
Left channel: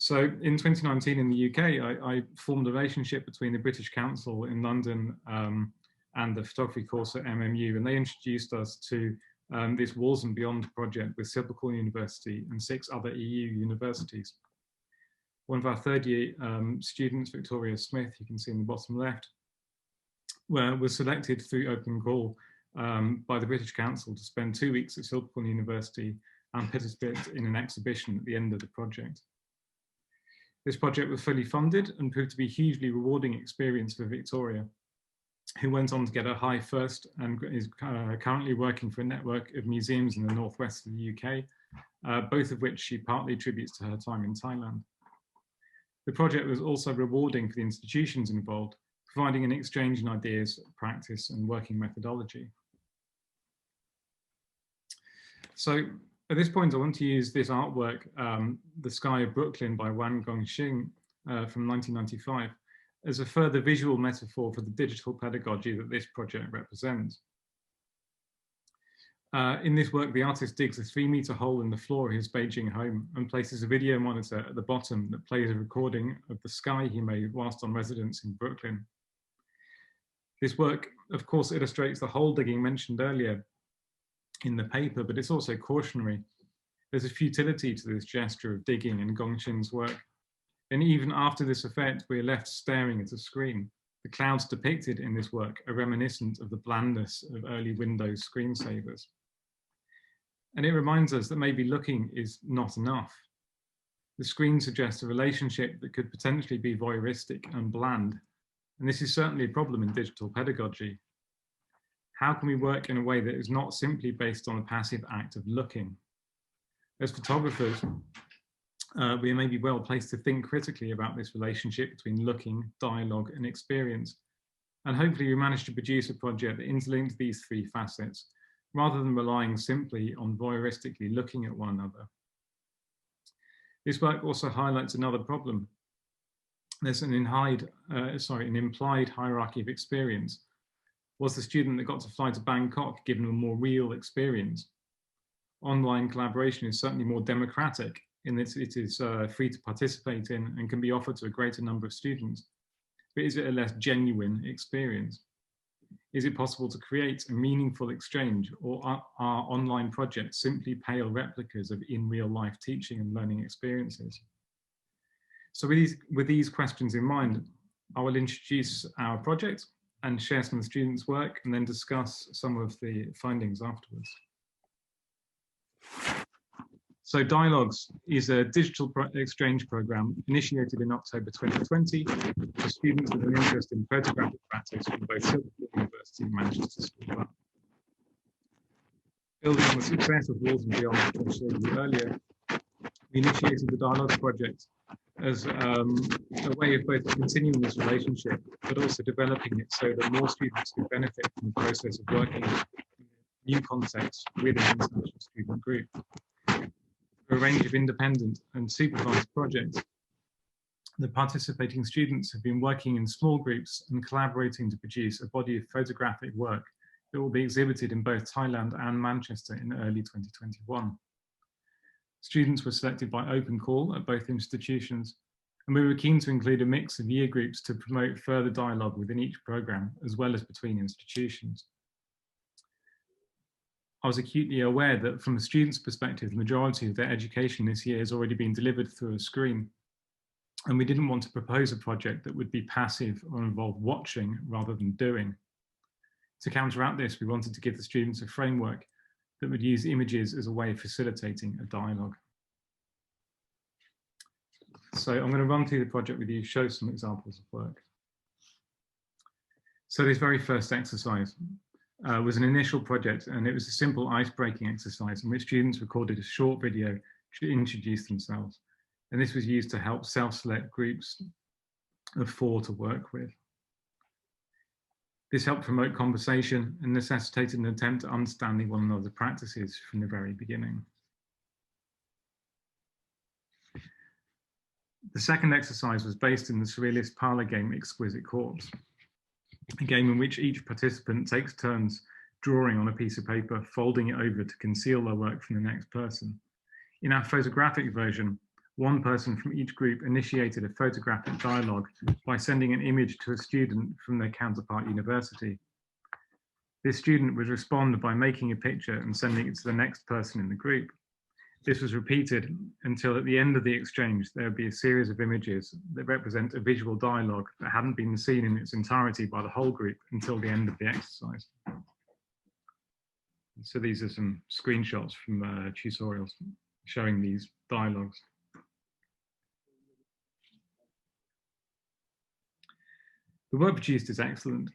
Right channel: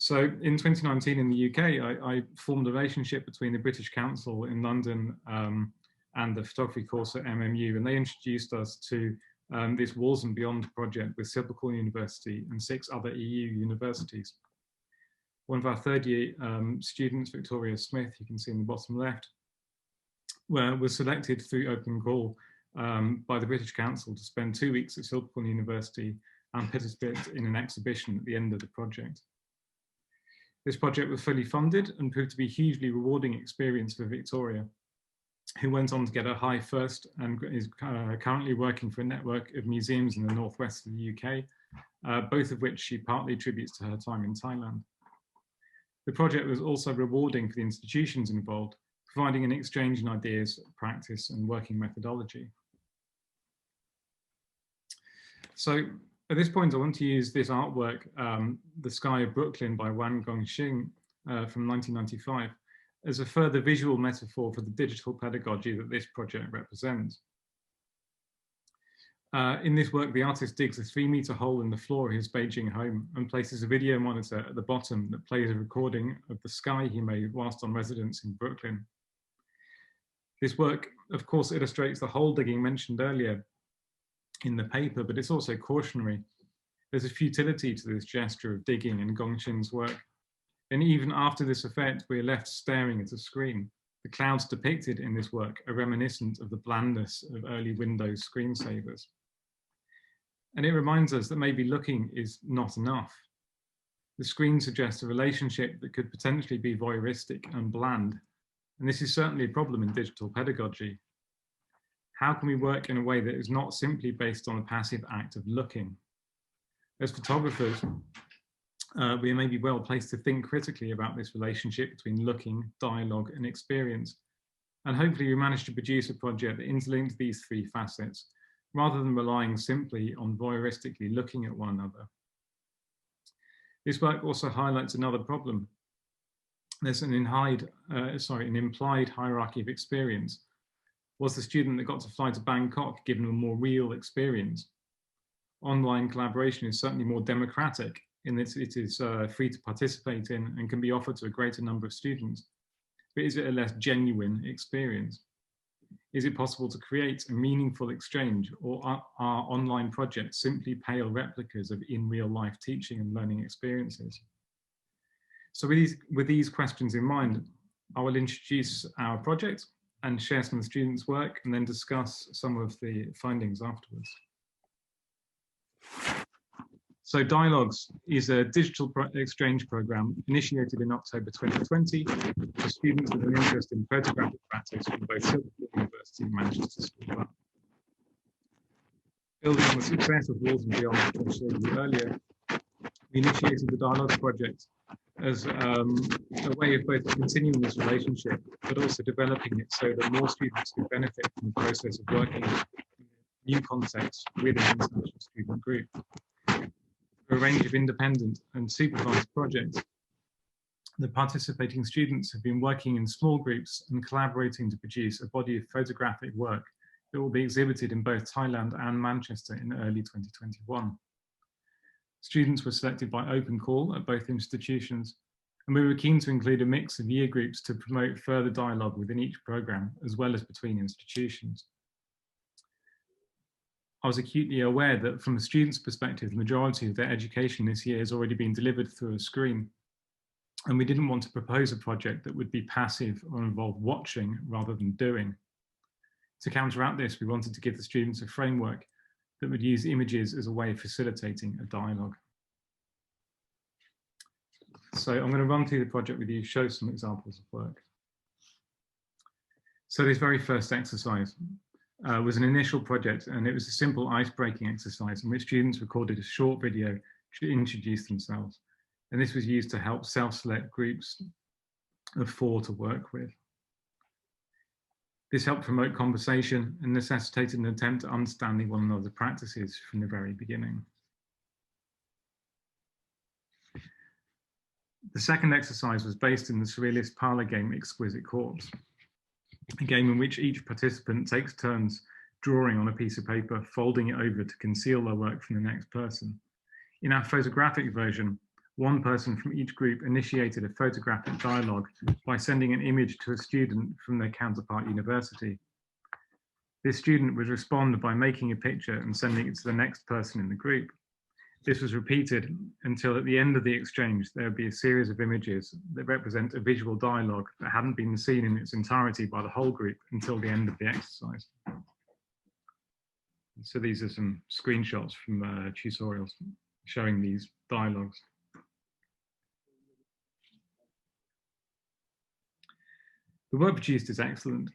So in 2019 in the UK, I formed a relationship between the British Council in London and the photography course at MMU, and they introduced us to this Walls and Beyond project with Silvercorn University and 6 other EU universities. One of our third year students, Victoria Smith, you can see in the bottom left, was selected through open call by the British Council to spend 2 weeks at Silvercorn University and participate in an exhibition at the end of the project. This project was fully funded and proved to be a hugely rewarding experience for Victoria, who went on to get a high first and is currently working for a network of museums in the northwest of the UK, both of which she partly attributes to her time in Thailand. The project was also rewarding for the institutions involved, providing an exchange in ideas, practice, and working methodology. So at this point, I want to use this artwork, The Sky of Brooklyn by Wan Gongxing from 1995, as a further visual metaphor for the digital pedagogy that this project represents. In this work, the artist digs a 3-meter hole in the floor of his Beijing home and places a video monitor at the bottom that plays a recording of the sky he made whilst on residence in Brooklyn. This work, of course, illustrates the hole digging mentioned earlier in the paper, but it's also cautionary. There's a futility to this gesture of digging in Gongqin's work. And even after this effect, we are left staring at a screen. The clouds depicted in this work are reminiscent of the blandness of early Windows screensavers. And it reminds us that maybe looking is not enough. The screen suggests a relationship that could potentially be voyeuristic and bland. And this is certainly a problem in digital pedagogy. How can we work in a way that is not simply based on a passive act of looking? As photographers, we may be well placed to think critically about this relationship between looking, dialogue, and experience. And hopefully we manage to produce a project that interlinks these 3 facets, rather than relying simply on voyeuristically looking at one another. This work also highlights another problem. There's an implied hierarchy of experience. Was the student that got to fly to Bangkok given a more real experience? Online collaboration is certainly more democratic in that it is free to participate in and can be offered to a greater number of students. But is it a less genuine experience? Is it possible to create a meaningful exchange, or are online projects simply pale replicas of in real life teaching and learning experiences? So with these questions in mind, I will introduce our project and share some of the students' work and then discuss some of the findings afterwards. So Dialogues is a digital exchange program initiated in October 2020 for students with an interest in photographic practice from both Silverfield University and Manchester School of Art. Building on the success of Walls and Beyond, which I showed you earlier, we initiated the Dialogues project as a way of both continuing this relationship, but also developing it so that more students could benefit from the process of working in new contexts with an international student group. For a range of independent and supervised projects, the participating students have been working in small groups and collaborating to produce a body of photographic work that will be exhibited in both Thailand and Manchester in early 2021. Students were selected by open call at both institutions, and we were keen to include a mix of year groups to promote further dialogue within each program, as well as between institutions. I was acutely aware that from a student's perspective, the majority of their education this year has already been delivered through a screen. And we didn't want to propose a project that would be passive or involve watching rather than doing. To counteract this, we wanted to give the students a framework that would use images as a way of facilitating a dialogue. So I'm going to run through the project with you, show some examples of work. So this very first exercise was an initial project, and it was a simple ice-breaking exercise in which students recorded a short video to introduce themselves. And this was used to help self-select groups of 4 to work with. This helped promote conversation and necessitated an attempt at understanding one another's practices from the very beginning. The second exercise was based in the surrealist parlor game Exquisite Corpse, a game in which each participant takes turns drawing on a piece of paper, folding it over to conceal their work from the next person. In our photographic version, one person from each group initiated a photographic dialogue by sending an image to a student from their counterpart university. This student would respond by making a picture and sending it to the next person in the group. This was repeated until at the end of the exchange, there would be a series of images that represent a visual dialogue that hadn't been seen in its entirety by the whole group until the end of the exercise. So these are some screenshots from tutorials showing these dialogues. The work produced is excellent,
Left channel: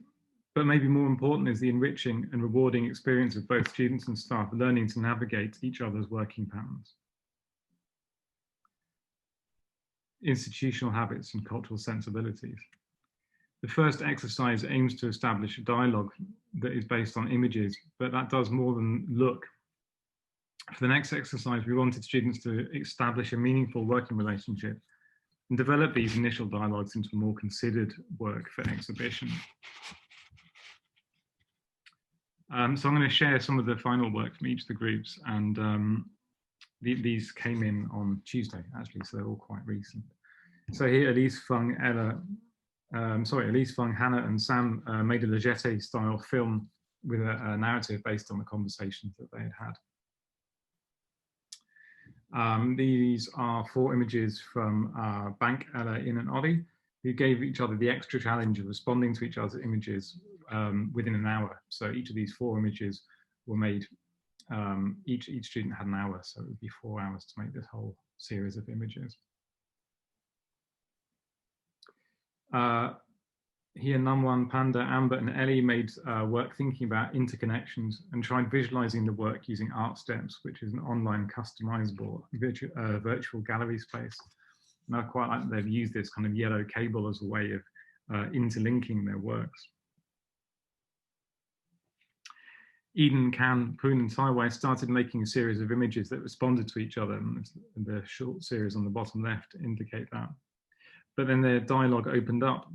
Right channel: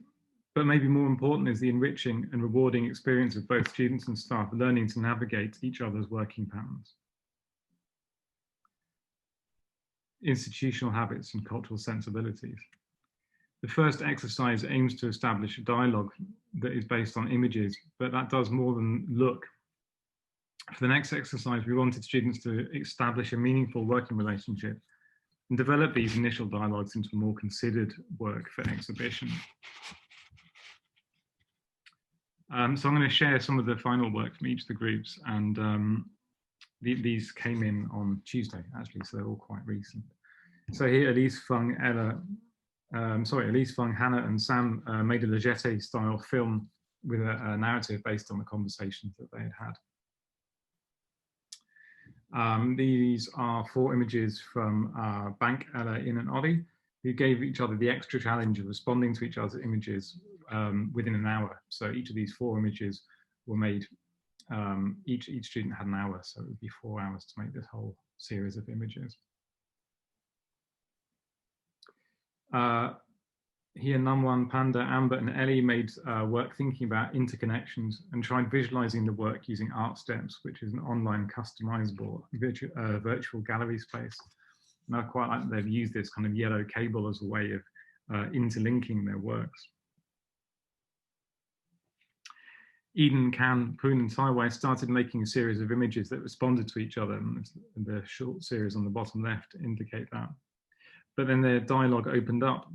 but maybe more important is the enriching and rewarding experience of both students and staff learning to navigate each other's working patterns, institutional habits and cultural sensibilities. The first exercise aims to establish a dialogue that is based on images, but that does more than look. For the next exercise, we wanted students to establish a meaningful working relationship and develop these initial dialogues into more considered work for exhibition. So I'm going to share some of the final work from each of the groups, and these came in on Tuesday, actually, so they're all quite recent. So here, Elise Fung, Hannah, and Sam made a Leggete-style film with a narrative based on the conversations that they had had. These are 4 images from Bank, Ella, In, and Ollie, who gave each other the extra challenge of responding to each other's images within an hour. So each of these 4 images were made, each student had an hour, so it would be 4 hours to make this whole series of images. Here, Namwan, Panda, Amber, and Ellie made work thinking about interconnections and tried visualizing the work using Art Steps, which is an online customizable virtual gallery space. And I quite like that they've used this kind of yellow cable as a way of interlinking their works. Eden, Kan, Poon, and Taiwai started making a series of images that responded to each other, and the short series on the bottom left indicate that. But then their dialogue opened up,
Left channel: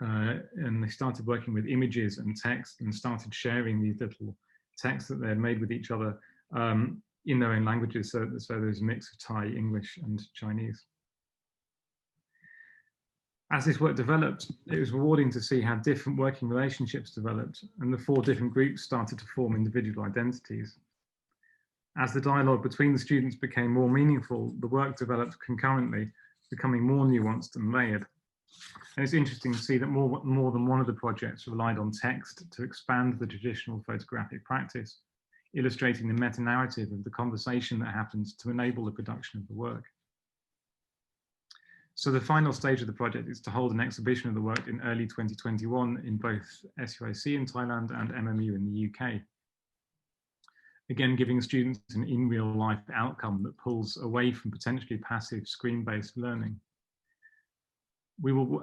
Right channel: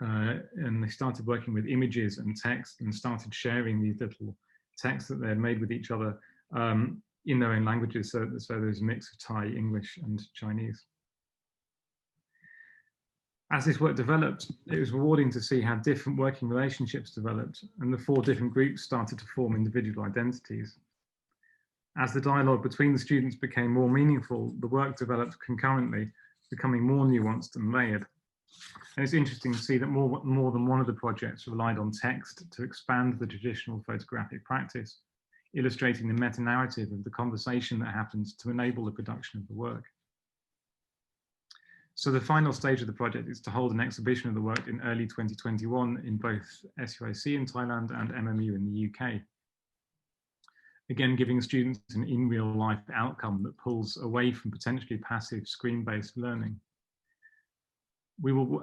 and they started working with images and text and started sharing these little texts that they had made with each other in their own languages. So there's a mix of Thai, English, and Chinese. As this work developed, it was rewarding to see how different working relationships developed, and the 4 different groups started to form individual identities. As the dialogue between the students became more meaningful, the work developed concurrently, becoming more nuanced and layered. And it's interesting to see that more than one of the projects relied on text to expand the traditional photographic practice, illustrating the meta-narrative of the conversation that happens to enable the production of the work. So the final stage of the project is to hold an exhibition of the work in early 2021 in both SUIC in Thailand and MMU in the UK. Again, giving students an in real life outcome that pulls away from potentially passive screen-based learning. We will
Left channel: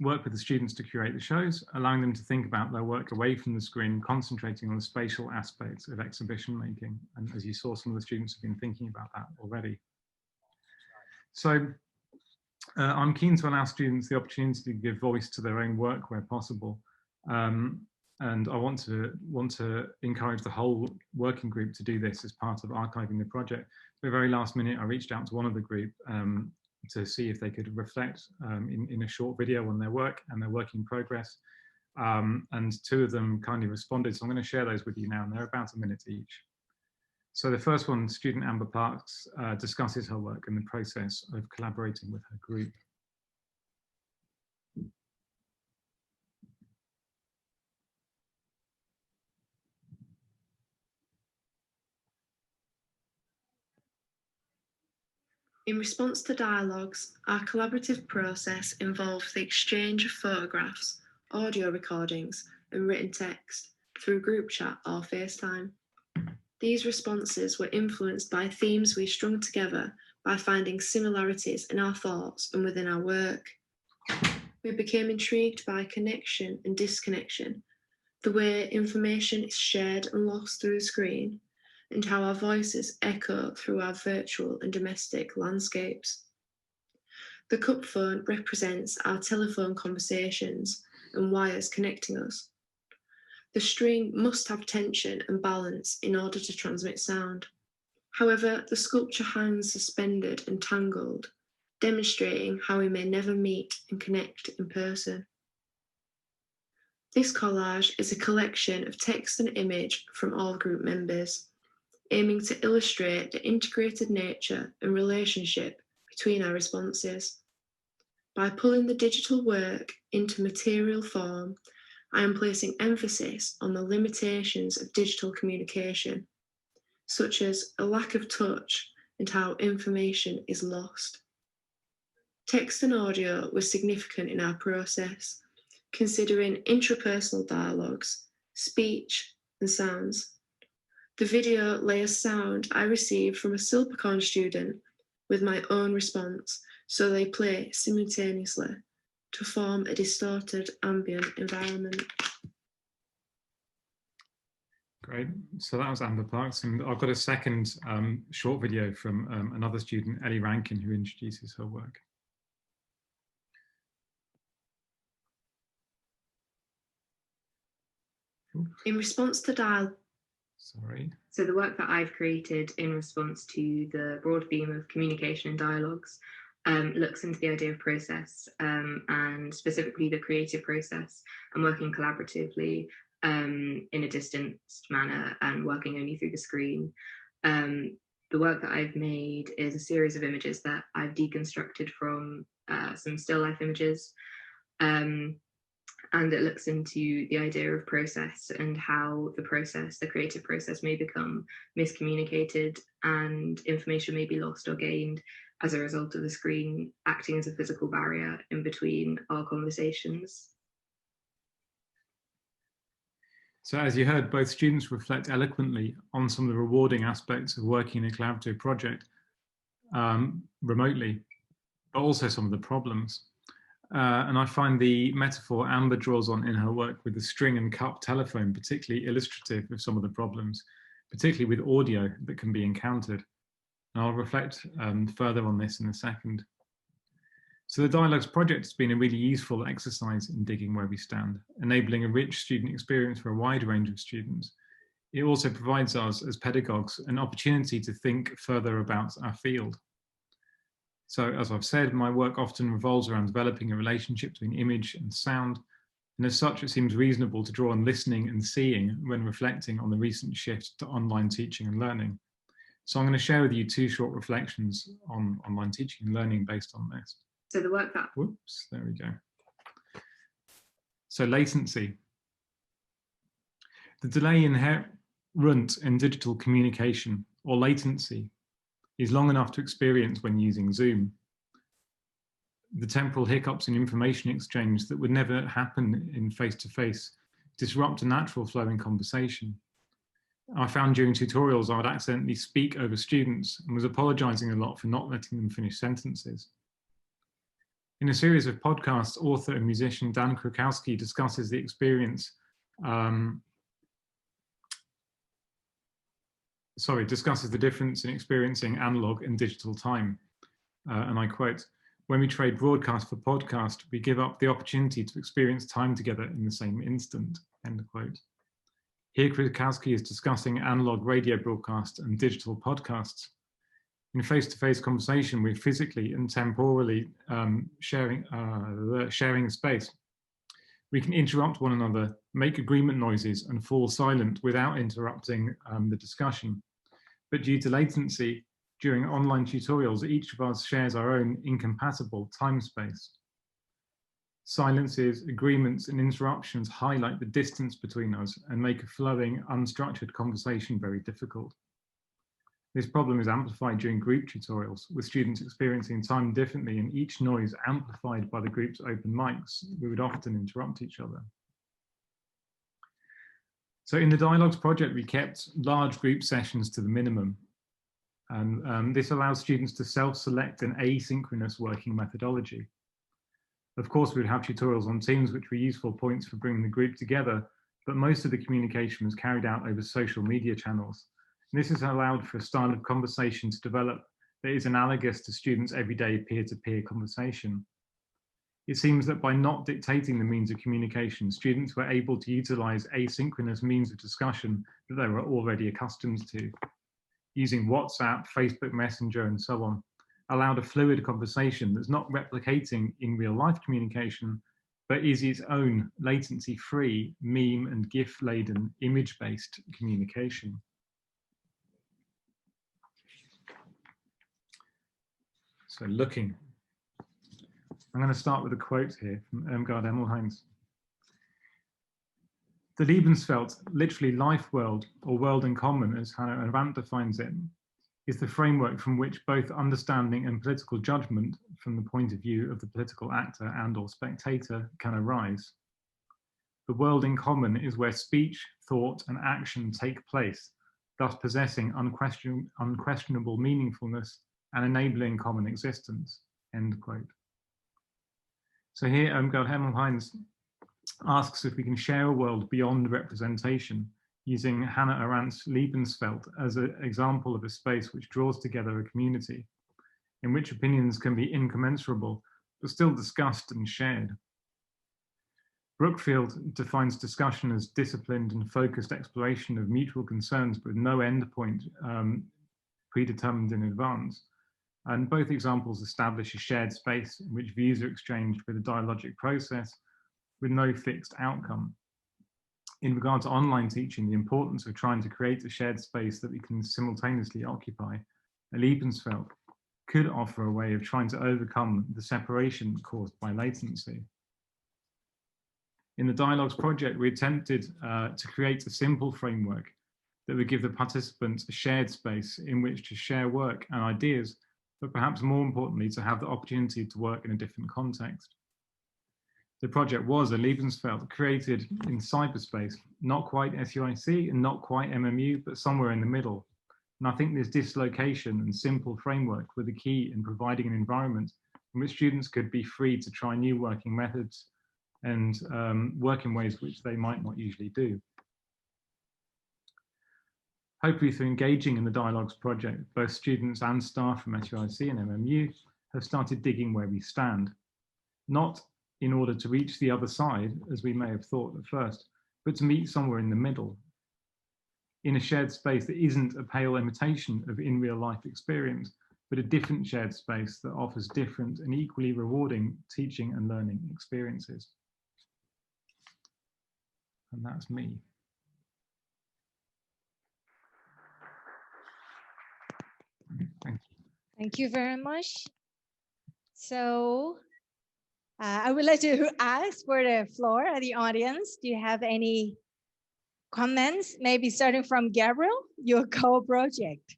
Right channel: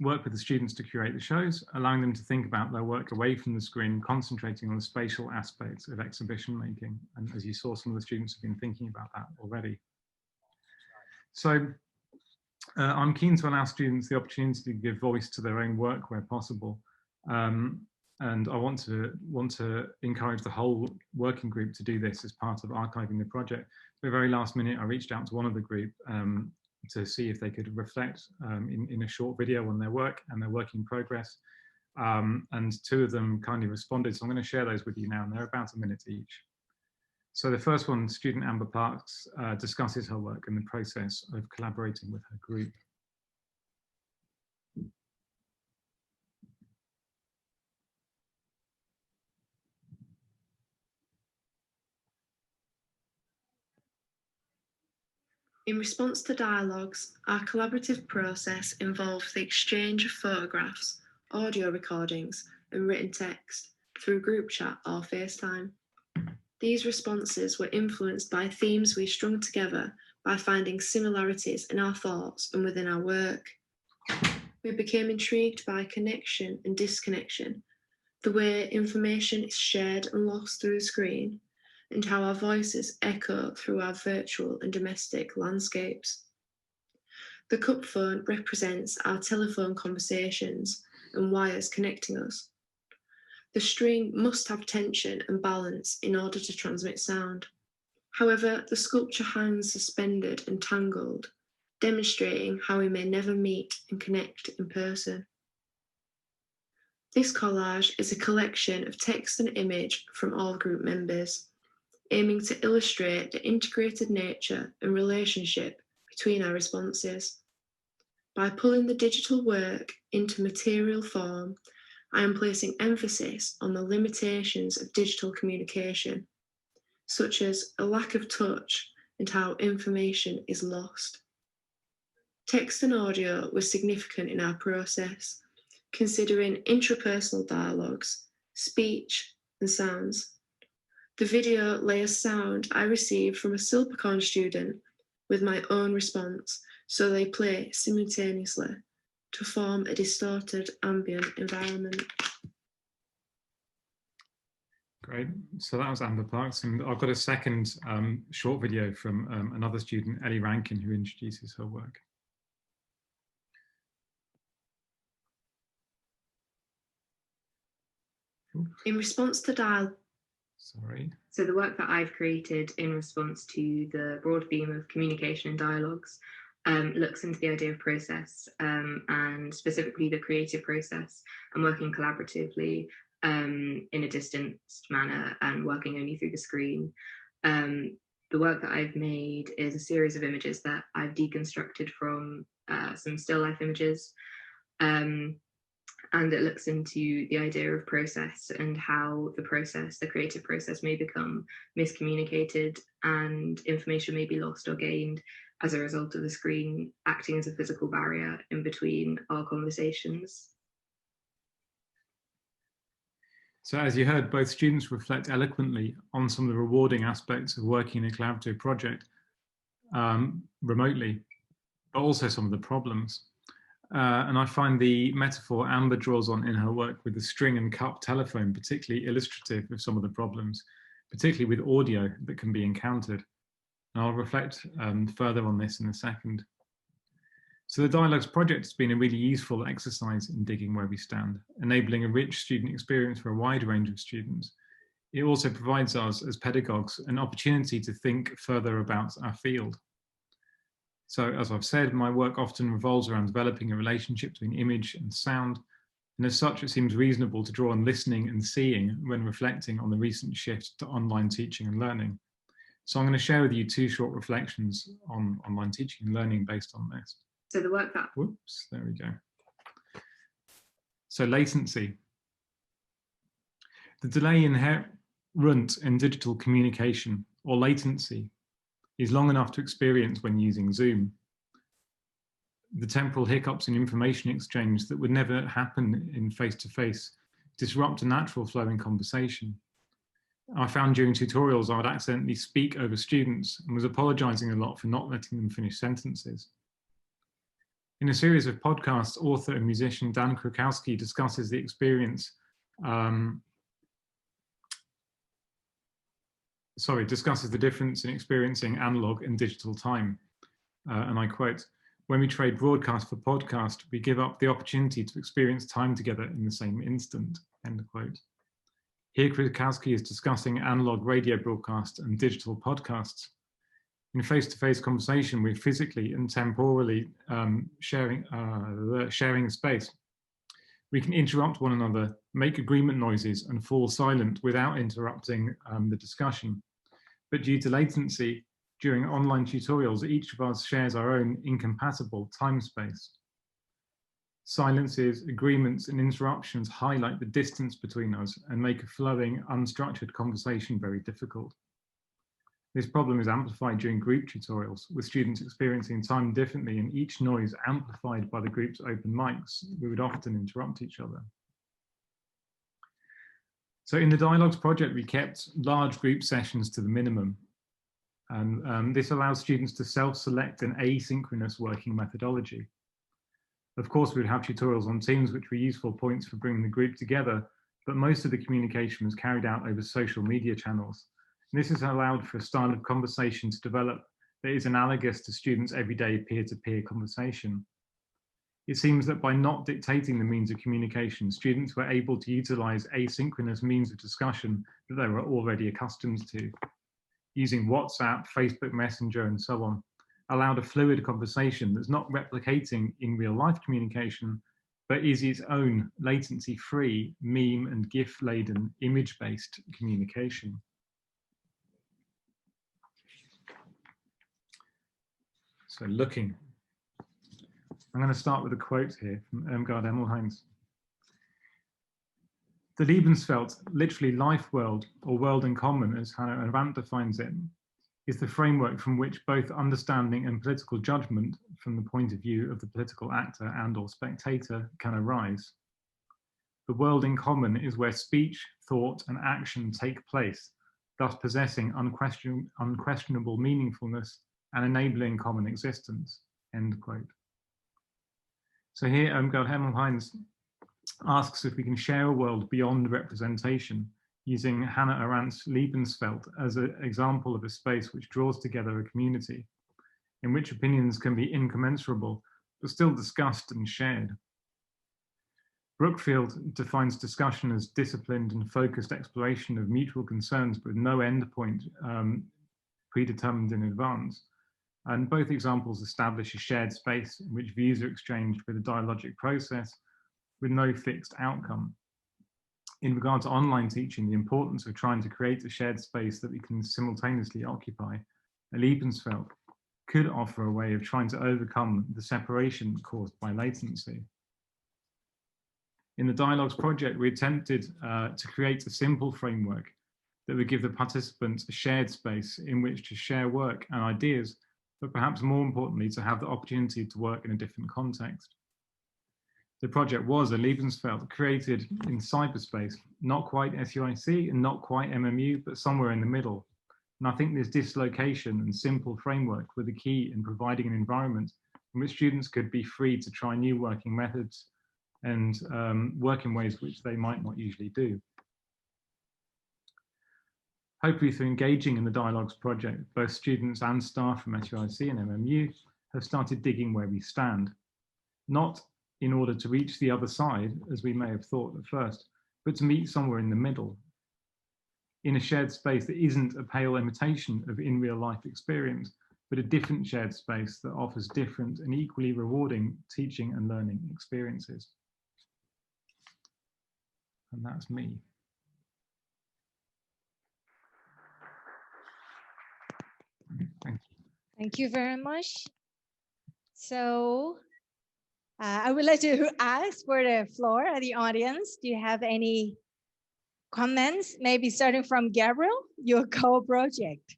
work with the students to curate the shows, allowing them to think about their work away from the screen, concentrating on the spatial aspects of exhibition making. And as you saw, some of the students have been thinking about that already. So I'm keen to allow students the opportunity to give voice to their own work where possible. And I want to encourage the whole working group to do this as part of archiving the project. At the very last minute, I reached out to one of the group to see if they could reflect in a short video on their work and their work in progress. And 2 of them kindly responded. So I'm going to share those with you now, and they're about a minute each. So the first one, student Amber Parks, discusses her work and the process of collaborating with her group. In response to dialogues, our collaborative process involves the exchange of photographs, audio recordings, and written text through group chat or FaceTime. These responses were influenced by themes we strung together by finding similarities in our thoughts and within our work. We became intrigued by connection and disconnection, the way information is shared and lost through the screen, and how our voices echo through our virtual and domestic landscapes. The cup phone represents our telephone conversations and wires connecting us. The string must have tension and balance in order to transmit sound. However, the sculpture hangs suspended and tangled, demonstrating how we may never meet and connect in person. This collage is a collection of text and image from all group members, aiming to illustrate the integrated nature and relationship between our responses. By pulling the digital work into material form, I am placing emphasis on the limitations of digital communication, such as a lack of touch and how information is lost. Text and audio were significant in our process, considering intrapersonal dialogues, speech, and sounds. The video layers sound I received from a Silpercorn student with my own response, so they play simultaneously to form a distorted ambient environment. Great. So that was Amber Parks, and I've got a second short video from another student, Ellie Rankin, who introduces her work. In response to Sorry. So the work that I've created in response to the broad theme of communication and dialogues looks into the idea of process and specifically the creative process and working collaboratively in a distanced manner and working only through the screen. The work that I've made is a series of images that I've deconstructed from some still life images. And it looks into the idea of process and how the process, the creative process, may become miscommunicated and information may be lost or gained as a result of the screen acting as a physical barrier in between our conversations. So as you heard, both students reflect eloquently on some of the rewarding aspects of working in a collaborative project remotely, but also some of the problems. And I find the metaphor Amber draws on in her work with the string and cup telephone particularly illustrative of some of the problems, particularly with audio that can be encountered. And I'll reflect further on this in a second. So the Dialogues project has been a really useful exercise in digging where we stand, enabling a rich student experience for a wide range of students. It also provides us as pedagogues an opportunity to think further about our field. So as I've said, my work often revolves around developing a relationship between image and sound. And as such, it seems reasonable to draw on listening and seeing when reflecting on the recent shift to online teaching and learning. So I'm going to share with you two short reflections on online teaching and learning based on this. So the work that... Whoops, there we go. So latency. The delay inherent in digital communication, or latency, is long enough to experience when using Zoom. The temporal hiccups in information exchange that would never happen in face-to-face disrupt a natural flow in conversation. I found during tutorials I would accidentally speak over students and was apologizing a lot for not letting them finish sentences. In a series of podcasts, author and musician Dan Krakowski discusses the experience discusses the difference in experiencing analog and digital time. And I quote, "When we trade broadcast for podcast, we give up the opportunity to experience time together in the same instant," end quote. Here, Krakowski is discussing analog radio broadcast and digital podcasts. In face-to-face conversation, we're physically and temporally sharing space. We can interrupt one another, make agreement noises, and fall silent without interrupting the discussion. But due to latency, during online tutorials, each of us shares our own incompatible time space. Silences, agreements, and interruptions highlight the distance between us and make a flowing, unstructured conversation very difficult. This problem is amplified during group tutorials, with students experiencing time differently and each noise amplified by the group's open mics. We would often interrupt each other. So in the Dialogues project, we kept large group sessions to the minimum. And this allows students to self-select an asynchronous working methodology. Of course, we would have tutorials on Teams, which were useful points for bringing the group together, but most of the communication was carried out over social media channels. And this has allowed for a style of conversation to develop that is analogous to students' everyday peer-to-peer conversation. It seems that by not dictating the means of communication, students were able to utilize asynchronous means of discussion that they were already accustomed to. Using WhatsApp, Facebook Messenger, and so on, allowed a fluid conversation that's not replicating in real life communication, but is its own latency-free, meme and GIF-laden, image-based communication. So looking. I'm going to start with a quote here from Irmgard Emmelheinz. The Lebenswelt, literally life world, or world in common, as Hannah Arendt defines it, is the framework from which both understanding and political judgment, from the point of view of the political actor and or spectator, can arise. The world in common is where speech, thought, and action take place, thus possessing unquestionable meaningfulness and enabling common existence, end quote. So here, Irmgard Emmelheinz asks if we can share a world beyond representation, using Hannah Arendt's Lebenswelt as an example of a space which draws together a community, in which opinions can be incommensurable, but still discussed and shared. Brookfield defines discussion as disciplined and focused exploration of mutual concerns with no endpoint predetermined in advance. And both examples establish a shared space in which views are exchanged with a dialogic process with no fixed outcome. In regard to online teaching, the importance of trying to create a shared space that we can simultaneously occupy, Lebensfeld could offer a way of trying to overcome the separation caused by latency. In the Dialogues project, we attempted to create a simple framework that would give the participants a shared space in which to share work and ideas, but perhaps more importantly, to have the opportunity to work in a different context. The project was a Lebensfeld created in cyberspace, not quite SUIC and not quite MMU, but somewhere in the middle. And I think this dislocation and simple framework were the key in providing an environment in which students could be free to try new working methods and work in ways which they might not usually do. Hopefully through engaging in the Dialogues project, both students and staff from SUIC and MMU have started digging where we stand, not in order to reach the other side, as we may have thought at first, but to meet somewhere in the middle, in a shared space that isn't a pale imitation of in real life experience, but a different shared space that offers different and equally rewarding teaching and learning experiences. And that's me. Thank you. Thank you very much. So I would like to ask for the floor at the audience. Do you have any comments? Maybe starting from Gabriel, your co-project.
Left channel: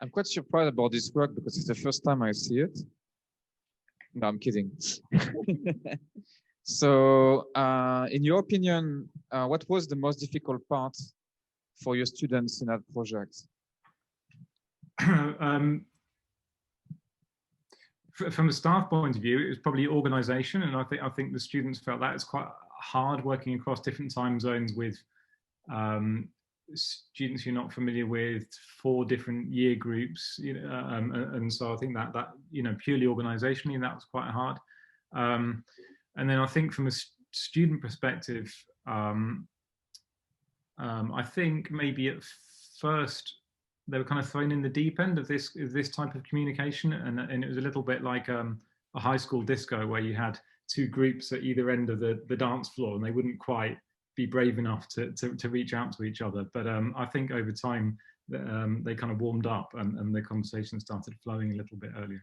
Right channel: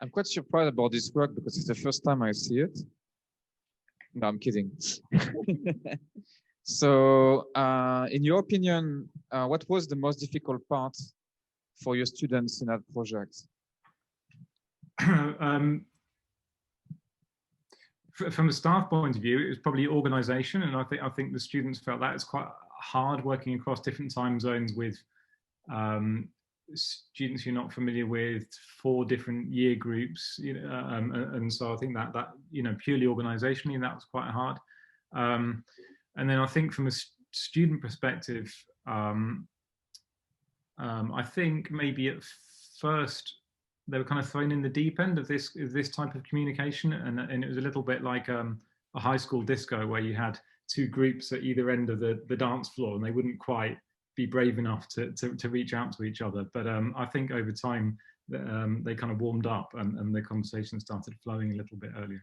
I'm quite surprised about this work because it's the first time I see it. No, I'm kidding. So, in your opinion, what was the most difficult part for your students in that project? From a staff point of view, it was probably organization, and I think the students felt that it's quite hard working across different time zones with students you're not familiar with, 4 different year groups, you know, and so I think that you know, purely organizationally, that was quite hard. And then I think from a student perspective, I think maybe at first they were kind of thrown in the deep end of this type of communication, and it was a little bit like a high school disco where you had 2 groups at either end of the dance floor, and they wouldn't quite be brave enough to reach out to each other. But I think over time they kind of warmed up, and the conversation started flowing a little bit earlier.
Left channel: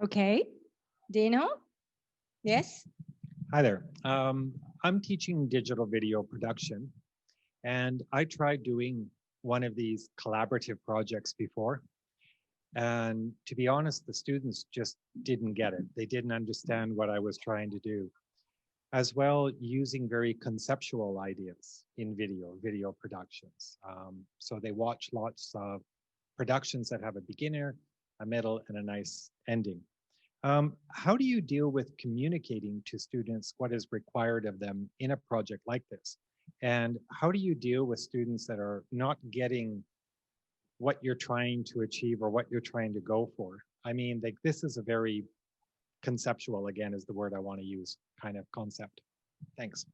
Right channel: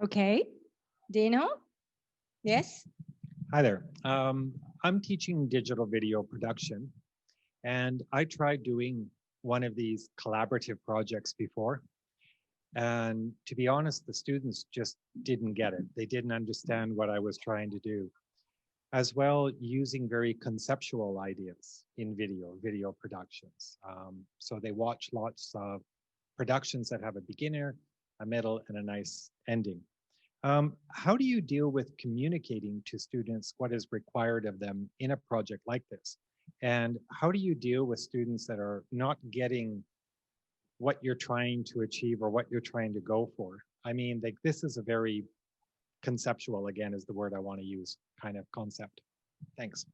Okay, Dino? Yes? Hi there. I'm teaching digital video production, and I tried doing one of these collaborative projects before. And to be honest, the students just didn't get it. They didn't understand what I was trying to do. As well, using very conceptual ideas in video productions. So they watch lots of productions that have a beginner, a middle, and a nice ending. How do you deal with communicating to students what is required of them in a project like this? And how do you deal with students that are not getting what you're trying to achieve or what you're trying to go for? I mean, like, this is a very conceptual, again, is the word I want to use, kind of concept. Thanks.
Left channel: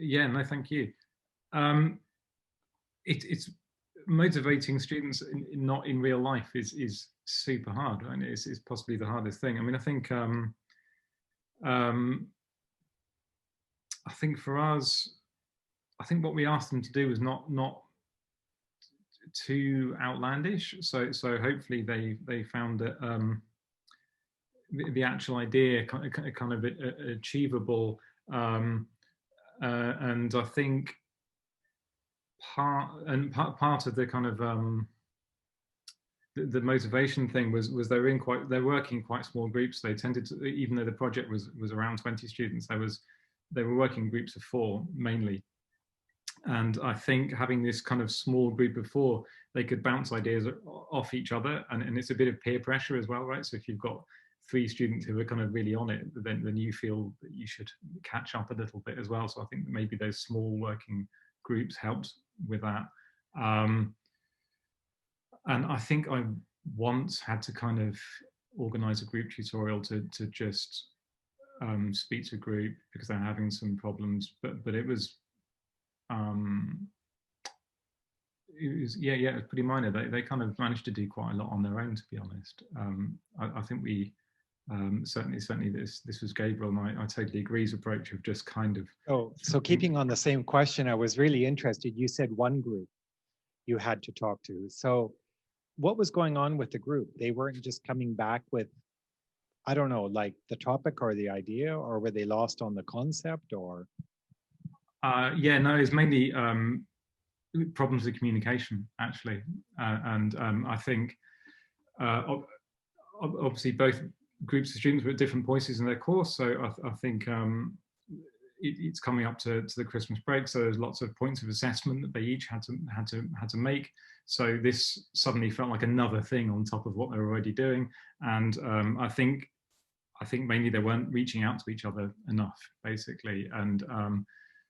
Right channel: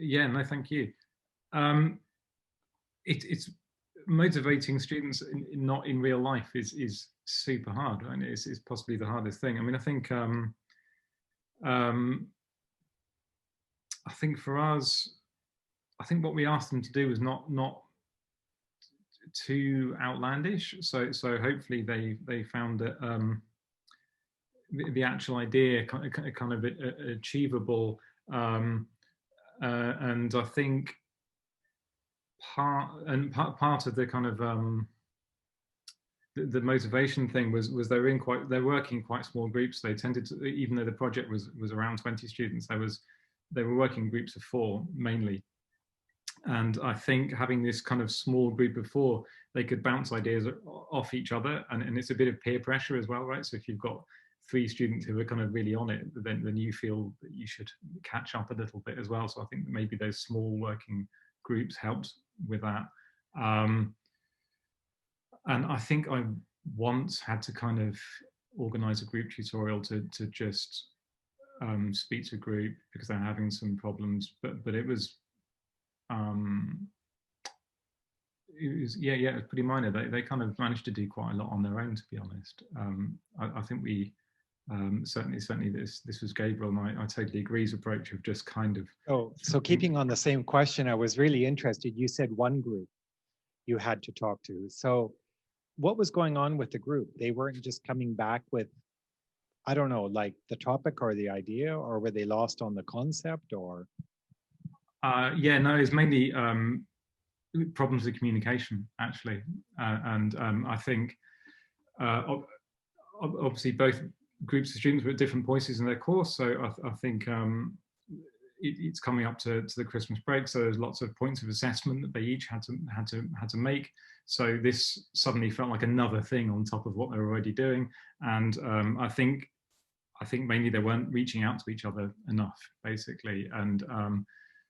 Yeah, no, thank you. It's motivating students not in real life is super hard, and it's possibly the hardest thing. I mean, I think for us, I think what we asked them to do was not too outlandish. So hopefully they found that the actual idea kind of achievable, and I think part of the kind of the motivation thing was they're working in quite small groups. They tended to, even though the project was around 20 students, they were working in groups of 4 mainly. And I think having this kind of small group of 4, they could bounce ideas off each other, and it's a bit of peer pressure as well, right? So if you've got 3 students who are kind of really on it, then you feel that you should catch up a little bit as well. So I think maybe those small working groups helped with that. And I think I once had to kind of organize a group tutorial to just speak to a group because they're having some problems, but it was yeah, it was pretty minor. They kind of managed to do quite a lot on their own, to be honest. I think we certainly this was Gabriel, and I totally agree his approach of just kind of. So keeping on the same question, I was really interested. You said one group you had to talk to. So what was going on with the group? They weren't just coming back with, I don't know, like the topic or the idea, or were they lost on the concept, or? Yeah, no, it's mainly problems with communication, actually. And I think obviously both groups of students were at different places in their course. So I think it's coming up to the Christmas break. So there's lots of points of assessment that they each had to make. So this suddenly felt like another thing on top of what they were already doing. And I think mainly they weren't reaching out to each other enough, basically. And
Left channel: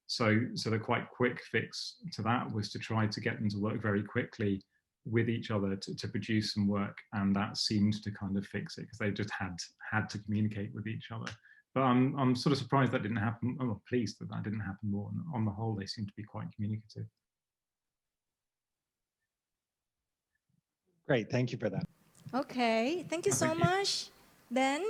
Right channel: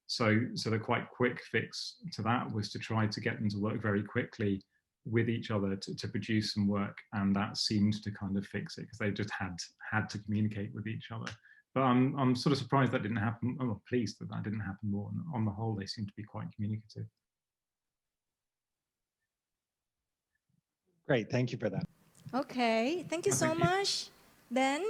so the quite quick fix to that was to try to get them to work very quickly with each other to produce some work, and that seemed to kind of fix it because they just had to communicate with each other. But I'm sort of surprised that didn't happen. I'm pleased that didn't happen more. On the whole, they seem to be quite communicative. Great, thank you for that. Okay, thank you so much. Then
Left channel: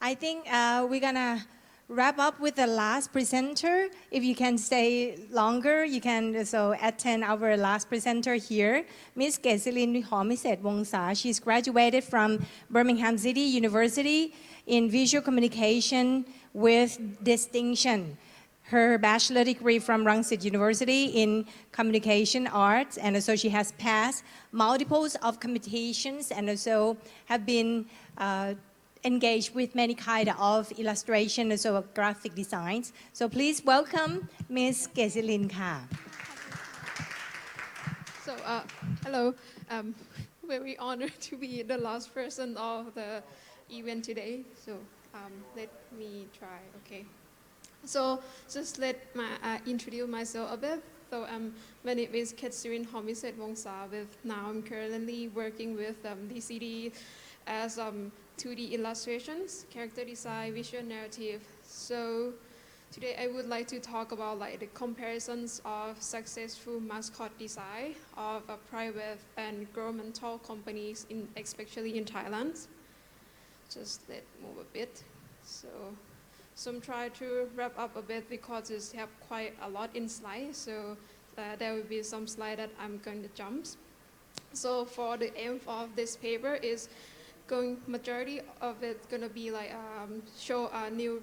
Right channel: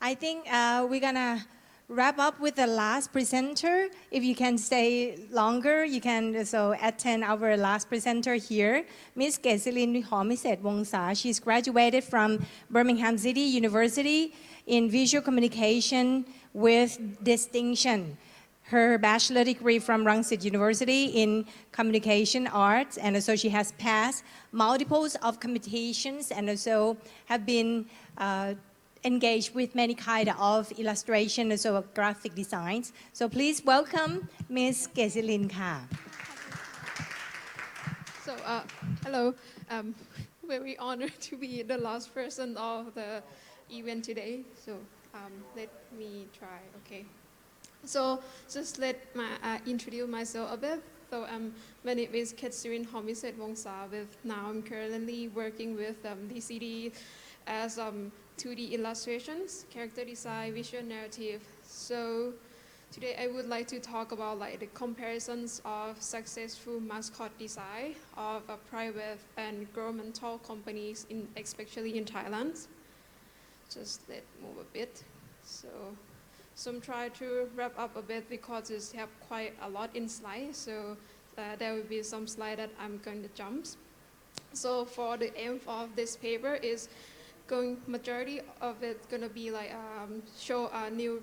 I think we're gonna wrap up with the last presenter. If you can stay longer, you can also attend our last presenter here, Miss Kesilin Homiset Wongsa. She's graduated from Birmingham City University in Visual Communication with distinction. Her bachelor degree from Rangsit University in Communication Arts, and also she has passed multiples of competitions and also have been engaged with many kind of illustration and so graphic designs. So please welcome Miss Kesilin Ka. So hello, very honored to be the last person of the event today. So let me try, okay. So just let me introduce myself a bit. So my name is Kesilin Homiset Wongsa. Now I'm currently working with DCD as 2D illustrations, character design, visual narrative. So today I would like to talk about like the comparisons of successful mascot design of private and governmental companies, especially in Thailand. Just let move a bit. So I'm trying to wrap up a bit because it's have quite a lot in slides. So there will be some slide that I'm going to jump. So for the aim of this paper is majority of it gonna be like show a new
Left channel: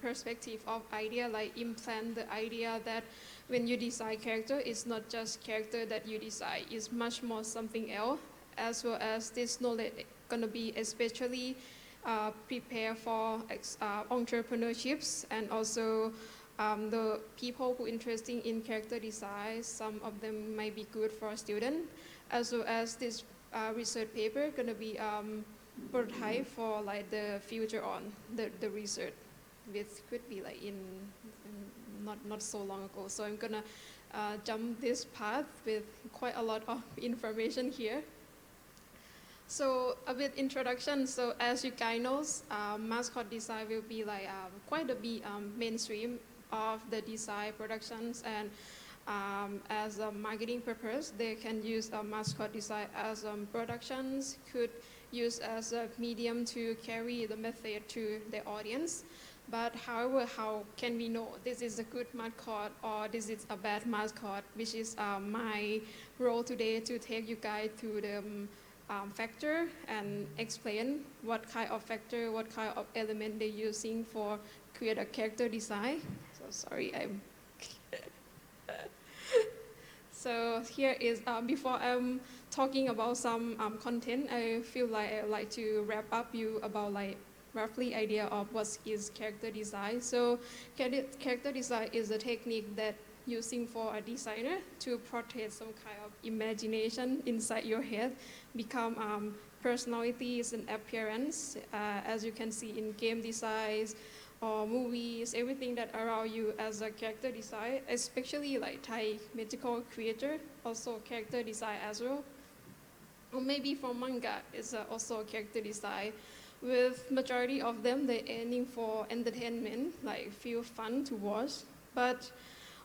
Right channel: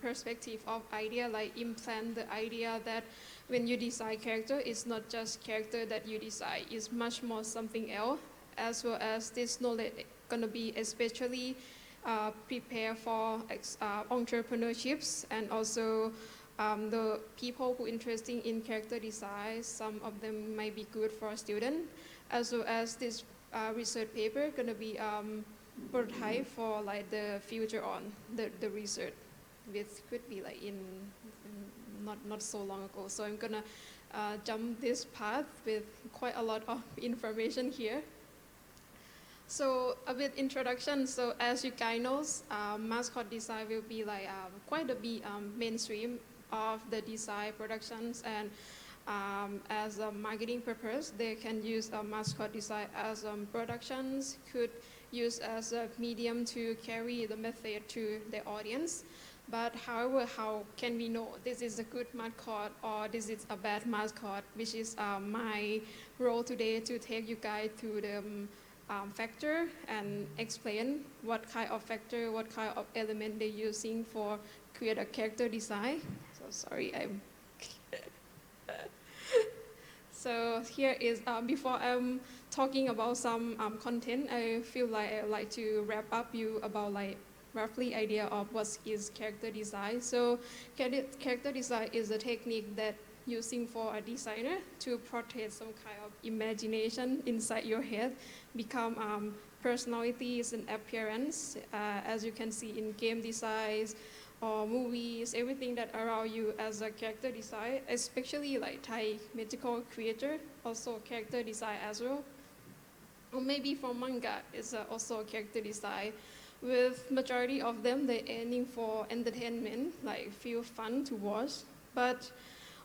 perspective of idea, like implant the idea that when you design character, it's not just character that you design, it's much more something else, as well as this knowledge gonna be especially prepare for entrepreneurships and also the people who are interested in character design. Some of them might be good for a student, as well as this research paper gonna be prototype for like the future on the research, which could be like in not so long ago. So I'm gonna jump this path with quite a lot of information here. So a bit introduction. So as you guys know, mascot design will be like quite a big mainstream of the design productions, and as a marketing purpose, they can use a mascot design as productions, could use as a medium to carry the message to the audience. But however, how can we know this is a good mascot or this is a bad mascot, which is my role today to take you guys to the factor and explain what kind of factor, what kind of element they're using for create a character design. So sorry, I'm So here is, before I'm talking about some content, I feel like I'd like to wrap up you about like roughly idea of what is character design. So character design is a technique that using for a designer to portray some kind of imagination inside your head, become personalities and appearance, as you can see in game designs or movies, everything that around you as a character design, especially like Thai mythical creature, also character design as well. or maybe for manga, it's also character design. With majority of them, they're aiming for entertainment, like feel fun to watch. But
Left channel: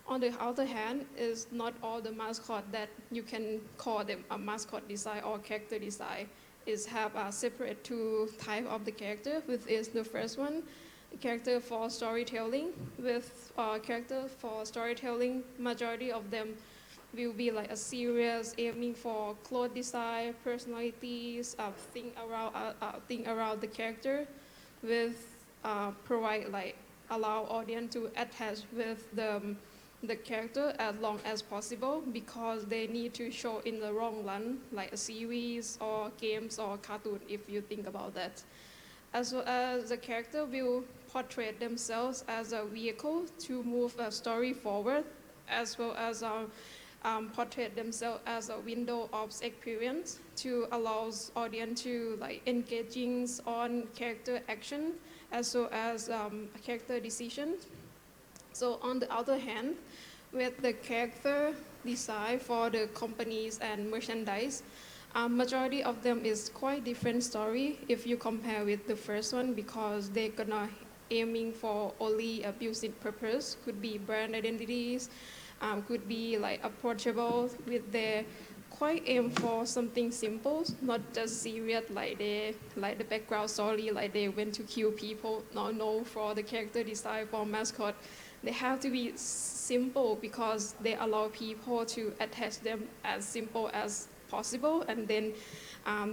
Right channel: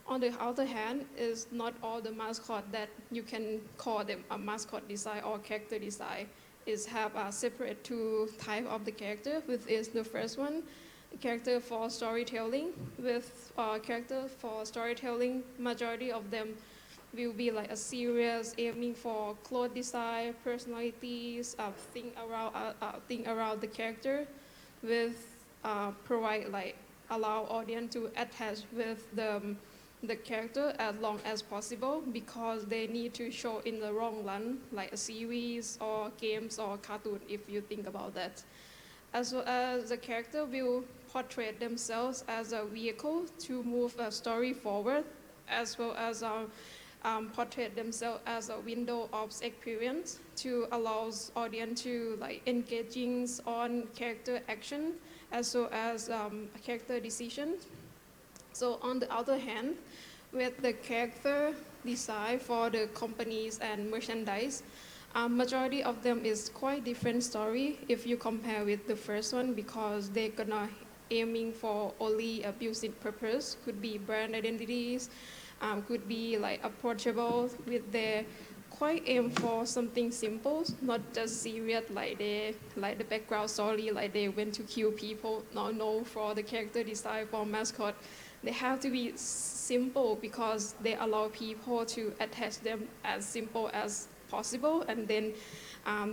on the other hand, is not all the mascot that you can call them a mascot design or character design. Is have a separate two type of the character, which is the first one, character for storytelling. With character for storytelling, majority of them will be like a series aiming for clothes design, personalities, think around the character, with provide like allow audience to attach with the character as long as possible, because they need to show in the long run, like a series or games or cartoon, if you think about that. As well as the character will portray themselves as a vehicle to move a story forward, as well as portray themselves as a window of experience to allow audience to like engaging on character action as well as character decisions. So on the other hand, with the character design for the companies and merchandise, majority of them is quite different story if you compare with the first one, because they're gonna aiming for only a business purpose, could be brand identities, could be like approachable with their quite aim for something simple, not just serious like the background story, like they went to kill people. No, for the character design for mascot, they have to be simple because they allow people to attach them as simple as possible, and then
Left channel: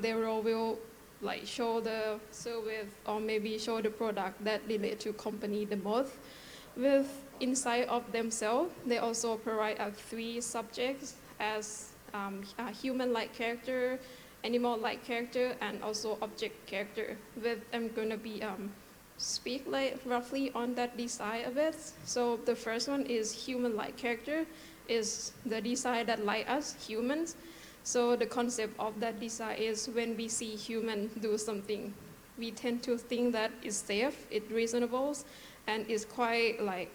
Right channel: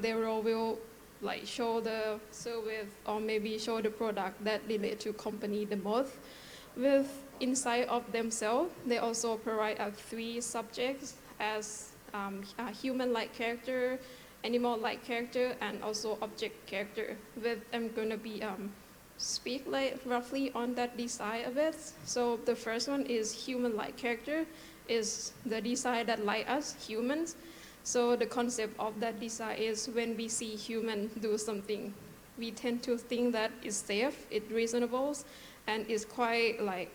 they will like show the service or maybe show the product that relate to company the most. With inside of themselves, they also provide 3 subjects as a human-like character, animal-like character, and also object character. With I'm gonna be speak like roughly on that design a bit. So the first one is human-like character, is the design that like us humans. So the concept of that design is when we see human do something, we tend to think that it's safe, it's reasonable, and it's quite like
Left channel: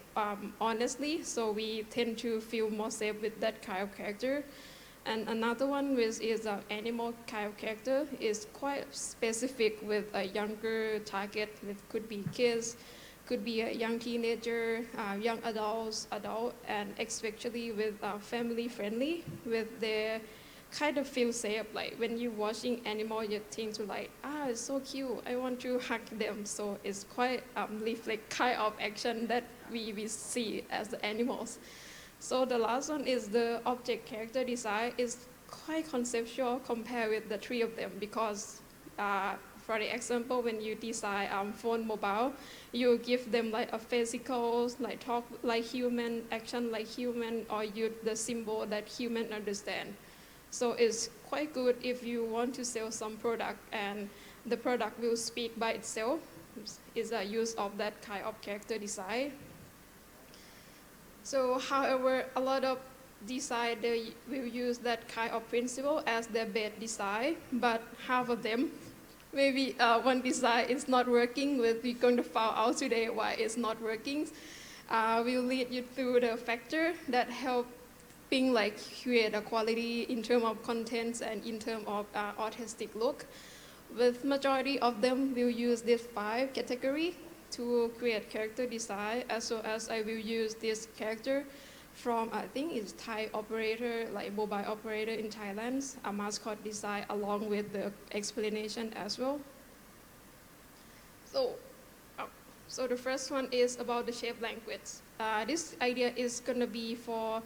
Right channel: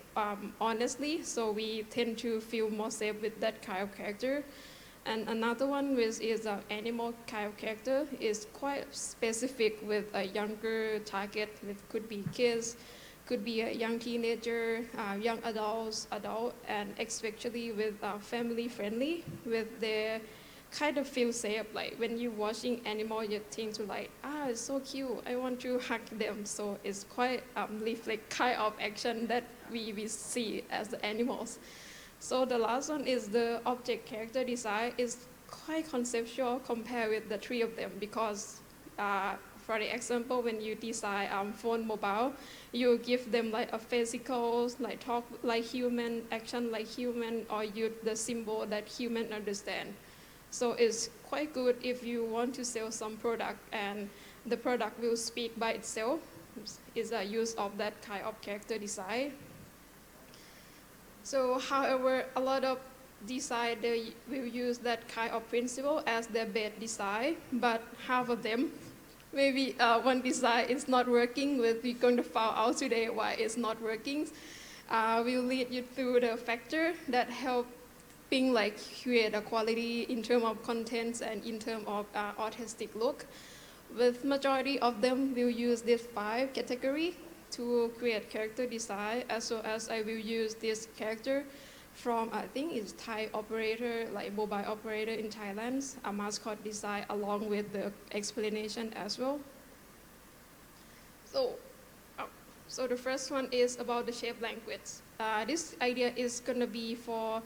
honestly. So we tend to feel more safe with that kind of character. And another one which is an animal kind of character is quite specific with a younger target, which could be kids, could be a young teenager, young adult, and especially with family friendly, with their kind of feel safe. Like when you're watching animal, you think to like, it's so cute, I want to hug them. So it's quite reflect kind of action that we see as the animals. So the last one is the object character design is quite conceptual compared with the 3 of them, because for the example, when you design phone mobile, you give them like a physical, like talk like human, action like human, or use the symbol that human understand. So it's quite good if you want to sell some product and the product will speak by itself, is a use of that kind of character design. So however, a lot of design, they will use that kind of principle as their best design, but half of them, maybe one design is not working, we're going to find out today why it's not working. We'll lead you through the factor that helping like create a quality in terms of contents and in terms of artistic look. With majority of them, we'll use these 5 categories to create character design, as well as I will use this character from, I think it's Thai operator, like mobile operator in Thailand, a mascot design along with the explanation as well. So the first one is about the shape language. This idea is gonna be for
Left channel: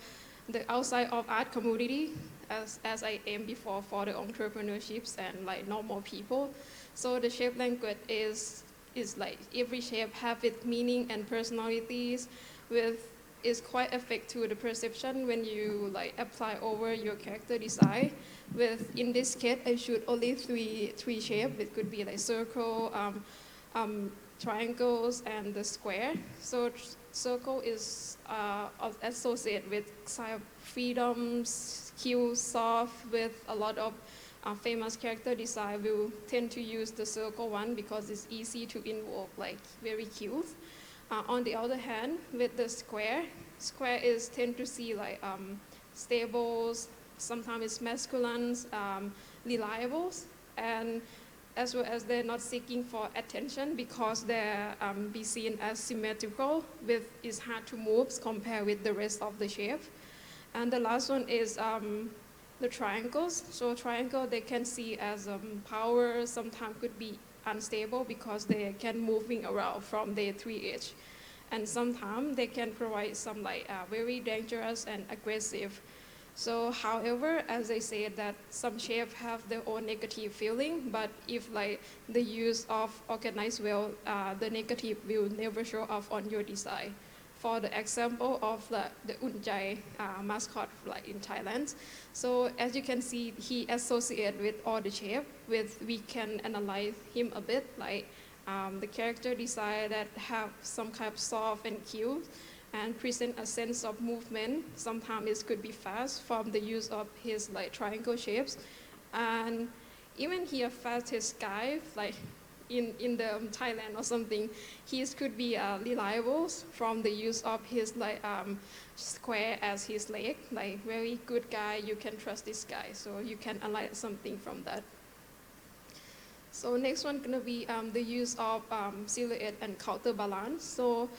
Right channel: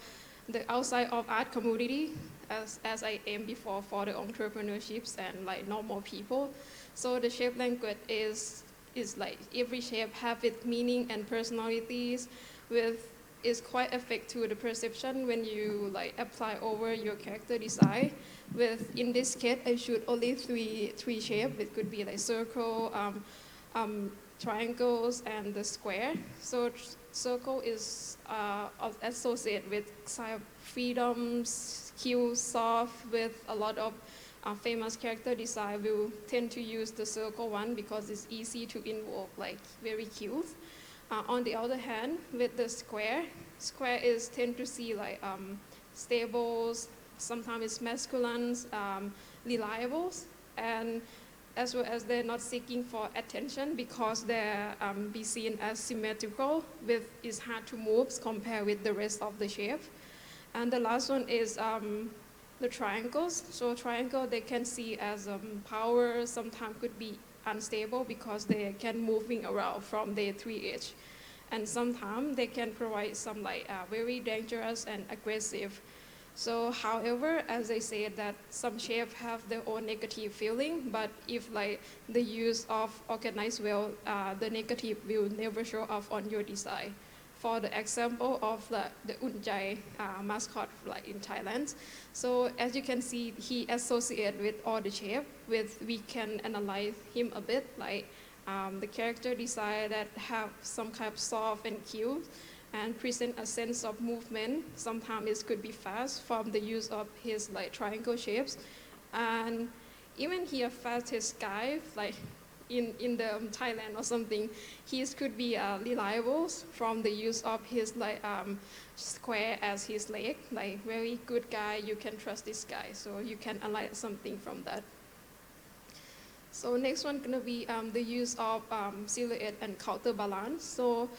the outside of art community, as I aimed before for the entrepreneurships and like normal people. So the shape language is like every shape have its meaning and personalities, with is quite affect to the perception when you like apply over your character design. With in this case, I shoot only three shapes. It could be like circle, triangles, and the square. So circle is associated with sign of freedom, skill, soft, with a lot of famous character design will tend to use the circle one because it's easy to invoke, like very cute. On the other hand, with the square is tend to see like stable, sometimes it's masculine, reliables, and as well as they're not seeking for attention because they're be seen as symmetrical, with is hard to move compared with the rest of the shape. And the last one is the triangles. So triangle they can see as power, sometimes could be unstable because they can moving around from their 3 edge. And sometimes they can provide some very dangerous and aggressive. So however, as I said, that some shapes have their own negative feeling, but if the use of organized well, the negative will never show up on your design. For the example of the Untitled mascot in Thailand. So as you can see, he associated with all the shape, we can analyze him a bit, the character design that have some kind of soft and cute and present a sense of movement. Sometimes it could be fast from the use of his triangle shapes. And even here fastest guy, in the Thailand or something, his could be reliable from the use of his square as his leg, very good guy, you can trust this guy. So you can analyze something from that. So next one gonna be the use of silhouette and counterbalance. So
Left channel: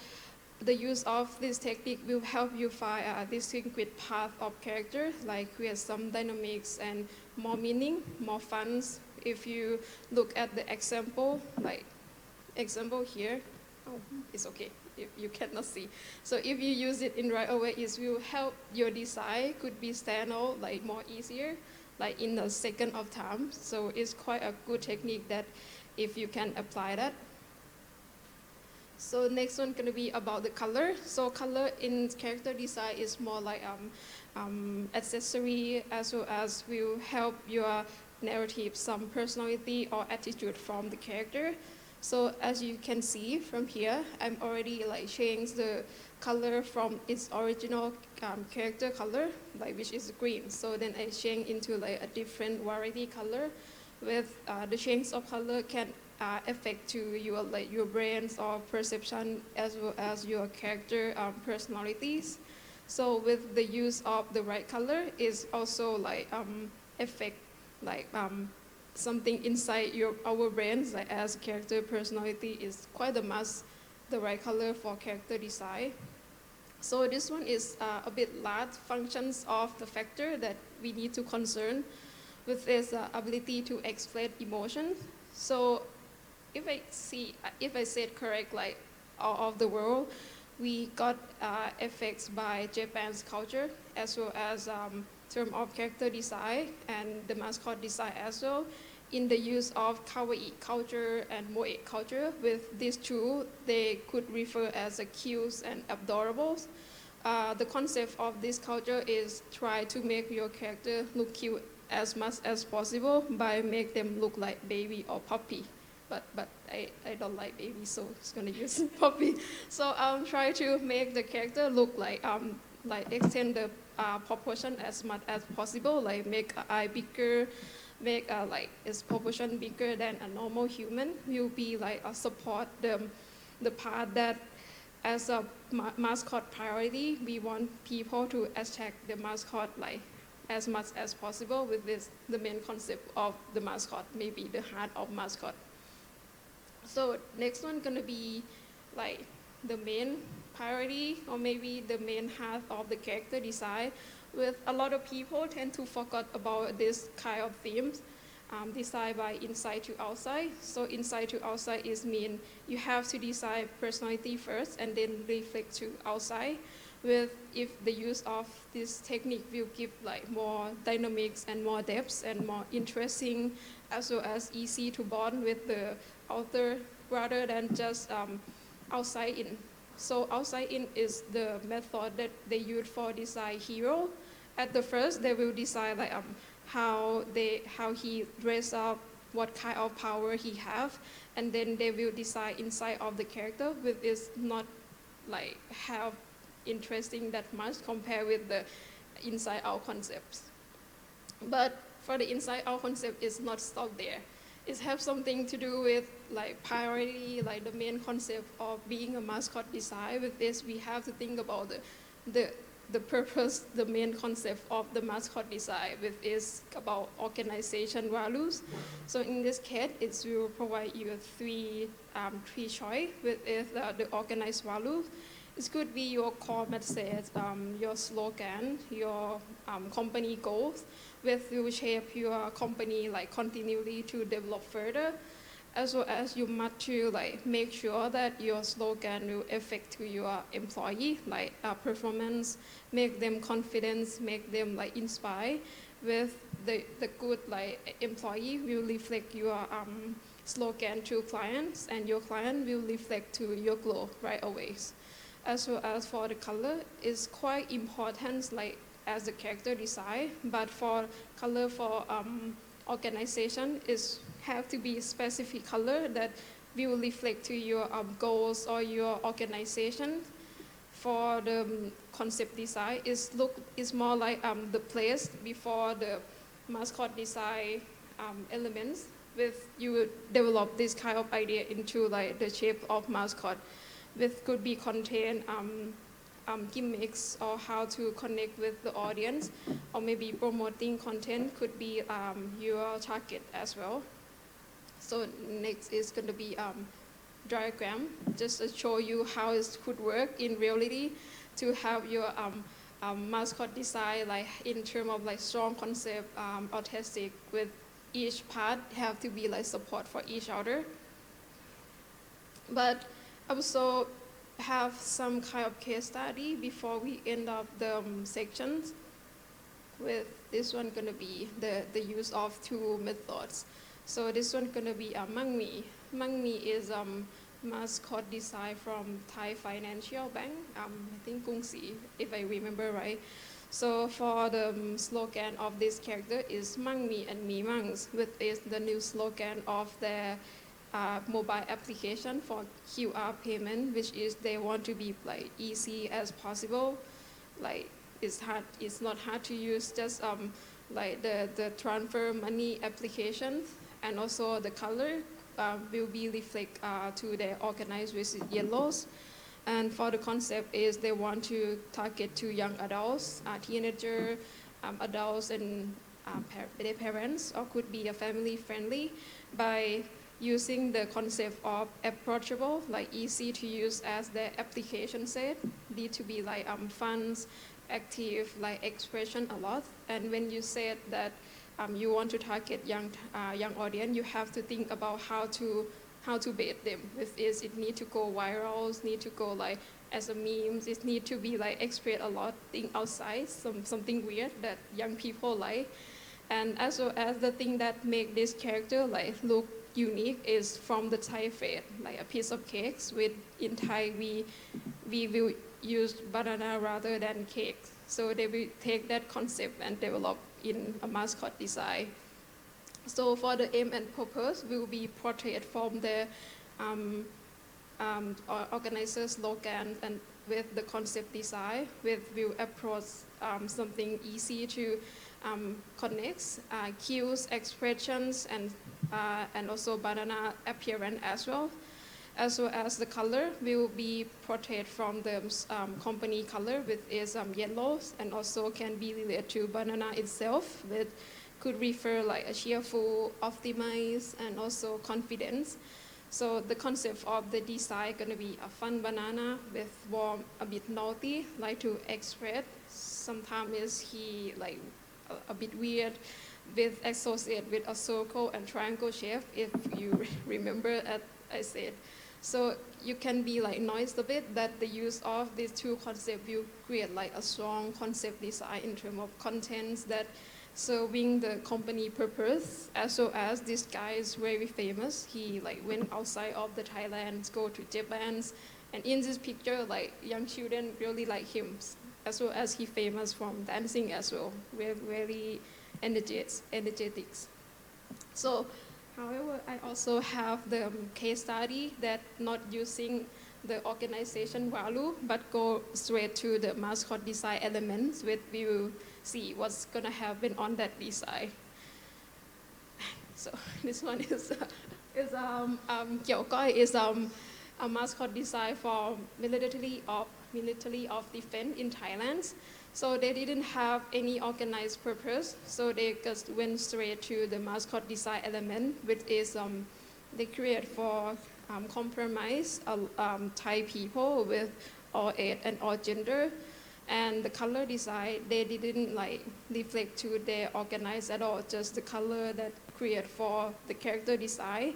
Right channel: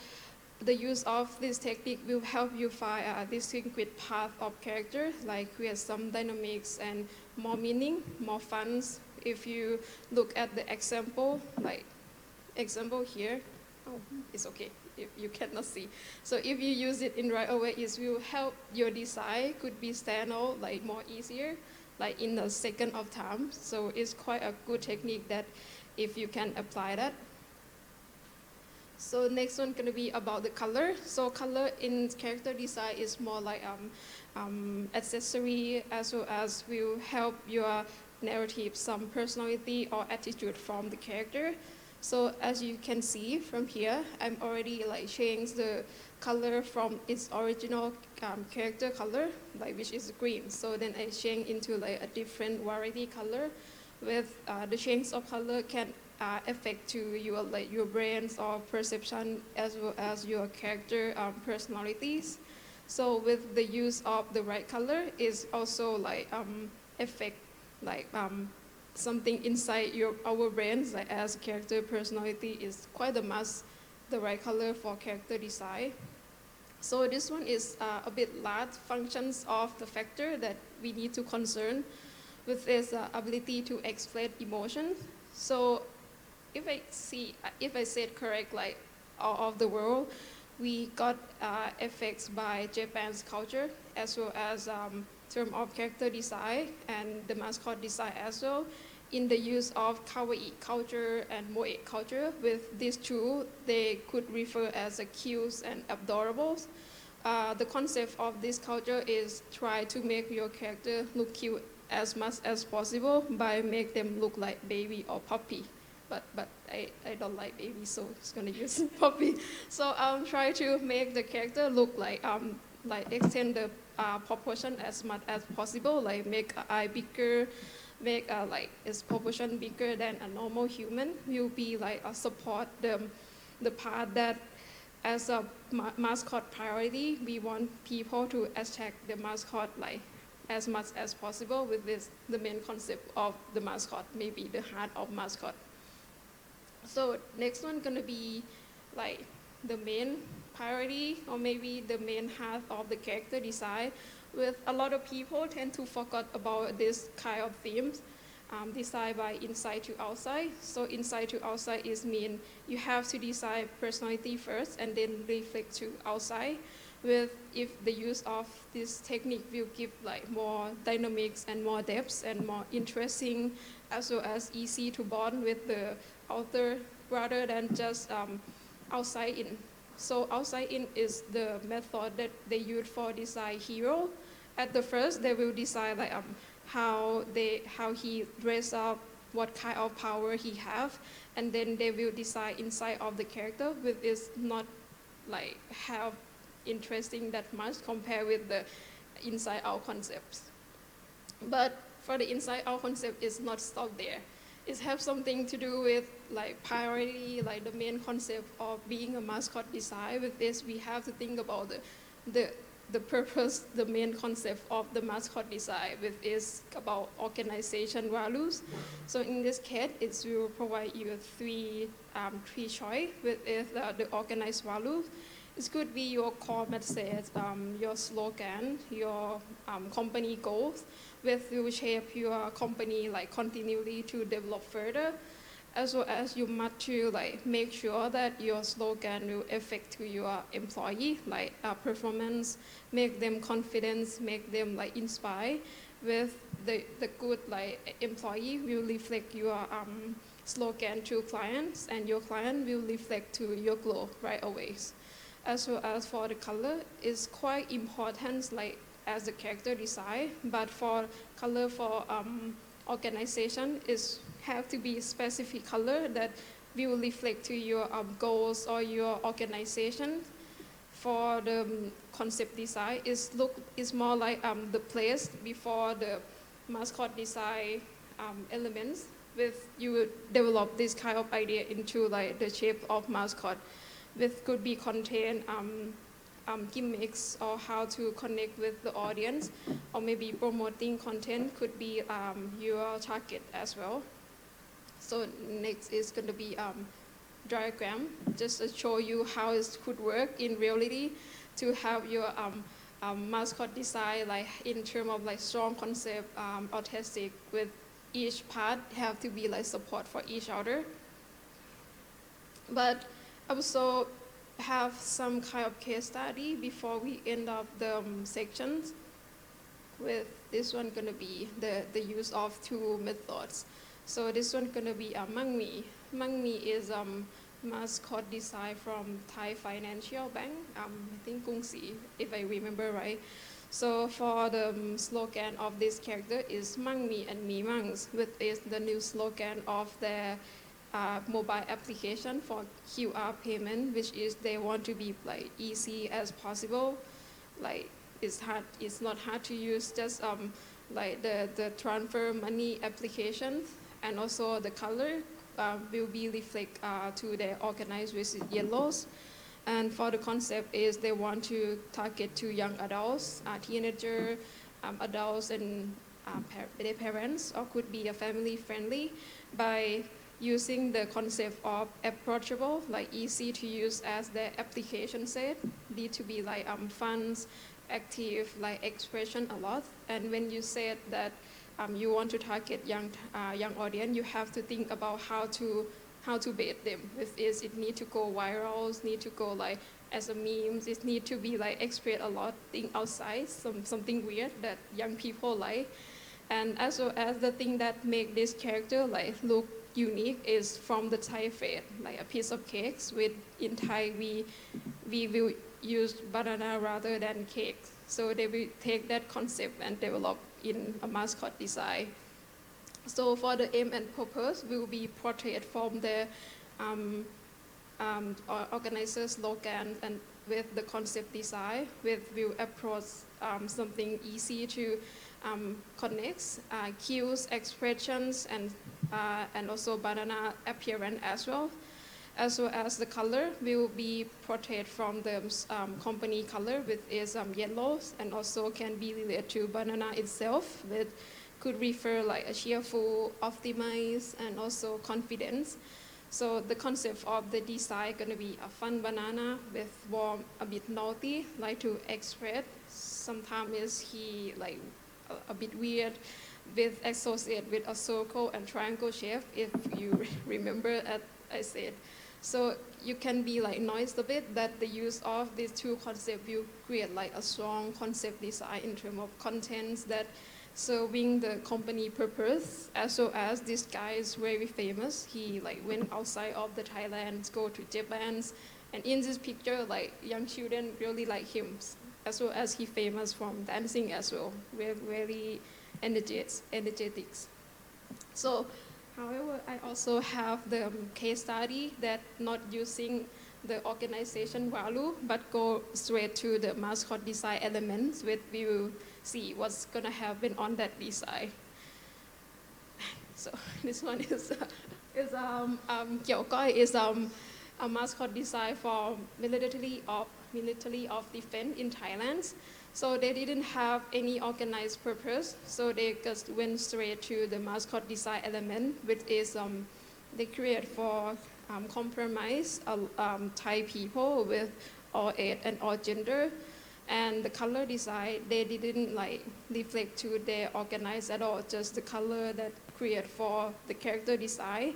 the use of this technique will help you find a distinguished path of character, create some dynamics and more meaning, more fun. If you look at the example, example here, it's okay if you cannot see. So if you use it in right away, it will help your design could be stand out more easier, in a second of time. So it's quite a good technique that if you can apply that. So next one gonna be about the color. So color in character design is more accessory, as well as will help your narrative some personality or attitude from the character. So as you can see from here, I'm already changed the color from its original character color, which is green. So then I change into a different variety color. With the change of color can affect to your brains or perception, as well as your character personalities. So with the use of the right color is also affect something inside our brains, as character personality is quite a must, the right color for character design. So this one is a bit large functions of the factor that we need to concern with this ability to explain emotions. So if I said correct, all of the world, we got effects by Japan's culture, as well as term of character design and the mascot design as well, in the use of kawaii culture and moe culture. With these two, they could refer as a cute and adorables. The concept of this culture is try to make your character look cute as much as possible by make them look like baby or puppy. But I don't like baby, so it's gonna use puppy. So try to make the character look extend the proportion as much as possible, make eye bigger, make its proportion bigger than a normal human. Will be support the part that as a mascot priority, we want people to attack the mascot as much as possible. With this, the main concept of the mascot, maybe the heart of mascot. So next one gonna be the main priority, or maybe the main heart of the character design. With a lot of people tend to forget about this kind of themes, design by inside to outside. So inside to outside is mean you have to design personality first and then reflect to outside. With if the use of this technique will give more dynamics and more depths and more interesting, as well as easy to bond with the author rather than just outside in. So outside in is the method that they use for design hero. At the first, they will decide how he dress up, what kind of power he have, and then they will decide inside of the character, which is not have interesting that much compared with the inside out concepts. But for the inside out concept, it's not stopped there. It has something to do with priority, the main concept of being a mascot design. With this, we have to think about the the purpose, the main concept of the mascot design, which is about organization values. So in this case, it will provide you three choice, which is the organized values. It could be your core message, your slogan, your company goals, which will shape your company like continually to develop further. As well as you must to like make sure that your slogan will affect to your employee, like performance, make them confident, make them like inspire. With the good like employee will reflect your slogan to clients, and your client will reflect to your goal right away. As well as for the color, it's quite important like as the character design, but for color for organization is have to be a specific color that will reflect to your goals or your organization. For the concept design, is more like the place before the mascot design elements. With you develop this kind of idea into like the shape of mascot, which could be contain gimmicks or how to connect with the audience, or maybe promoting content could be your target as well. So next is going to be diagram, just to show you how it could work in reality to have your mascot design like in terms of like strong concept, artistic, with each part have to be like support for each other. But also have some kind of case study before we end up the sections. With this one gonna be the use of two methods. So this one gonna be Mang Mi. Mang Mi is mascot design from Thai Financial Bank, I think Kung Si, if I remember right. So for the slogan of this character is Mang Mi and Mi Mangs, which is the new slogan of their mobile application for QR payment, which is they want to be like easy as possible. Like it's not hard to use, just like the transfer money application, and also the color will be reflect to the organized with yellows. And for the concept is they want to target to young adults, teenager, adults, and their parents, or could be a family friendly, by using the concept of approachable, like easy to use, as the application said, need to be like fun, active, like expression a lot. And when you said that you want to target young audience, you have to think about how to bait them. With this, it need to go viral, need to go like as a memes, it need to be like express a lot, think outside, something weird that young people like. And as well as the thing that make this character like look unique is from the Thai faith, like a piece of cakes. With in Thai we will use banana rather than cake. So they will take that concept and develop in a mascot design. So for the aim and purpose will be portrayed from the organizer slogan, and with the concept design, with will approach something easy to connect, cues, expressions, and also banana appearance as well. As well as the color will be portrayed from the company color, which is yellows, and also can be related to banana itself, which could refer like a cheerful, optimized, and also confidence. So the concept of the design gonna be a fun banana with warm, a bit naughty, like to express. Sometimes is he like a bit weird, with associated with a circle and triangle shape, if you remember as I said. So you can be like noise a bit that the use of these two concepts will create like a strong concept design in terms of contents that serving the company purpose. As well as this guy is very famous. He like went outside of the Thailand, go to Japan, and in this picture like young children really like him. As well as he famous from dancing as well. We're very energetic. So however, I also have the case study that not using the organization value, but go straight to the mascot design elements, which we will see what's gonna happen on that design. So this one is Kiao Koi is a mascot design for military of defense in Thailand. So they didn't have any organized purpose. So they just went straight to the mascot design element, which is they create for compromise Thai people with all age and all gender. And the color design, they didn't like reflect to their organized at all, just the color that create for the character design.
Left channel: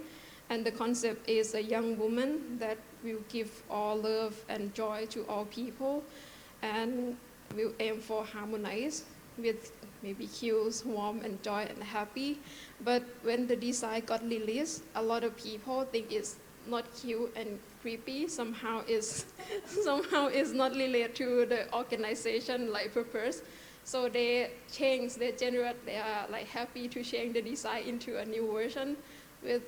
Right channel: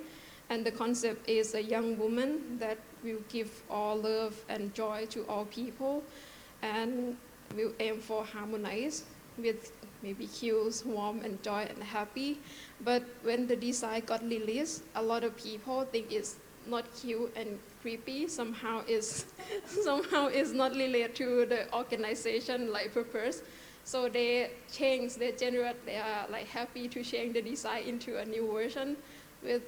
And the concept is a young woman that will give all love and joy to all people, and will aim for harmonize with maybe cute, warm, and joy and happy. But when the design got released, a lot of people think it's not cute and creepy. Somehow is not related to the organization like purpose. So they are like happy to change the design into a new version with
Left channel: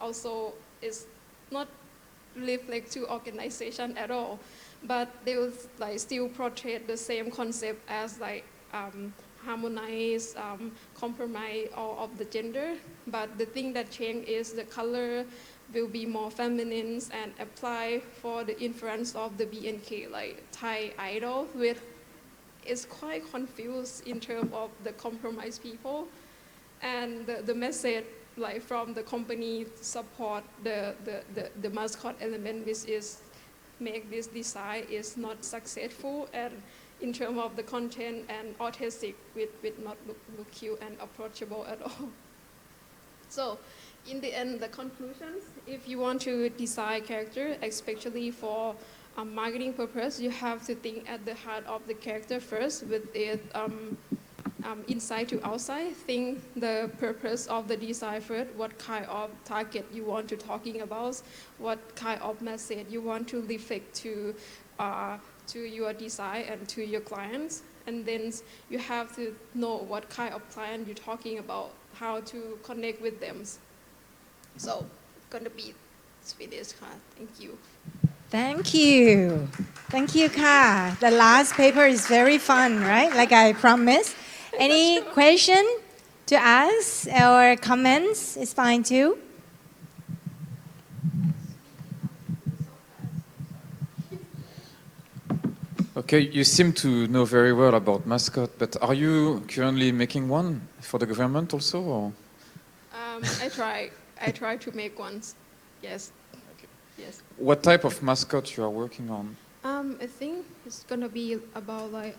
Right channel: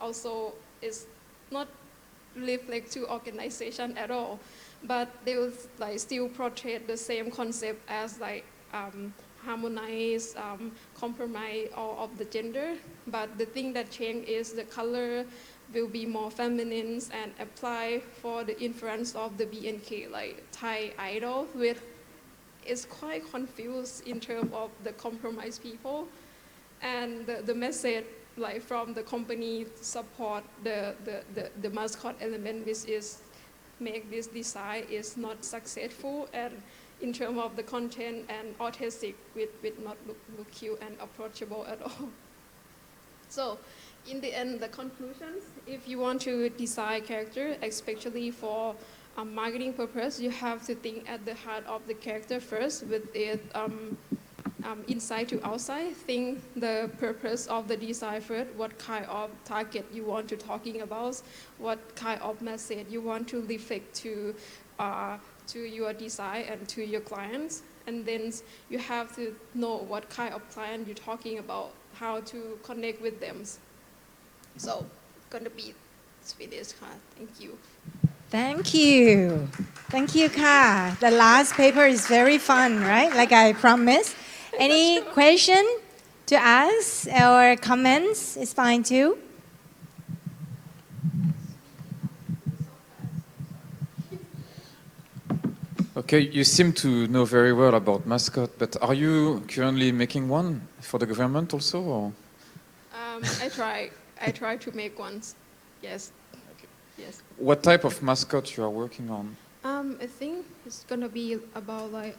also is not reflect to organization at all, but they will like still portray the same concept as like harmonize, compromise all of the gender. But the thing that changed is the color will be more feminine and apply for the influence of the BNK, like Thai idol, which is quite confused in terms of the compromise people. And the message like from the company support the mascot element, which is make this design is not successful, and in terms of the content and authentic with not look cute and approachable at all. So in the end, the conclusions, if you want to design character, especially for marketing purpose, you have to think at the heart of the character first with it inside to outside. Think the purpose of the design first, what kind of target you want to talking about, what kind of message you want to reflect to your design and to your clients. And then you have to know what kind of client you're talking about, how to connect with them. So it's going to be finished. Thank you. Thank you. Thank you, Ka. The last paper is very fun, right? Like I promised. Any question to ask or comments is fine too. Okay, you seem to know very well about mascot, but are you currently making one for the government also? Or? I try to make ones. Yes. Okay. Yes. What type of mascot you are working on? I think it's gonna be about like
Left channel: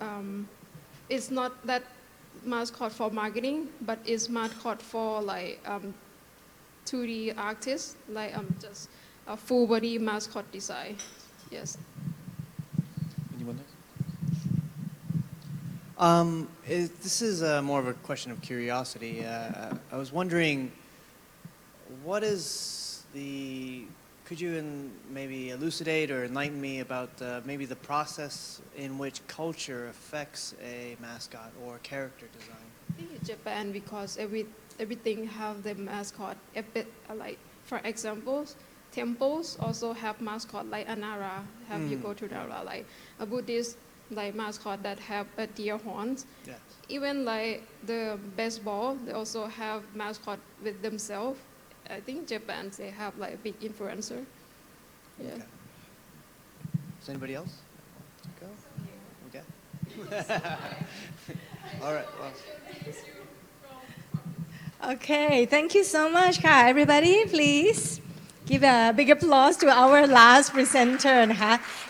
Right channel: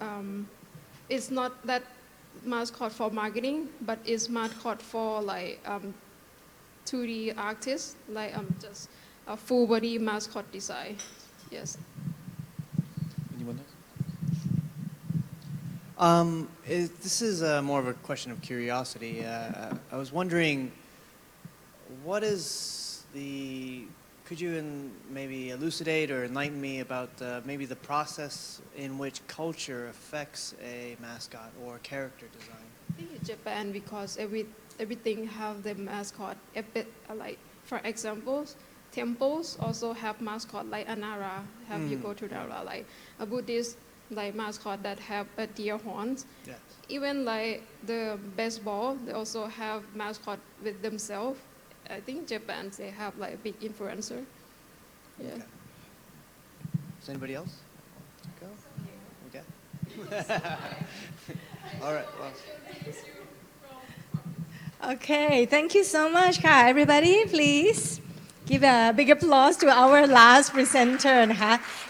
it's not that mascot for marketing, but it's mascot for like 2D artists, like just a full body mascot design. Yes. Anyone else? This is more of a question of curiosity. I was wondering, what is could you maybe elucidate or enlighten me about maybe the process in which culture affects a mascot or character design? I think in Japan, because everything have the mascot. Like for example, temples also have mascot like Anara. Have you go to Nara, like a Buddhist like mascot that have a deer horns. Yes. Even like the baseball, they also have mascot with themselves. I think Japan, they have like a big influencer. Yeah. Okay. Does anybody else want to go? Okay. All right. Well. Okay, thank you so much, Ka. Everybody, please give a big applause to our last presenter.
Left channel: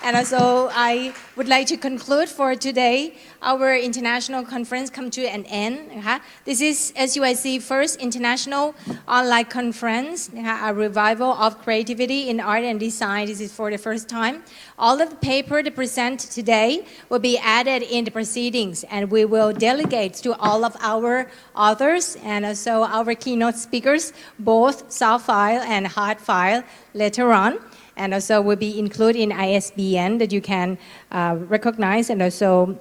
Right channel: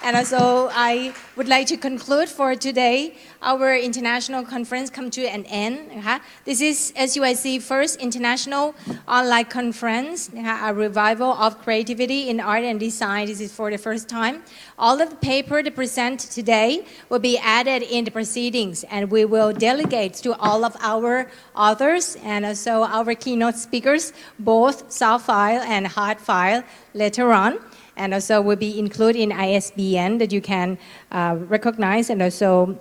And also, I would like to conclude for today, our international conference come to an end. This is SUIC first international online conference, a revival of creativity in art and design. This is for the first time. All of the paper to present today will be added in the proceedings, and we will delegate to all of our authors and also our keynote speakers, both soft file and hard file later on. And also will be included in ISBN that you can recognize and also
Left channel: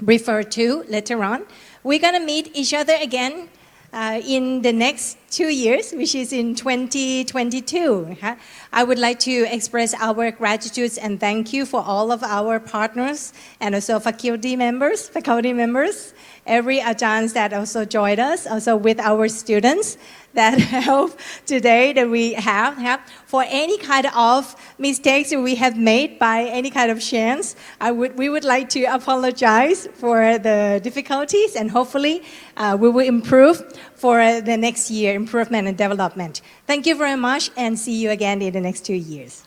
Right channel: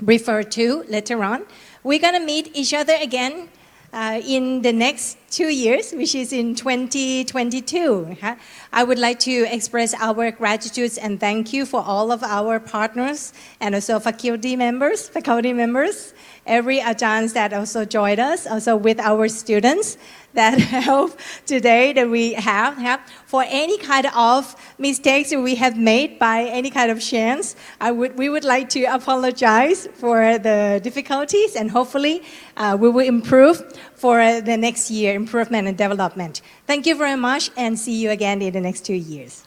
refer to later on. We're going to meet each other again in the next 2 years, which is in 2022. I would like to express our gratitude and thank you for all of our partners and also faculty members, every Ajahns that also joined us, also with our students that help today that we have. For any kind of mistakes that we have made by any kind of chance, we would like to apologize for the difficulties, and hopefully we will improve for the next year, improvement and development. Thank you very much, and see you again in the next 2 years.